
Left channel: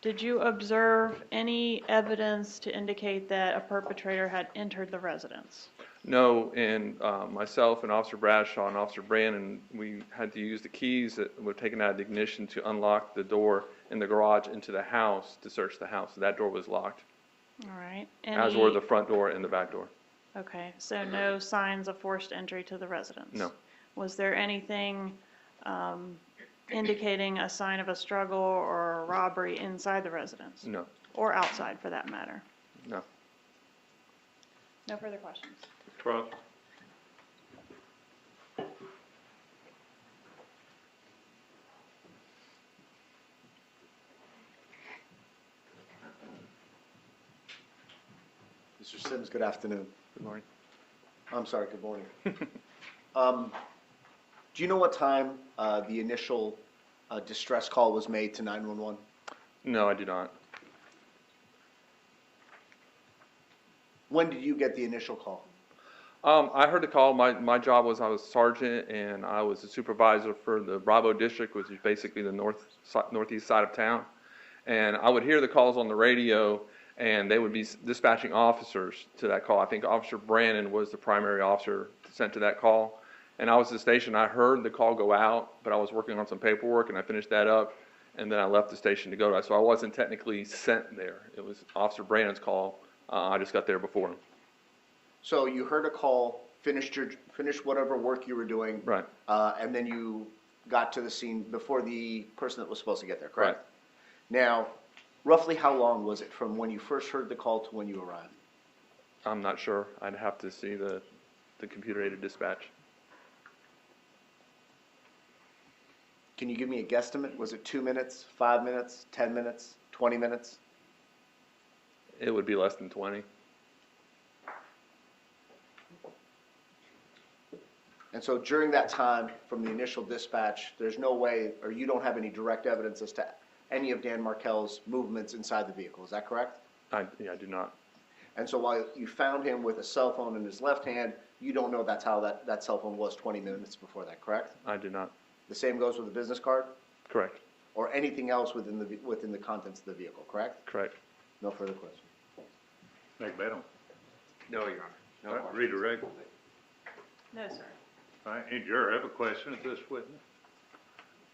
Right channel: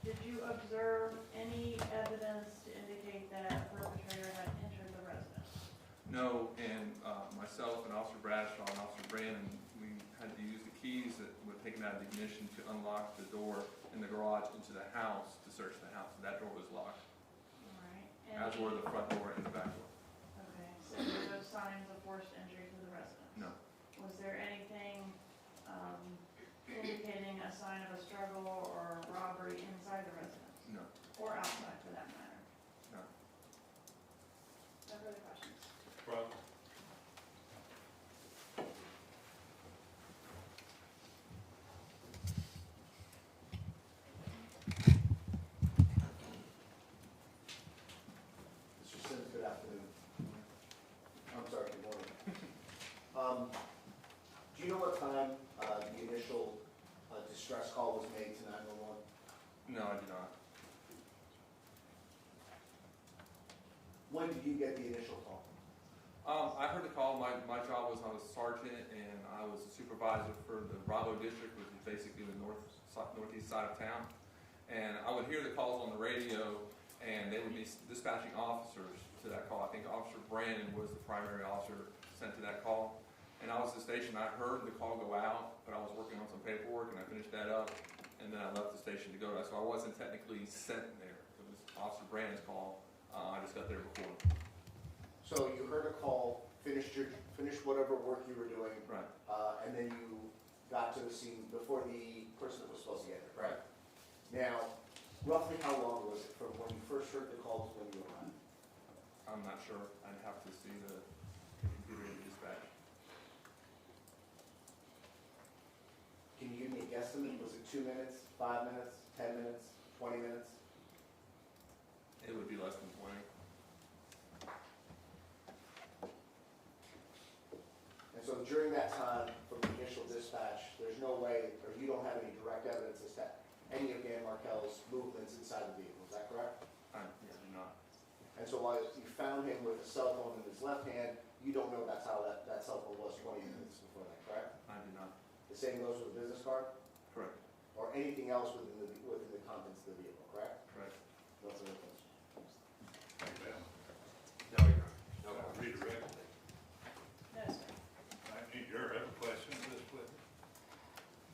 Did you observe any evidence to indicate that a perpetrator had entered the residence? No, and myself and Officer Bradshaw and Officer Brandon, we had to use the keys that were taken out of the ignition to unlock the door in the garage into the house to search the house. That door was locked. All right. As were the front door and the back door. Okay, so no signs of forced entry to the residence? No. Was there anything indicating a sign of a struggle or a robbery inside the residence? No. Or outside, for that matter? No. No further questions? Cross. Mr. Sims, good afternoon. Good morning. I'm sorry, good morning. Do you know what time the initial distress call was made to 911? No, I do not. When did you get the initial call? I heard the call. My job was I was sergeant and I was the supervisor for the Bravo district, which is basically the northeast side of town. And I would hear the calls on the radio, and they would be dispatching officers to that call. I think Officer Brandon was the primary officer sent to that call. And I was at the station. I heard the call go out, but I was working on some paperwork, and I finished that up, and then I left the station to go to that. So I wasn't technically sent there. It was Officer Brandon's call. I just got there before him. So you heard a call, finished whatever work you were doing. Right. And then you got to the scene before the person that was supposed to get there, correct? Right. Now, roughly how long was it from when you first heard the call to when you arrived? I'm not sure. I'd have to see the computer-aided dispatch. Can you give me a guesstimate? Was it 2 minutes, 5 minutes, 10 minutes, 20 minutes? It would be less than 20. And so during that time, from the initial dispatch, there's no way, or you don't have any direct evidence as to any of Dan Markel's movements inside the vehicle, is that correct? I do not. And so while you found him with a cell phone in his left hand, you don't know that's how that cell phone was 20 minutes before that, correct? I do not. The same goes with the business card? Correct. Or anything else within the contents of the vehicle, correct? Correct. No further questions. Magbanua. No, Your Honor. No All right, questions. redirect. No, sir. All right, any juror have a question of this witness?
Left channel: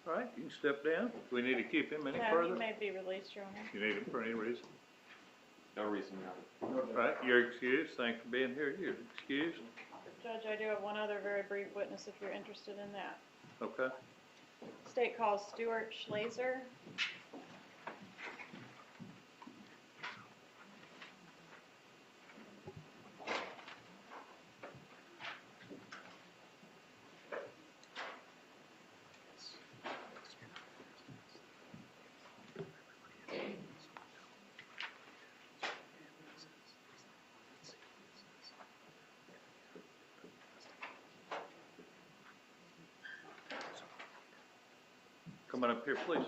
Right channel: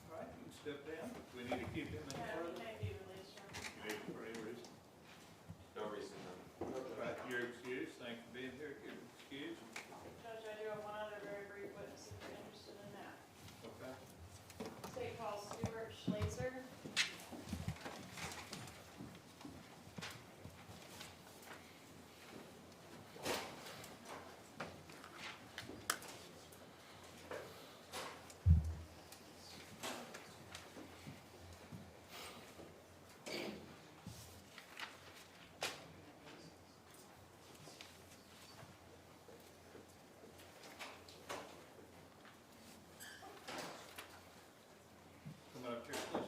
All right, you can step down. Do we need to keep him any No, further? he may be released, Your Honor. You need him for any reason? No reason, Your Honor. All right, you're excused. Thanks for being here. You're excused. Judge, I do have one other very brief witness if you're interested in that. Okay. State calls Stuart Schlazer. Come on up here, please.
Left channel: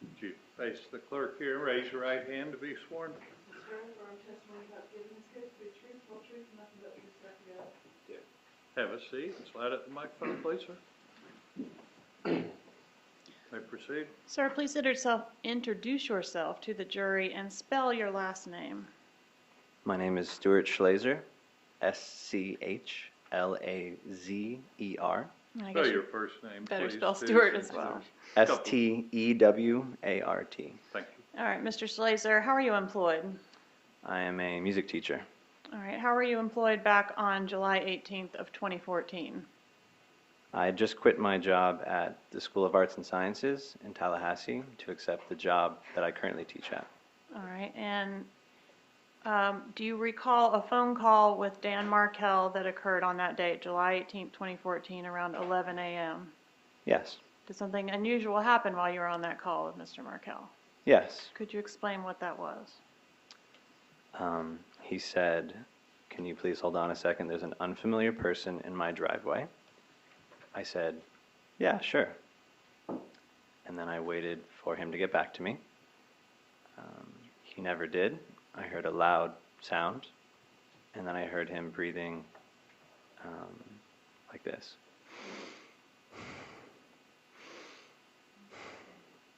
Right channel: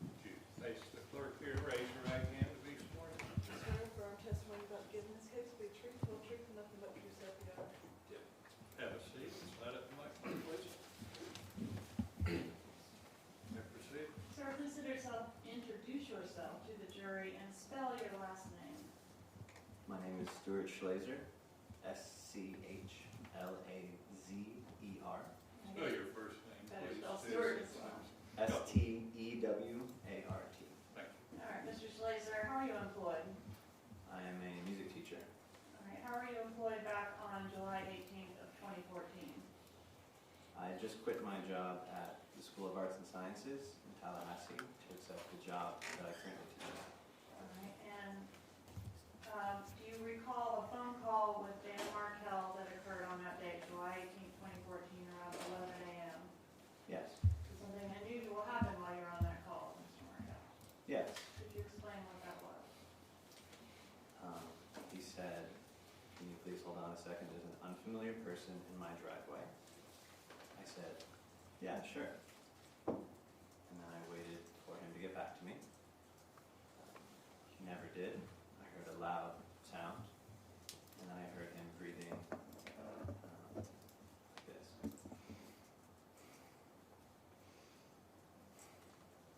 Would you face the clerk here, raise your right hand to be sworn? Swear affirm testimony about giving this case to be the truth, full truth, and nothing but the truth, so help me God. Have a seat. Slide up the microphone, please, sir. May proceed. Sir, please introduce yourself to the jury and spell your last name. My name is Stuart Schlazer, Schlazer. I Spell guess your you first name, better please. spell too, Stuart since as well. there's- Stewart. Thank you. All right, Mr. Schlazer, how are you employed? I am a music teacher. All right, how were you employed back on July 18th of 2014? I just quit my job at the School of Arts and Sciences in Tallahassee to accept the job that I currently teach at. All right, and do you recall a phone call with Dan Markel that occurred on that date, July 18th, 2014, around 11 a.m.? Yes. Did something unusual happen while you were on that call with Mr. Markel? Yes. Could you explain what that was? He said, "Can you please hold on a second? There's an unfamiliar person in my driveway." I said, "Yeah, sure." And then I waited for him to get back to me. He never did. I heard a loud sound, and then I heard him breathing like this.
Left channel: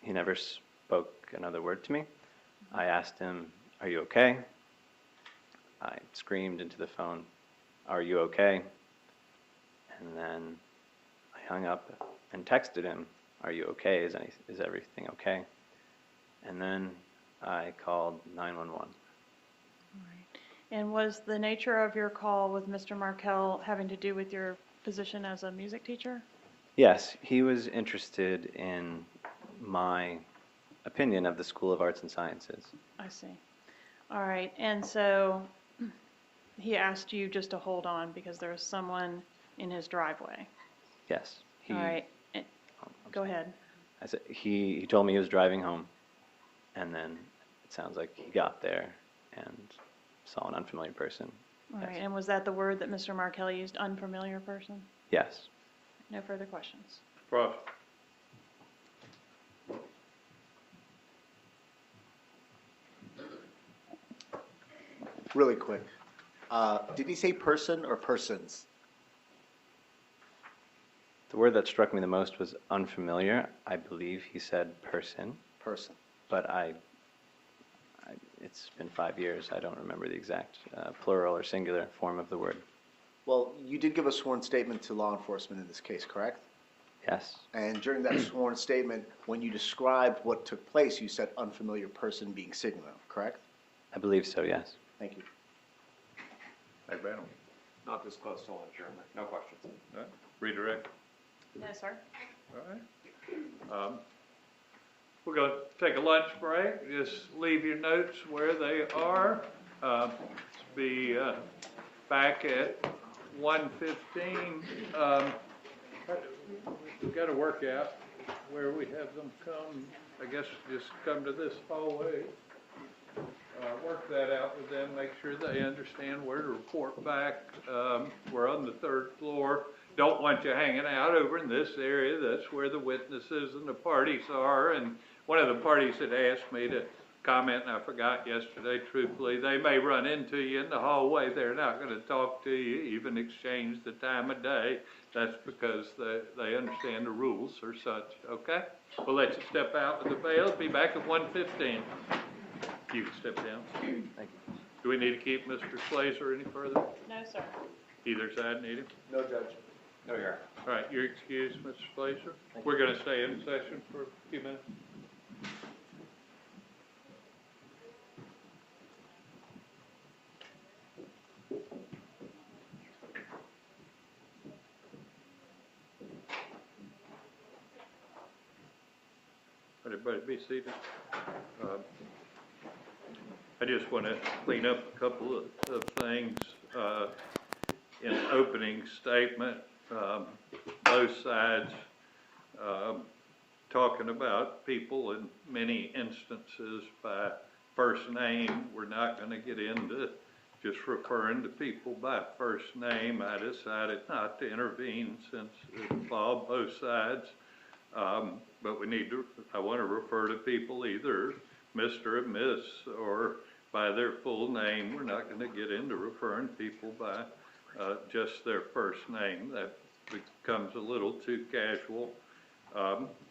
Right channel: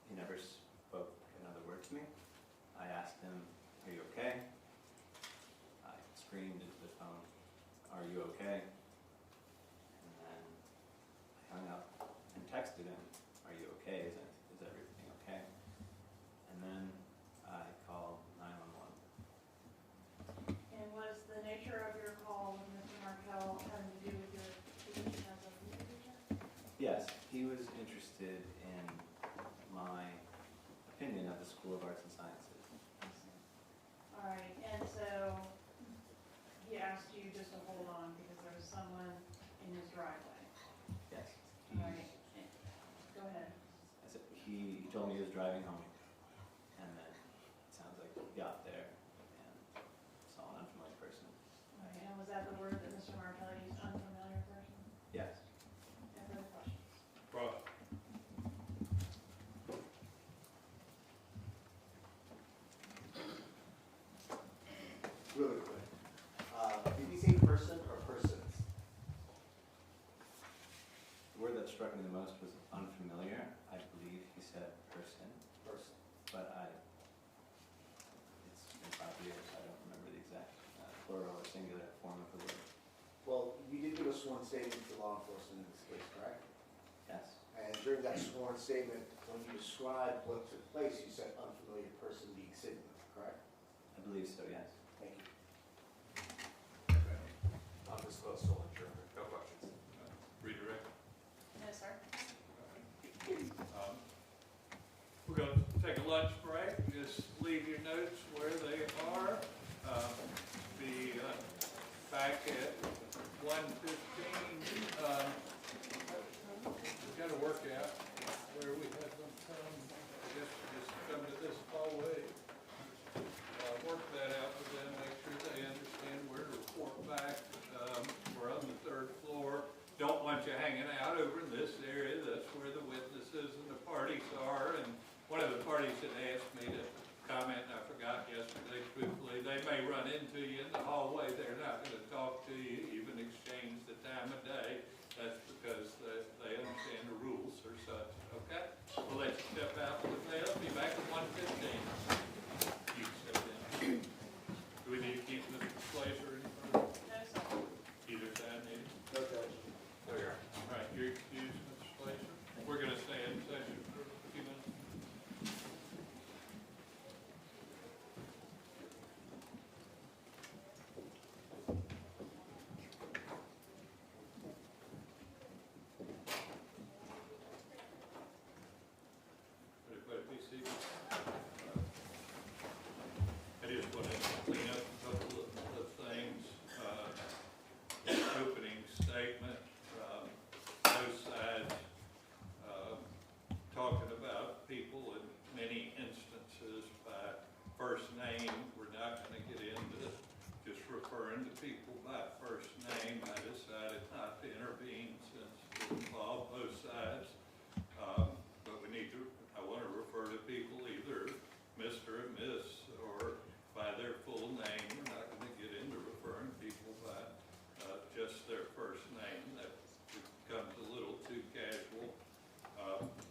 He never spoke another word to me. I asked him, "Are you okay?" I screamed into the phone, "Are you okay?" And then I hung up and texted him, "Are you okay? Is everything okay?" And then I called 911. And was the nature of your call with Mr. Markel having to do with your position as a music teacher? Yes, he was interested in my opinion of the School of Arts and Sciences. I see. All right, and so he asked you just to hold on because there was someone in his driveway. Yes. All right, go ahead. I said, he told me he was driving home, and then it sounds like he got there and saw an unfamiliar person. All Yes. right, and was that the word that Mr. Markel used, unfamiliar person? Yes. No further questions. Prof. Really quick. Did he say person or persons? The word that struck me the most was unfamiliar. I believe he said person, Person. but it's been 5 years. I don't remember the exact plural or singular form of the word. Well, you did give a sworn statement to law enforcement in this case, correct? Yes. And during that sworn statement, when you described what took place, you said unfamiliar person being singular, correct? I believe so, yes. Thank you. Magbanua. Not disclosed, so adjournment. No questions. All right, redirect. No, sir. All right. We're going to take a lunch break. Just leave your notes where they are. Be back at 1:15. We've got to work out where we have them come. I guess just come to this hallway. Work that out with them, make sure they understand where to report back. We're on the 3rd floor. Don't want you hanging out over in this area. That's where the witnesses and the parties are. And one of the parties had asked me to comment, and I forgot yesterday, truthfully, they may run into you in the hallway, they're not gonna talk to you, even exchange the time of day. That's because they understand the rules are such, okay? We'll let you step out to the veil, be back at 1:15. You can step down. Do we need to keep Mr. Slazer any further? No, sir. Either side need him? No, Judge. No, you're. All right, you're excused, Mr. Slazer. We're gonna stay in session for a few minutes. Everybody be seated. I just want to clean up a couple of things in opening statement. Both sides talking about people in many instances by first name. We're not going to get into just referring to people by first name. I decided not to intervene since it involved both sides. But we need to, I want to refer to people either Mr. or Miss or by their full name. We're not going to get into referring people by just their first name. That becomes a little too casual.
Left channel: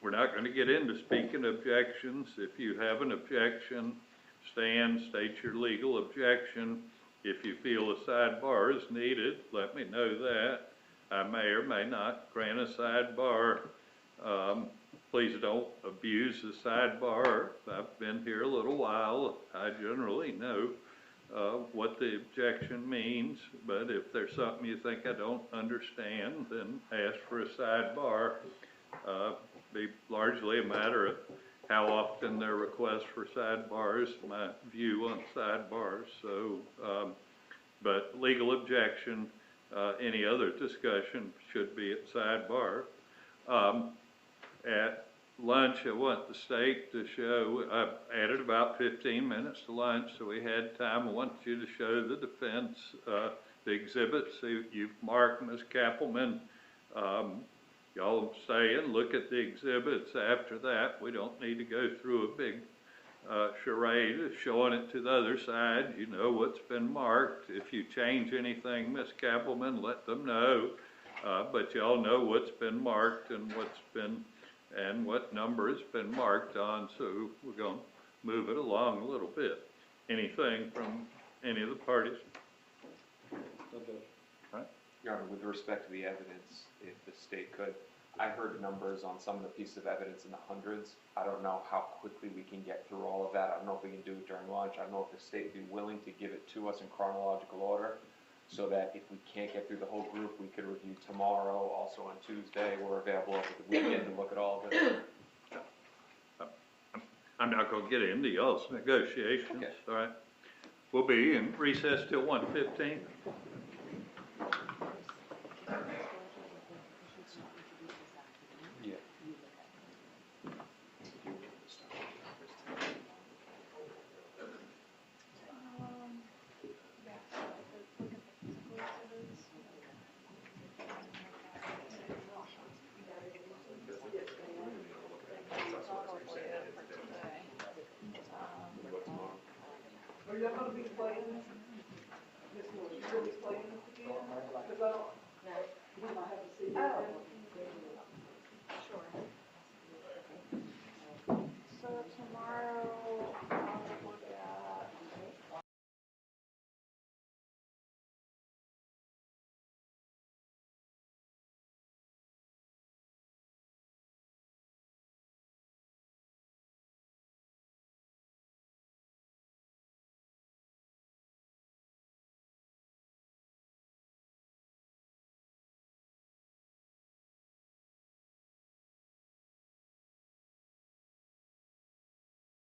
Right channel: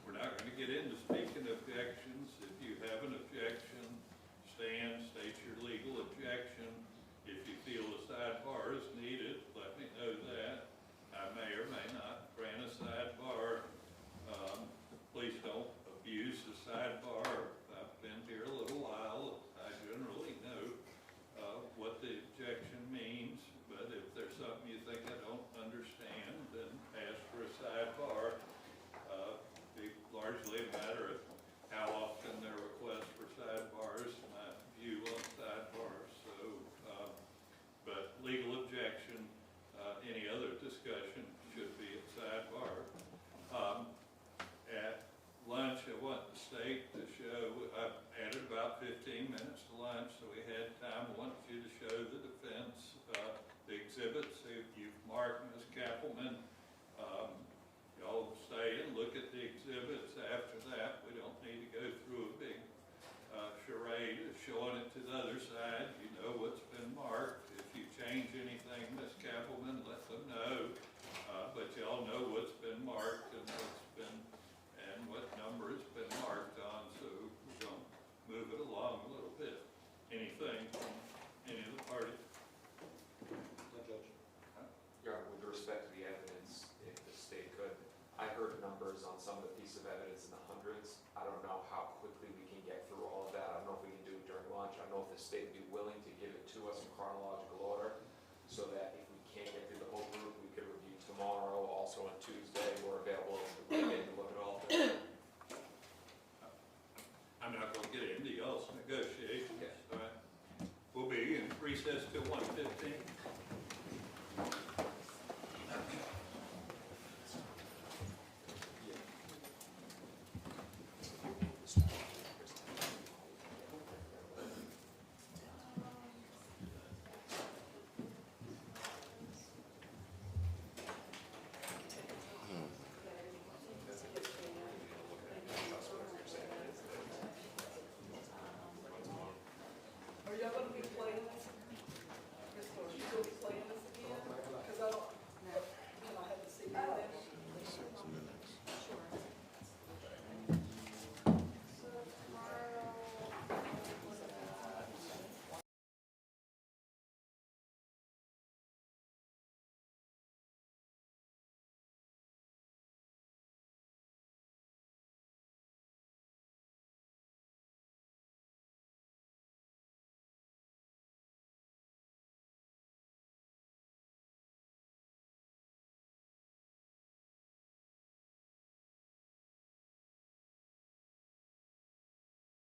We're not going to get into speaking objections. If you have an objection, stand, state your legal objection. If you feel a sidebar is needed, let me know that. I may or may not grant a sidebar. Please don't abuse the sidebar. I've been here a little while. I generally know what the objection means, but if there's something you think I don't understand, then ask for a sidebar. Be largely a matter of how often there are requests for sidebars, my view on sidebars. So, but legal objection, any other discussion should be at sidebar. At lunch, I want the state to show, I added about 15 minutes to lunch, so we had time. I want you to show the defense, the exhibits. So you've marked, Ms. Kappelman. Y'all stay and look at the exhibits after that. We don't need to go through a big charade of showing it to the other side. You know what's been marked. If you change anything, Ms. Kappelman, let them know. But y'all know what's been marked and what number has been marked on, so we're going to move it along a little bit. Anything from any of the parties? Right. Your Honor, with respect to the evidence, if the state could, I heard numbers on some of the pieces of evidence in the hundreds. I don't know how quickly we can get through all of that. I don't know if we can do it during lunch. I don't know if the state would be willing to give it to us in chronological order, so that if we can't get through the whole group, we could review tomorrow, also on Tuesday. We're available over the weekend to look at all of it. I'm not going to get into y'all's negotiations, all right? We'll be in recess till 1:15.